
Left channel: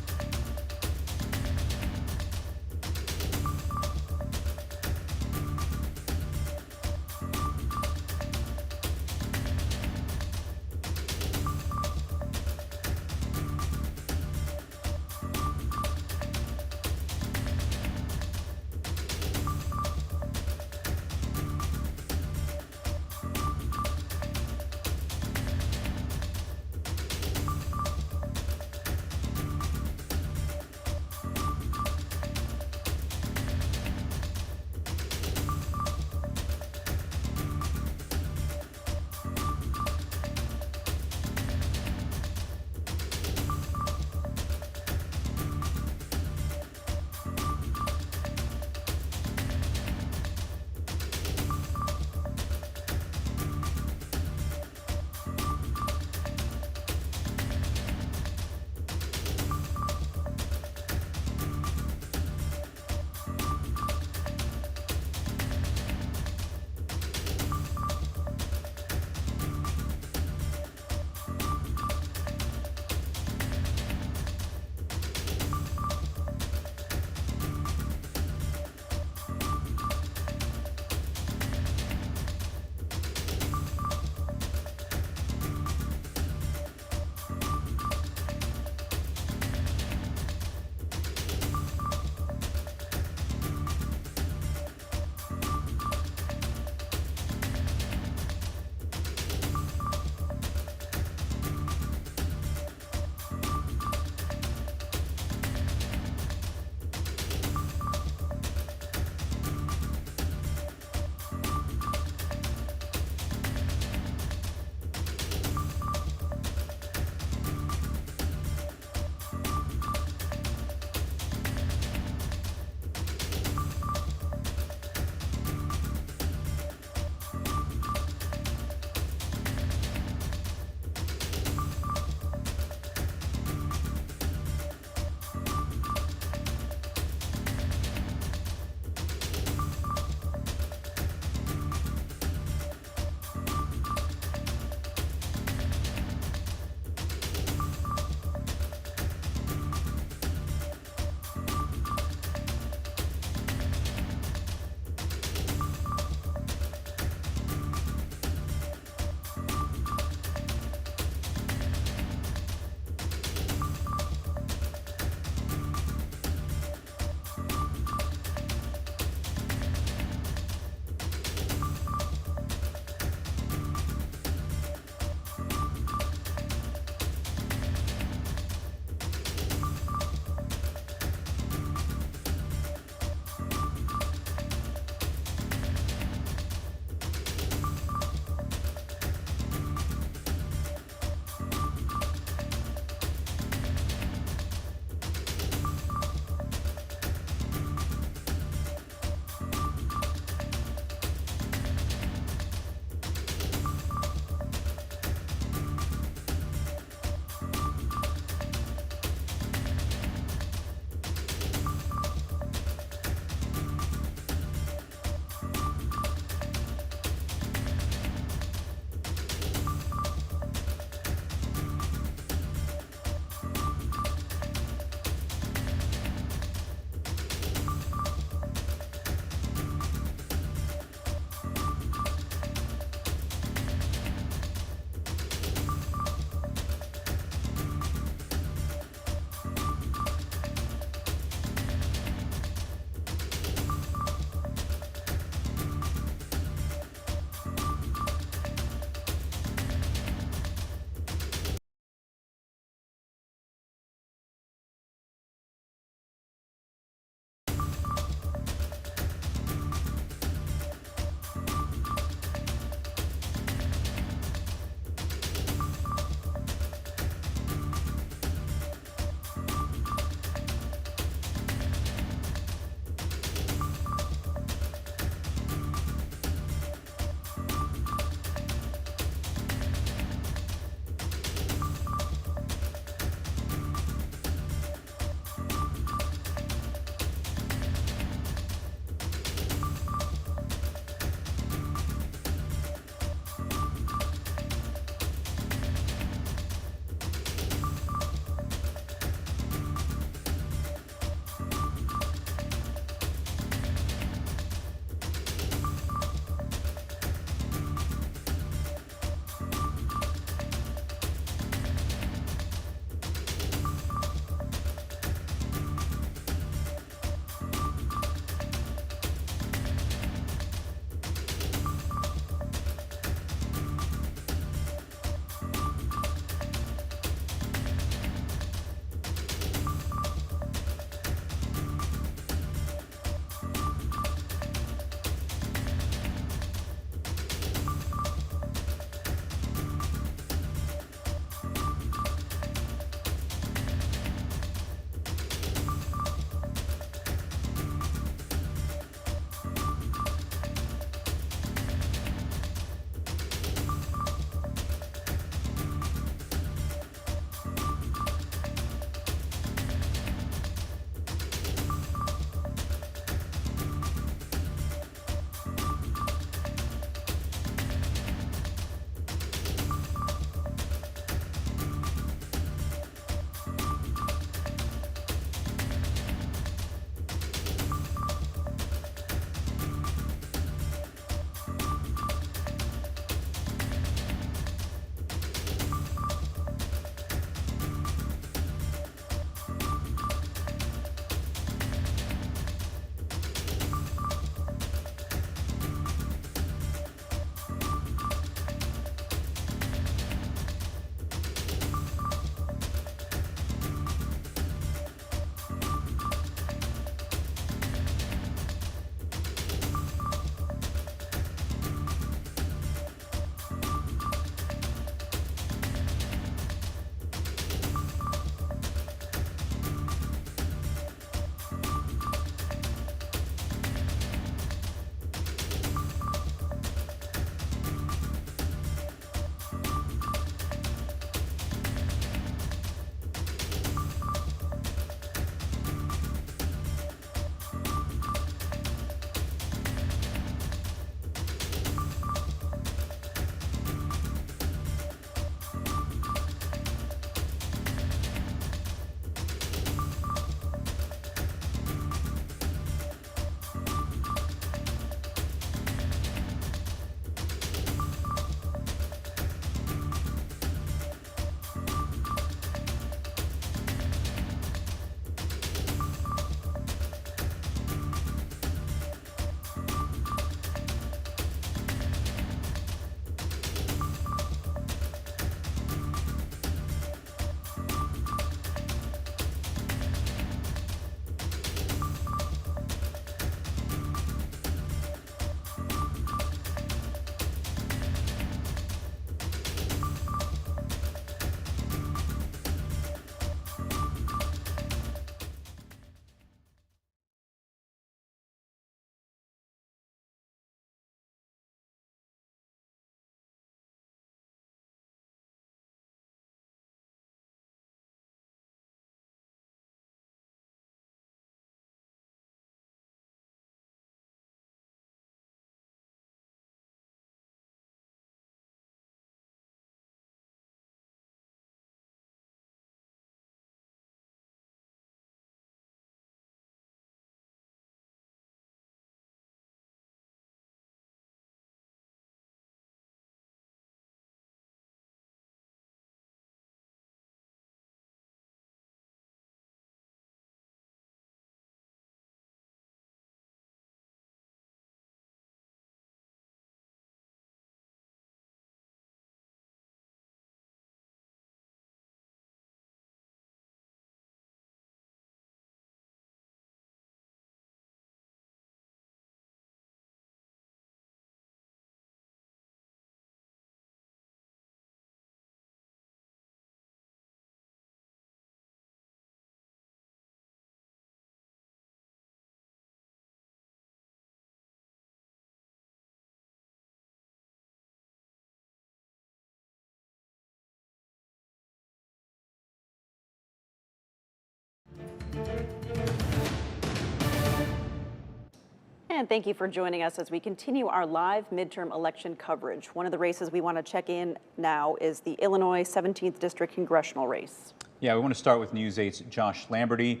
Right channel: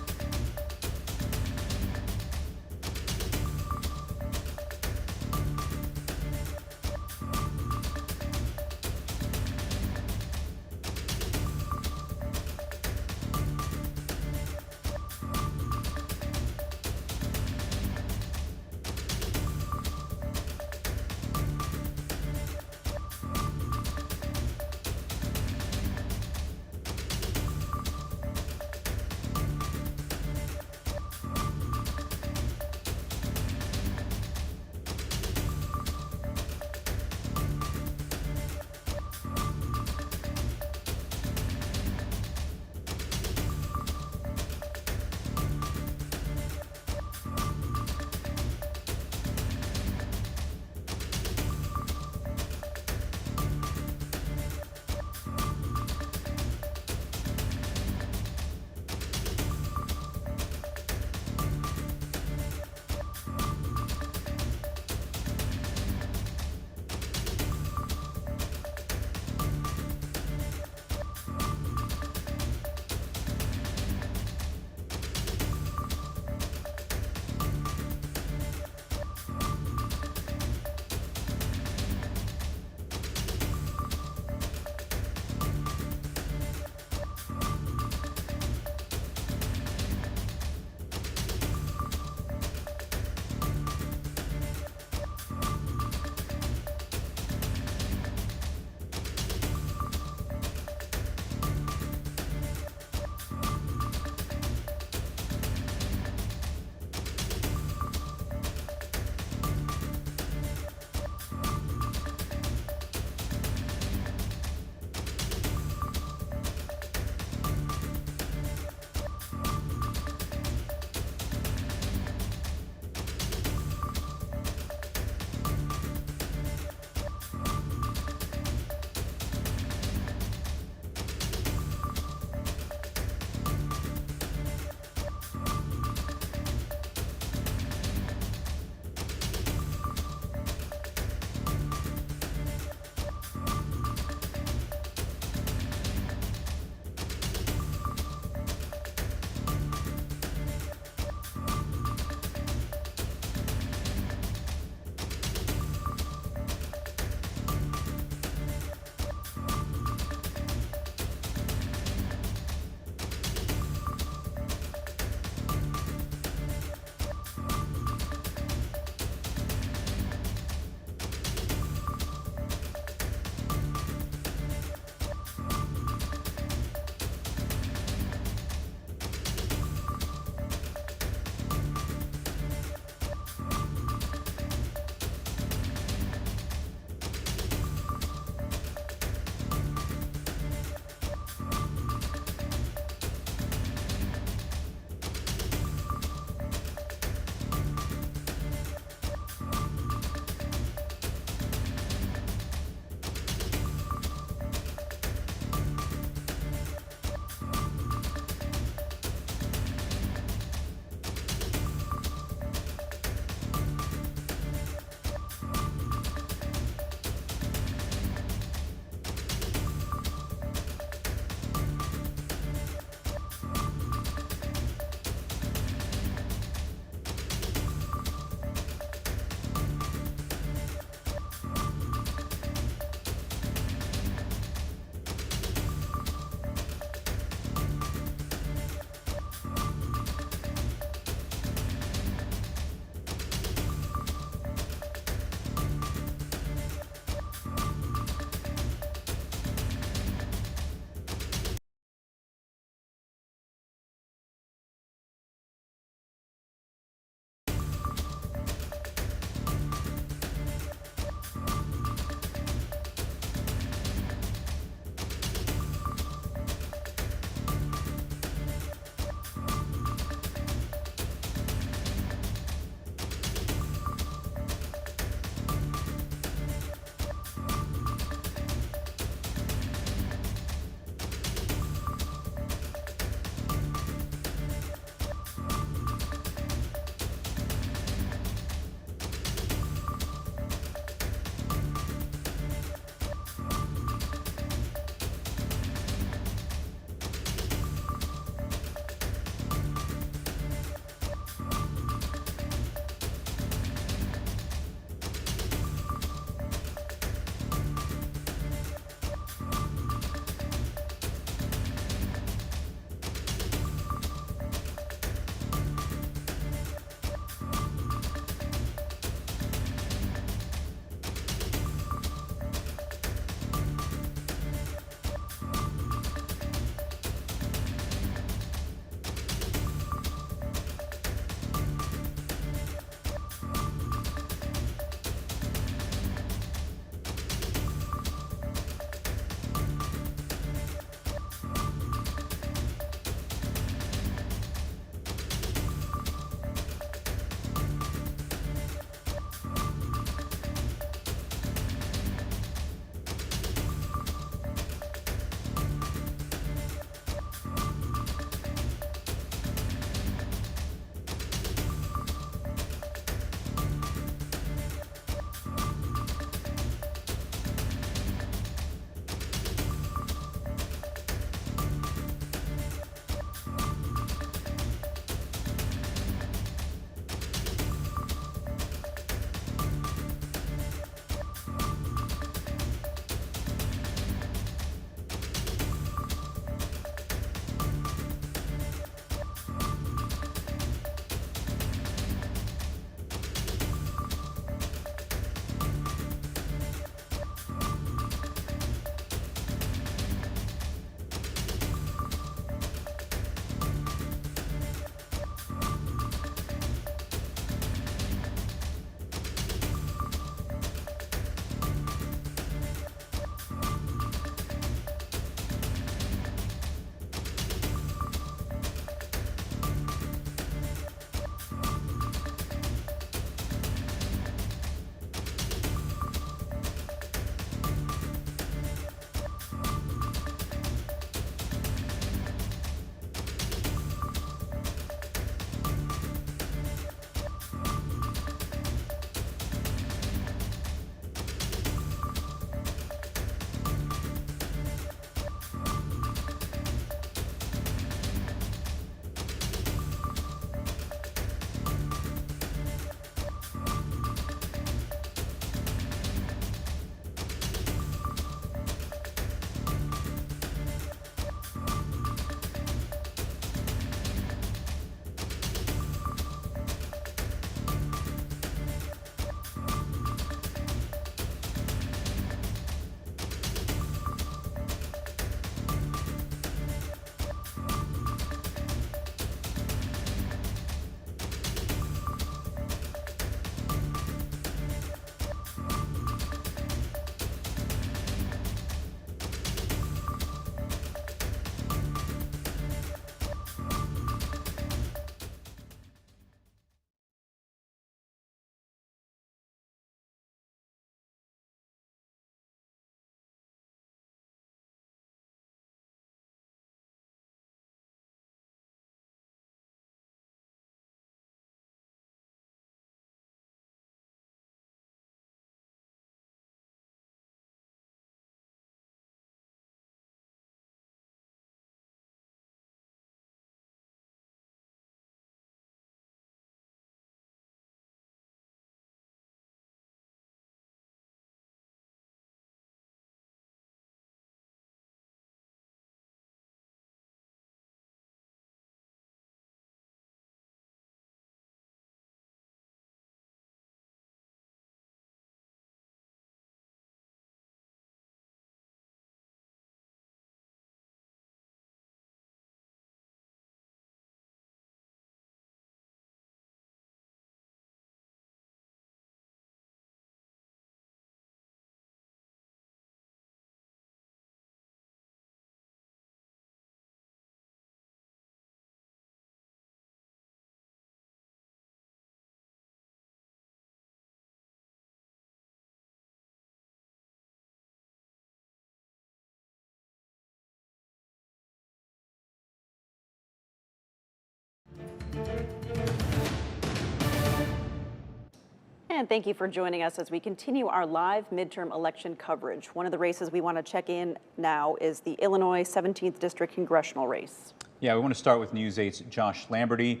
And thank you for joining us as we continue our live midterm election coverage. One of the races we want to check in now is the Illinois 17th District Congressional race. Yeah, we want to start with News 8's Josh Lamberty,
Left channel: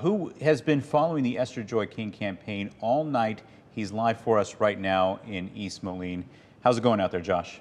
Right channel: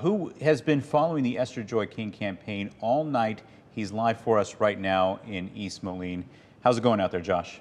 who has been following the Esther Joy King campaign all night. He's live for us right now in East Moline. How's it going out there, Josh?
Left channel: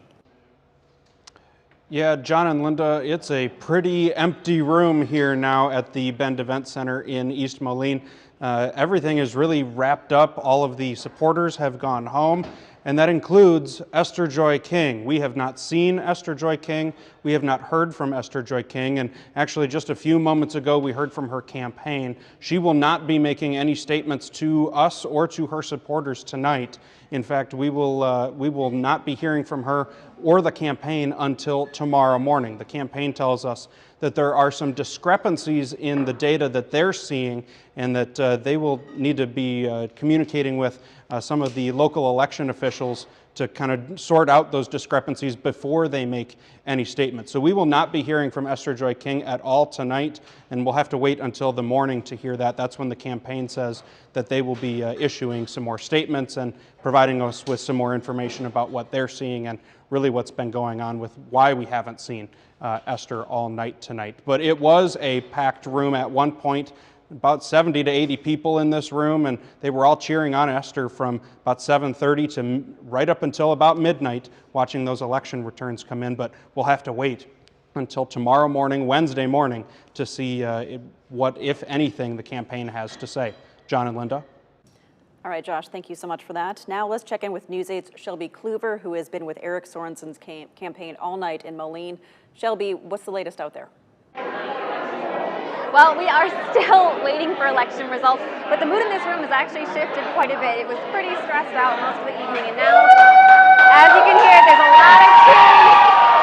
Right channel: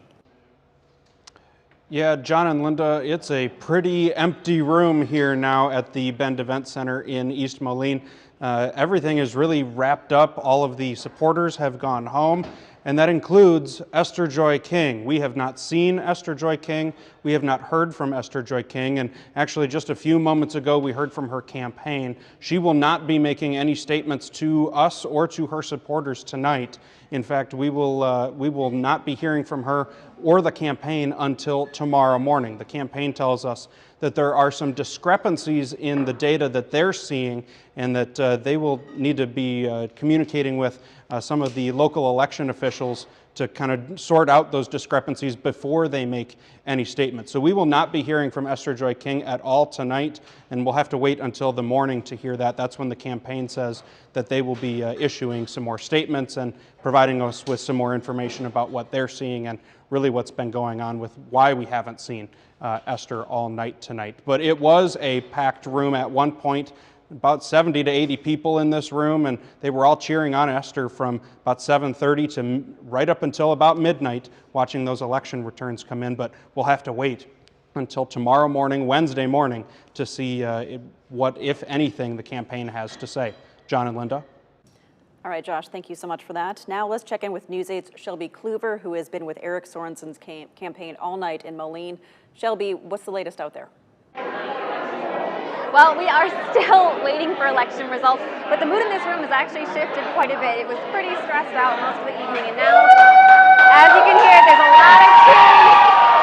Yeah, John and Linda, it's a pretty empty room here now at the Bend Event Center in East Moline. Everything is really wrapped up. All of the supporters have gone home, and that includes Esther Joy King. We have not seen Esther Joy King. We have not heard from Esther Joy King, and actually just a few moments ago we heard from her campaign. She will not be making any statements to us or to her supporters tonight. In fact, we will not be hearing from her or the campaign until tomorrow morning. The campaign tells us that there are some discrepancies in the data that they're seeing, and that they will need to be communicating with some of the local election officials to kind of sort out those discrepancies before they make any statements. So we will not be hearing from Esther Joy King at all tonight, and we'll have to wait until the morning to hear that. That's when the campaign says that they will be issuing some more statements and providing us with some more information about what they're seeing and really what's been going on with why we haven't seen Esther all night tonight. But it was a packed room at one point. About 70 to 80 people in this room, and they were all cheering on Esther from about 7:30 to right up until about midnight, watching those election returns come in. But we'll have to wait until tomorrow morning, Wednesday morning, to see what, if anything, the campaign has to say. John and Linda? All right, Josh, thank you so much for that. Now let's check in with News 8's Shelby Kluver, who has been with Eric Sorensen's campaign all night in Moline. Shelby, what's the latest out there? Well, we are still waiting for election results, but the mood in this room has actually shifted quite a bit. It was pretty stressed out most of the evening, and now, as you can hear, there's a lot of cheering.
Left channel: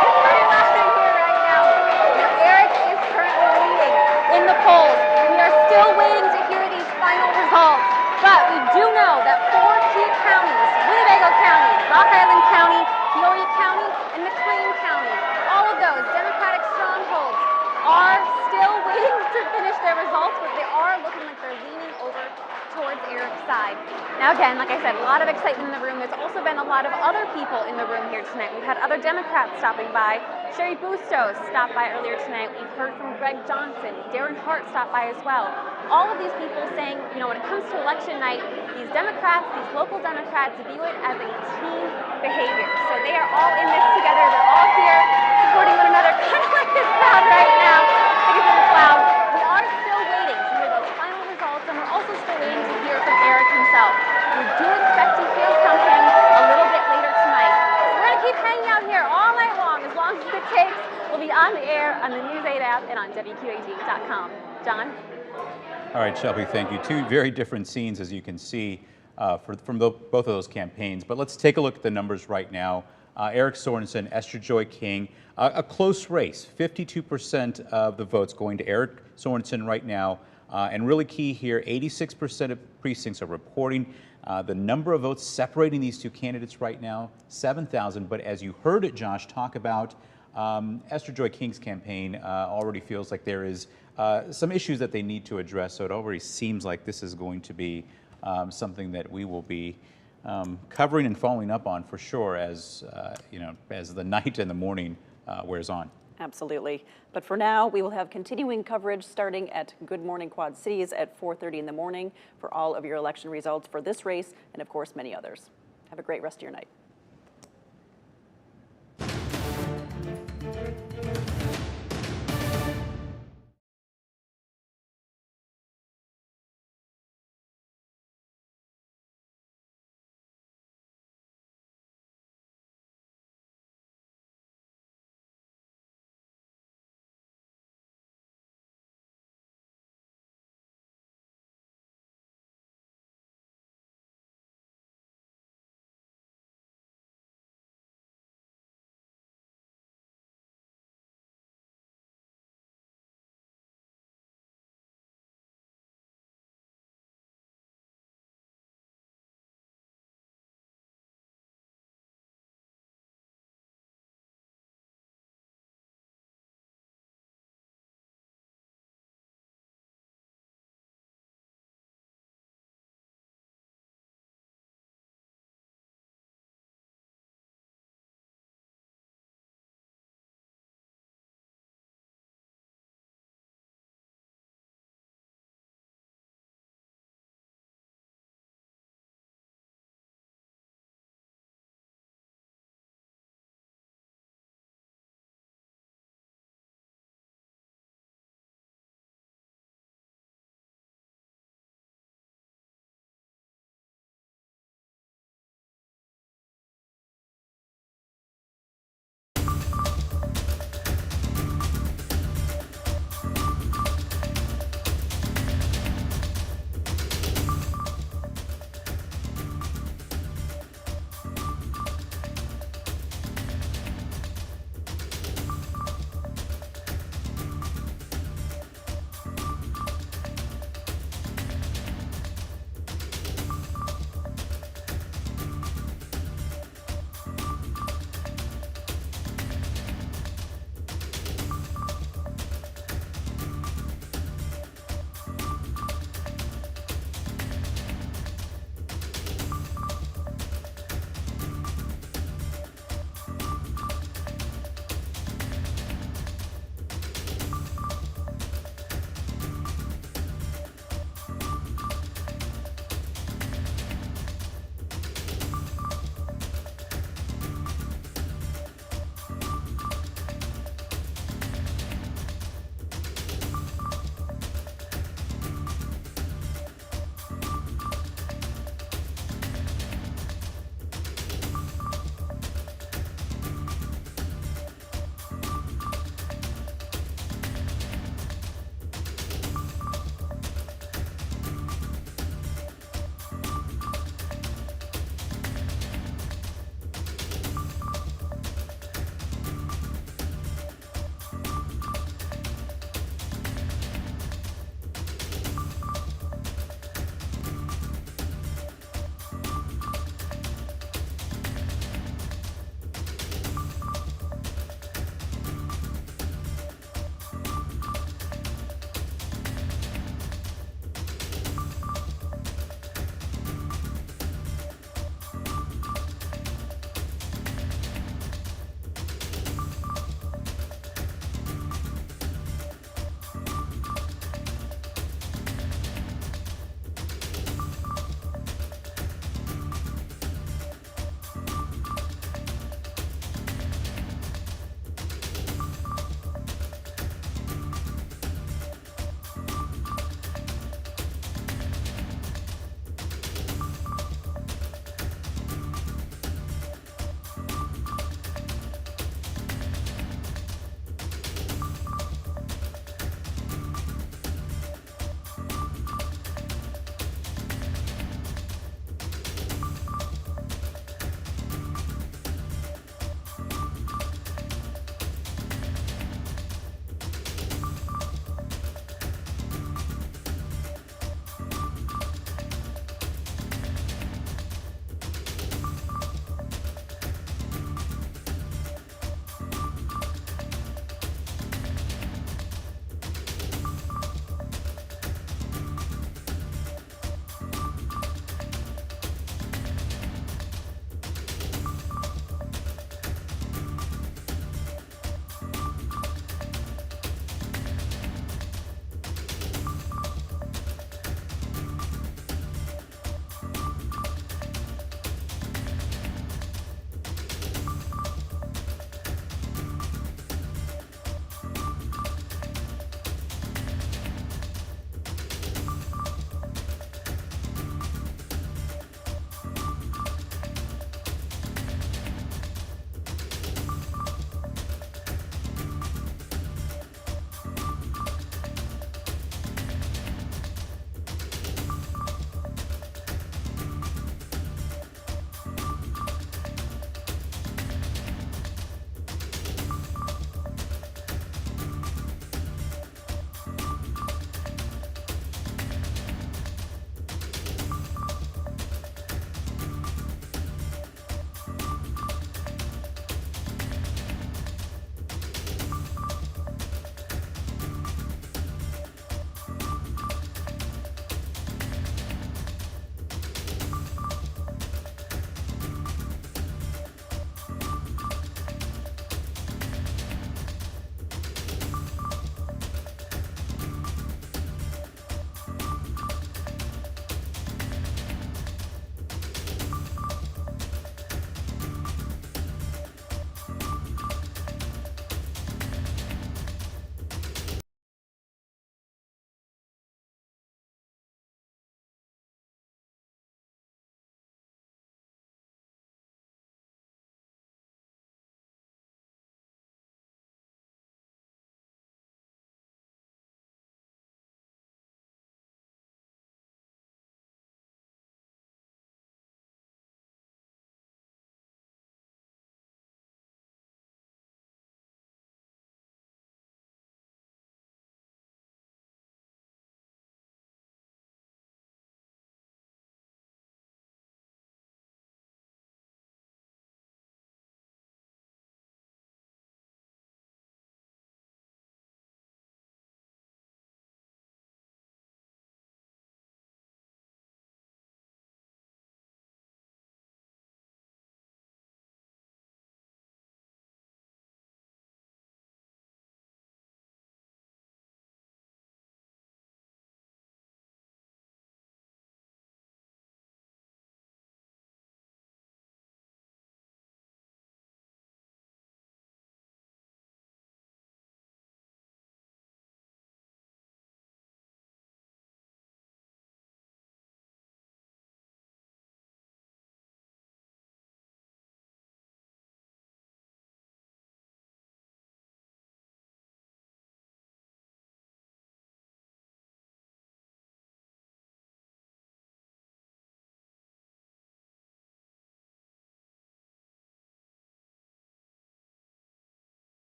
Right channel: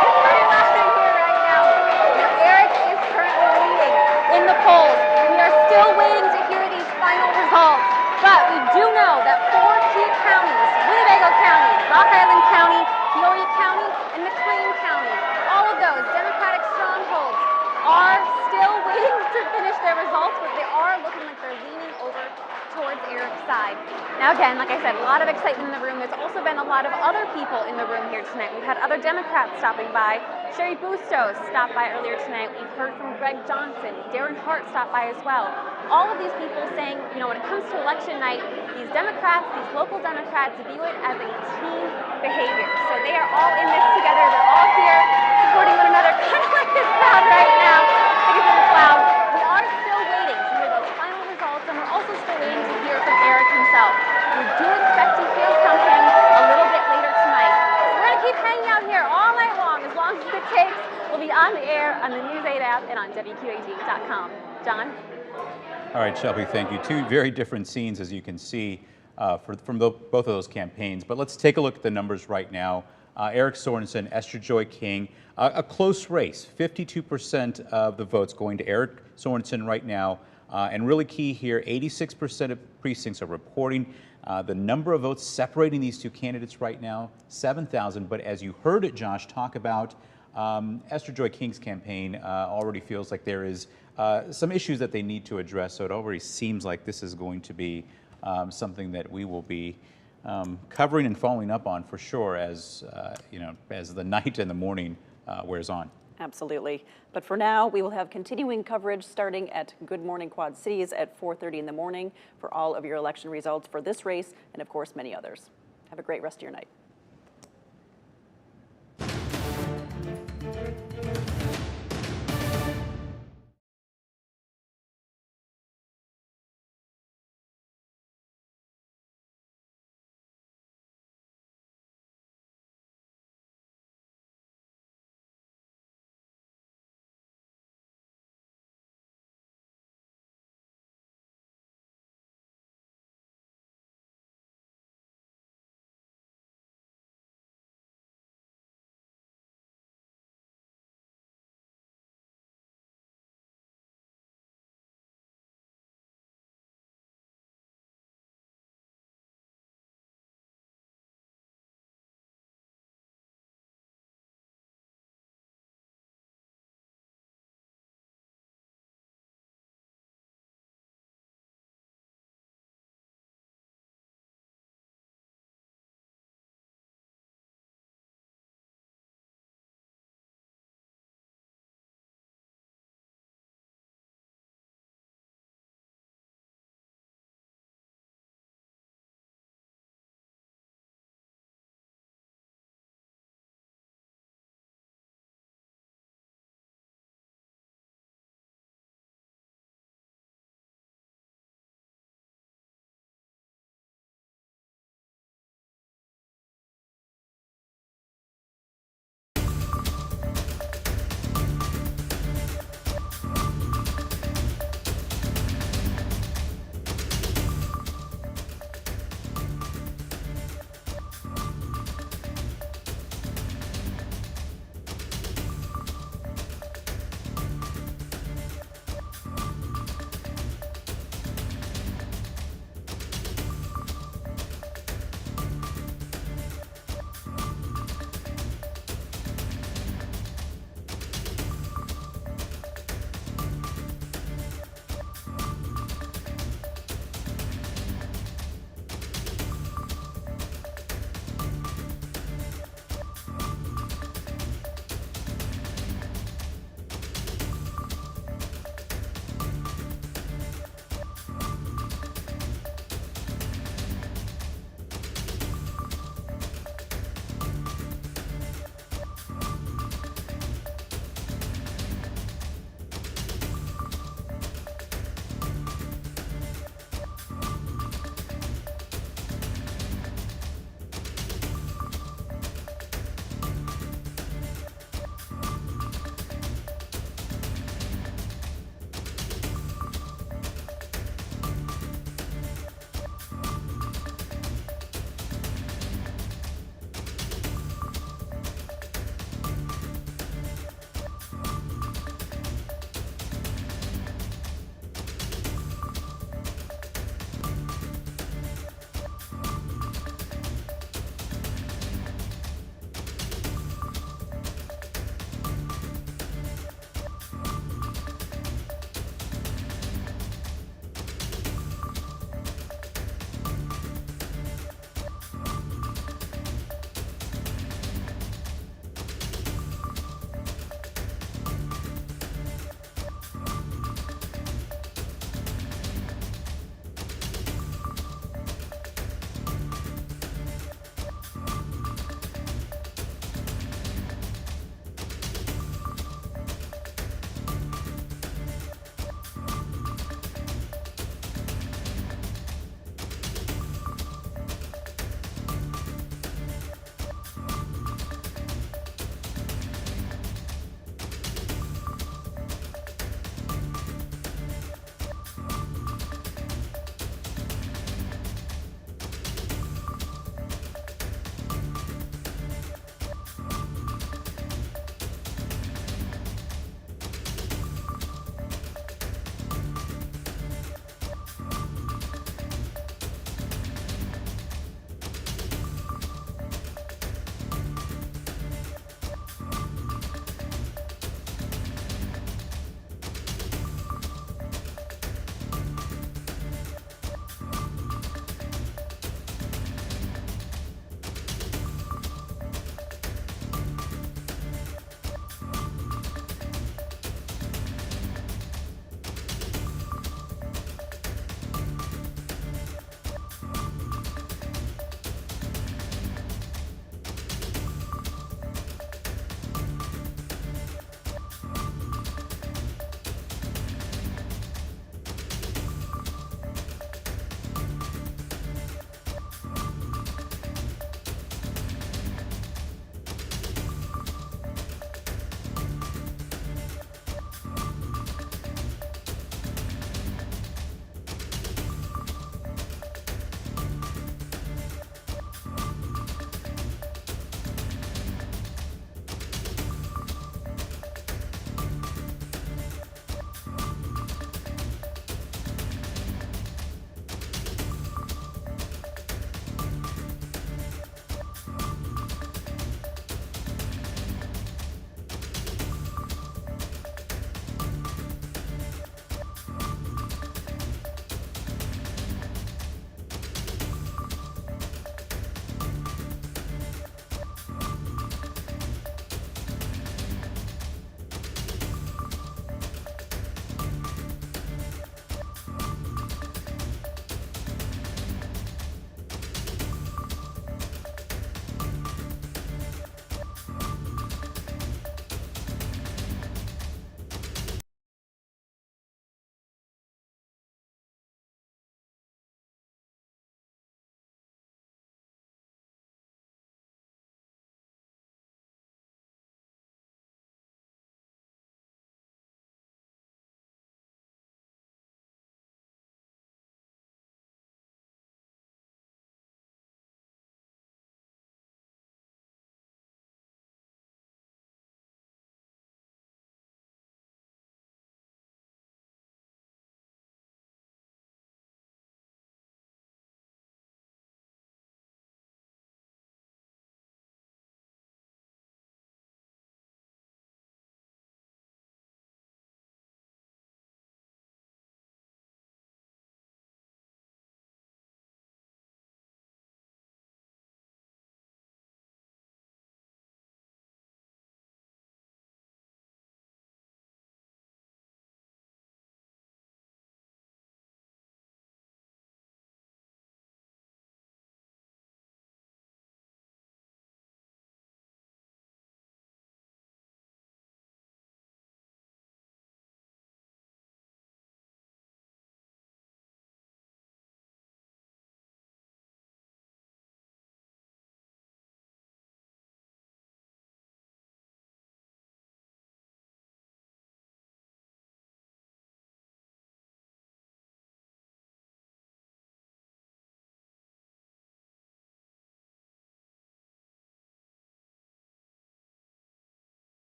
It's pretty loud in here right now. Now, Eric is currently leading in the polls. We are still waiting to hear these final results, but we do know that 4 key counties, Winnebago County, Rock Island County, Peoria County, and McLean County, all of those Democratic strongholds are still waiting to finish their results, but they are looking like they're leaning over towards Eric's side. Now again, like I said, a lot of excitement in the room. There's also been a lot of other people in the room here tonight. We've had other Democrats stopping by. Sherry Bustos stopped by earlier tonight. We've heard from Greg Johnson. Darren Hart stopped by as well. All of these people saying, you know, when it comes to election night, these Democrats, these local Democrats view it as a team behavior. So they are all in this together. They're all here supporting one another, kind of like this crowd right now. Like it's in the cloud. We are still waiting to hear those final results, and we're also still waiting to hear from Eric himself. We do expect to hear from him a little bit later tonight. So we're going to keep hanging out here all night long, as long as it takes. We'll be on the air on the News 8 app and on WQAD.com. John? All right, Shelby, thank you. Two very different scenes, as you can see, from both of those campaigns. But let's take a look at the numbers right now. Eric Sorensen, Esther Joy King, a close race, 52% of the votes going to Eric Sorensen right now. And really key here, 86% of precincts are reporting. The number of votes separating these two candidates right now, 7,000. But as you heard it, Josh, talk about, Esther Joy King's campaign already feels like there is some issues that they need to address. So it already seems like this is going to be something that we will be covering and following up on for sure as as the night and the morning wears on. Absolutely. But for now, we will have continuing coverage starting at Good Morning Quad Cities at 4:30 in the morning for all of your election results for this race and, of course, many others. Have a great rest of your night.